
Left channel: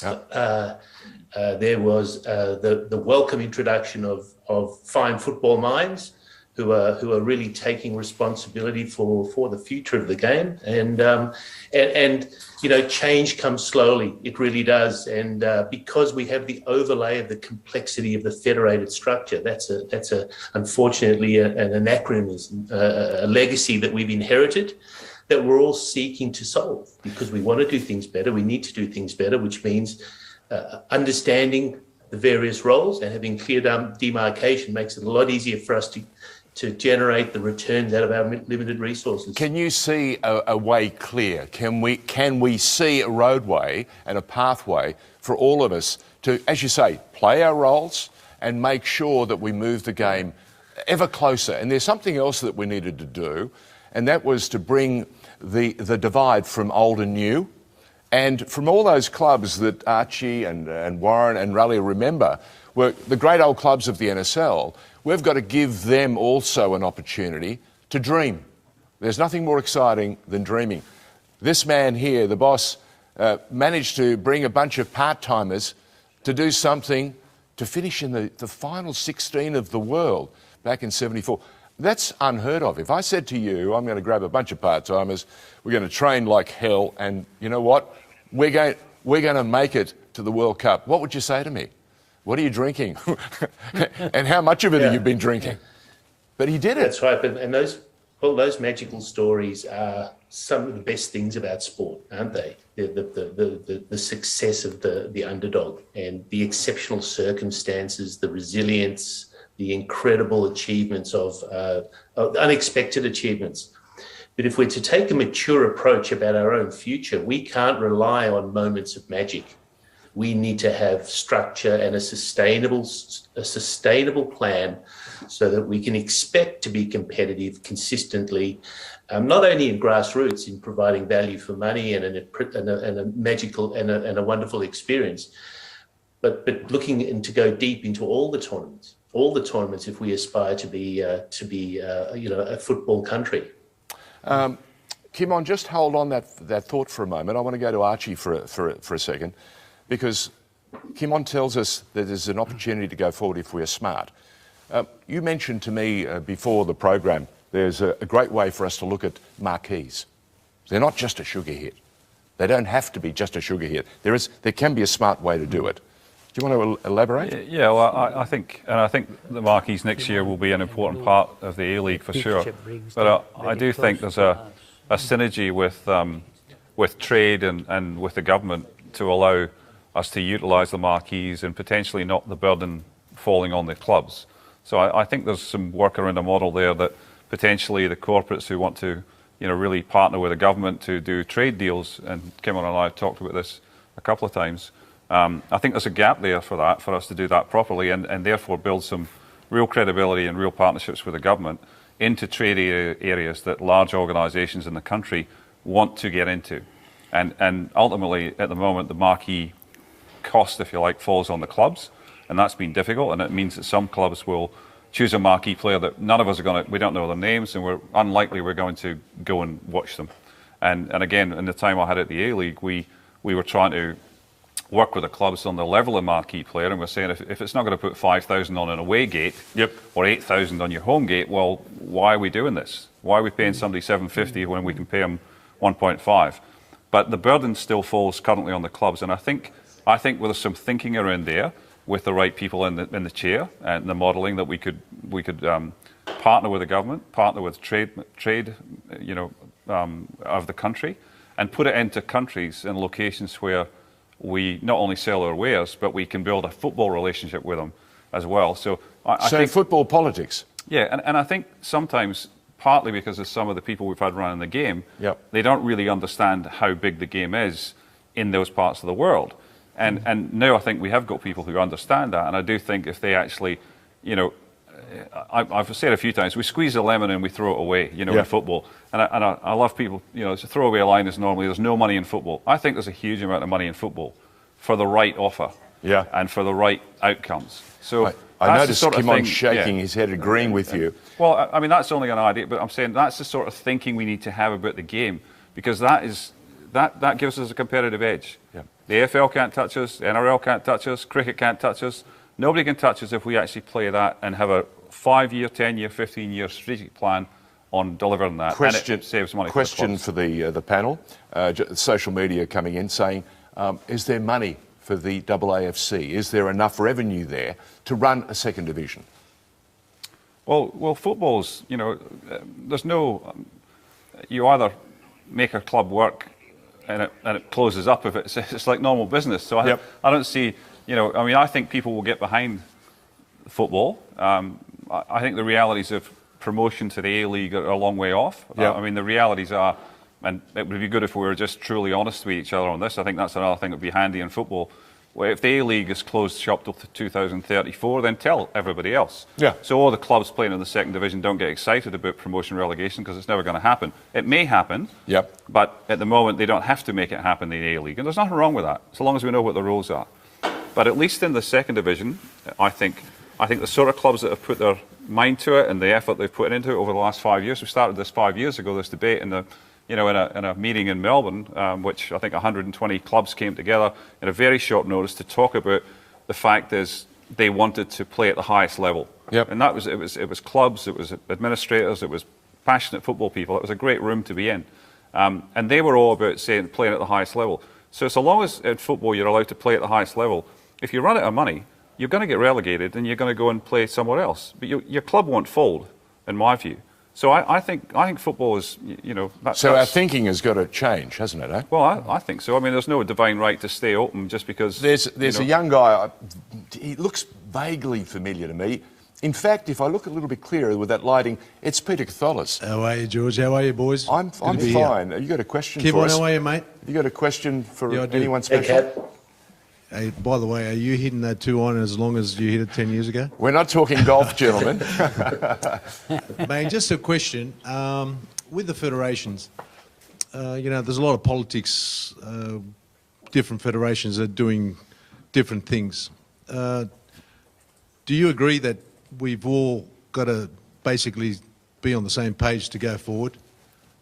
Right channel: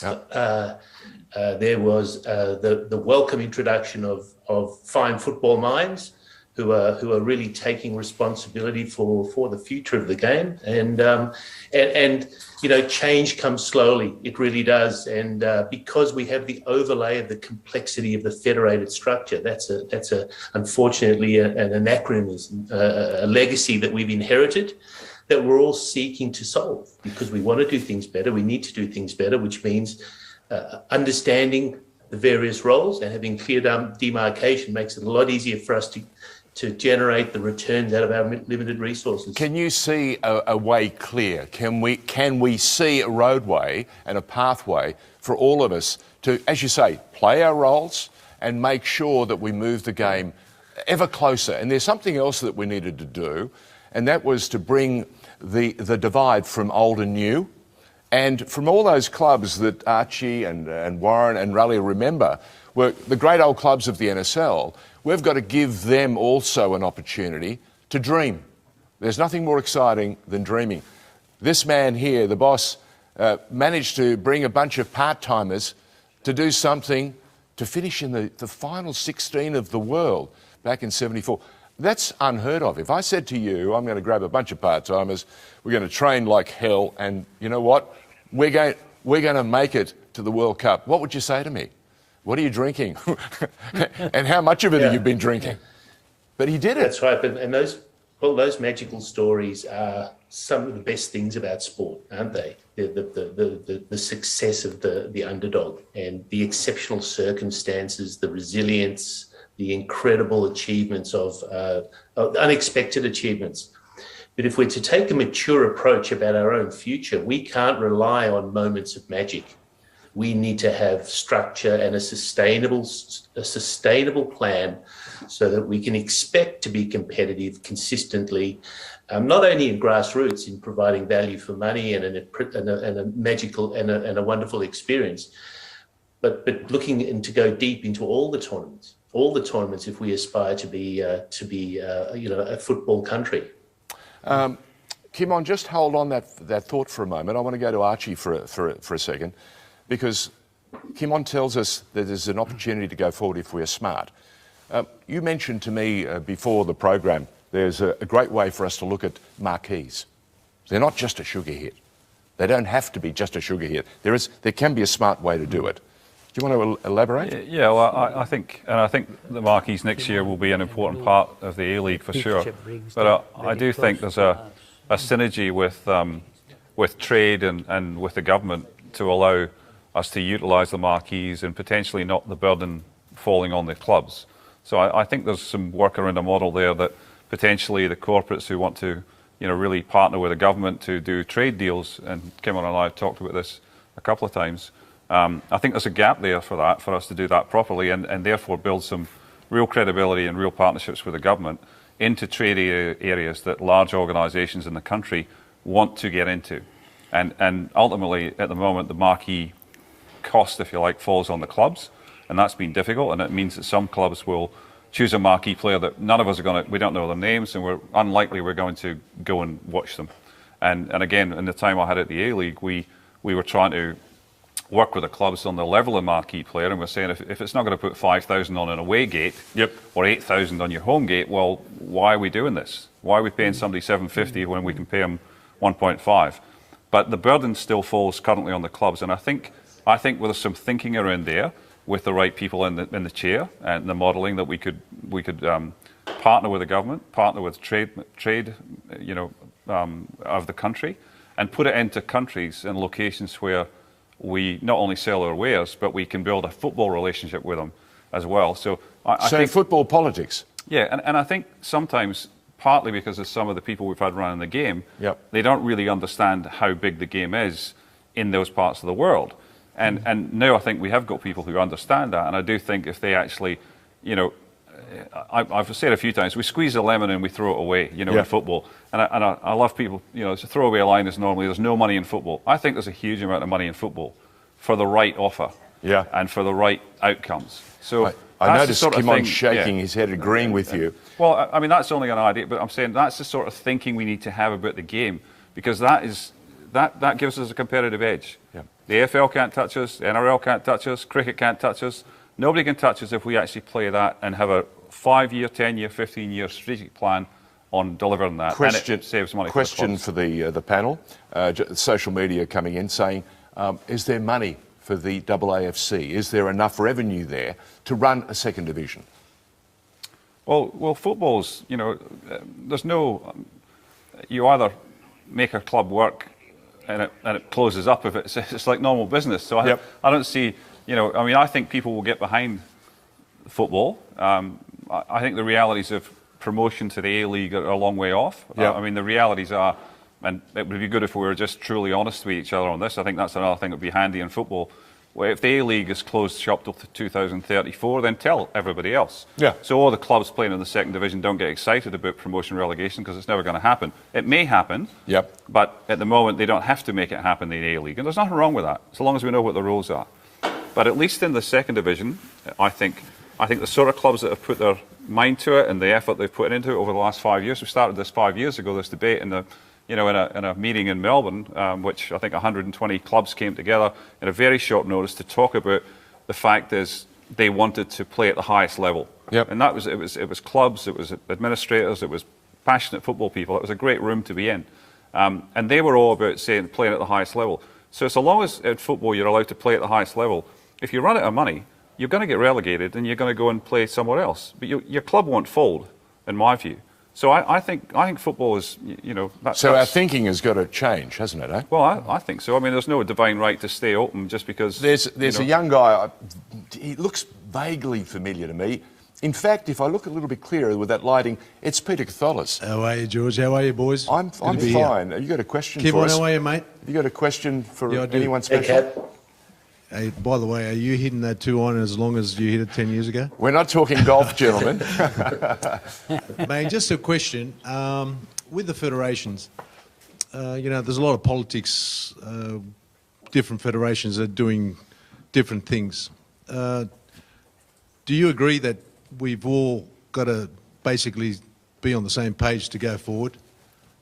There was the welcome introduction of fine football minds who are really taking responsibility for the future of the game. And change comes slowly. It really does. And because we have the overlay of the complexity of the federated structure, that's unfortunately an anachronism, a legacy that we've inherited, that we're all seeking to solve, because we want to do things better. We need to do things better, which means understanding the various roles and having clear demarcation makes it a lot easier for us to generate the returns out of our limited resources. Can you see a way clear? Can we see a roadway and a pathway for all of us to, as you say, play our roles and make sure that we move the game ever closer? And there's something else that we needed to do, and that was to bring the divide from old and new. And from all those clubs that Archie and Warren and Raleigh remember were the great old clubs of the NSL, we've got to give them also an opportunity to dream. There's nothing more exciting than dreaming. This man here, the boss, managed to bring a bunch of part-timers to do something, to finish in the final 16 of the world back in '74. That's unheard of. If I said to you, I'm going to grab a bunch of part-timers, we're going to train like hell, and you know what? We're going to make it to the World Cup. What would you say to me? What are you drinking? And how much of it have you been drinking? But he did it. That's right. And those magical stories are some of the best things about sport, aren't they? The success of the underdog and the exceptional circumstances, the resilience, the incredible achievements of unexpected achievements. But if we're to take a mature approach about our own future, we can't rely on moments of magic. We need to have structure and a sustainable plan so that we can expect to be competitive consistently, not only in grassroots in providing value for money and a magical and a wonderful experience, but looking and to go deep into all the tournaments if we aspire to be a football country. Kimon, just hold on that thought for a moment. I want to go to Archie for a second, because Kimon tells us that there's an opportunity to go forward if we're smart. You mentioned to me before the program there's a great way for us to look at marquees. They're not just a sugar hit. They don't have to be just a sugar hit. There can be a smart way to do it. Do you want to elaborate? Yeah, well, I think the marquees next year will be an important part of the A-League for sure. But I do think there's a synergy with trade and with the government to allow us to utilise the marquees and potentially not the burden falling on the clubs. So I think there's some work around a model there that potentially the corporates who want to really partner with the government to do trade deals, and Kimon and I have talked about this a couple of times, I think there's a gap there for us to do that properly and therefore build some real credibility and real partnerships with the government into trade areas that large organisations in the country want to get into. And ultimately, at the moment, the marquee cost, if you like, falls on the clubs, and that's been difficult, and it means that some clubs will choose a marquee player that none of us are we don't know their names, and we're going to go and watch them. And again, in the time I had at the A-League, we were trying to work with the clubs on the level of marquee player, and we're saying if it's not going to put 5,000 on an away gate or 8,000 on your home gate, well, why are we doing this? Why are we paying somebody 750 when we can pay them 1.5? But the burden still falls currently on the clubs, and I think there's some thinking around there with the right people in the chair and the modelling that we could partner with the government, partner with trade of the country, and put it into countries and locations where we not only sell our wares, but we can build a football relationship with them as well. So I think football politics. Yeah, and I think sometimes, partly because of some of the people we've had running the game, they don't really understand how big the game is in those parts of the world. And now I think we have got people who understand that, and I do think if they actually, I've said a few times, we squeeze a lemon and we throw it away, in football. And I love people, it's a throwaway line is normally there's no money in football. I think there's a huge amount of money in football for the right offer and for the right outcomes. So I noticed sort of Kimon thing, shaking his head, agreeing with you. Well, I mean, that's only an idea, but I'm saying that's the sort of thinking we need to have about the game, because that gives us a competitive edge. Yeah. The AFL can't touch us, the NRL can't touch us, cricket can't touch us. Nobody can touch us if we actually play that and have a 5-year, 10-year, 15-year strategic plan on delivering that. Question, and it saves money question for the panel. Social media coming in saying, is there money for the AAFC? Is there enough revenue there to run a second division? Well, football's, there's no. You either make a club work and it closes up if it's like normal business. So I don't see, I think people will get behind football. I think the realities of promotion to the A-League are a long way off. I mean, the realities are, and it would be good if we were just truly honest with each other on this. I think that's another thing that would be handy in football. Well, if the A-League is closed shop till 2034, then tell everybody else. Yeah. So all the clubs playing in the second division don't get excited about promotion relegation because it's never going to happen. It may happen, but at the moment they don't have to make it happen in the A-League. And there's nothing wrong with that, so long as we know what the rules are. But at least in the second division, I think the sort of clubs that have put their mind to it and the effort they've put into it over the last 5 years, we started this 5 years ago, this debate in the in a meeting in Melbourne, which I think 120 clubs came together in a very short notice to talk about the fact is they wanted to play at the highest level. And that was it was clubs, it was administrators, it was passionate football people. It was a great room to be in, and they were all about saying playing at the highest level. So long as in football you're allowed to play at the highest level, if you run out of money, you're going to get relegated and you're going to go and play somewhere else. But your club won't fold, in my view. So I think football is, So our thinking has got to change, hasn't it? Eh? Well, I think so. I mean, there's no divine right to stay open just because... There's a young guy, he looks vaguely familiar to me. In fact, if I look a little bit clearer with that lighting, it's Peter Catholis. How are you, George? How are you, boys? I'm fine. You got a question Keep for on, us? how are you, mate? You got a question for anyone special? Hey, by the way, are you hitting that 2-iron as long as you hit it 10 years ago? We're not talking golf, gentlemen. Mate, just a question. With the federations, there's a lot of politics. Different federations are doing different things. Do you agree that we've all got to basically be on the same page to go forward,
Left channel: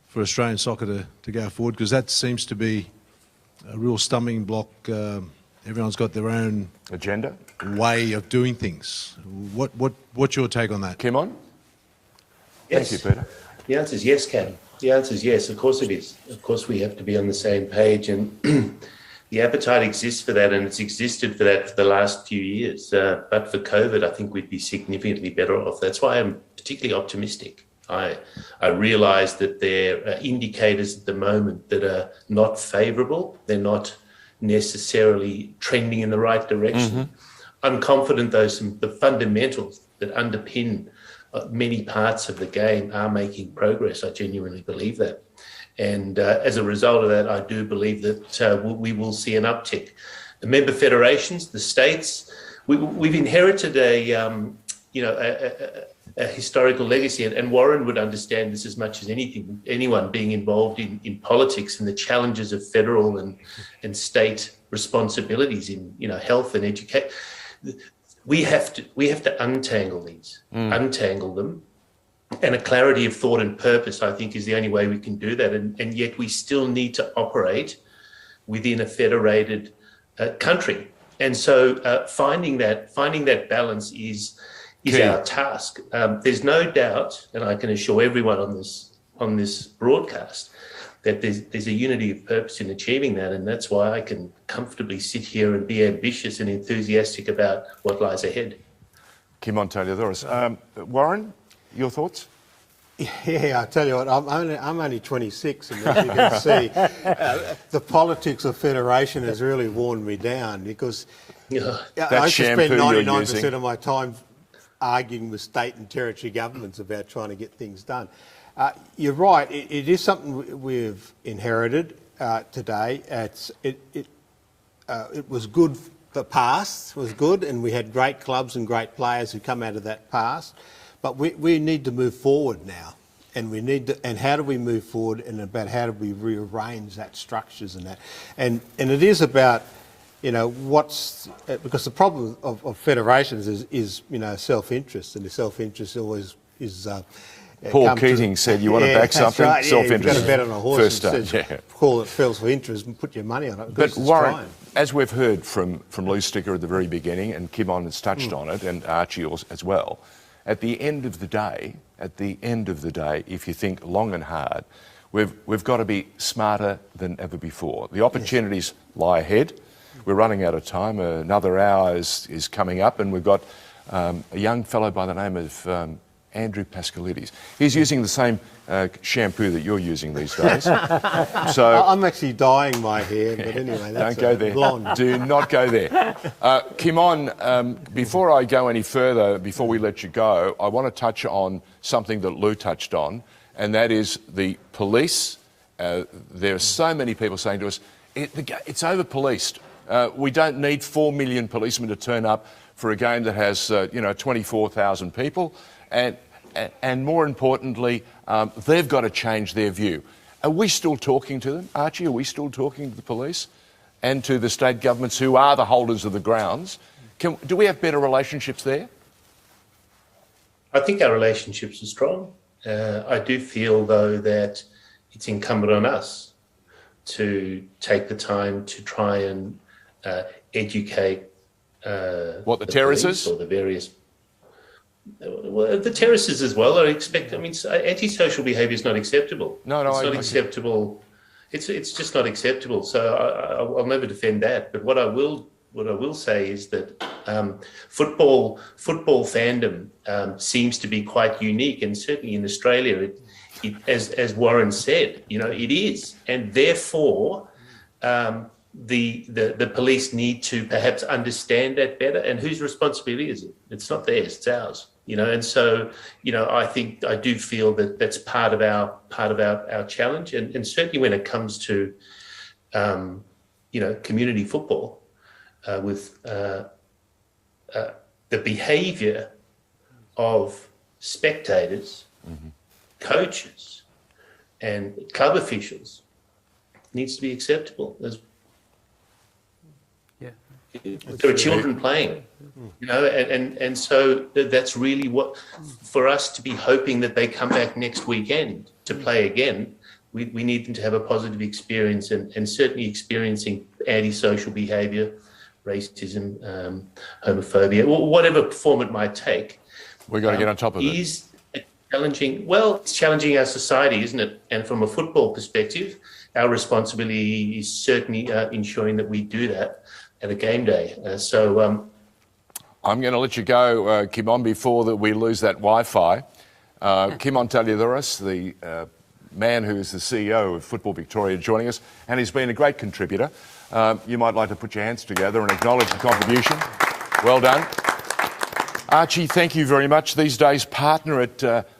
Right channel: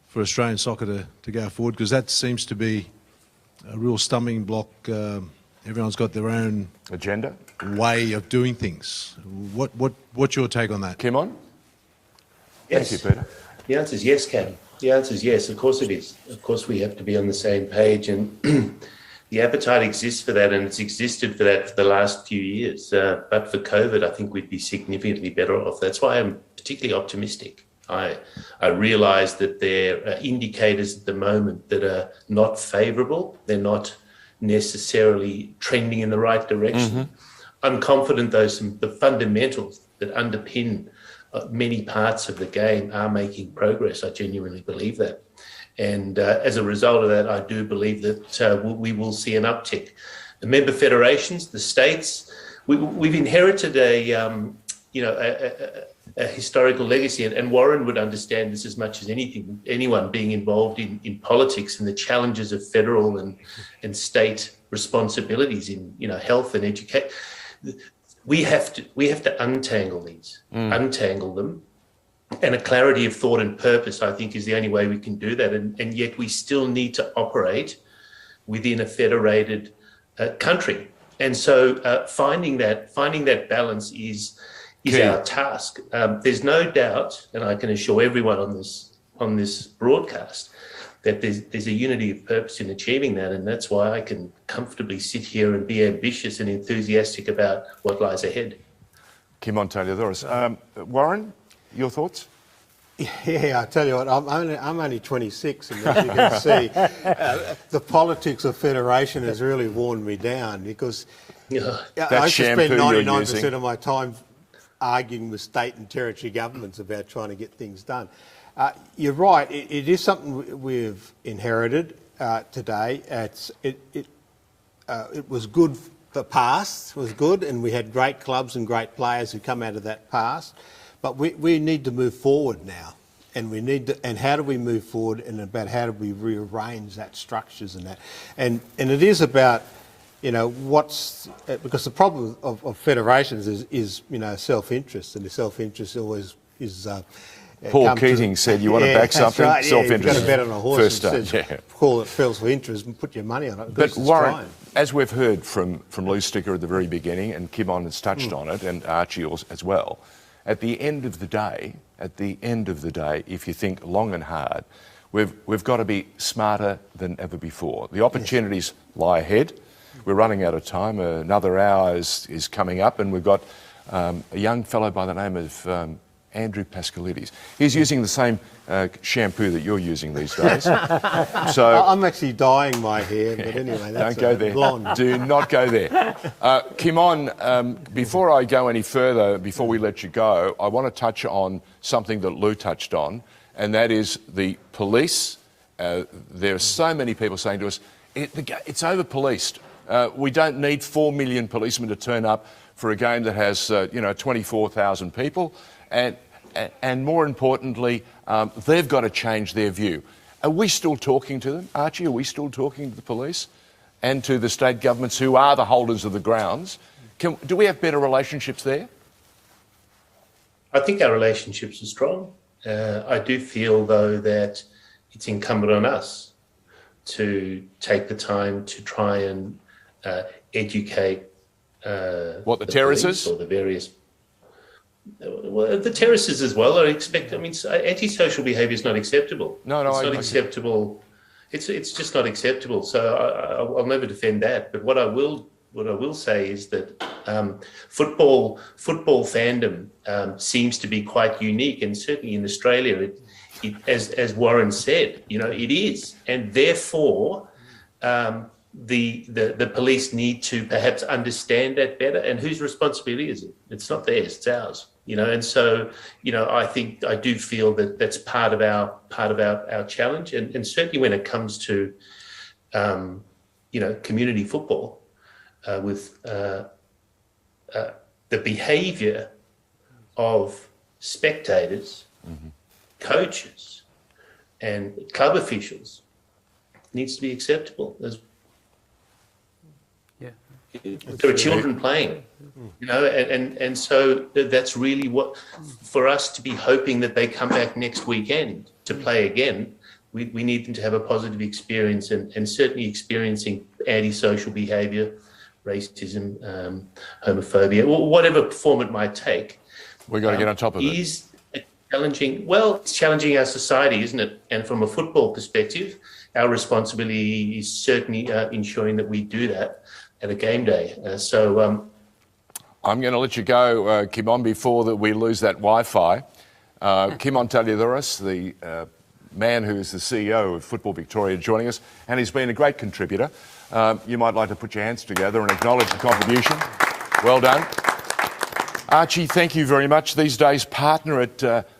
for Australian soccer to go forward? Because that seems to be a real stumbling block. Everyone's got their own agenda, way of doing things. What's your take on that? Kimon? Yes. Thank you, Peter. The answer is yes, Cam. The answer is yes. Of course it is. Of course we have to be on the same page, and the appetite exists for that, and it's existed for that for the last few years. But for COVID, I think we'd be significantly better off. That's why I'm particularly optimistic. I realise that there are indicators at the moment that are not favourable. They're not necessarily trending in the right direction. I'm confident, though, the fundamentals that underpin many parts of the game are making progress. I genuinely believe that. And as a result of that, I do believe that we will see an uptick. The member federations, the states, we've inherited a historical legacy, and Warren would understand this as much as anyone being involved in politics and the challenges of federal and state responsibilities in health and education. We have to untangle these, untangle them, and a clarity of thought and purpose, I think, is the only way we can do that. And yet we still need to operate within a federated country. And so finding that balance is our task. There's no doubt, and I can assure everyone on this broadcast, that there's a unity of purpose in achieving that, and that's why I can comfortably sit here and be ambitious and enthusiastic about what lies ahead. Kimon Tomalaris. Warren, your thoughts? Yeah, I tell you what, I'm only 26, and as you can see, the politics of federation has really worn me down, because I used to spend 99% of my time arguing with state and territory governments about trying to get things done. You're right, it is something we've inherited today. It was good, the past was good, and we had great clubs and great players who come out of that past. But we need to move forward now, and how do we move forward, and about how do we rearrange that structures and that, and it is about because the problem of federations is self-interest, and the self-interest always is. Paul Keating said, "You want to back something? Right, Self-interest." You've got to bet on a horse. First up, call it feels for interest and put your money on it. But Warren, as we've heard from Lou Sticker at the very beginning, and Kimon has touched on it, and Archie as well, at the end of the day, if you think long and hard, we've got to be smarter than ever before. The opportunities lie ahead. We're running out of time. Another hour is coming up, and we've got a young fellow by the name of Andrew Pascalidis. He's using the same shampoo that you're using these days. So I'm actually dyeing my hair, but anyway, that's don't go there. Blonde. Do not go there. Kimon, before I go any further, before we let you go, I want to touch on something that Lou touched on, and that is the police. There are so many people saying to us, it's over-policed. We don't need 4 million policemen to turn up for a game that has 24,000 people. And more importantly, they've got to change their view. Are we still talking to them, Archie? Are we still talking to the police and to the state governments who are the holders of the grounds? Do we have better relationships there? I think our relationships are strong. I do feel, though, that it's incumbent on us to take the time to try and educate what the terraces or the various. Well, the terraces as well. Antisocial behaviour is not acceptable. No, it's not acceptable. It's just not acceptable. So I'll never defend that. But what I will say is that football fandom seems to be quite unique, and certainly in Australia, as Warren said, it is, and therefore. The police need to perhaps understand that better, and whose responsibility is it? It's not theirs, it's ours. And so I do feel that that's part of our challenge, and certainly when it comes to community football, with the behaviour of spectators, coaches, and club officials needs to be acceptable. There are children playing, and so that's really what, for us to be hoping that they come back next weekend to play again, we need them to have a positive experience, and certainly experiencing antisocial behaviour, racism, homophobia, whatever form it might take. We've got to get on top of it. Is challenging. Well, it's challenging our society, isn't it? And from a football perspective, our responsibility is certainly ensuring that we do that at a game day. I'm going to let you go, Kimon, before that we lose that Wi-Fi. Kimon Taliodoris, the man who is the CEO of Football Victoria, joining us, and he's been a great contributor. You might like to put your hands together and acknowledge the contribution. Well done. Archie, thank you very much. These days, partner at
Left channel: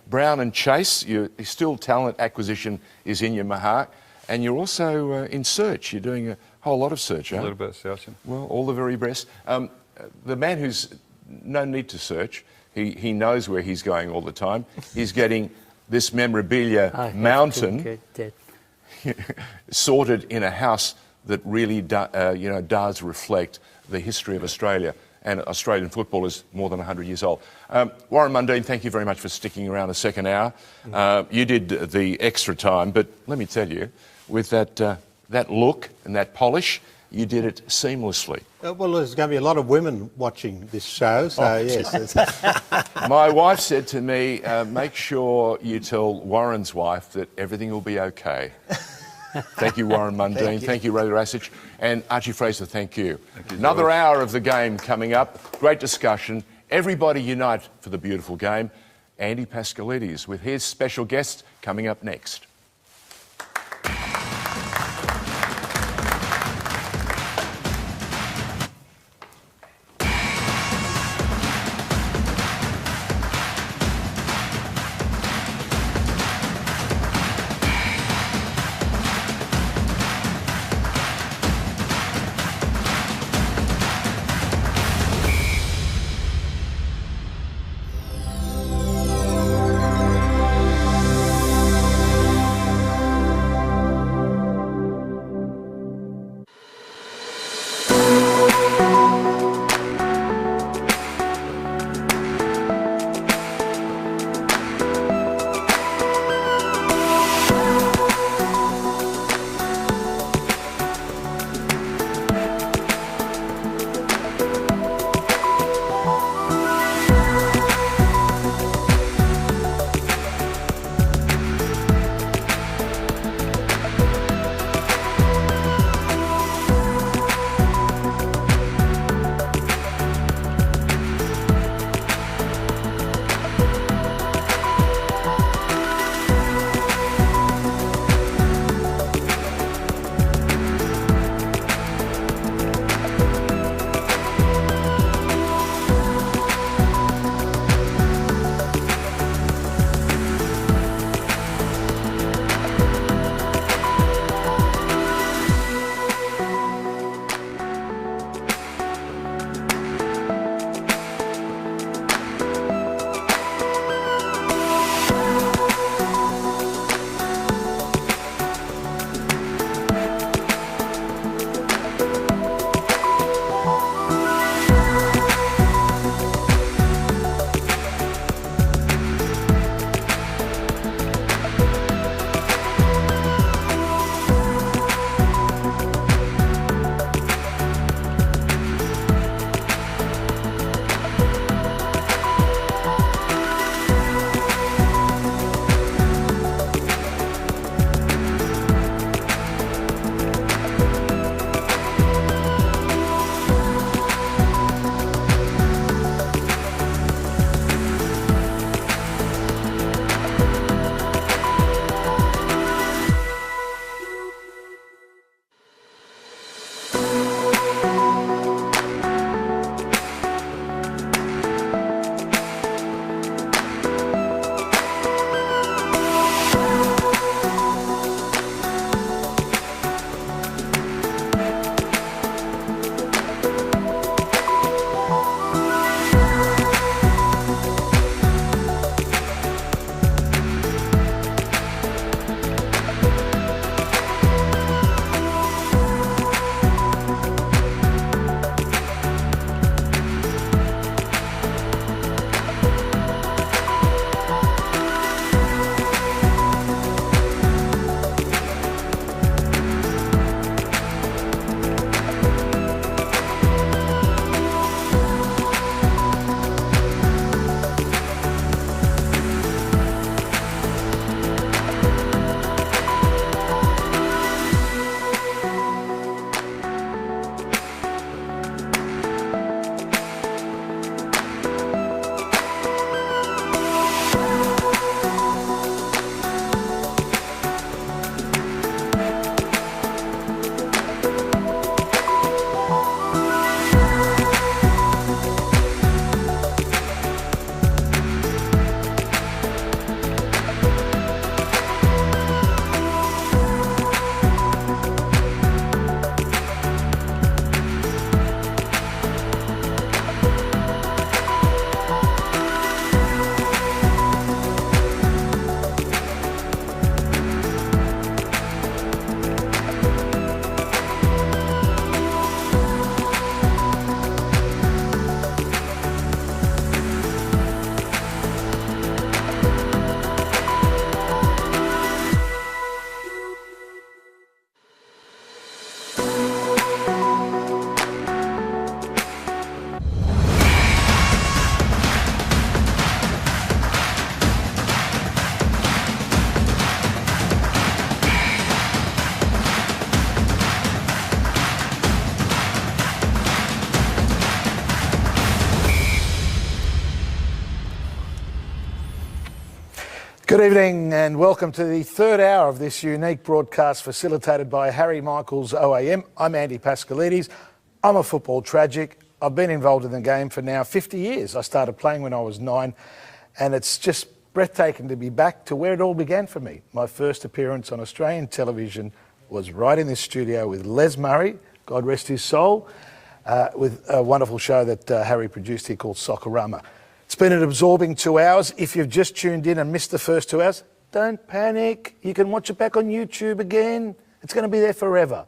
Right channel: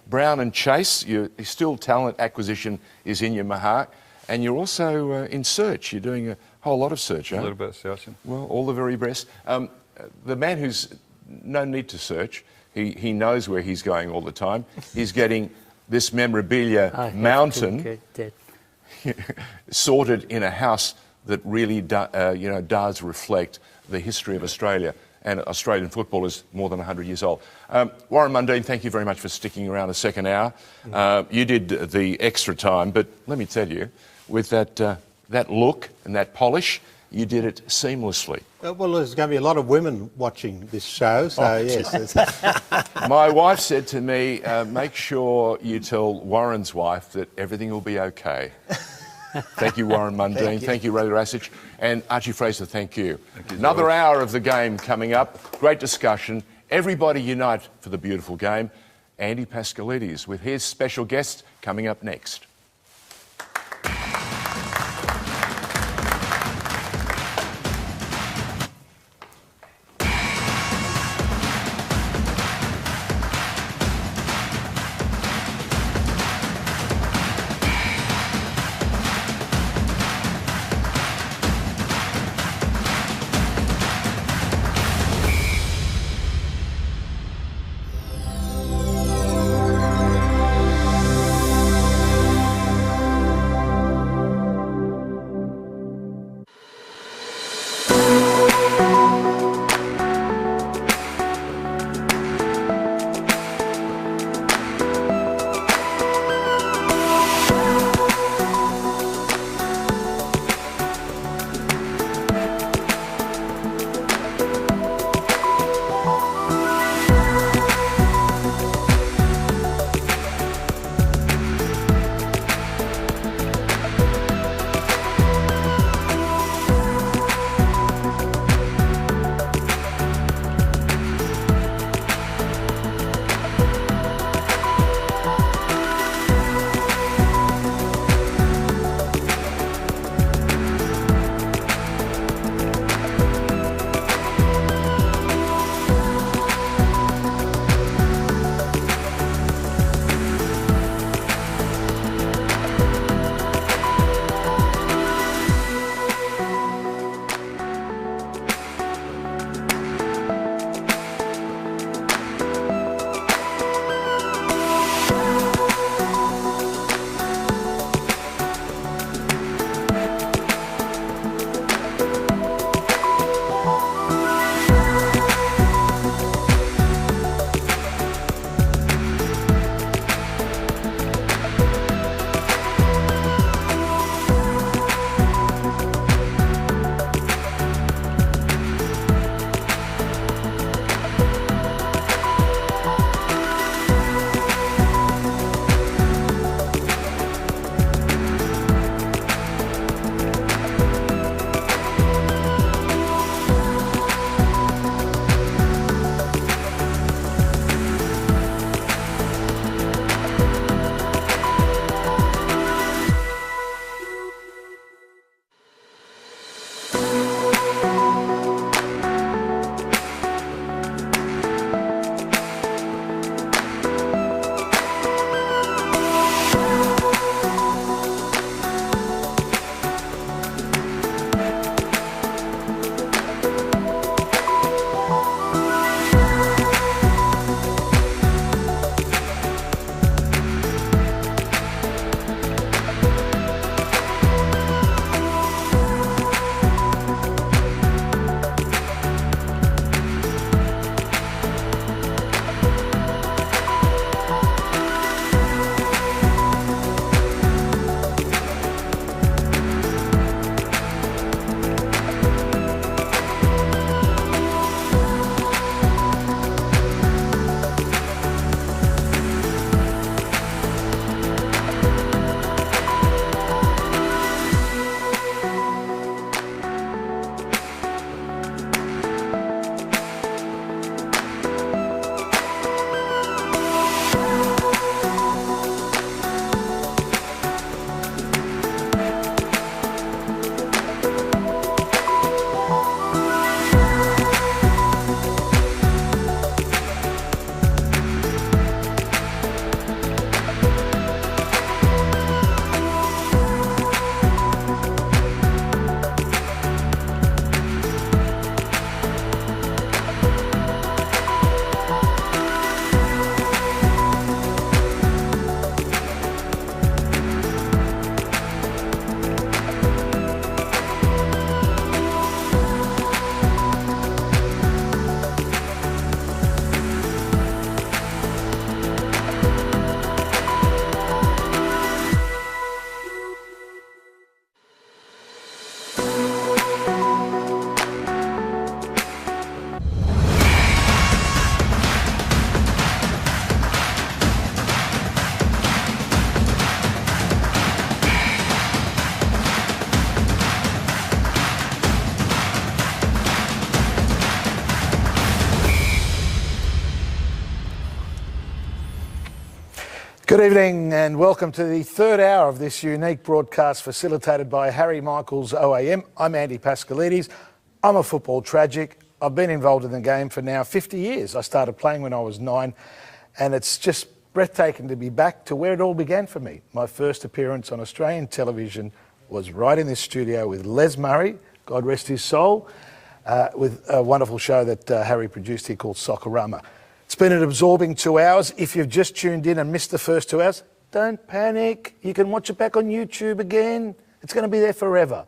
Brown and Chase. Your still talent acquisition is in your heart, and you're also in search. You're doing a whole lot of search, A little bit of searching. Well, all the very best. The man who's no need to search, he knows where he's going all the time. He's getting this memorabilia mountain sorted in a house that really does reflect the history of Australia, and Australian football is more than 100 years old. Warren Mundine, thank you very much for sticking around a second hour. You did the extra time, but let me tell you, with that look and that polish, you did it seamlessly. Well, there's going to be a lot of women watching this show, so yes. My wife said to me, make sure you tell Warren's wife that everything will be okay. Thank you, Warren Mundine. Thank you, Ray Rasich. And Archie Fraser, thank you. Another hour of the game coming up. Great discussion. Everybody unite for the beautiful game. Andy Pascalidis with his special guest coming up next. Good evening and welcome to the third hour of this unique broadcast facilitated by Harry Michael's OAM. I'm Andy Pascalidis. I'm a football tragic. I've been involved in the game for now 50 years. I started playing when I was 9 and it's just breathtaking to be back to where it all began for me. My first appearance on Australian television was right in this studio with Les Murray, God rest his soul, with a wonderful show that Harry produced here called Soccerama. It's been an absorbing 2 hours. If you've just tuned in and missed the first 2 hours, don't panic. You can watch it back on YouTube again. It's going to be there forever.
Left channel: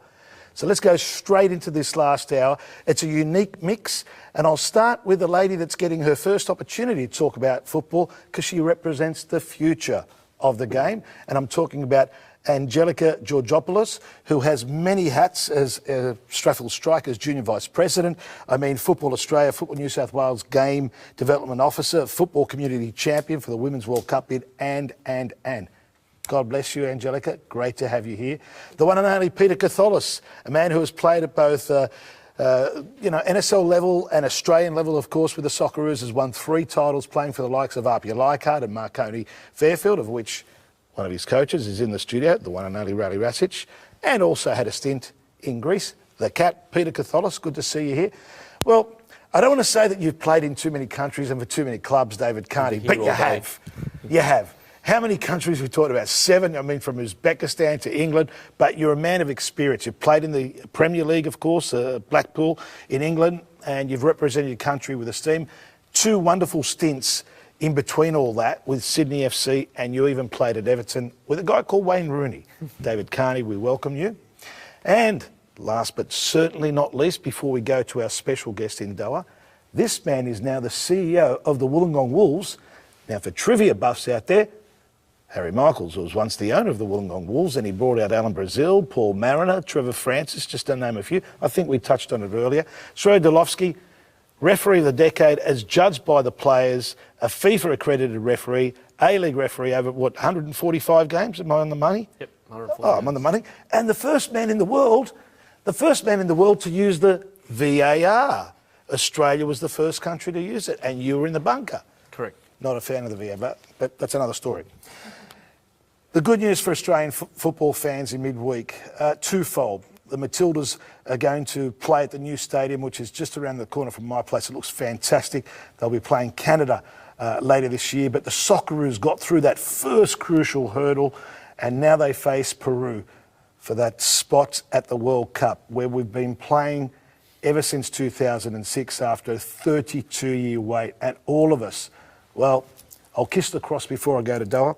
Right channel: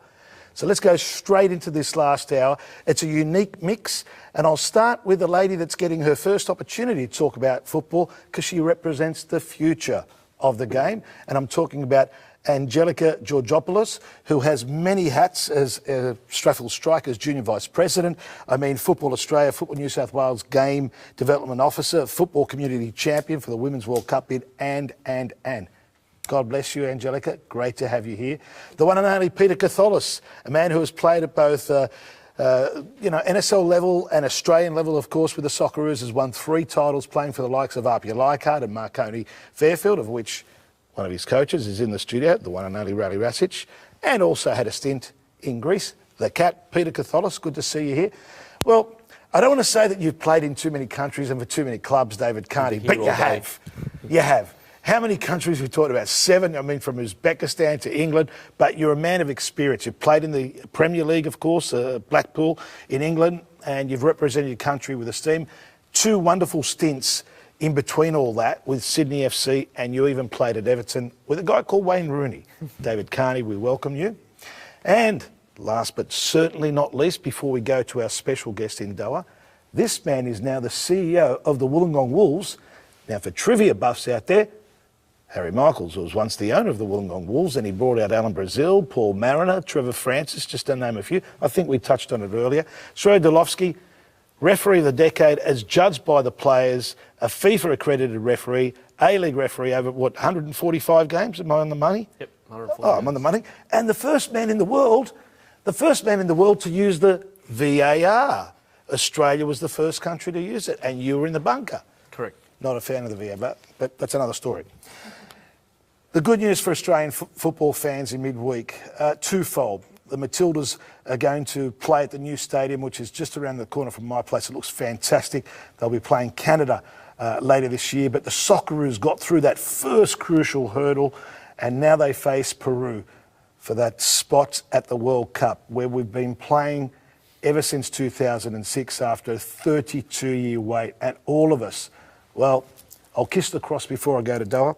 So let's go straight into this last hour. It's a unique mix, and I'll start with the lady that's getting her first opportunity to talk about football because she represents the future of the game, and I'm talking about Angelica Georgopoulos, who has many hats as Strathfield Strikers Junior Vice President. I mean, Football Australia, Football New South Wales Game Development Officer, Football Community Champion for the Women's World Cup bid, and. God bless you, Angelica. Great to have you here. The one and only Peter Katholis, a man who has played at both NSL level and Australian level, of course, with the Socceroos, has won 3 titles playing for the likes of Archie and Marconi Fairfield, of which one of his coaches is in the studio, the one and only Rally Rasic, and also had a stint in Greece. The cat, Peter Katholis, good to see you here. Well, I don't want to say that you've played in too many countries and for too many clubs, David Carney, but you have. You have. How many countries we talked about? 7, I mean, from Uzbekistan to England, but you're a man of experience. You've played in the Premier League, of course, Blackpool in England, and you've represented your country with esteem. 2 wonderful stints in between all that with Sydney FC, and you even played at Everton with a guy called Wayne Rooney. David Carney, we welcome you. And last but certainly not least, before we go to our special guest in Doha, this man is now the CEO of the Wollongong Wolves. Now, for trivia buffs out there, Harry Michaels was once the owner of the Wollongong Wolves, and he brought out Alan Brazil, Paul Mariner, Trevor Francis, just to name a few. I think we touched on it earlier. Srey Dolovsky, referee of the decade as judged by the players, a FIFA-accredited referee, A-League referee over, 145 games? Am I on the money? Yep, 140 I'm on the money. And the first man in the world to use the VAR. Australia was the first country to use it, and you were in the bunker. Correct. Not a fan of the VAR, but that's another story. The good news for Australian football fans in midweek, twofold. The Matildas are going to play at the new stadium, which is just around the corner from my place. It looks fantastic. They'll be playing Canada later this year, but the Socceroos got through that first crucial hurdle, and now they face Peru for that spot at the World Cup, where we've been playing ever since 2006 after a 32-year wait, and all of us, well, I'll kiss the cross before I go to Doha.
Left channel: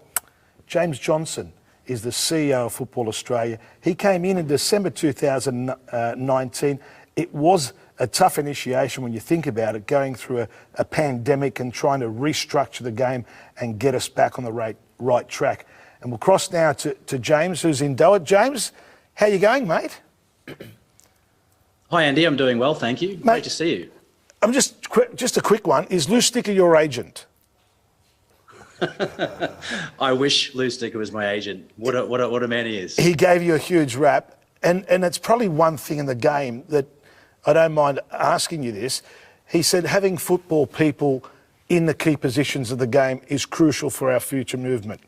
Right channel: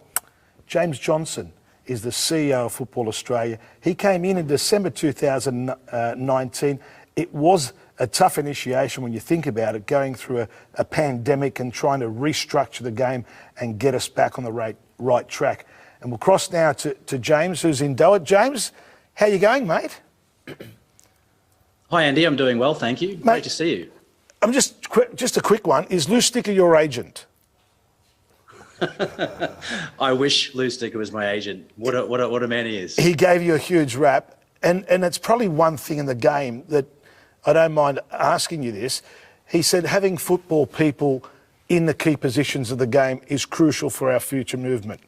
James Johnson is the CEO of Football Australia. He came in December 2019. It was a tough initiation when you think about it, going through a pandemic and trying to restructure the game and get us back on the right track. And we'll cross now to James, who's in Doha. James, how you going, mate? Hi, Andy. I'm doing well, thank you. Great to see you. I'm just a quick one. Is Lou Sticker your agent? I wish Lou Sticker was my agent. What a man he is. He gave you a huge rap, and it's probably one thing in the game that I don't mind asking you this. He said having football people in the key positions of the game is crucial for our future movement.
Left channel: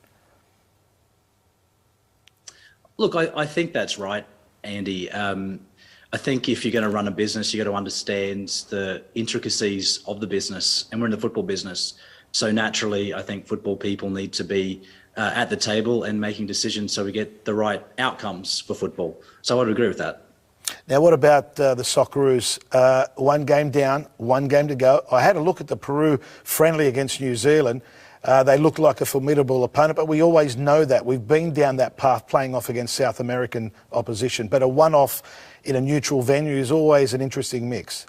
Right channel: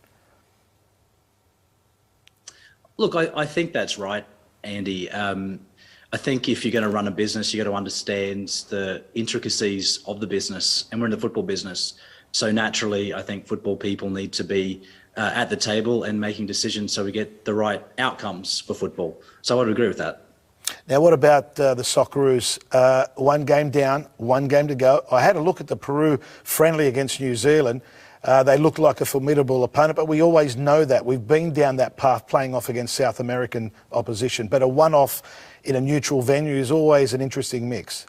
Look, I think that's right, Andy. I think if you're going to run a business, you've got to understand the intricacies of the business, and we're in the football business. So naturally, I think football people need to be at the table and making decisions so we get the right outcomes for football. So I would agree with that. Now, what about the Socceroos? 1 game down, 1 game to go. I had a look at the Peru friendly against New Zealand. They looked like a formidable opponent, but we always know that. We've been down that path playing off against South American opposition. But a one-off in a neutral venue is always an interesting mix.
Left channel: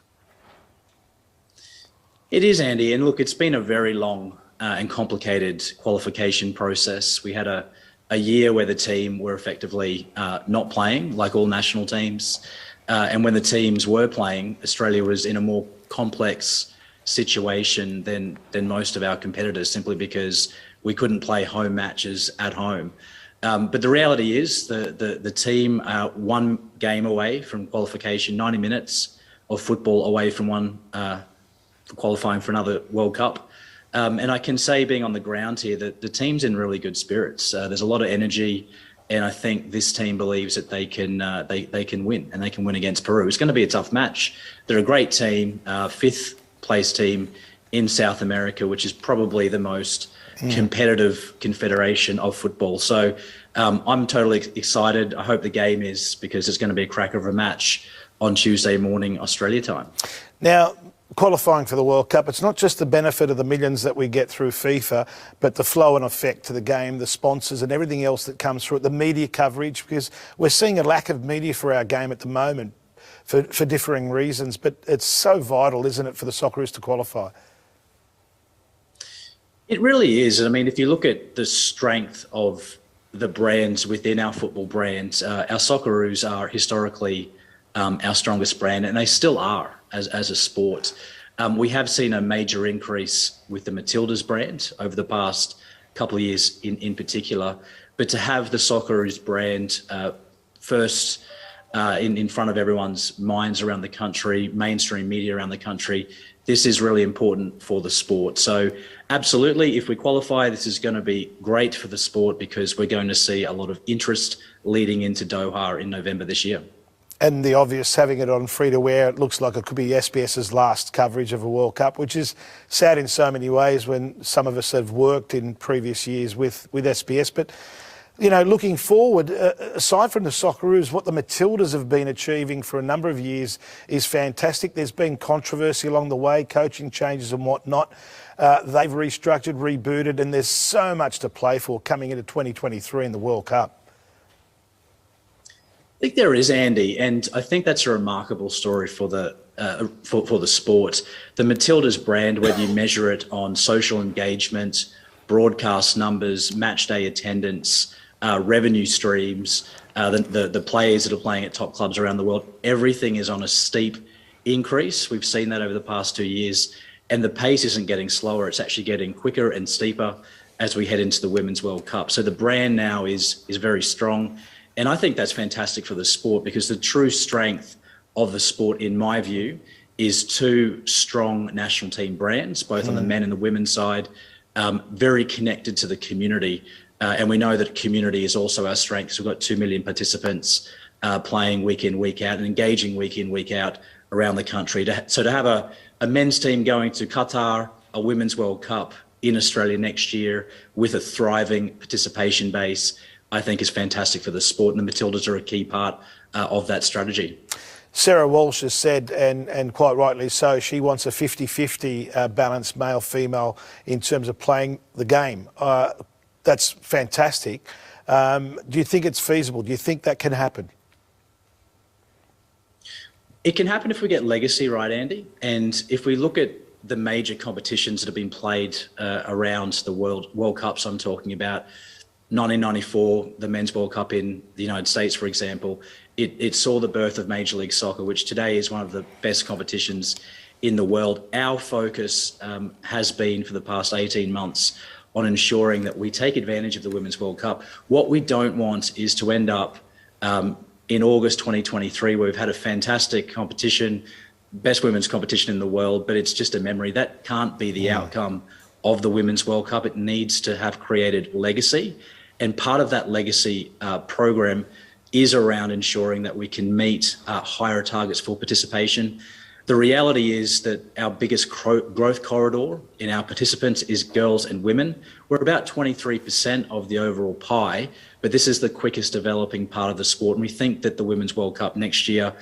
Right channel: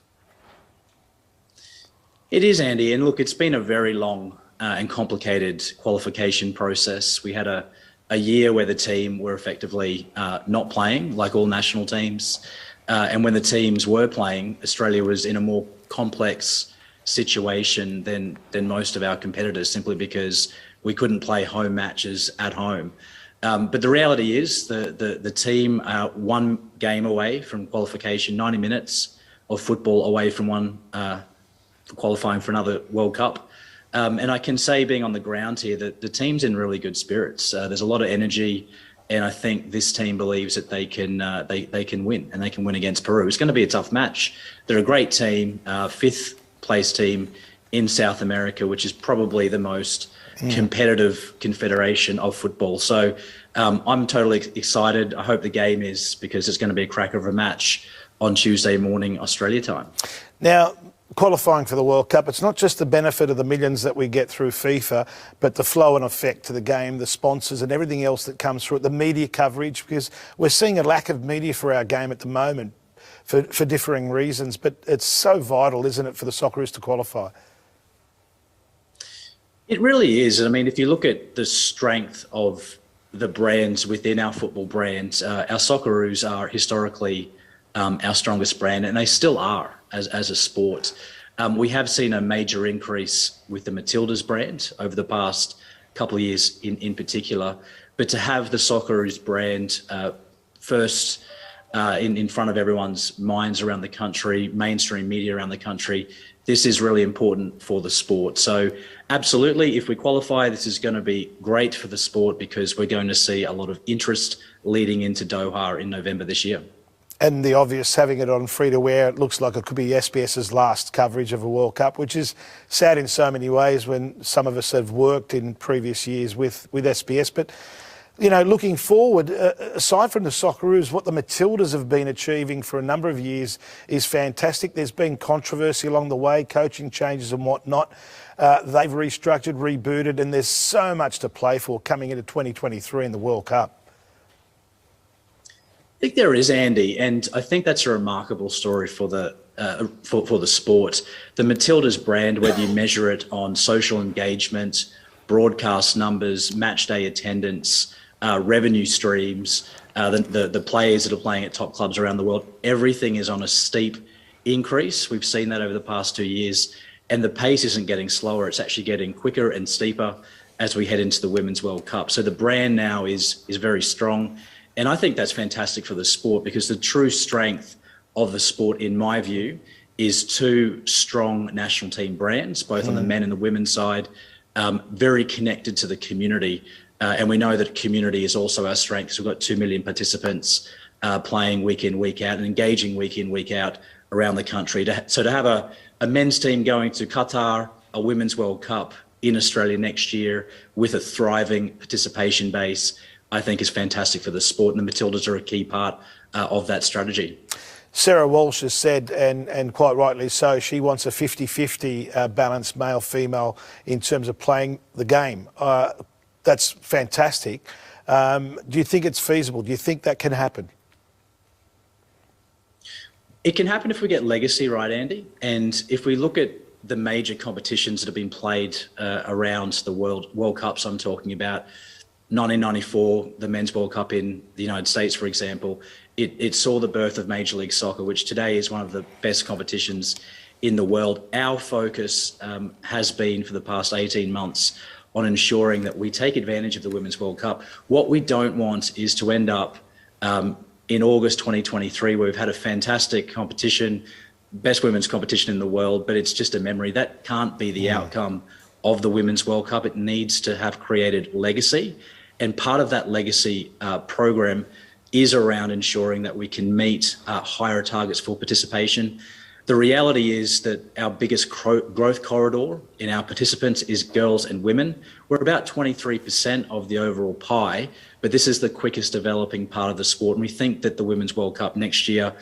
It is, Andy. And look, it's been a very long and complicated qualification process. We had a year where the team were effectively not playing, like all national teams. And when the teams were playing, Australia was in a more complex situation than most of our competitors, simply because we couldn't play home matches at home. But the reality is the team are 1 game away from qualification, 90 minutes of football away from qualifying for another World Cup. And I can say, being on the ground here, that the team's in really good spirits. There's a lot of energy, and I think this team believes that they can win, and they can win against Peru. It's going to be a tough match. They're a great team, fifth place team in South America, which is probably the most competitive confederation of football. So I'm totally excited. I hope the game is, because it's going to be a cracker of a match on Tuesday morning, Australia time. Now, qualifying for the World Cup, it's not just the benefit of the millions that we get through FIFA, but the flow and effect to the game, the sponsors and everything else that comes through it, the media coverage, because we're seeing a lack of media for our game at the moment for differing reasons, but it's so vital, isn't it, for the Socceroos to qualify? It really is. I mean, if you look at the strength of the brands within our football brands, our Socceroos are historically our strongest brand, and they still are as a sport. We have seen a major increase with the Matildas brand over the past couple of years in particular, but to have the Socceroos brand first in front of everyone's minds around the country, mainstream media around the country, this is really important for the sport. So absolutely, if we qualify, this is going to be great for the sport, because we're going to see a lot of interest leading into Doha in November this year. And the obvious, having it on free-to-air, it looks like it could be SBS's last coverage of a World Cup, which is sad in so many ways when some of us have worked in previous years with SBS. But, you know, looking forward, aside from the Socceroos, what the Matildas have been achieving for a number of years is fantastic. There's been controversy along the way, coaching changes and whatnot. They've restructured, rebooted, and there's so much to play for coming into 2023 in the World Cup. I think there is, Andy, and I think that's a remarkable story for the sport. The Matildas brand, whether you measure it on social engagement, broadcast numbers, match day attendance, revenue streams, the players that are playing at top clubs around the world, everything is on a steep increase. We've seen that over the past 2 years, and the pace isn't getting slower. It's actually getting quicker and steeper as we head into the Women's World Cup. So the brand now is very strong. And I think that's fantastic for the sport, because the true strength of the sport, in my view, is two strong national team brands, both on the men and the women's side, very connected to the community. And we know that community is also our strength. So we've got 2 million participants playing week in, week out, and engaging week in, week out around the country. So to have a men's team going to Qatar, a Women's World Cup in Australia next year with a thriving participation base, I think is fantastic for the sport, and the Matildas are a key part of that strategy. Sarah Walsh has said, and quite rightly so, she wants a 50-50 balance male-female in terms of playing the game. That's fantastic. Do you think it's feasible? Do you think that can happen? It can happen if we get legacy right, Andy. And if we look at the major competitions that have been played around the World Cups I'm talking about, 1994, the Men's World Cup in the United States, for example, it saw the birth of Major League Soccer, which today is one of the best competitions in the world. Our focus has been for the past 18 months on ensuring that we take advantage of the Women's World Cup. What we don't want is to end up in August 2023, where we've had a fantastic competition, best women's competition in the world, but it's just a memory. That can't be the outcome of the Women's World Cup. It needs to have created legacy. And part of that legacy program is around ensuring that we can meet higher targets for participation. The reality is that our biggest growth corridor in our participants is girls and women. We're about 23% of the overall pie, but this is the quickest developing part of the sport. And we think that the Women's World Cup next year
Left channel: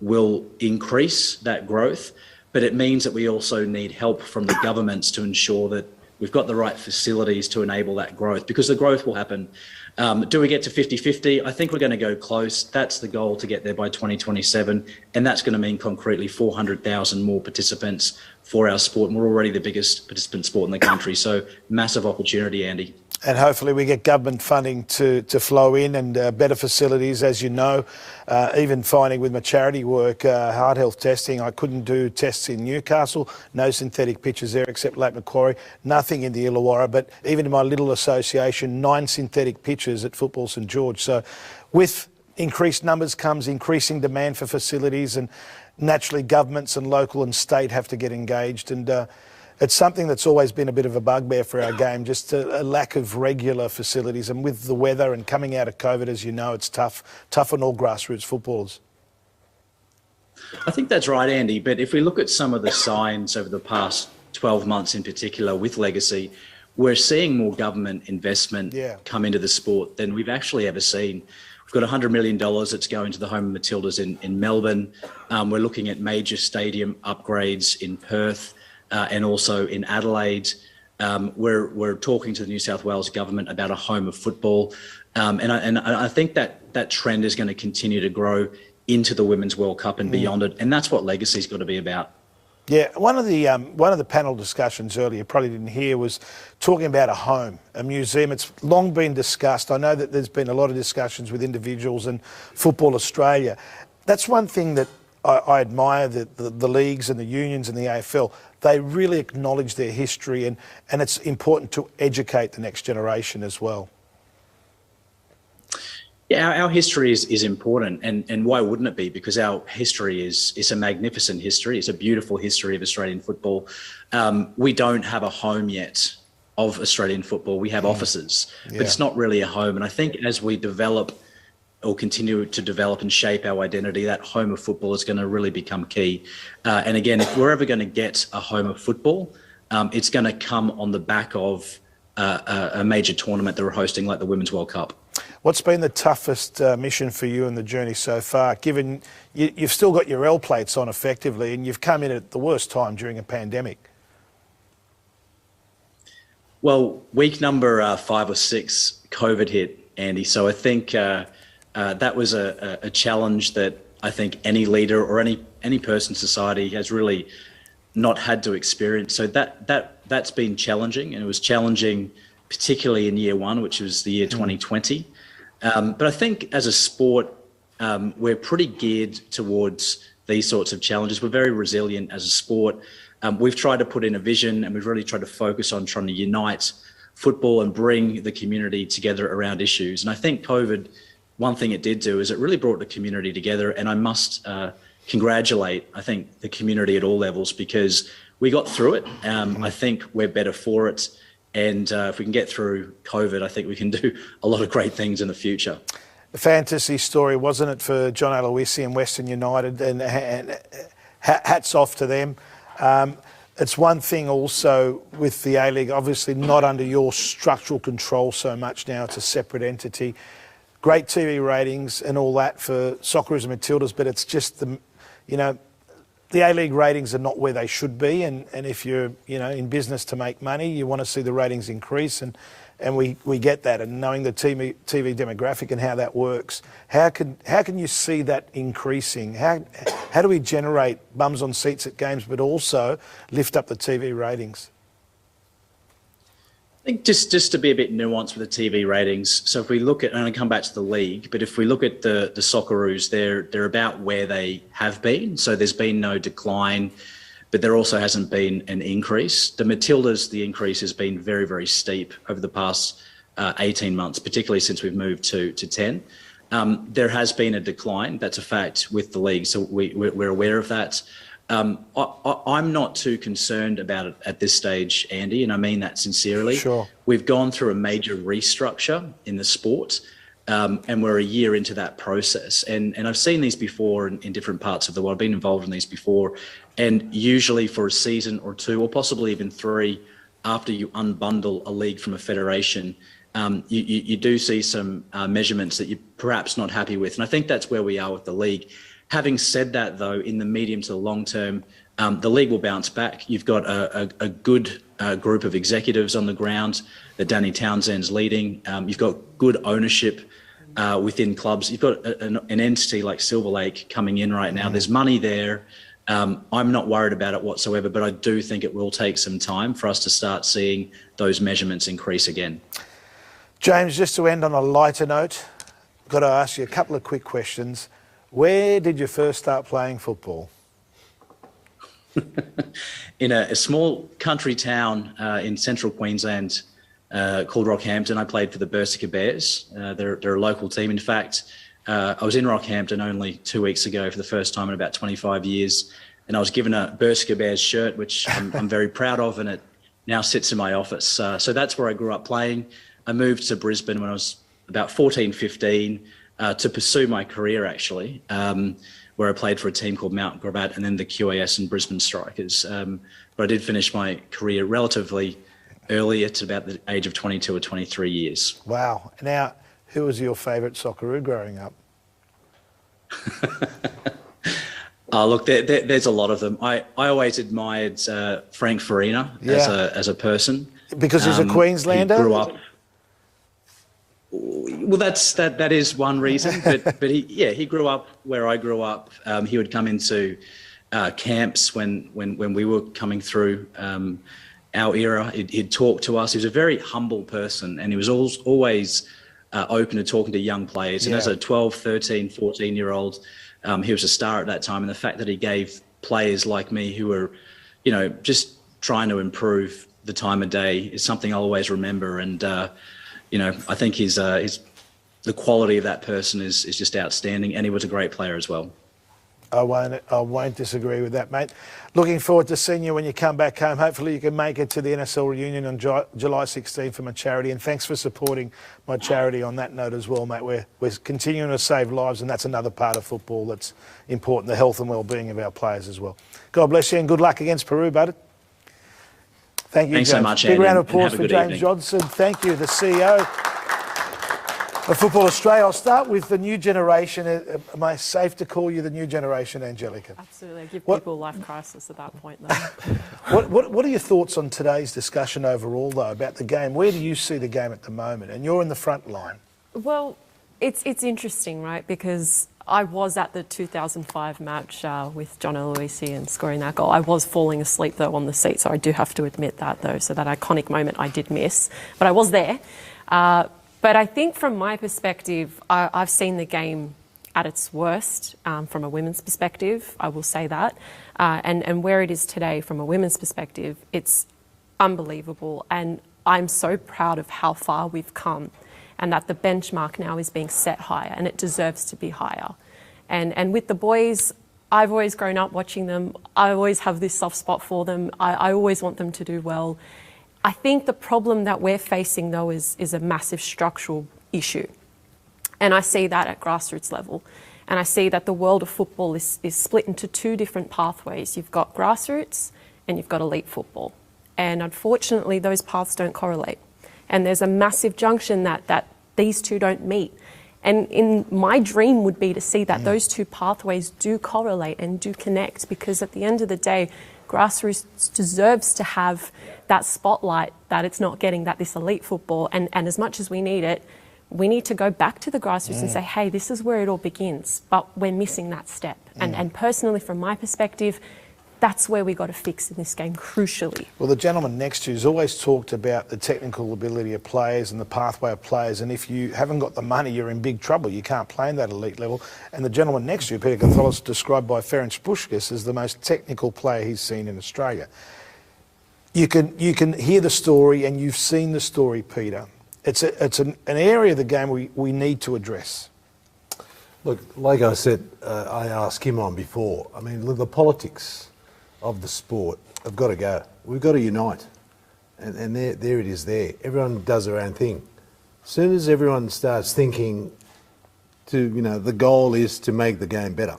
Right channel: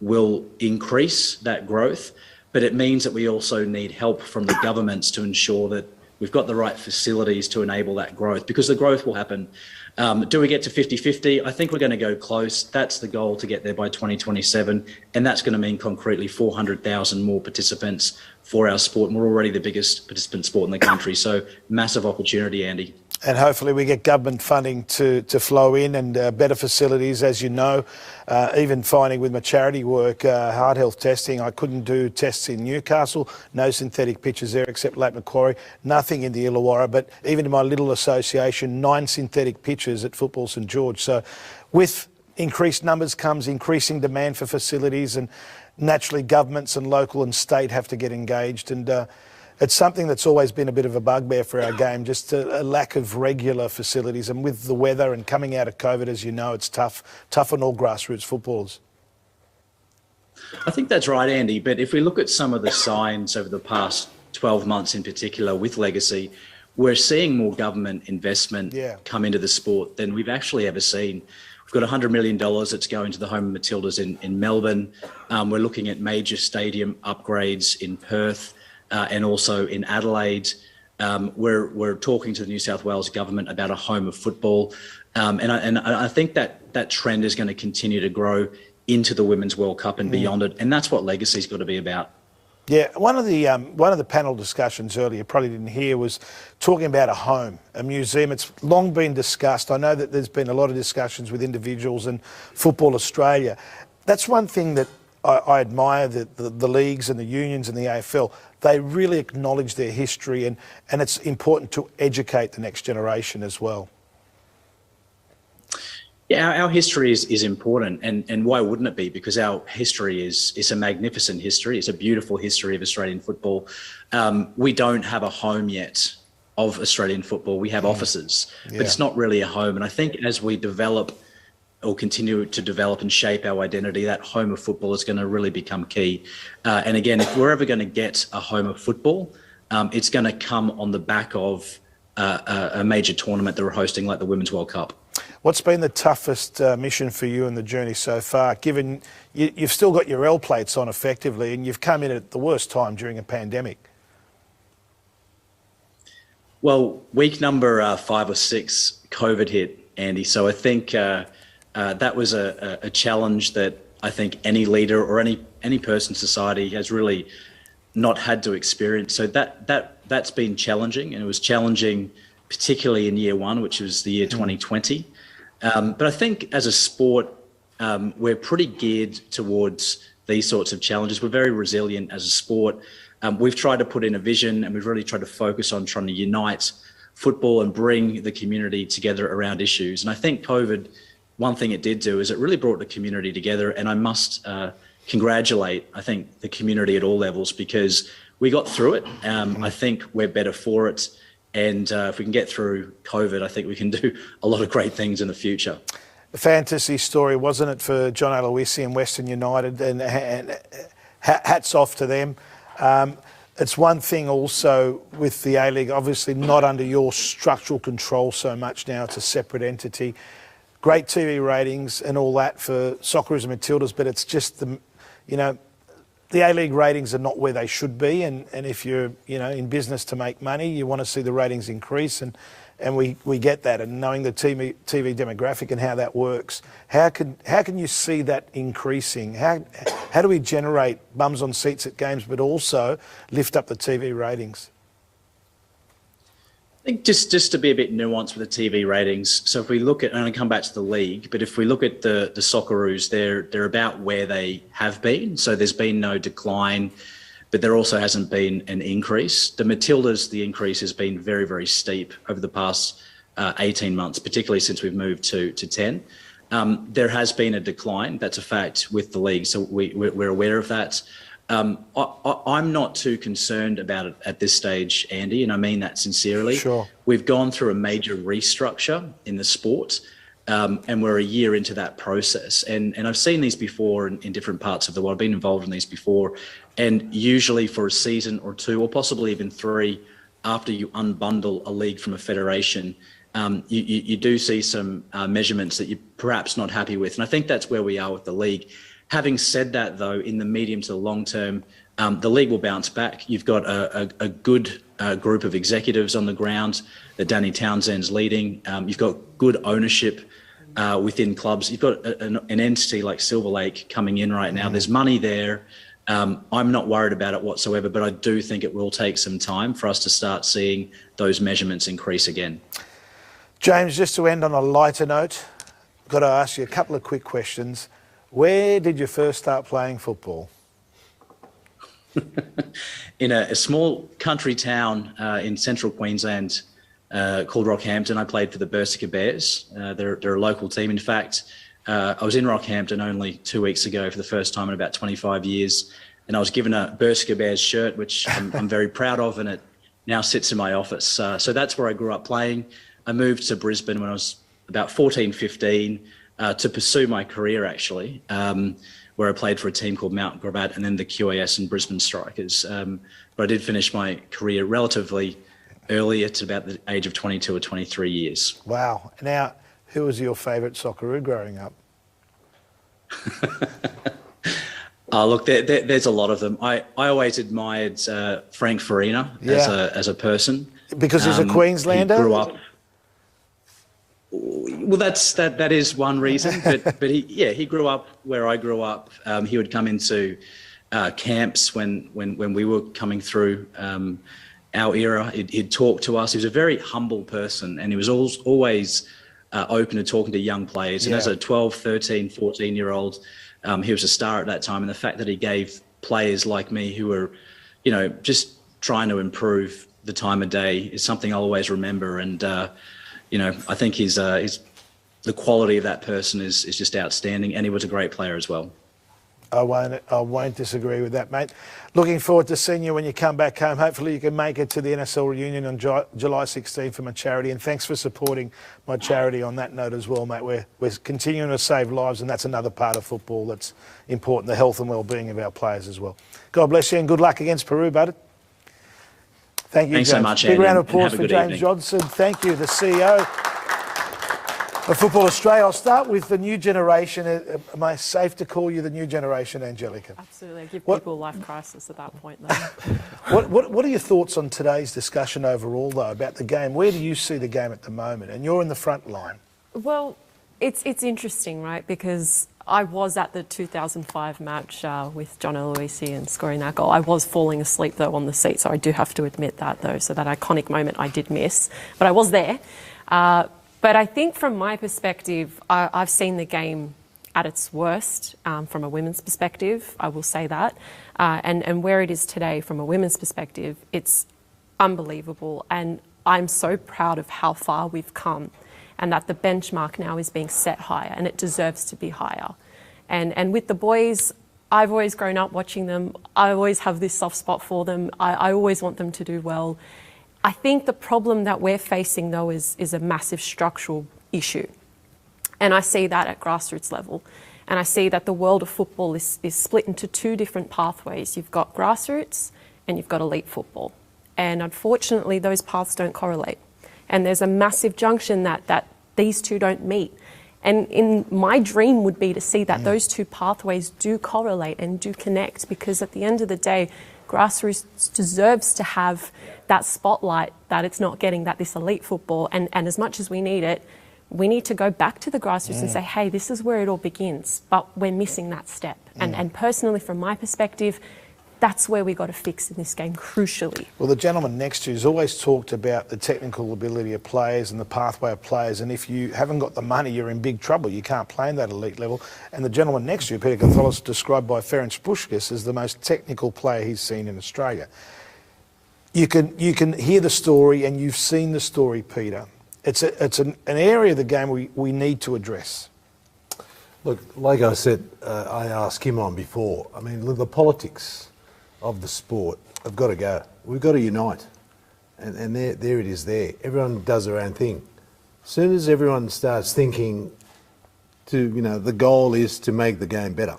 will increase that growth, but it means that we also need help from the governments to ensure that we've got the right facilities to enable that growth, because the growth will happen. Do we get to 50-50? I think we're going to go close. That's the goal, to get there by 2027. And that's going to mean concretely 400,000 more participants for our sport. And we're already the biggest participant sport in the country. So massive opportunity, Andy. And hopefully we get government funding to flow in, and better facilities, as you know. Even finding with my charity work, heart health testing, I couldn't do tests in Newcastle, no synthetic pitches there except Lake Macquarie, nothing in the Illawarra, but even in my little association, 9 synthetic pitches at Football St George. So with increased numbers comes increasing demand for facilities, and naturally governments and local and state have to get engaged. And It's something that's always been a bit of a bugbear for our game, just a lack of regular facilities. And with the weather and coming out of COVID, as you know, it's tough on all grassroots footballers. I think that's right, Andy. But if we look at some of the signs over the past 12 months in particular with Legacy, we're seeing more government investment come into the sport than we've actually ever seen. We've got $100 million that's going to the home of Matildas in Melbourne. We're looking at major stadium upgrades in Perth and also in Adelaide. We're talking to the New South Wales government about a home of football. And I think that trend is going to continue to grow into the Women's World Cup and beyond it. And that's what Legacy's got to be about. Yeah, one of the panel discussions earlier, you probably didn't hear, was talking about a home, a museum. It's long been discussed. I know that there's been a lot of discussions with individuals and Football Australia. That's one thing that I admire, the leagues and the unions and the AFL. They really acknowledge their history, and it's important to educate the next generation as well. Yeah, our history is important, and why wouldn't it be? Because our history is a magnificent history. It's a beautiful history of Australian football. We don't have a home yet of Australian football. We have offices, but it's not really a home. And I think as we develop or continue to develop and shape our identity, that home of football is going to really become key. And again, if we're ever going to get a home of football, it's going to come on the back of a major tournament that we're hosting, like the Women's World Cup. What's been the toughest mission for you in the journey so far, given you've still got your L plates on effectively and you've come in at the worst time during a pandemic? Well, week number 5 or 6, COVID hit, Andy. So I think that was a challenge that I think any leader or any person in society has really not had to experience. So that's been challenging, and it was challenging particularly in year 1, which was the year 2020. But I think as a sport, we're pretty geared towards these sorts of challenges. We're very resilient as a sport. We've tried to put in a vision, and we've really tried to focus on trying to unite football and bring the community together around issues. And I think COVID, one thing it did do is it really brought the community together. And I must congratulate, I think, the community at all levels, because we got through it. I think we're better for it. And if we can get through COVID, I think we can do a lot of great things in the future. A fantasy story, wasn't it, for John Aloisi and Western United? And hats off to them. It's one thing also with the A-League, obviously not under your structural control so much now. It's a separate entity. Great TV ratings and all that for Socceroos and Matildas, but it's just the A-League ratings are not where they should be, and if you're in business to make money, you want to see the ratings increase, and we get that. And knowing the TV demographic and how that works, how can you see that increasing? How do we generate bums on seats at games, but also lift up the TV ratings? I think just to be a bit nuanced with the TV ratings. So if we look at, and I come back to the league, but if we look at the Socceroos, they're about where they have been. So there's been no decline, but there also hasn't been an increase. The Matildas, the increase has been very, very steep over the past 18 months, particularly since we've moved to 10. There has been a decline. That's a fact with the league. So we're aware of that. I'm not too concerned about it at this stage, Andy, and I mean that sincerely. Sure. We've gone through a major restructure in the sport, and we're a year into that process. And I've seen these before in different parts of the world. I've been involved in these before. And usually for a season or 2, or possibly even 3, after you unbundle a league from a federation, you do see some measurements that you're perhaps not happy with. And I think that's where we are with the league. Having said that, though, in the medium to the long term, the league will bounce back. You've got a good group of executives on the ground that Danny Townsend's leading. You've got good ownership within clubs. You've got an entity like Silver Lake coming in right now. There's money there. I'm not worried about it whatsoever, but I do think it will take some time for us to start seeing those measurements increase again. James, just to end on a lighter note, I've got to ask you a couple of quick questions. Where did you first start playing football? In a small country town in central Queensland called Rockhampton. I played for the Berserker Bears. They're a local team. In fact, I was in Rockhampton only 2 weeks ago for the first time in about 25 years. and I was given a Bersker Bears shirt, which I'm very proud of, and it now sits in my office. So that's where I grew up playing. I moved to Brisbane when I was about 14, 15 to pursue my career, actually, where I played for a team called Mount Gravatt and then the QAS and Brisbane Strikers. But I did finish my career relatively early. It's about the age of 22 or 23 years. Wow. Now, who was your favourite Socceroo growing up? Look, there's a lot of them. I always admired Frank Farina as a person. Because he's a Queenslander? He grew up. Well, that is one reason, but he grew up where I grew up. He would come into camps when we were coming through our era. He'd talk to us. He was a very humble person, and he was always open to talking to young players. And as a 12, 13, 14-year-old, he was a star at that time. And the fact that he gave players like me who were, just trying to improve the time of day is something I'll always remember. And I think the quality of that person is just outstanding, and he was a great player as well. I won't disagree with that, mate. Looking forward to seeing you when you come back home. Hopefully you can make it to the NSL reunion on July 16 for my charity, and thanks for supporting my charity on that note as well, mate. We're continuing to save lives, and that's another part of football that's important, the health and well-being of our players as well. God bless you and good luck against Peru, bud. Thank you, Thanks James. so much, Big Andy, round of applause and for have a good James evening. Johnson. Thank you, the CEO of Football Australia. I'll start with the new generation. Am I safe to call you the new generation, Angelica? Absolutely. I give people life crisis at that point, though. What are your thoughts on today's discussion overall, though, about the game? Where do you see the game at the moment? And you're in the front line. Well, it's interesting, right? Because I was at the 2005 match with John Aloisi scoring that goal. I was falling asleep, though, on the seat, so I do have to admit that, though. So that iconic moment I did miss. But I was there. But I think from my perspective, I've seen the game at its worst from a women's perspective, I will say that. And where it is today from a women's perspective, it's unbelievable. And I'm so proud of how far we've come and that the benchmark now is being set higher, and it deserves to be higher. And with the boys, I've always grown up watching them. I always have this soft spot for them. I always want them to do well. I think the problem that we're facing, though, is a massive structural issue. And I see that at grassroots level. And I see that the world of football is split into two different pathways. You've got grassroots and you've got elite football. And unfortunately, those paths don't correlate. And there's a massive junction that these two don't meet. And my dream would be to see that those two pathways do correlate and do connect, because at the end of the day, grassroots deserves to have that spotlight that it's not getting, that this elite football. And as much as we need it, we need to go back to the grassroots and say, hey, this is where it all begins. But we're missing that step. And personally, from my perspective, that's where we got to fix in this game, crucially. Well, the gentleman next to you has always talked about the technical ability of players and the pathway of players, and if you haven't got the money, you're in big trouble. You can't play in that elite level. And the gentleman next to you, Peter Gonzalez, described by Ferenc Puskás as the most technical player he's seen in Australia. You can hear the story, and you've seen the story, Peter. It's an area of the game we need to address. Look, like I said, I asked him on before. I mean, the politics of the sport have got to go. We've got to unite. And there it is there. Everyone does their own thing. As soon as everyone starts thinking the goal is to make the game better,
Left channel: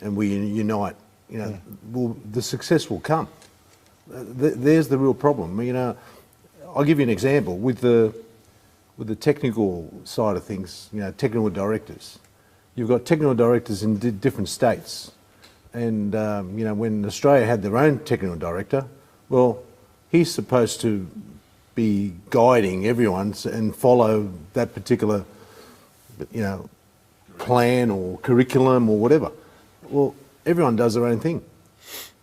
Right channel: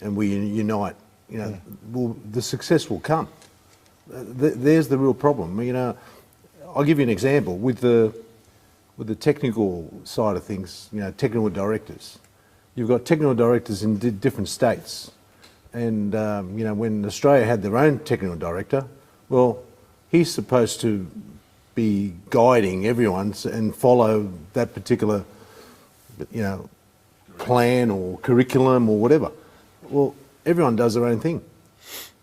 and we unite, the success will come. There's the real problem. I'll give you an example with the technical side of things. Technical directors. You've got technical directors in different states, and when Australia had their own technical director, well, he's supposed to be guiding everyone and follow that particular, plan or curriculum or whatever. Well, everyone does their own thing.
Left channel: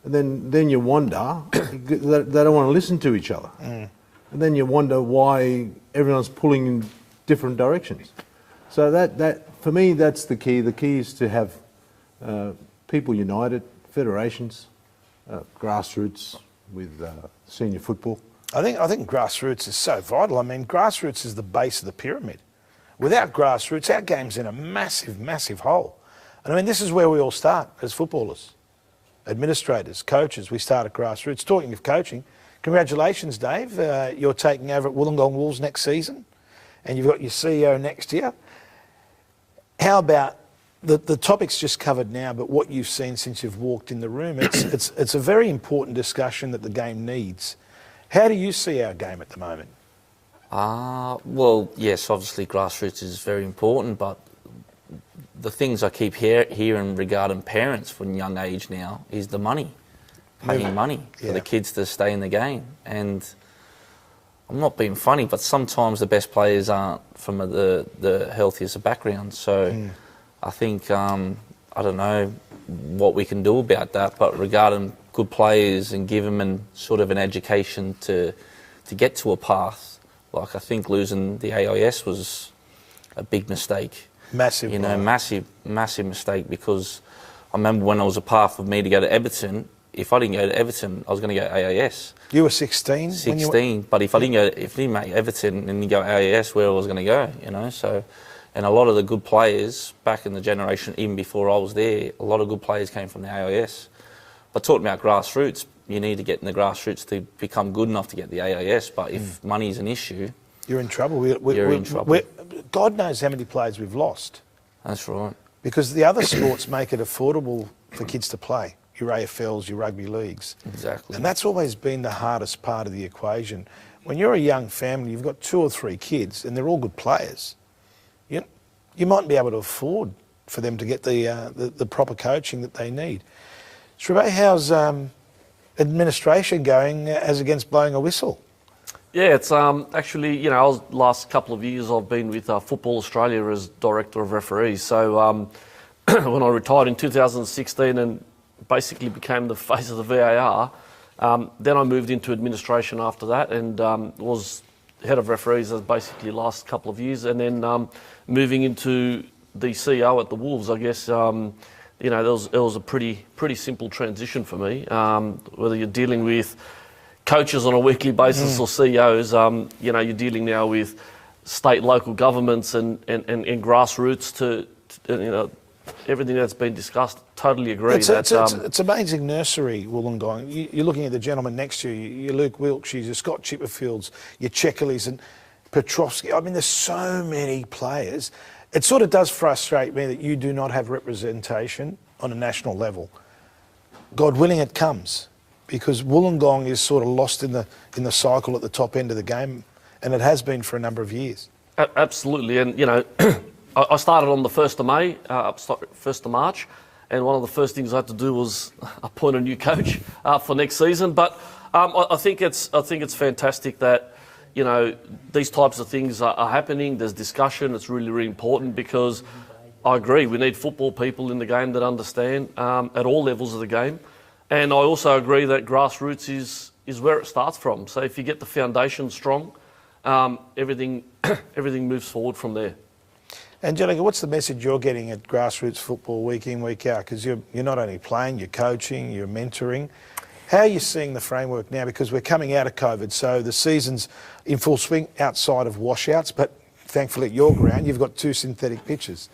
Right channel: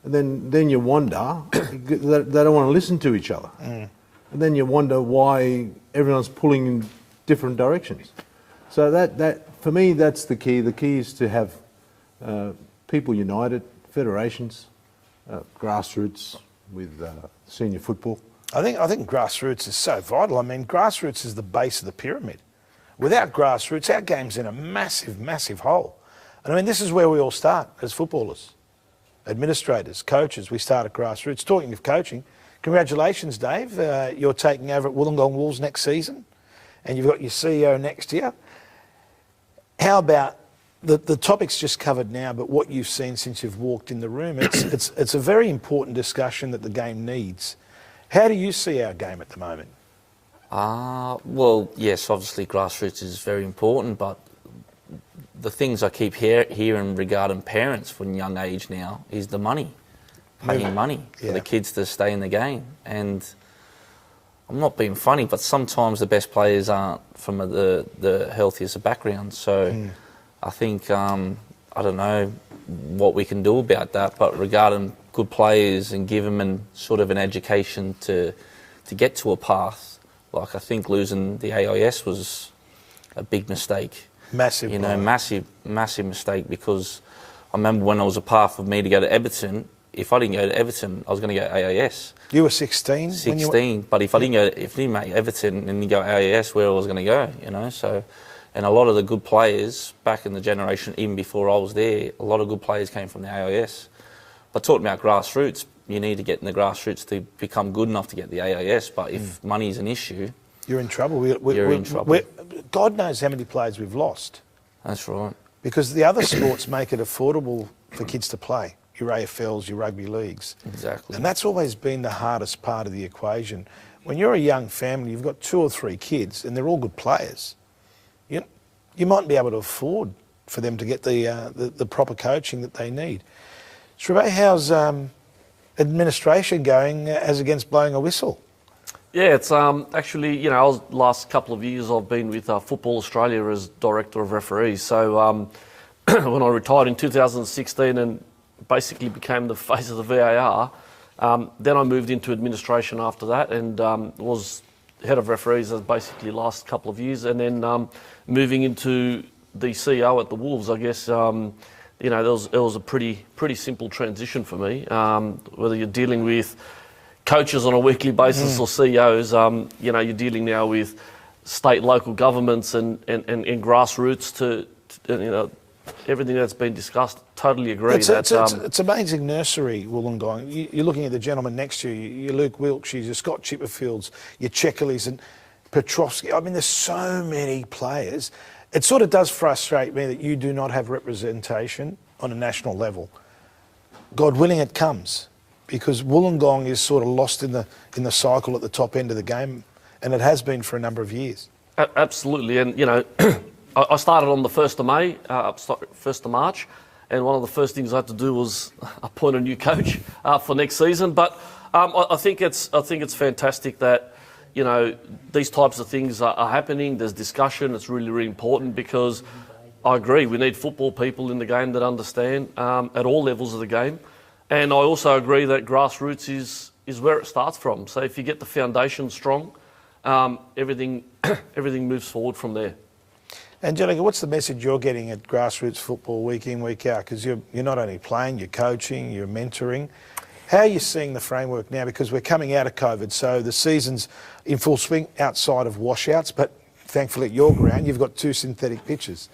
And then you wonder, they don't want to listen to each other. And then you wonder why everyone's pulling in different directions. So that for me, that's the key. The key is to have people united, federations, grassroots with senior football. I think grassroots is so vital. I mean, grassroots is the base of the pyramid. Without grassroots, our game's in a massive, massive hole. And I mean, this is where we all start as footballers. administrators, coaches. We start at grassroots. Talking of coaching, congratulations, Dave. You're taking over at Wollongong Wolves next season, and you've got your CEO next year. How about the topic's just covered now, but what you've seen since you've walked in the room? It's a very important discussion that the game needs. How do you see our game at the moment? Well, yes, obviously grassroots is very important, but the things I keep hearing regarding parents from young age now is the money, paying money for the kids to stay in the game. And I'm not being funny, but sometimes the best players aren't from the healthiest of backgrounds. So I think, I don't know what we can do about that, but regarding good players and give them sort of an education to get to a path. Like, I think losing the AIS was a big mistake. Massive. Massive mistake, because I remember when it was a path for me to go to Everton, if I didn't go to Everton, I was going to go to AIS. You were 16? 16, but if I didn't make Everton and you go AIS, where I was going to go, so... And a lot of the good players back in the generation, even before I was there, a lot of good players came from the AIS. But talking about grassroots, you need to get in the grassroots to become good enough to get the AIS. But if money is an issue... You're in trouble. You're in trouble. God knows how many players we've lost. That's right. Because the other sports make it affordable for kids to play. Your AFLs, your rugby leagues. Exactly. And that's always been the hardest part of the equation. When you're a young family, you've got 2 or 3 kids, and they're all good players. You might be able to afford for them to get the proper coaching that they need. Shreve, how's administration going as against blowing a whistle? Yeah, it's actually, last couple of years I've been with Football Australia as Director of Referees. So when I retired in 2016 and basically became the face of the VAR, then I moved into administration after that and was head of referees as basically last couple of years, and then moving into the CEO at the Wolves. I guess it was a pretty simple transition for me. Whether you're dealing with coaches on a weekly basis or CEOs, you're dealing now with state and local governments and grassroots to everything that's been discussed. Totally agree. It's amazing nursery, Wollongong. You're looking at the gentleman next to you, your Luke Wilkshires, your Scott Chipperfields, your Checkerleys and Petrovsky. I mean, there's so many players. It sort of does frustrate me that you do not have representation on a national level. God willing, it comes, because Wollongong is sort of lost in the cycle at the top end of the game, and it has been for a number of years. Absolutely, and I started on the 1st of May, 1st of March, and one of the first things I had to do was appoint a new coach for next season. But I think it's fantastic that these types of things are happening. There's discussion. It's really, really important, because I agree we need football people in the game that understand at all levels of the game, and I also agree that grassroots is where it starts from. So if you get the foundation strong, everything moves forward from there. Angelica, what's the message you're getting at grassroots football week in, week out? Because you're not only playing, you're coaching, you're mentoring. How are you seeing the framework now? Because we're coming out of COVID, so the season's in full swing outside of washouts, but thankfully at your ground, you've got 2 synthetic pitches.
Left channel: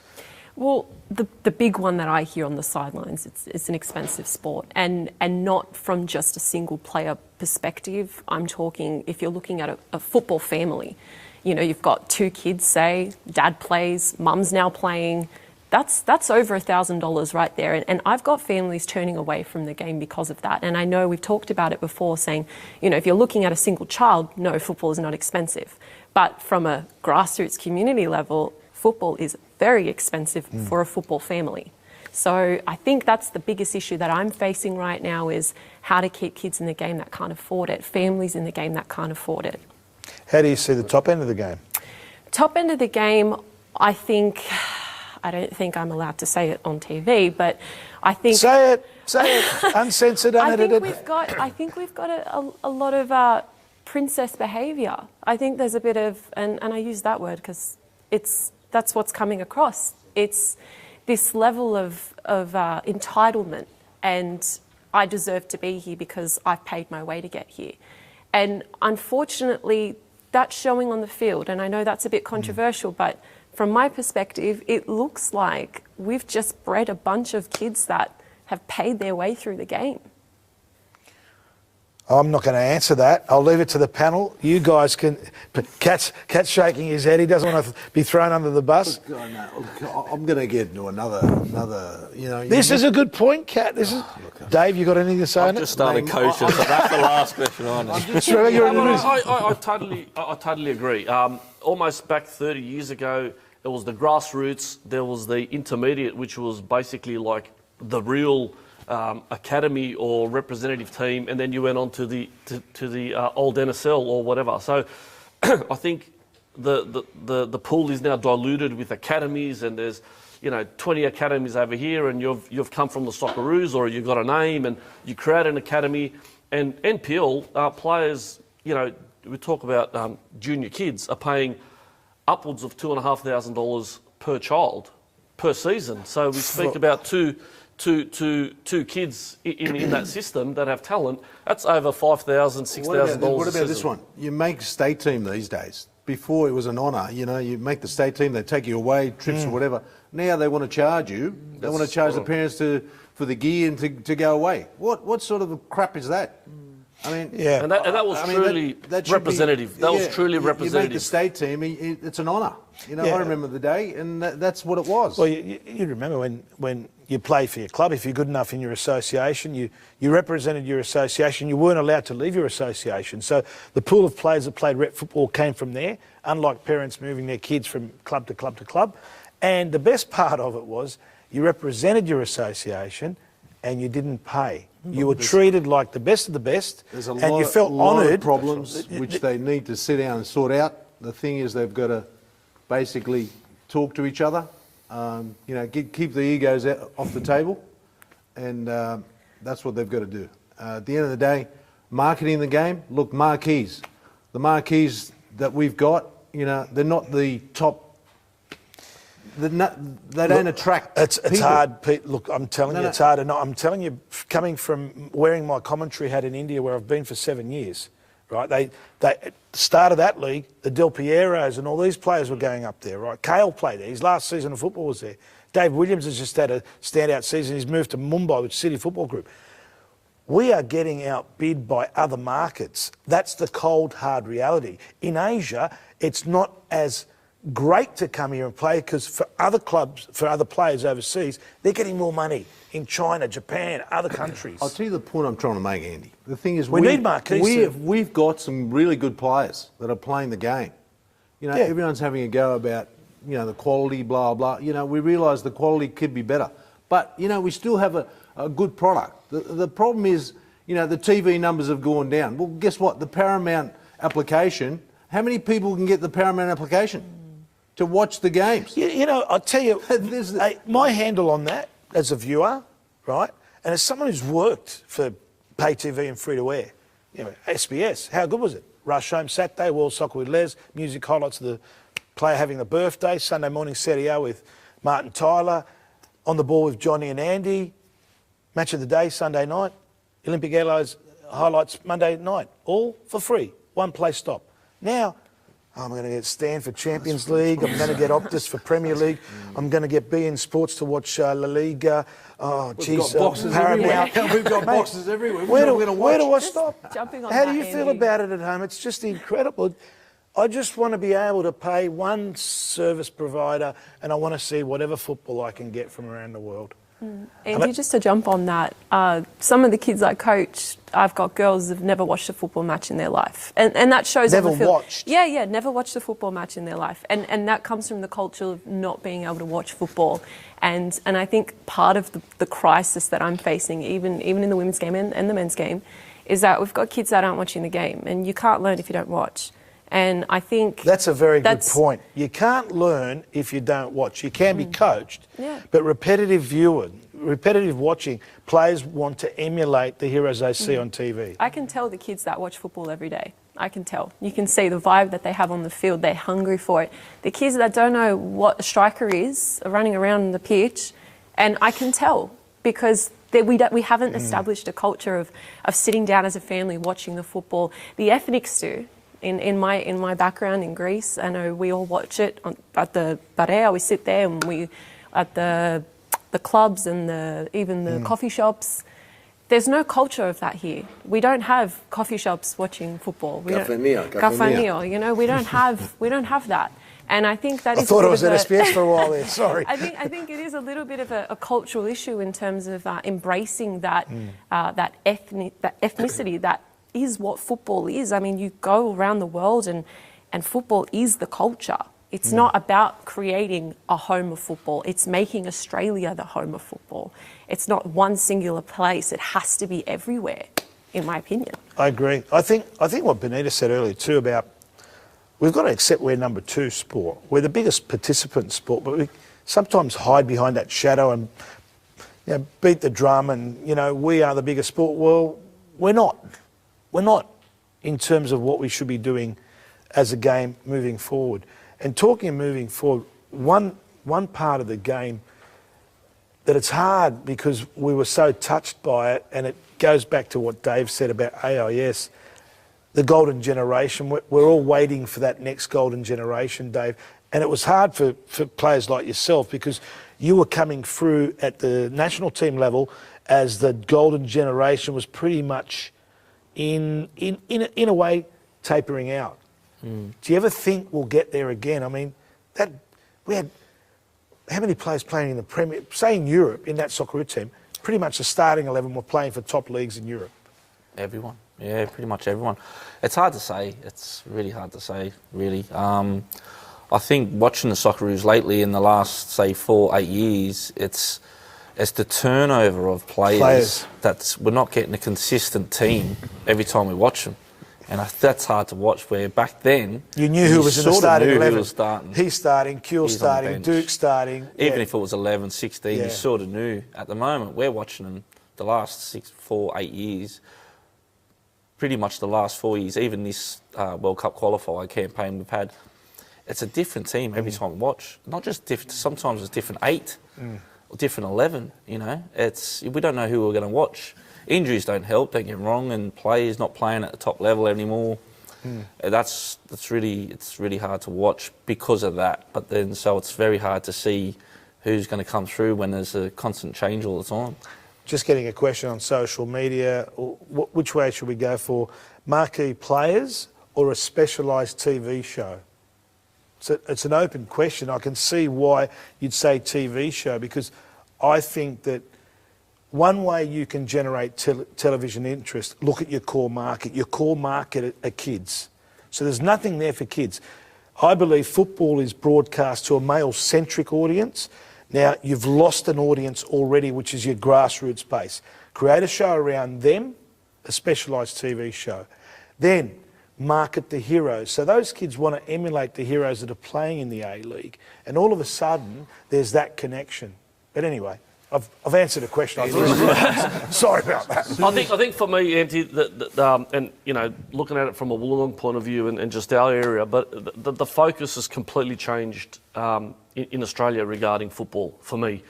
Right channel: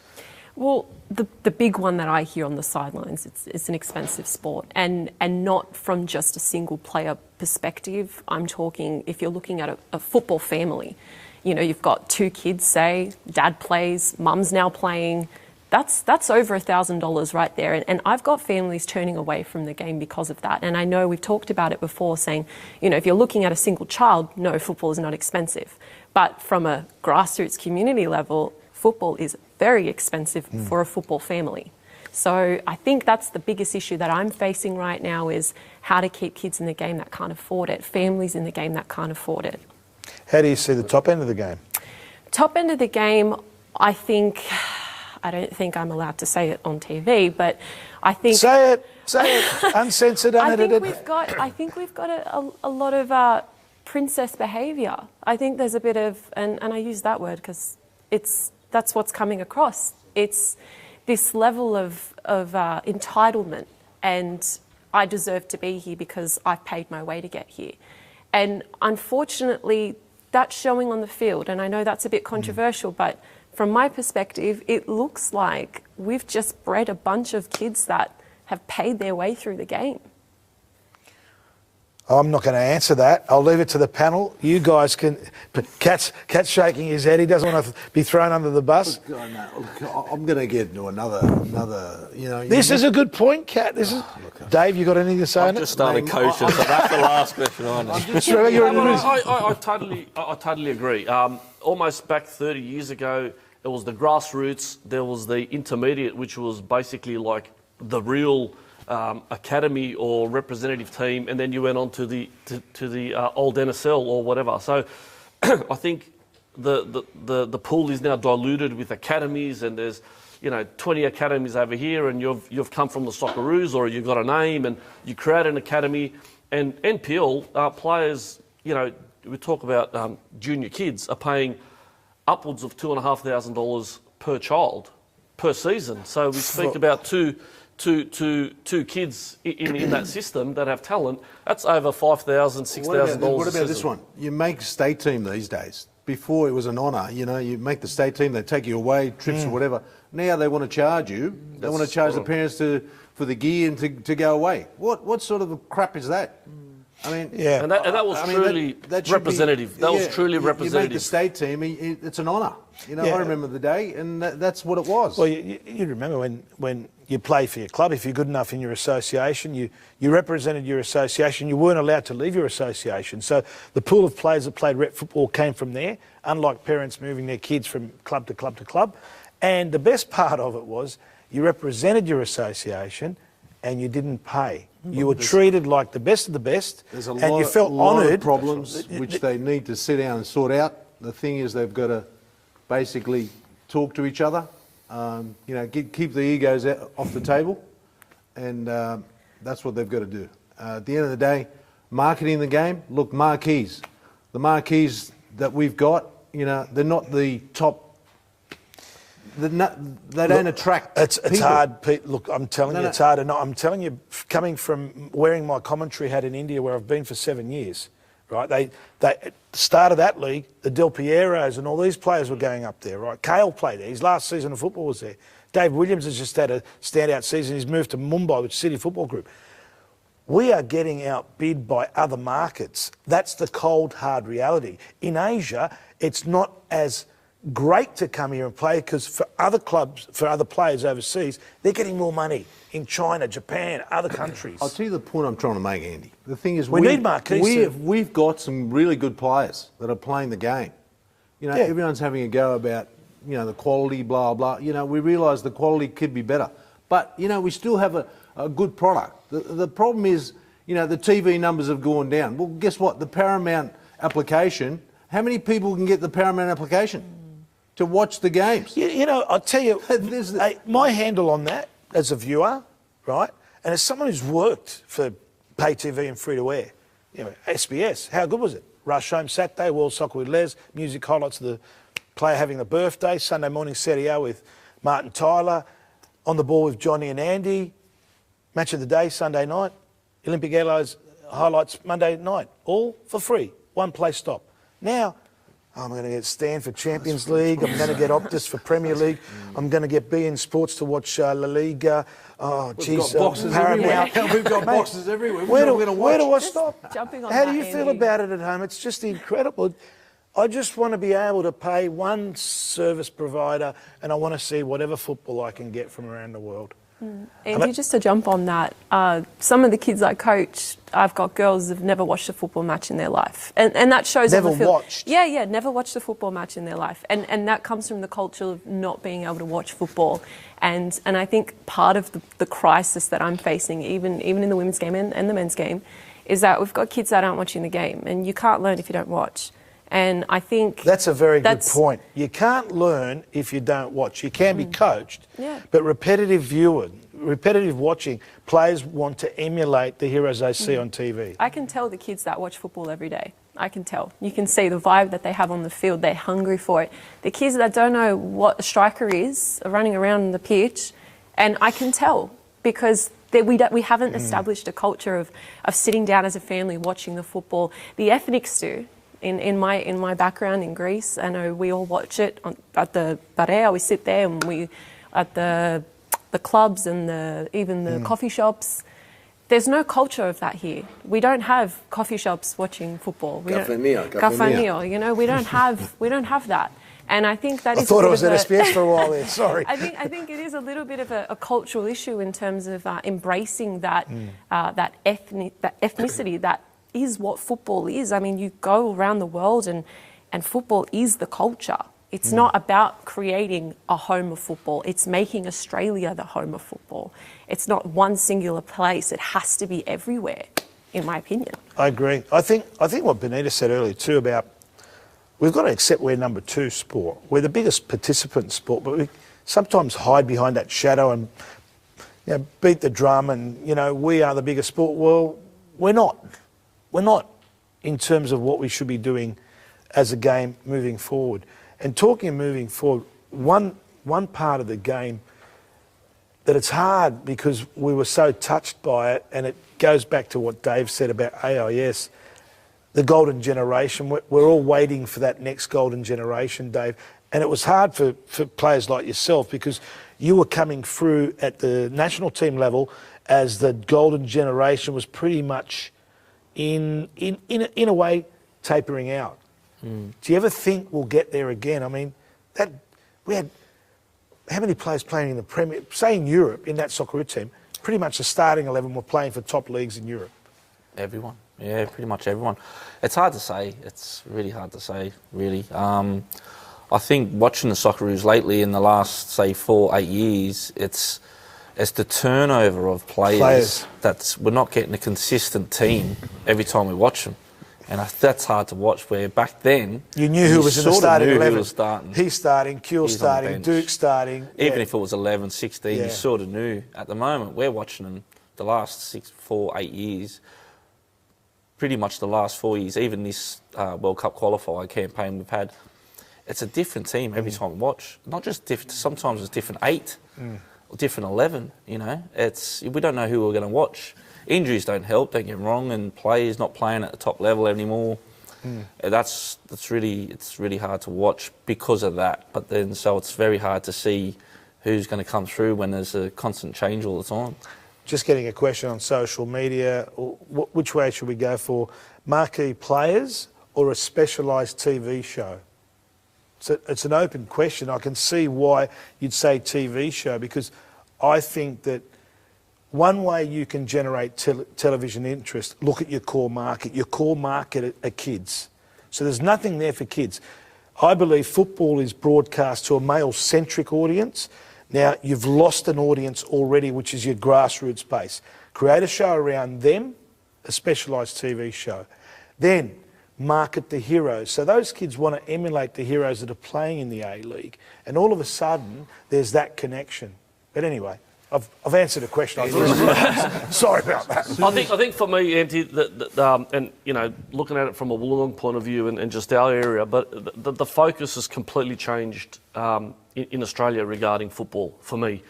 Well, the big one that I hear on the sidelines, it's an expensive sport, and not from just a single player perspective. I'm talking, if you're looking at a football family, you've got 2 kids, say, dad plays, mum's now playing. That's over $1,000 right there. And I've got families turning away from the game because of that. And I know we've talked about it before, saying, if you're looking at a single child, no, football is not expensive. But from a grassroots community level, football is very expensive for a football family. So I think that's the biggest issue that I'm facing right now, is how to keep kids in the game that can't afford it, families in the game that can't afford it. How do you see the top end of the game? Top end of the game, I don't think I'm allowed to say it on TV, but I think... Say it, uncensored, unedited. I think we've got a lot of princess behaviour. I think there's a bit of, and I use that word because that's what's coming across. It's this level of entitlement, and I deserve to be here because I've paid my way to get here. And unfortunately, that's showing on the field. And I know that's a bit controversial, but from my perspective, it looks like we've just bred a bunch of kids that have paid their way through the game? I'm not going to answer that. I'll leave it to the panel. You guys can. But Cat's shaking his head. He doesn't want to be thrown under the bus. Look, I'm going to get into another. This is a good point, Cat. This is. Dave, you got anything to say on it? I've just started coaching, so that's the last question I know. I totally agree. Almost back 30 years ago, it was the grassroots, there was the intermediate, which was basically like the real academy or representative team, and then you went on to the old NSL or whatever. So I think the pool is now diluted with academies, and there's 20 academies over here, and you've come from the Socceroos, or you've got a name, and you create an academy. And NPL players, we talk about junior kids are paying upwards of $2,500 per child per season. So we speak about two kids in that system that have talent. That's over $5,000, $6,000. What about this one? You make state team these days. Before it was an honour. You make the state team. They take you away, trips or whatever. Now they want to charge you. They want to charge the parents for the gear and to go away. What sort of crap is that? I mean, yeah, and that was truly representative. That was truly representative. You make the state team. It's an honour. I remember the day, and that's what it was. Well, you remember when you play for your club, if you're good enough in your association, you represented your association. You weren't allowed to leave your association. So the pool of players that played rep football came from there, unlike parents moving their kids from club to club to club. And the best part of it was you represented your association and you didn't pay. You were treated like the best of the best, and you felt honoured. Of problems which they need to sit down and sort out. The thing is, they've got to basically talk to each other. Keep the egos off the table, and that's what they've got to do. At the end of the day, marketing the game. Look, marquees. The marquees that we've got, they're not the top. They don't attract. It's hard, Pete. Look, I'm telling you, it's hard. And I'm telling you, coming from wearing my commentary hat in India, where I've been for 7 years, right? They started that league. The Del Pieros and all these players were going up there, right? Kale played there. His last season of football was there. Dave Williams has just had a standout season. He's moved to Mumbai with City Football Group. We are getting outbid by other markets. That's the cold, hard reality. In Asia, it's not as great to come here and play because for other clubs, for other players overseas, they're getting more money in China, Japan, other countries. I'll tell you the point I'm trying to make, Andy. The thing is, we need marquees. We've got some really good players that are playing the game. Everyone's having a go about the quality, blah blah. We realise the quality could be better, but we still have a good product. The problem is, the TV numbers have gone down. Well, guess what? The Paramount application. How many people can get the Paramount application to watch the games? I'll tell you, my handle on that as a viewer, right, and as someone who's worked for pay TV and free to air, SBS, how good was it? Rush home Saturday, World Soccer with Les, music highlights of the player having a birthday, Sunday morning Serie A with Martin Tyler, on the ball with Johnny and Andy, match of the day Sunday night, Olympic Airlines highlights Monday night, all for free, one place stop. Now, I'm going to get Stan for Champions League. I'm going to get Optus for Premier League. I'm going to get beIN Sports to watch La Liga. Oh, geez, Paramount. We've got boxes everywhere. Where do I stop? How do you feel about it at home? It's just incredible. I just want to be able to pay one service provider, and I want to see whatever football I can get from around the world. Andy, just to jump on that, some of the kids I coach, I've got girls that have never watched a football match in their life. And that shows never on the field. Watched? Yeah, never watched a football match in their life. And that comes from the culture of not being able to watch football. And I think part of the crisis that I'm facing, even in the women's game and the men's game, is that we've got kids that aren't watching the game. And you can't learn if you don't watch. And I think that's a very good point. You can't learn if you don't watch. You can be coached, but repetitive watching, players want to emulate the heroes they see on TV. I can tell the kids that watch football every day. I can tell. You can see the vibe that they have on the field. They're hungry for it. The kids that don't know what a striker is are running around the pitch, and I can tell because we haven't established a culture of sitting down as a family watching the football. The ethnics do. In my background in Greece, I know we all watch it at the Barea. We sit there and we at the the clubs and even the coffee shops. There's no culture of that here. We don't have coffee shops watching football. Caffè mio. You know, we don't have that. And I think that I is thought I was at SBS for a while there. Sorry. I think it is a little bit of a cultural issue in terms of embracing that that ethnicity that is what football is. I mean, you go around the world and football is the culture. It's not about creating a home of football. It's making Australia the home of football. It's not one singular place. It has to be everywhere, in my opinion. I agree. I think what Benita said earlier too about we've got to accept we're number 2 sport. We're the biggest participant sport, but we sometimes hide behind that shadow and beat the drum and, we are the biggest sport. Well, we're not. We're not in terms of what we should be doing as a game moving forward. And talking of moving forward, one part of the game that it's hard because we were so touched by it, and it goes back to what Dave said about AIS, the golden generation. We're all waiting for that next golden generation, Dave. And it was hard for players like yourself because you were coming through at the national team level as the golden generation was pretty much in a way tapering out. Do you ever think we'll get there again? I mean, we had how many players playing in the Premier, say in Europe, in that Socceroo team, pretty much the starting 11 were playing for top leagues in Europe. Everyone. Yeah, pretty much everyone. It's hard to say. It's really hard to say, really. I think watching the Socceroos lately in the last, say, 4-8 years, it's the turnover of players. We're not getting a consistent team every time we watch them. And that's hard to watch, where back then... You knew who was in the starting 11. Starting. He's starting, Kuehl's starting, Duke's starting. Even if it was 11, 16, you sort of knew. At the moment, we're watching them the last 4-8 years, pretty much the last 4 years, even this World Cup qualifier campaign we've had. It's a different team every time we watch. Not just different, sometimes it's different 8 or different 11, We don't know who we're going to watch. Injuries don't help, don't get me wrong, and players not playing at the top level anymore. It's really hard to watch because of that. But then, so it's very hard to see who's going to come through when there's a constant change all the time. Just getting a question on social media, which way should we go for? Marquee players or a specialised TV show? So it's an open question. I can see why you'd say TV show, because I think that one way you can generate television interest, look at your core market. Your core market are kids. So there's nothing there for kids. I believe football is broadcast to a male-centric audience. Now, you've lost an audience already, which is your grassroots base. Create a show around them, a specialised TV show. Then market the heroes. So those kids want to emulate the heroes that are playing in the A-League. And all of a sudden, there's that connection. But anyway, I've answered a question. Sorry about that. I think for me, Andy, and looking at it from a Wollongong point of view and just our area, but the focus has completely changed in Australia regarding football. For me,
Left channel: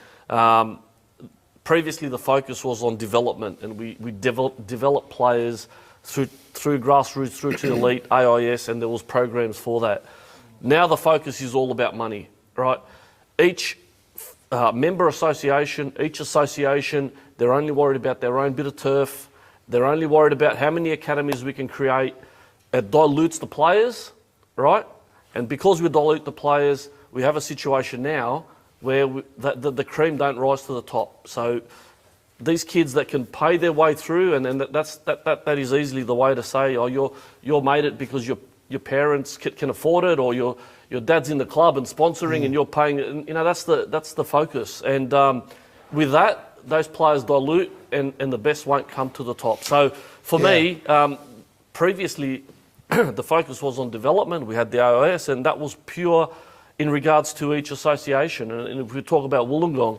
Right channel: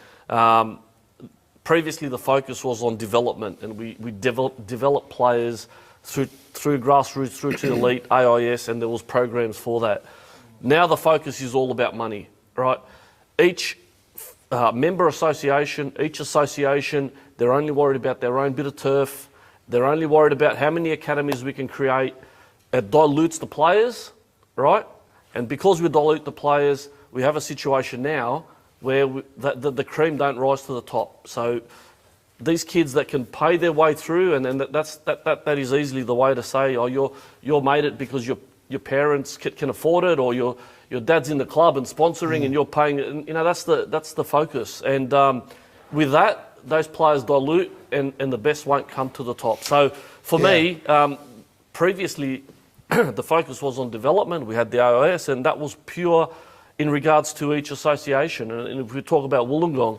previously the focus was on development, and we developed players through grassroots, through to elite, AIS, and there was programs for that. Now the focus is all about money, right? Each member association, each association, they're only worried about their own bit of turf. They're only worried about how many academies we can create. It dilutes the players, right? And because we dilute the players, we have a situation now where the cream don't rise to the top. So these kids that can pay their way through, and that is easily the way to say, oh, you're made it because your parents can afford it, or your dad's in the club and sponsoring, and you're paying it. That's the focus. And with that, those players dilute, and the best won't come to the top. So for me, previously, the focus was on development. We had the AIS, and that was pure in regards to each association. And if we talk about Wollongong,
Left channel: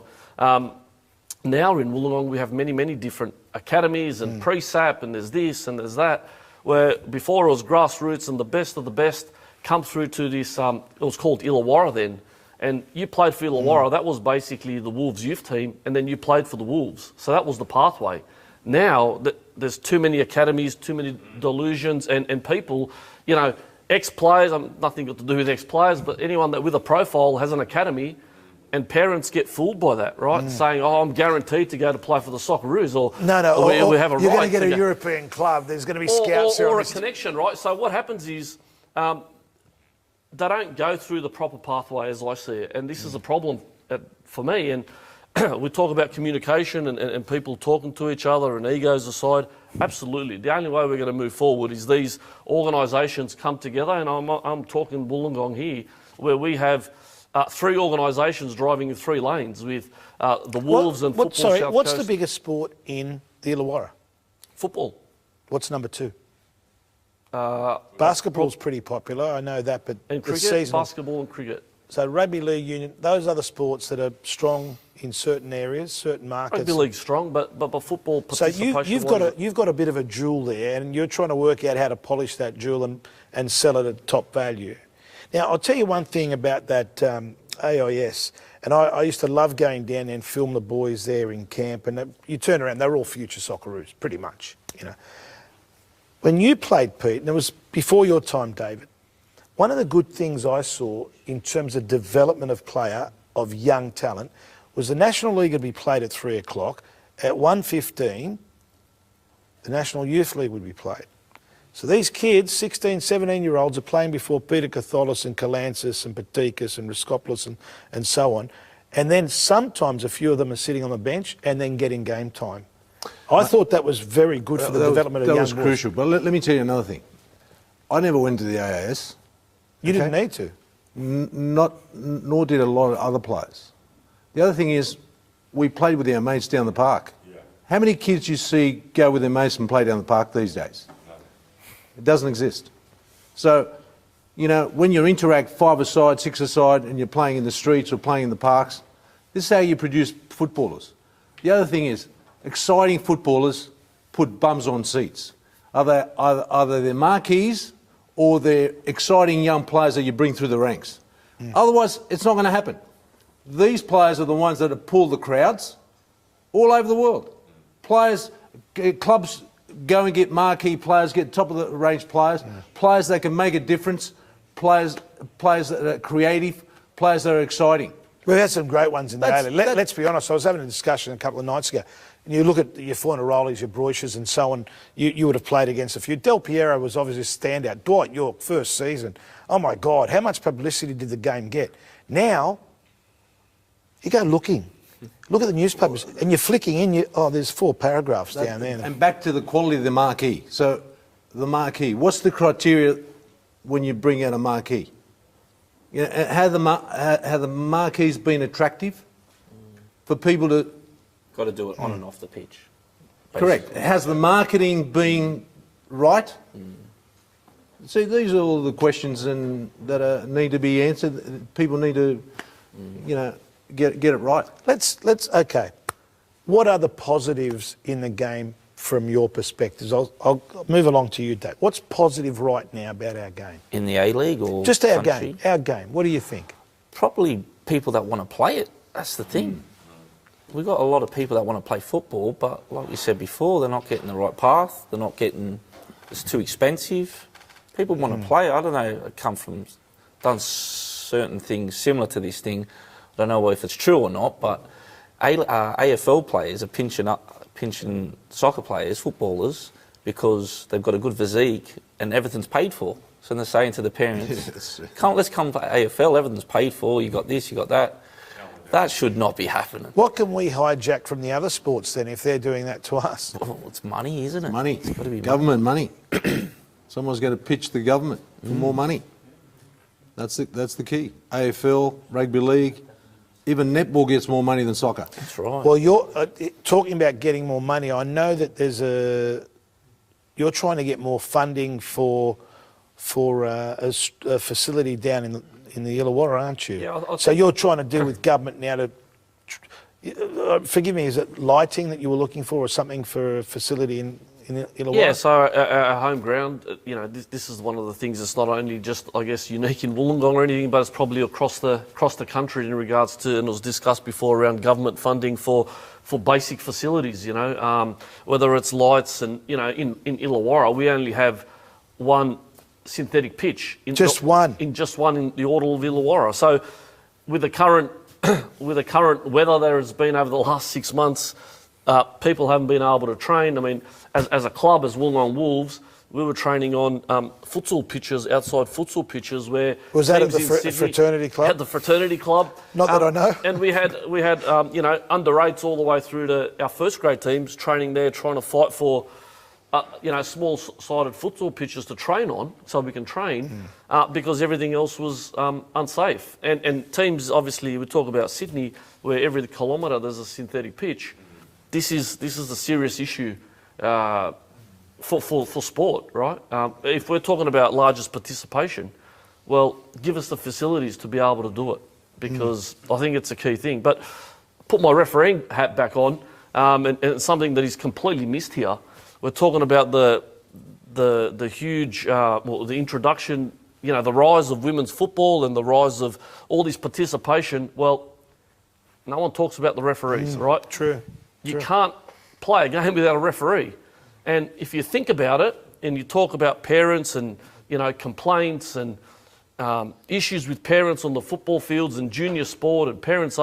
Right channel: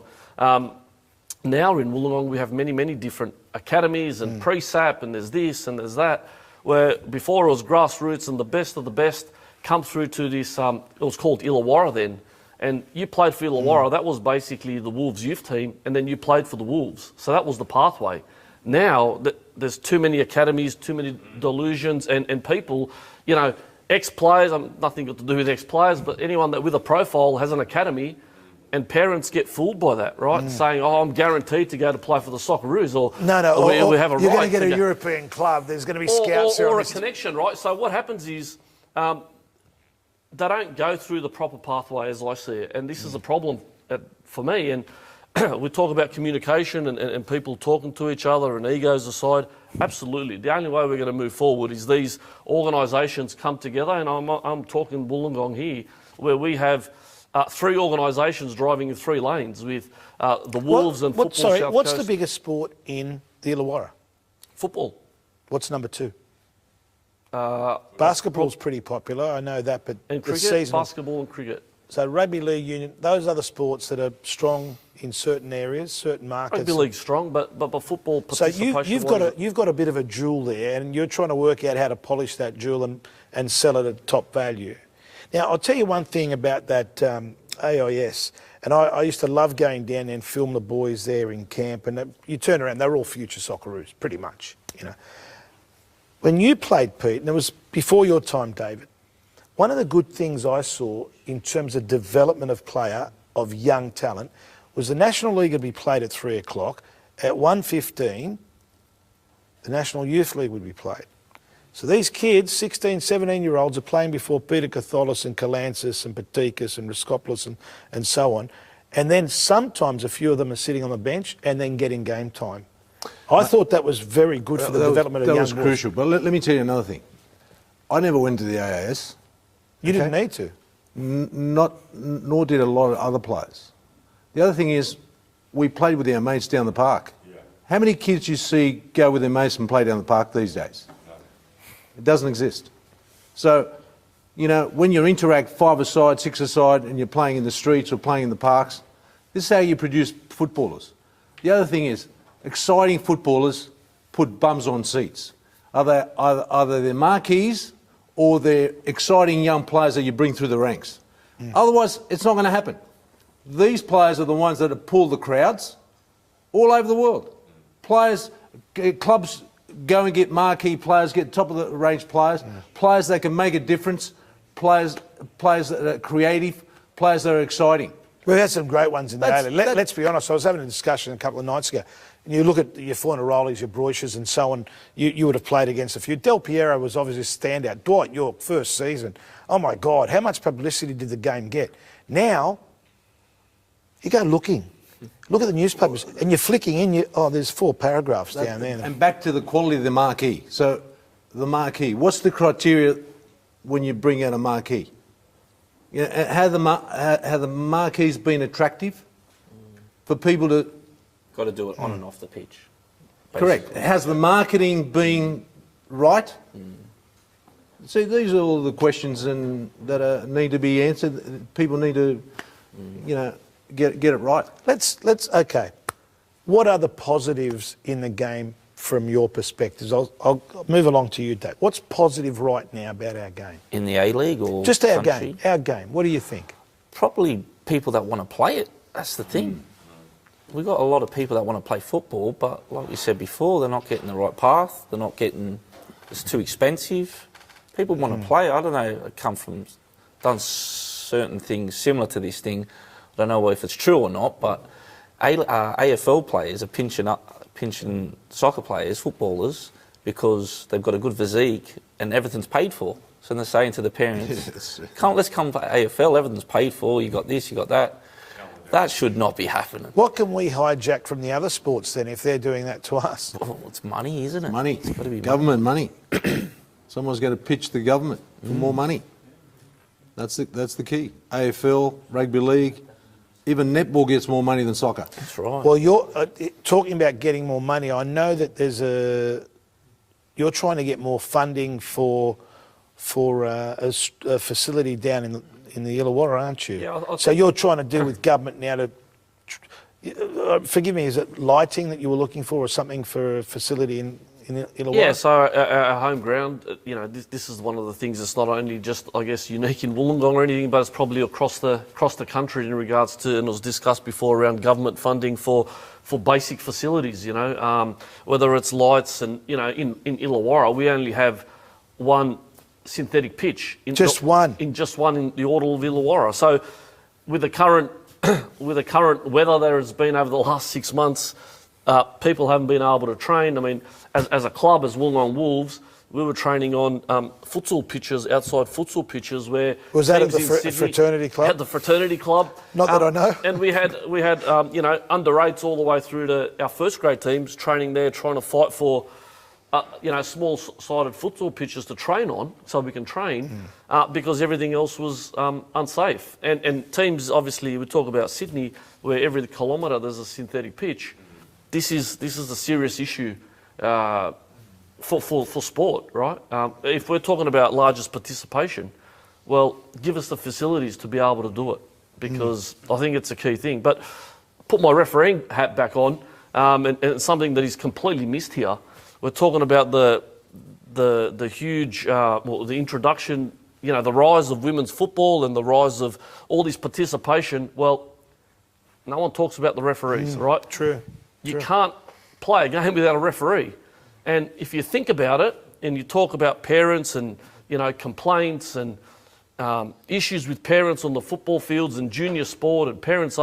now in Wollongong we have many, many different academies and pre-SAP, and there's this and there's that, where before it was grassroots and the best of the best come through to this, it was called Illawarra then, and you played for Illawarra. That was basically the Wolves youth team, and then you played for the Wolves. So that was the pathway. Now, there's too many academies, too many delusions, and people, ex-players, nothing got to do with ex-players, but anyone that with a profile has an academy, And parents get fooled by that, right? Saying, "Oh, I'm guaranteed to go to play for the Socceroos," or we have a you're right going to get a go. European club. There's going to be scouts or a connection, right? So what happens is they don't go through the proper pathway, as I see it, and this is a problem for me. And we talk about communication and people talking to each other and egos aside. Absolutely, the only way we're going to move forward is these organisations come together, and I'm talking Wollongong here, where we have 3 organisations driving in 3 lanes with the Wolves and Football Sorry, South what's Coast. the biggest sport in the Illawarra? Football. What's number 2? Basketball's pretty popular, I know that, but And the cricket, seasonal. basketball and cricket. So rugby league union, those are the sports that are strong in certain areas, certain markets. Rugby league's strong, but football So participation. you've got a bit of a jewel there, and you're trying to work out how to polish that jewel and sell it at top value. Now, I'll tell you one thing about that AIS, and I used to love going down there and film the boys there in camp, and you turn around, they're all future Socceroos, pretty much, you know. When you played, Pete, and it was before your time, David, one of the good things I saw in terms of development of player, of young talent, was the National League would be played at 3 o'clock. At 1:15, the National Youth League would be played. So these kids, 16, 17-year-olds, are playing before Peter Catholis and Kalansis and Patikas and Riskopoulos and so on. And then sometimes a few of them are sitting on the bench and then getting game time. I thought that was very good for the development of young boys. That was crucial. But let me tell you another thing. I never went to the AIS. You didn't need to. Nor did a lot of other players. The other thing is, we played with our mates down the park. How many kids you see go with their mates and play down the park these days? It doesn't exist. So, you know, when you interact 5-a-side, 6-a-side, and you're playing in the streets or playing in the parks, this is how you produce footballers. The other thing is, exciting footballers put bums on seats. Either they're marquees or they're exciting young players that you bring through the ranks. Otherwise, it's not going to happen. These players are the ones that have pulled the crowds all over the world. Clubs go and get marquee players, get top of the range players, players that can make a difference, players that are creative, players that are exciting. We had some great ones in the A-League. Let's be honest, I was having a discussion a couple of nights ago, and you look at your Fornarolis, your Broiches and so on, you would have played against a few. Del Piero was obviously a standout. Dwight York, first season. Oh my God, how much publicity did the game get? Now, you go looking. Look at the newspapers, and you're flicking in, there's 4 paragraphs down there. And back to the quality of the marquee. So, the marquee, what's the criteria when you bring out a marquee? You know, have the marquees been attractive for people to... Got to do it on and off the pitch. Basically. Correct. Has the marketing been right? See, these are all the questions that need to be answered. People need to, you know, get it right. Okay. What are the positives in the game from your perspectives? I'll move along to you, Dave. What's positive right now about our game? In the A-League or just our country? game? Our game. What do you think? Probably people that want to play it. That's the thing. We've got a lot of people that want to play football, but like we said before, they're not getting the right path. They're not getting... It's too expensive. People want to play. I don't know. Done certain things similar to this thing. I don't know if it's true or not, but AFL players are pinching soccer players, footballers, because they've got a good physique and everything's paid for. So they're saying to the parents, let's come to AFL, everything's paid for, you got this, you got that. That should not be happening. What can we hijack from the other sports then if they're doing that to us? Well, it's money, isn't it? Money. It's got to be government money. Someone's got to pitch the government for more money. That's the key. AFL, rugby league, even netball gets more money than soccer. That's right. Well, you're talking about getting more money. I know that you're trying to get more funding for a facility down in the Illawarra, aren't you? Yeah, so you're trying to deal with government now to... forgive me, is it lighting that you were looking for or something for a facility in Illawarra? Yeah, so our home ground, you know, this is one of the things that's not only just, I guess, unique in Wollongong or anything, but it's probably across the country in regards to, and it was discussed before, around government funding for basic facilities, you know, whether it's lights and, you know, in Illawarra, we only have one synthetic pitch. In just one in the Order of Illawarra. So with the current with the current weather there has been over the last 6 months, people haven't been able to train. I mean, as a club, as Wollongong Wolves, we were training on futsal pitches, outside futsal pitches, where was that at the Sydney, fraternity club? At the fraternity club. Not that I know. And we had under 8s all the way through to our first grade teams training there, trying to fight for small-sided futsal pitches to train on, so we can train, because everything else was unsafe. And teams, obviously, we talk about Sydney, where every kilometre there's a synthetic pitch. This is a serious issue for sport, right? If we're talking about largest participation, well, give us the facilities to be able to do it, because I think it's a key thing. But put my refereeing hat back on, and something that is completely missed here. We're talking about the huge, the introduction, the rise of women's football and the rise of all this participation. Well, no one talks about the referees, right? True. You can't play a game without a referee. And if you think about it, and you talk about parents and, complaints and issues with parents on the football fields and junior sport and parents,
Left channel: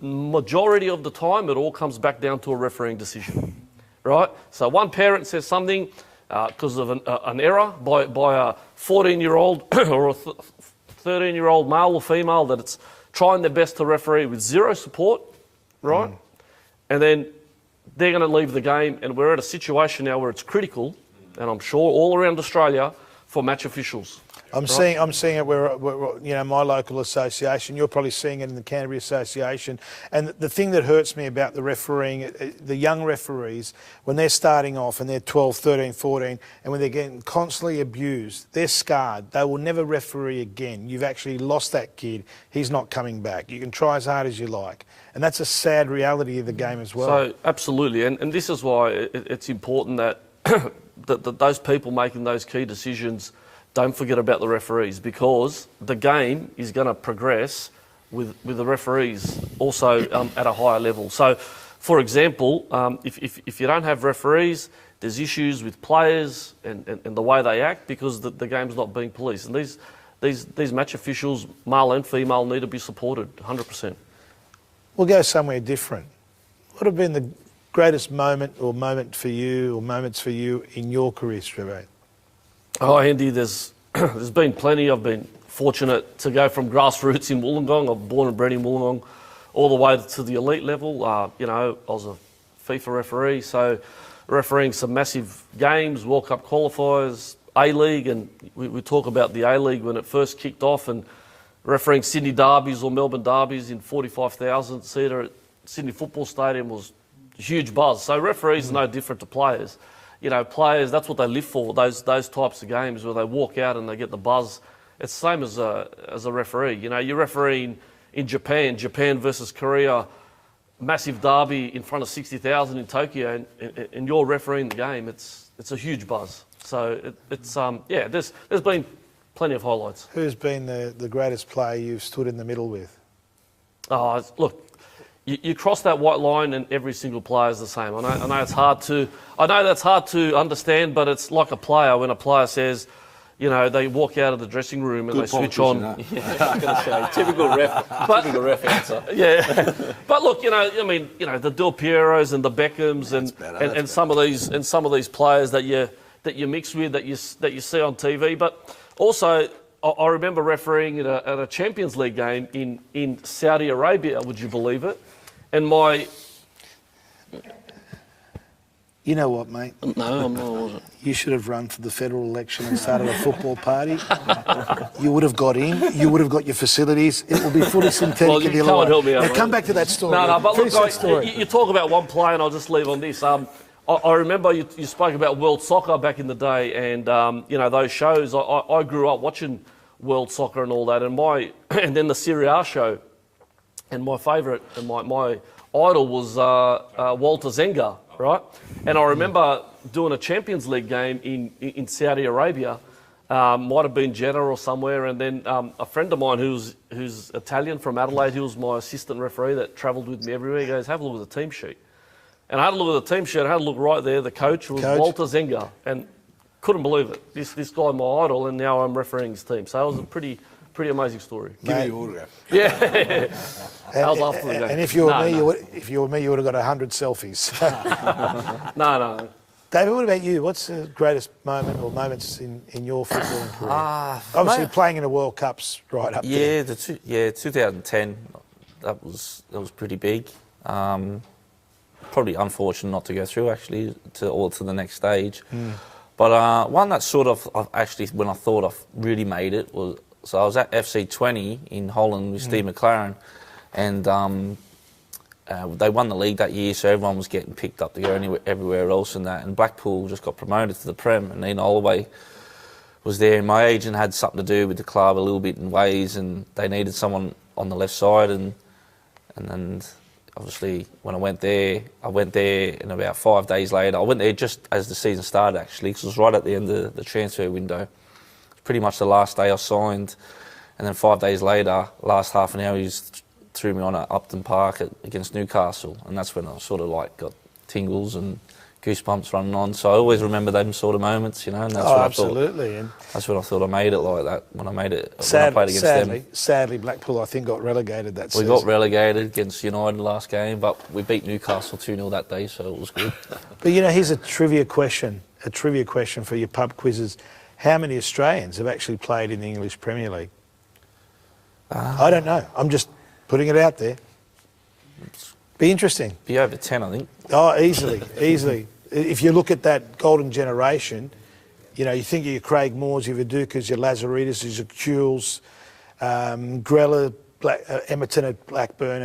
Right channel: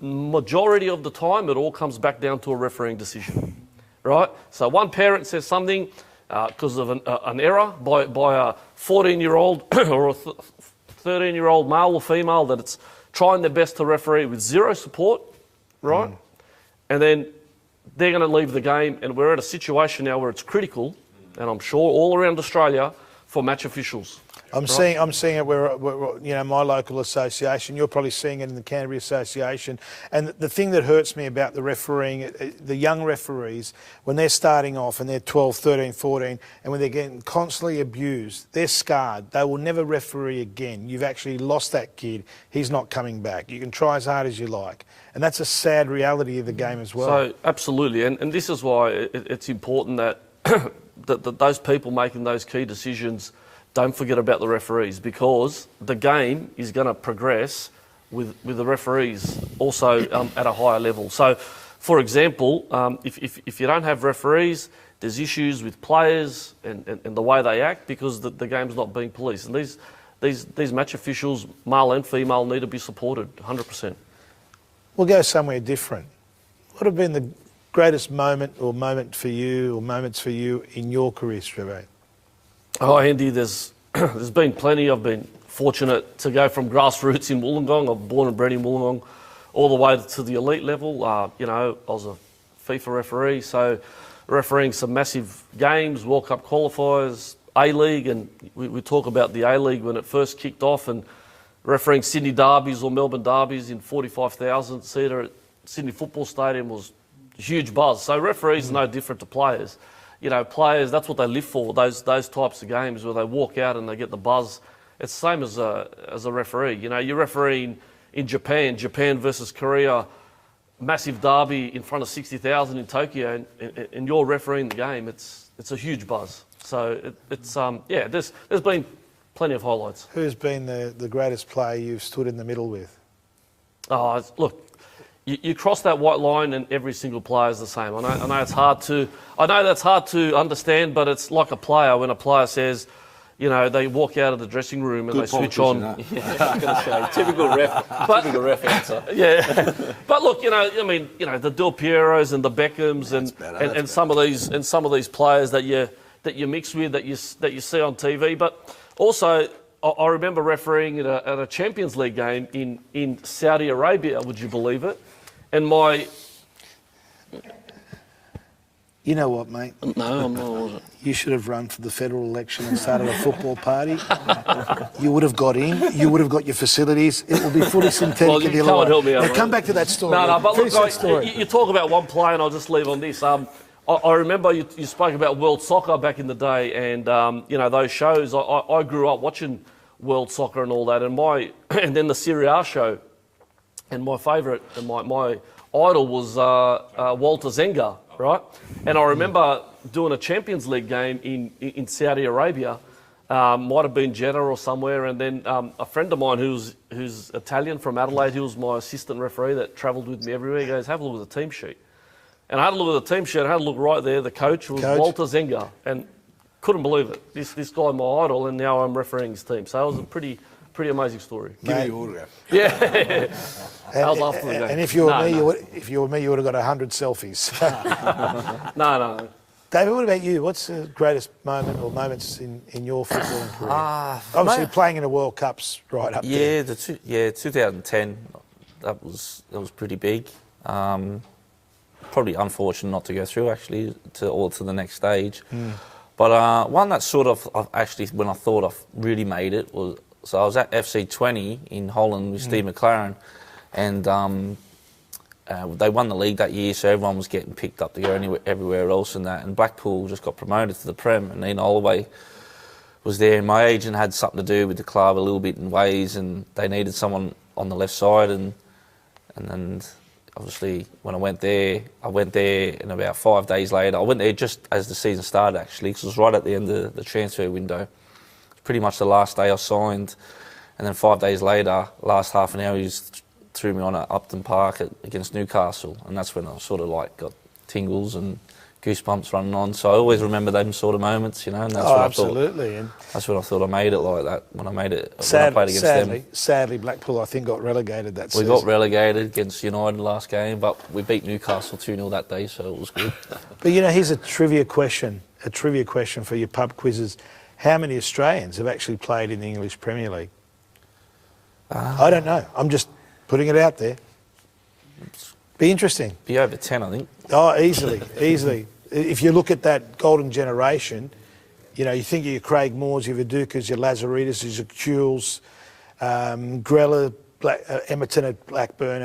majority of the time it all comes back down to a refereeing decision, right? So one parent says something because of an error by a 14-year-old or a 13-year-old male or female that it's trying their best to referee with zero support, right? And then they're going to leave the game, and we're at a situation now where it's critical, and I'm sure all around Australia, for match officials. I'm seeing it where my local association. You're probably seeing it in the Canterbury Association. And the thing that hurts me about the refereeing, the young referees, when they're starting off and they're 12, 13, 14, and when they're getting constantly abused, they're scarred. They will never referee again. You've actually lost that kid. He's not coming back. You can try as hard as you like. And that's a sad reality of the game as well. So, absolutely. And this is why it's important that, that those people making those key decisions don't forget about the referees, because the game is going to progress with the referees also at a higher level. So, for example, if you don't have referees, there's issues with players and the way they act, because the game's not being policed. And these match officials, male and female, need to be supported 100%. We'll go somewhere different. What have been the greatest moment or moments for you in your career, Streve? Oh, Andy, there's been plenty. I've been fortunate to go from grassroots in Wollongong. I'm born and bred in Wollongong, all the way to the elite level. I was a FIFA referee, so refereeing some massive games, World Cup qualifiers, A-League, and we talk about the A-League when it first kicked off, and refereing Sydney derbies or Melbourne derbies in 45,000 seater at Sydney Football Stadium was a huge buzz. So referees are no different to players. Players, that's what they live for, those types of games where they walk out and they get the buzz. It's the same as a referee. You're refereeing in Japan versus Korea, massive derby in front of 60,000 in Tokyo, and you're refereeing the game. It's a huge buzz. So there's been plenty of highlights. Who's been the greatest player you've stood in the middle with? Oh, look, you cross that white line and every single player is the same. I know it's hard to. I know that's hard to understand, but it's like a player when a player says, they walk out of the dressing room and they switch on. Yeah, I was going to say, typical ref answer. Yeah, but look, the Del Pieros and the Beckhams and some of these players that you mix with that you see on TV, but also. I remember refereeing at a Champions League game in Saudi Arabia, would you believe it? And You know what, mate? No, I'm not. You should have run for the federal election and started a football party. You would have got in. You would have got your facilities. It will be fully synthetic. Well, you can't help me out. Now, come back to that story. No, but look, you talk about one player, and I'll just leave on this. I remember you spoke about world soccer back in the day, and those shows. I grew up watching world soccer and all that, and then the Serie A show, and my favourite and my idol was Walter Zenga, right? And I remember doing a Champions League game in Saudi Arabia, might have been Jeddah or somewhere, and then a friend of mine who's Italian from Adelaide, he was my assistant referee that travelled with me everywhere. He goes, "Have a look at the team sheet." And I had a look at the team sheet, I had a look right there, the coach was Walter Zenga, and couldn't believe it. This guy, my idol, and now I'm refereeing his team. So it was a pretty pretty amazing story. Give me your autograph. Yeah. That was after the game. And if you were me, you would have got 100 selfies. No. David, what about you? What's the greatest moment or moments in your footballing career? Obviously, playing in the World Cups right up there. 2010. That was pretty big. Probably unfortunate not to go through actually to the next stage. But one that sort of actually, when I thought I really made it was, so I was at FC 20 in Holland with Steve McLaren, and they won the league that year, so everyone was getting picked up to go everywhere else and that. And Blackpool just got promoted to the Prem, and Ian Holloway was there. And my agent had something to do with the club a little bit in ways, and they needed someone on the left side. And then obviously when I went there, and about 5 days later, I went there just as the season started actually, because it was right at the end of the transfer window. Pretty much the last day I signed, and then 5 days later, last half an hour, he threw me on at Upton Park against Newcastle, and that's when I sort of like got tingles and goosebumps running on. So I always remember them sort of moments, you know. And that's when absolutely. That's when I thought I made it like that. When I played against them. Sadly, Blackpool I think got relegated that season. We got relegated against United last game, but we beat Newcastle 2-0 that day, so it was good. But you know, here's a trivia question for your pub quizzes. How many Australians have actually played in the English Premier League? I don't know. I'm just putting it out there. Be interesting. Be over 10, I think. Oh, easily. If you look at that golden generation, you know, you think of your Craig Moores, your Vidukas, your Lazaridis, your Kules, Grella, Emerton at Blackburn,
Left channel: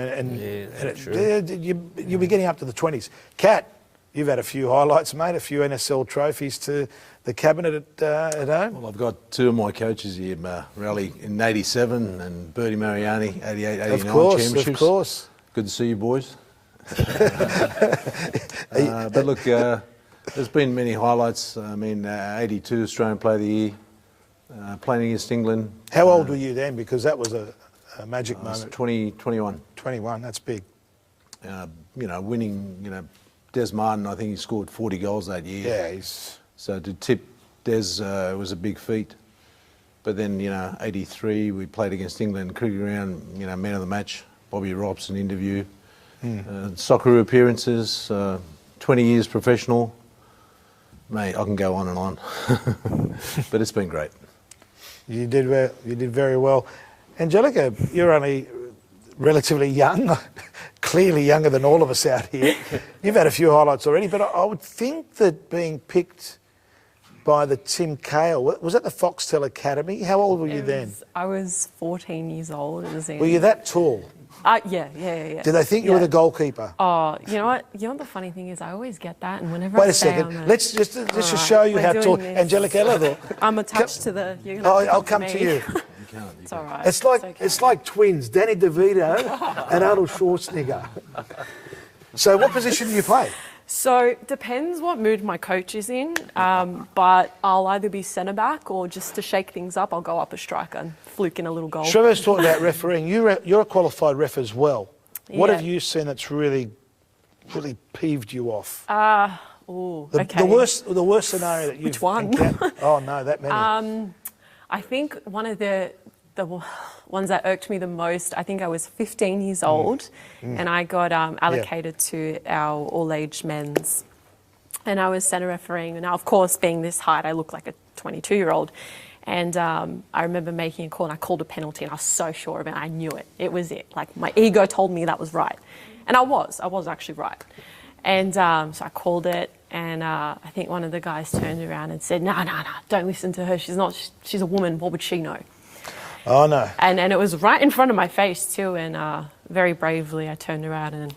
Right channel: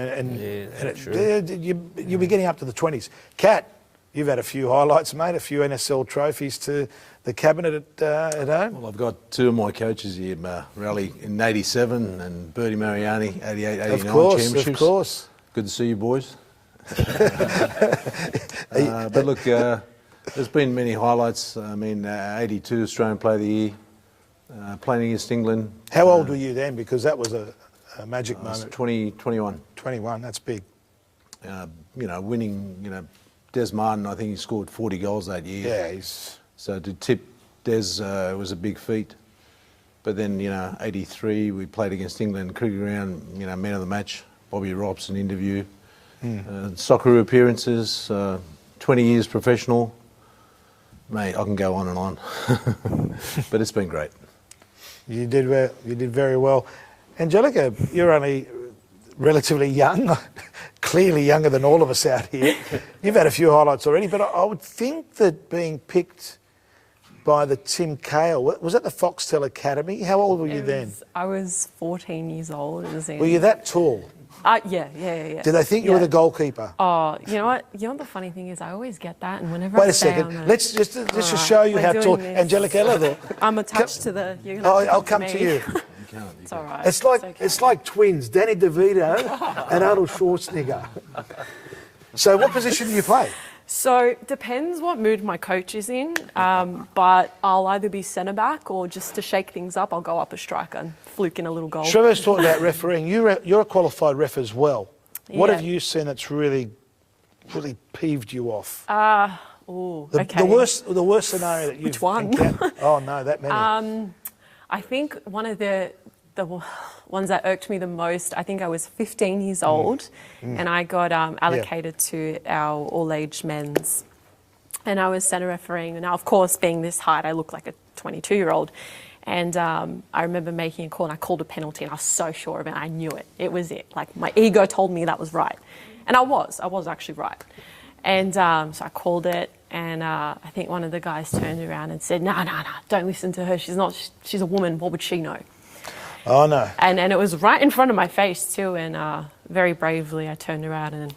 you'll be getting up to the 20s. Kat, you've had a few highlights, mate, a few NSL trophies to the cabinet at home. Well, I've got two of my coaches here, Raleigh in 87 and Bertie Mariani, 88, 89 championships. Of course. Good to see you, boys. But look, there's been many highlights. I mean, 82 Australian Player of the Year, playing against England. How old were you then? Because that was a magic moment. 21. 21, that's big. You know, winning, Des Martin, I think he scored 40 goals that year. Yeah, So to tip Des was a big feat. But then, 83, we played against England, cricket ground, man of the match, Bobby Robson interview. Soccer appearances, 20 years professional. Mate, I can go on and on. But it's been great. You did very well. Angelica, you're only relatively young, clearly younger than all of us out here. You've had a few highlights already, but I would think that being picked by the Tim Cale, was that the Foxtel Academy? How old were you then? I was 14 years old. Were you that tall? Yeah. Did they think you were the goalkeeper? Oh, you know what? You know what the funny thing is? I always get that, and whenever Wait a second. Let's just show you how tall Angelica. I'm attached to the. I'll come to you. It's all right. It's like twins, Danny DeVito and Arnold Schwarzenegger. So, what position do you play? So, depends what mood my coach is in, but I'll either be centre-back or just to shake things up, I'll go up a striker and fluke in a little goal. Trevor's talking about refereeing. You're a qualified ref as well. What have you seen that's really peeved you off? Okay. The worst scenario that you've Which one? Oh, no, that many. I think one of the ones that irked me the most, I think I was 15 years old and I got allocated to our all-age men's, and I was centre refereeing. Now, of course, being this height, I look like a 22-year-old. And I remember making a call, and I called a penalty, and I was so sure of it. I knew it. It was it. Like, my ego told me that was right. And I was actually right. And so I called it, and I think one of the guys turned around and said, no, don't listen to her. She's a woman. What would she know? Oh, no. And it was right in front of my face, too. And very bravely, I turned around and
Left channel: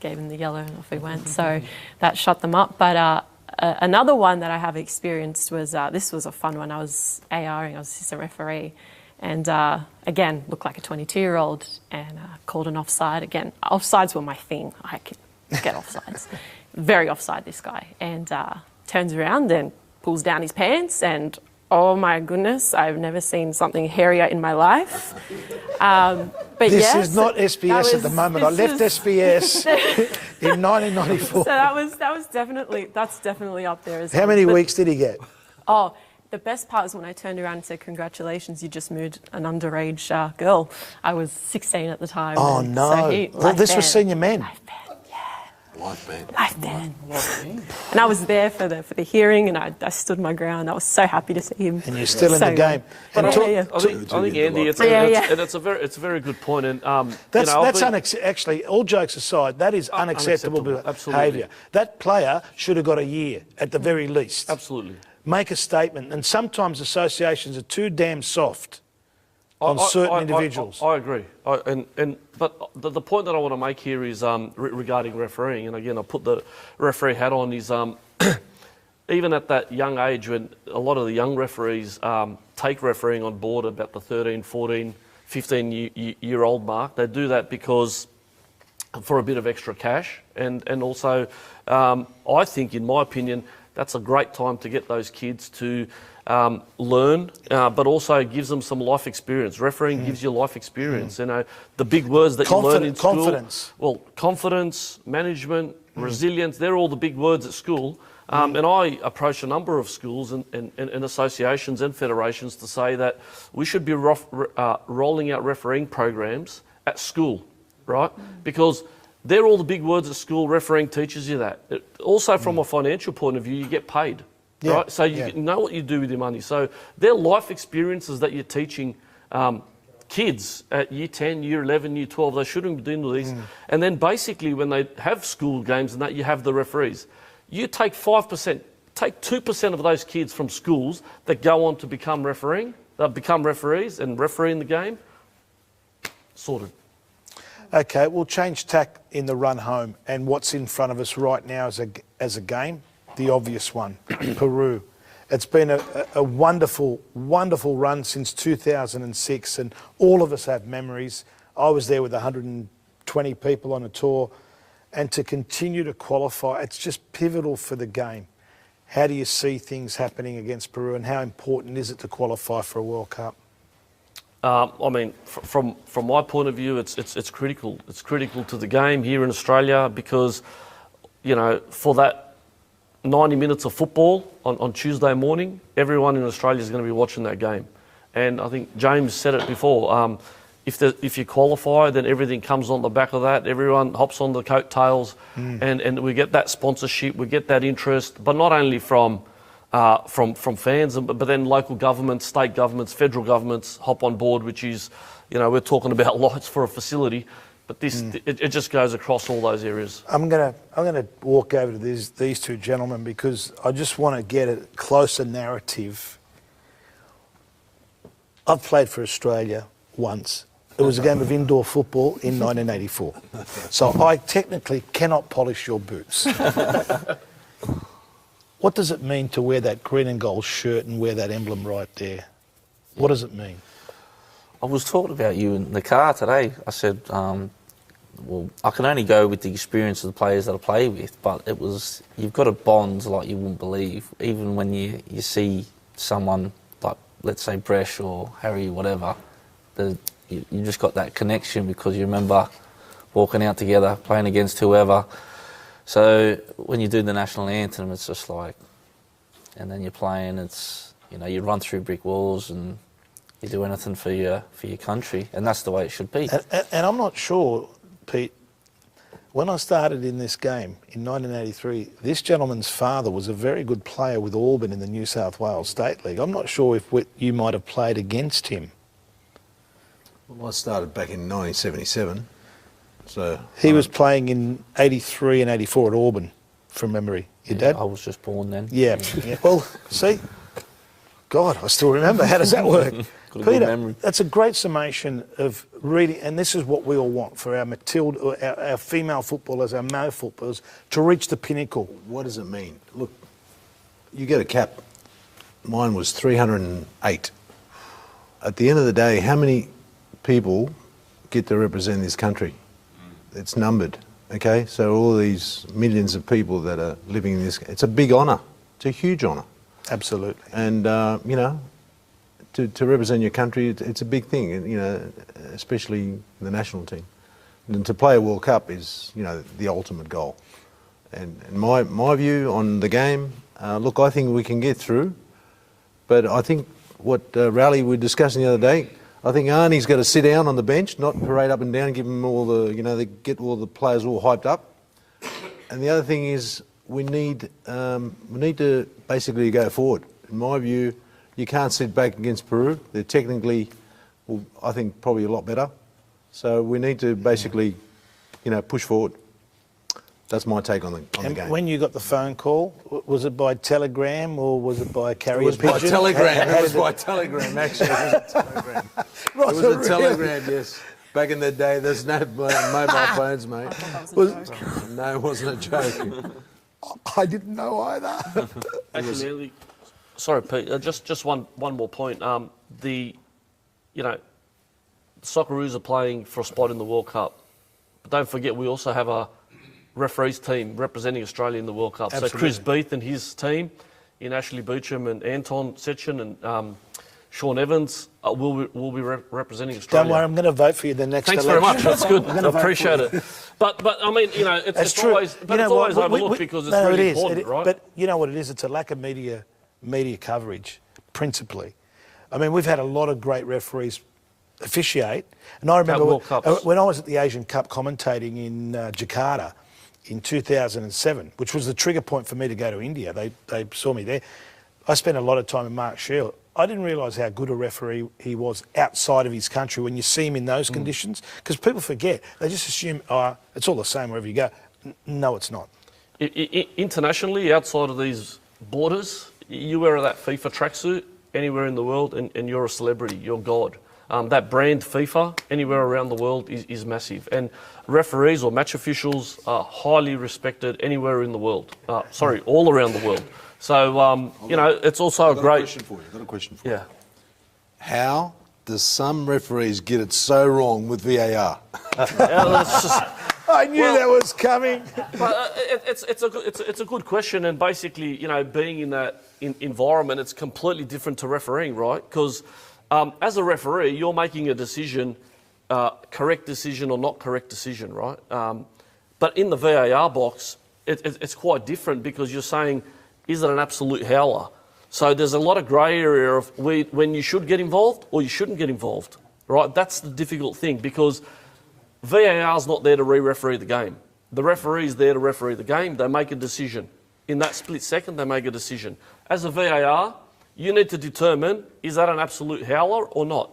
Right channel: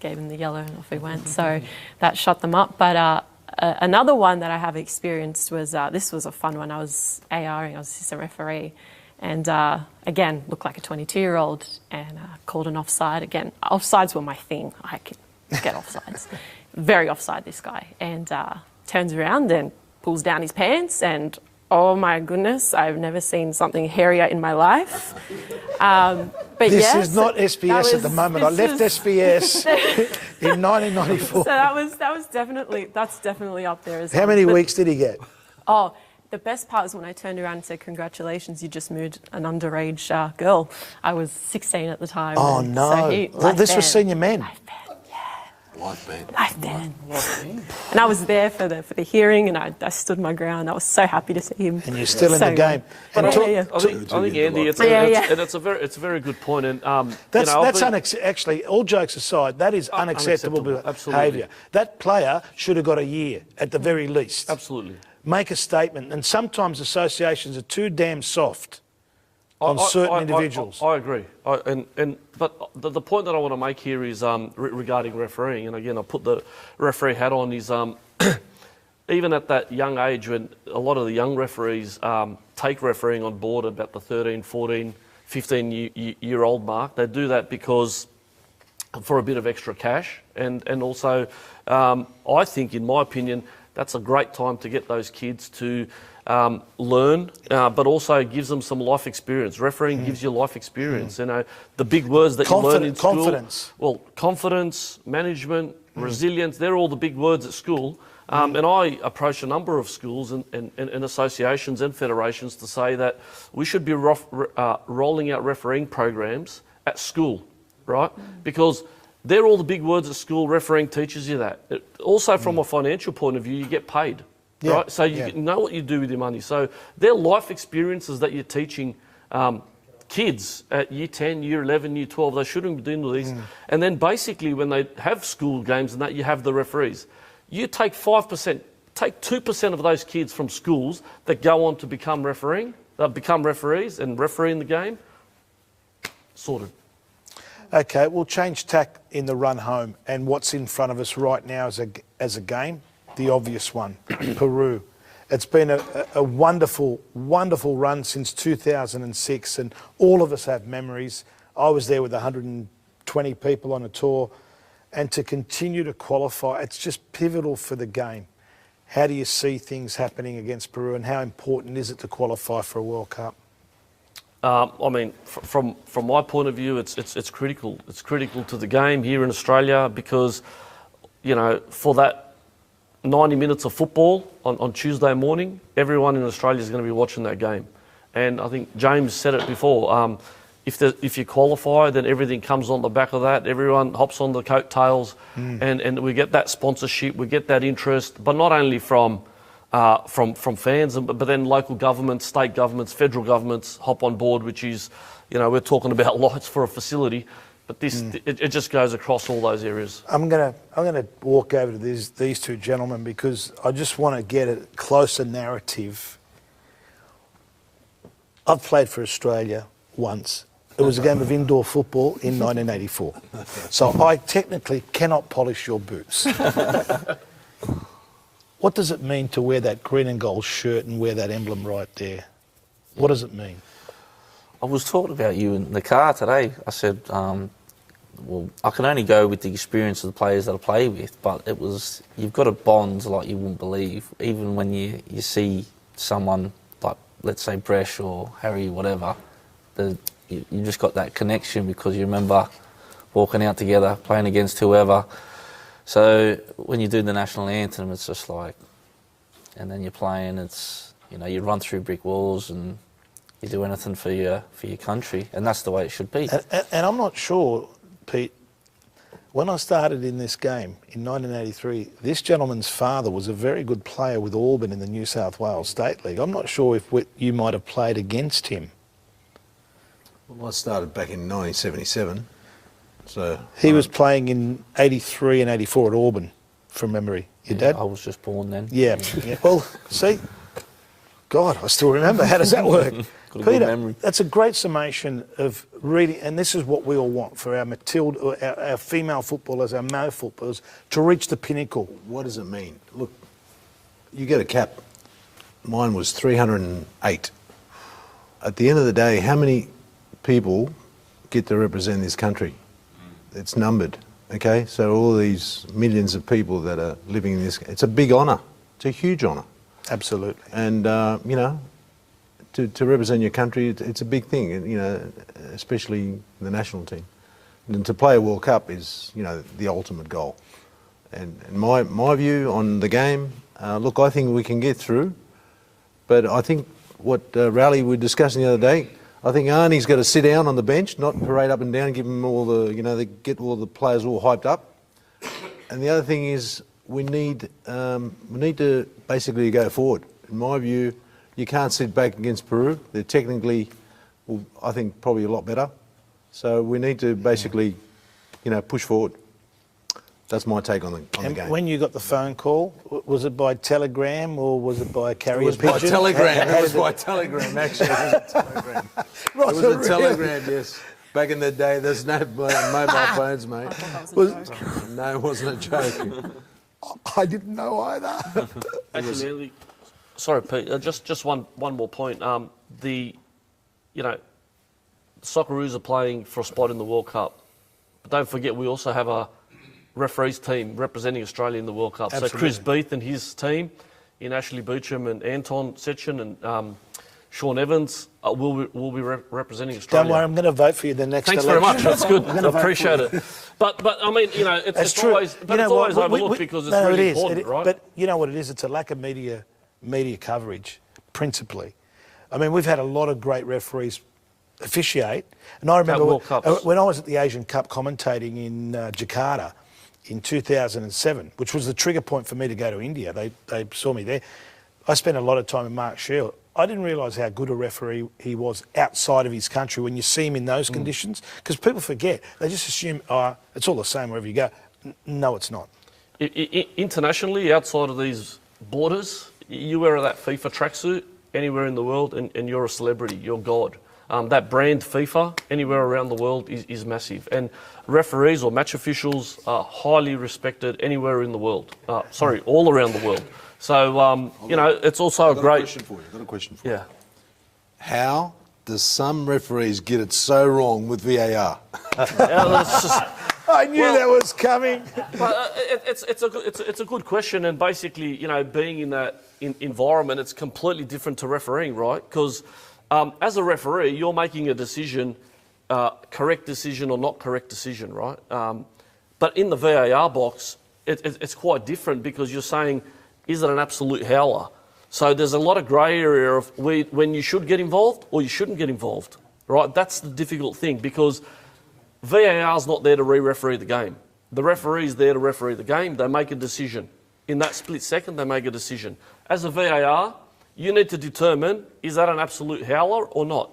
gave him the yellow, and off he went. So that shut them up. But another one that I have experienced was, this was a fun one. I was ARing, I was assistant referee. And again, looked like a 22-year-old and called an offside. Again, offsides were my thing. I could get offsides. Very offside, this guy. And turns around and pulls down his pants, and oh my goodness, I've never seen something hairier in my life. But this is not SBS at the moment. I left SBS in 1994. So that's definitely up there. How many weeks did he get? Oh, The best part is when I turned around and said, "Congratulations, you just moved an underage girl." I was 16 at the time. Oh, and no. So This was senior men. Life ban. And I was there for the hearing, and I stood my ground. I was so happy to see him. And you're still in the game. But And I think Andy, it's a very good point. And actually, all jokes aside, that is unacceptable behaviour. That player should have got a year at the very least. Absolutely. Make a statement, and sometimes associations are too damn soft on certain individuals. I agree. But the point that I want to make here is regarding refereeing, and again, I put the referee hat on, is even at that young age when a lot of the young referees take refereeing on board about the 13, 14, 15-year-old mark, they do that because for a bit of extra cash, and also I think, in my opinion, that's a great time to get those kids to learn, but also gives them some life experience. Refereeing gives you life experience. You know, the big words that you learn in school. Confidence. Well, confidence, management, resilience, they're all the big words at school. And I approach a number of schools and associations and federations to say that we should be rolling out refereeing programs at school, right? Because they're all the big words at school. Refereeing teaches you that. Also, from a financial point of view, you get paid. Yeah, right? So you know what you do with your money. So they're life experiences that you're teaching kids at year 10, year 11, year 12. They shouldn't be doing these. And then basically when they have school games and that, you have the referees. You take 5%, take 2% of those kids from schools that go on to become referees and referee in the game. Sorted. Okay, we'll change tack in the run home, and what's in front of us right now as a game, the obvious one, Peru. It's been a wonderful, wonderful run since 2006, and all of us have memories. I was there with 120 people on a tour, and to continue to qualify, it's just pivotal for the game. How do you see things happening against Peru, and how important is it to qualify for a World Cup? I mean, from my point of view, it's critical. It's critical to the game here in Australia because, you know, for that 90 minutes of football on Tuesday morning, everyone in Australia is going to be watching that game. And I think James said it before. If you qualify, then everything comes on the back of that. Everyone hops on the coattails, and we get that sponsorship, we get that interest, but not only from fans, but then local governments, state governments, federal governments hop on board, which is, you know, we're talking about lights for a facility, but it just goes across all those areas. I'm gonna walk over to these two gentlemen because I just want to get a closer narrative. I've played for Australia once. It was a game of indoor football in 1984. So I technically cannot polish your boots. What does it mean to wear that green and gold shirt and wear that emblem right there? What does it mean? I was talking about you in the car today. I said, well, I can only go with the experience of the players that I play with, but you've got a bond like you wouldn't believe. Even when you see someone like, let's say, Bresh or Harry, whatever, you just got that connection because you remember walking out together, playing against whoever. So when you do the national anthem, it's just like, and then you're playing, it's, you know, you run through brick walls and you do anything for your country, and that's the way it should be. And I'm not sure, Pete, when I started in this game in 1983, this gentleman's father was a very good player with Auburn in the New South Wales State League. I'm not sure if you might have played against him. Well, I started back in 1977. So he was playing in 83 and 84 at Auburn, from memory. Your dad? I was just born then. Yeah. Well, see, God, I still remember. How does that work? Peter, that's a great summation of really, and this is what we all want for our Matilda, our female footballers, our male footballers, to reach the pinnacle. What does it mean? Look, you get a cap. Mine was 308. At the end of the day, how many people get to represent this country? It's numbered, okay? So all these millions of people that are living in this, it's a big honour. It's a huge honour. Absolutely. And, you know, to represent your country, it's a big thing, you know, especially the national team. And to play a World Cup is, you know, the ultimate goal. And my view on the game, look, I think we can get through. But I think what Raleigh we were discussing the other day, I think Arnie's got to sit down on the bench, not parade up and down, give them all the, get all the players all hyped up. And the other thing is we need to basically go forward. In my view, you can't sit back against Peru. They're technically, I think, probably a lot better. So we need to basically, push forward. That's my take on the game. When you got the phone call, was it by telegram or was it by carrier pigeon? It was by telegram. It was by telegram, actually. It was a telegram. It was a telegram, yes. Back in the day, there's no mobile phones, mate. No, it wasn't a joke. I didn't know either. Actually, sorry, Pete. Just one more point. The Socceroos are playing for a spot in the World Cup, but don't forget we also have a referees team representing Australia in the World Cup. Absolutely. So Chris Beath and his team, in Ashley Beecham and Anton Setchen and Sean Evans, will be representing Australia. Don't worry, I'm going to vote for you the next election. election. Thanks very much. That's good. I appreciate it. But I mean, it's true. always, but it's always overlooked because it's really important, right? But you know what it is? It's a lack of media coverage, principally. I mean, we've had a lot of great referees officiate, and I remember when I was at the Asian Cup commentating in Jakarta in 2007, which was the trigger point for me to go to India. They saw me there. I spent a lot of time with Mark Shield. I didn't realise how good a referee he was outside of his country when you see him in those conditions, because people forget. They just assume, it's all the same wherever you go. No, it's not. Internationally, outside of these borders, you wear that FIFA tracksuit anywhere in the world and you're a celebrity, you're God. That brand FIFA, anywhere around the world, is massive. And referees or match officials are highly respected anywhere in the world. All around the world. So, it's also a great... I've got a question for you. Yeah. How does some referees get it so wrong with VAR? I knew that was coming. It's a good question, and basically, being in that environment, it's completely different to refereeing, right? Because as a referee, you're making a decision, correct decision or not correct decision, right? But in the VAR box, it's quite different because you're saying, is it an absolute howler? So there's a lot of grey area of when you should get involved or you shouldn't get involved, right? That's the difficult thing because VAR's not there to re-referee the game. The referee's there to referee the game. They make a decision. In that split second, they make a decision. As a VAR, you need to determine, is that an absolute howler or not?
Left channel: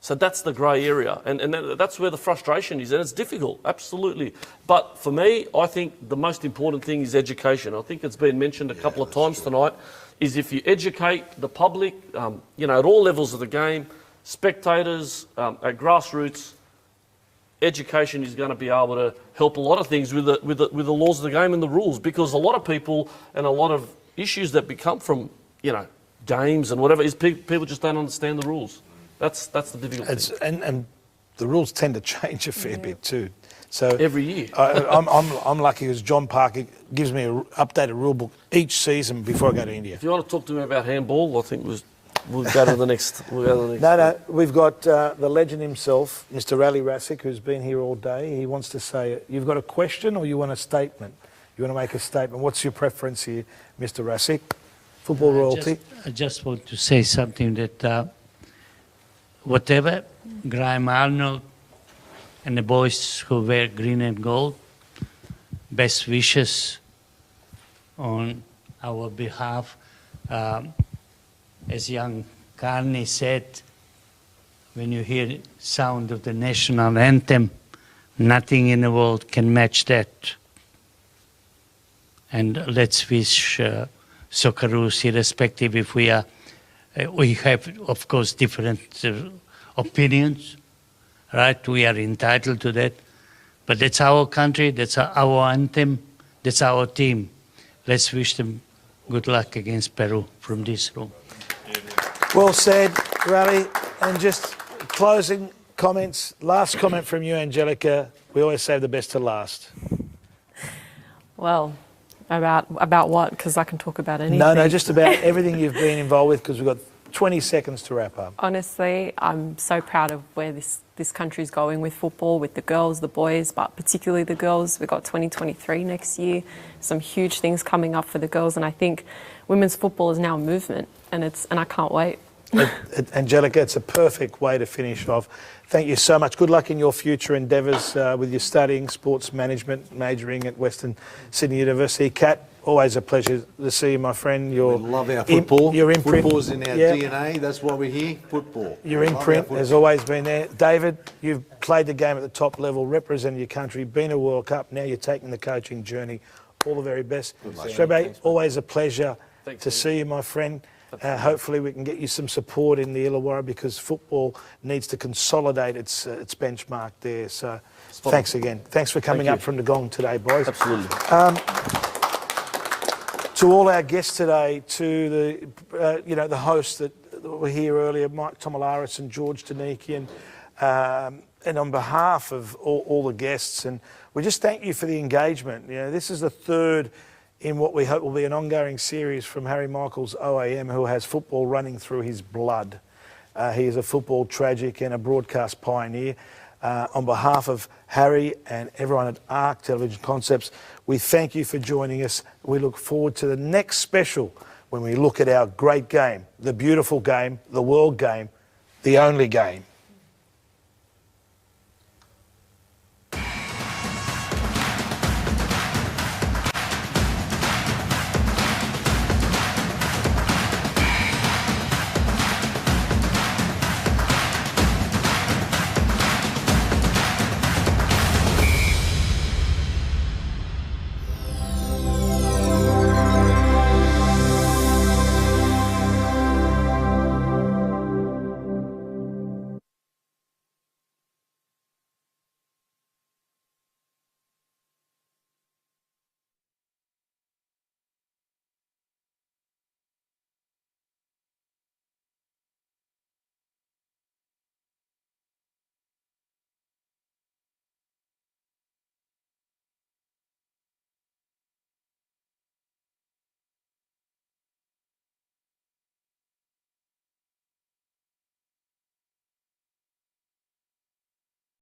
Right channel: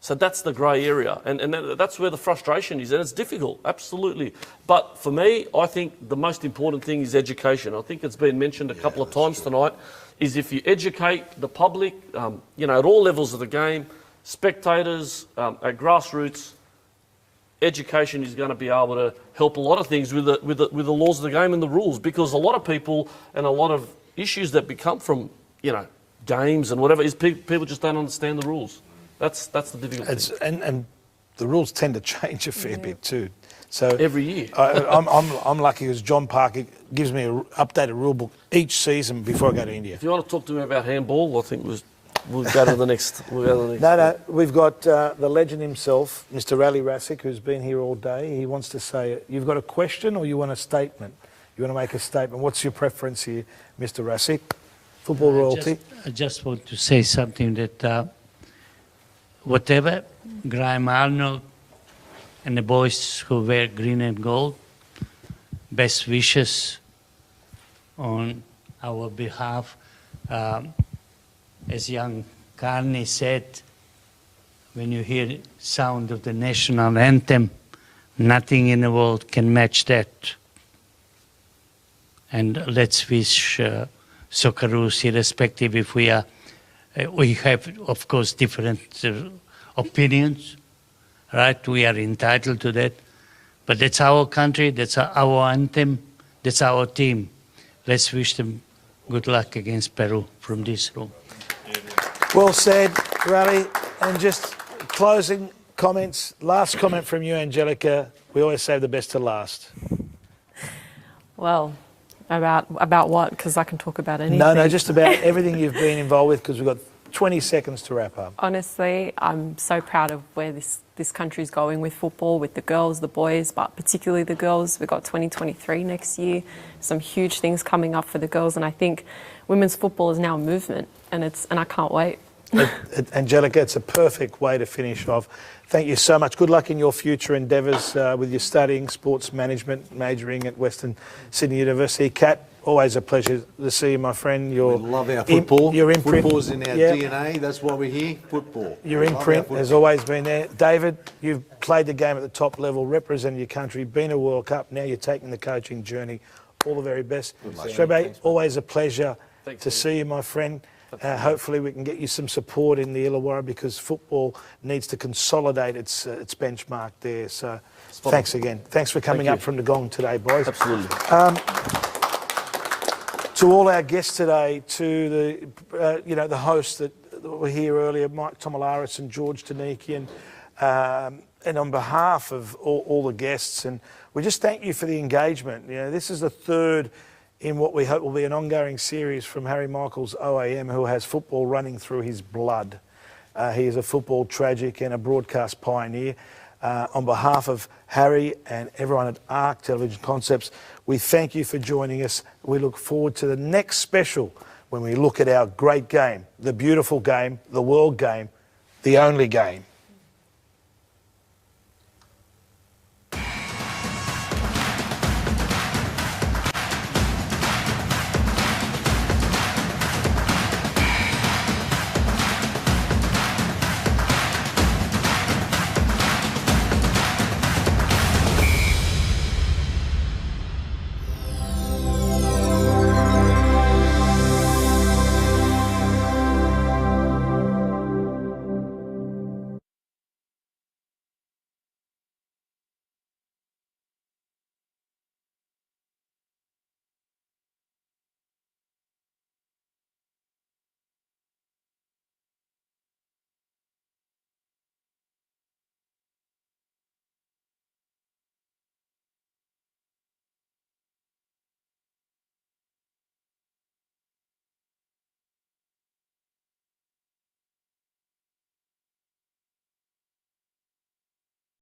So that's the grey area, and that's where the frustration is, and it's difficult, absolutely. But for me, I think the most important thing is education. I think it's been mentioned a couple of times tonight, is if you educate the public, at all levels of the game, spectators, at grassroots, education is going to be able to help a lot of things with the laws of the game and the rules, because a lot of people and a lot of issues that become from, games and whatever, is people just don't understand the rules. That's the difficult thing. And the rules tend to change a fair bit too. So every year, I'm lucky because John Parker gives me an updated rule book each season before I go to India. If you want to talk to me about handball, I think we'll go to the next. No, we've got the legend himself, Mr. Raleigh Rasick, who's been here all day. He wants to say, you've got a question or you want a statement? You want to make a statement? What's your preference here, Mr. Rasick? Football royalty. I just want to say something that. Whatever, Graham Arnold and the boys who wear green and gold, best wishes on our behalf. As young Carney said, when you hear the sound of the national anthem, nothing in the world can match that. And let's wish Socceroos, irrespective if we are. We have, of course, different opinions, right? We are entitled to that. But that's our country, that's our anthem, that's our team. Let's wish them good luck against Peru from this room. Well said, Raleigh. And just closing comments, last comment from you, Angelica. We always save the best to last. Well, about what? Because I can talk about anything. No, just about everything you've been involved with, because we've got 20 seconds to wrap up. Honestly, I'm so proud of where this country's going with football, with the girls, the boys, but particularly the girls. We've got 2023 next year, some huge things coming up for the girls, and I think women's football is now a movement, and I can't wait. Angelica, it's a perfect way to finish off. Thank you so much. Good luck in your future endeavours with your studying sports management, majoring at Western Sydney University. Kat, always a pleasure to see you, my friend. We love our football. Your imprint. Football's in our DNA. That's why we're here. Football. Your imprint has always been there. David, you've played the game at the top level, represented your country, been a World Cup. Now you're taking the coaching journey. All the very best. Strebe, always a pleasure to see you, my friend. Hopefully we can get you some support in the Illawarra because football needs to consolidate its benchmark there. So thanks again. Thanks for coming up from the Gong today, boys. Absolutely. To all our guests today, to the hosts that were here earlier, Mike Tomalaris and George Donikian, and on behalf of all the guests, and we just thank you for the engagement. This is the third in what we hope will be an ongoing series from Harry Michaels OAM, who has football running through his blood. He is a football tragic and a broadcast pioneer. On behalf of Harry and everyone at ARC Television Concepts, we thank you for joining us. We look forward to the next special when we look at our great game, the beautiful game, the world game, the only game.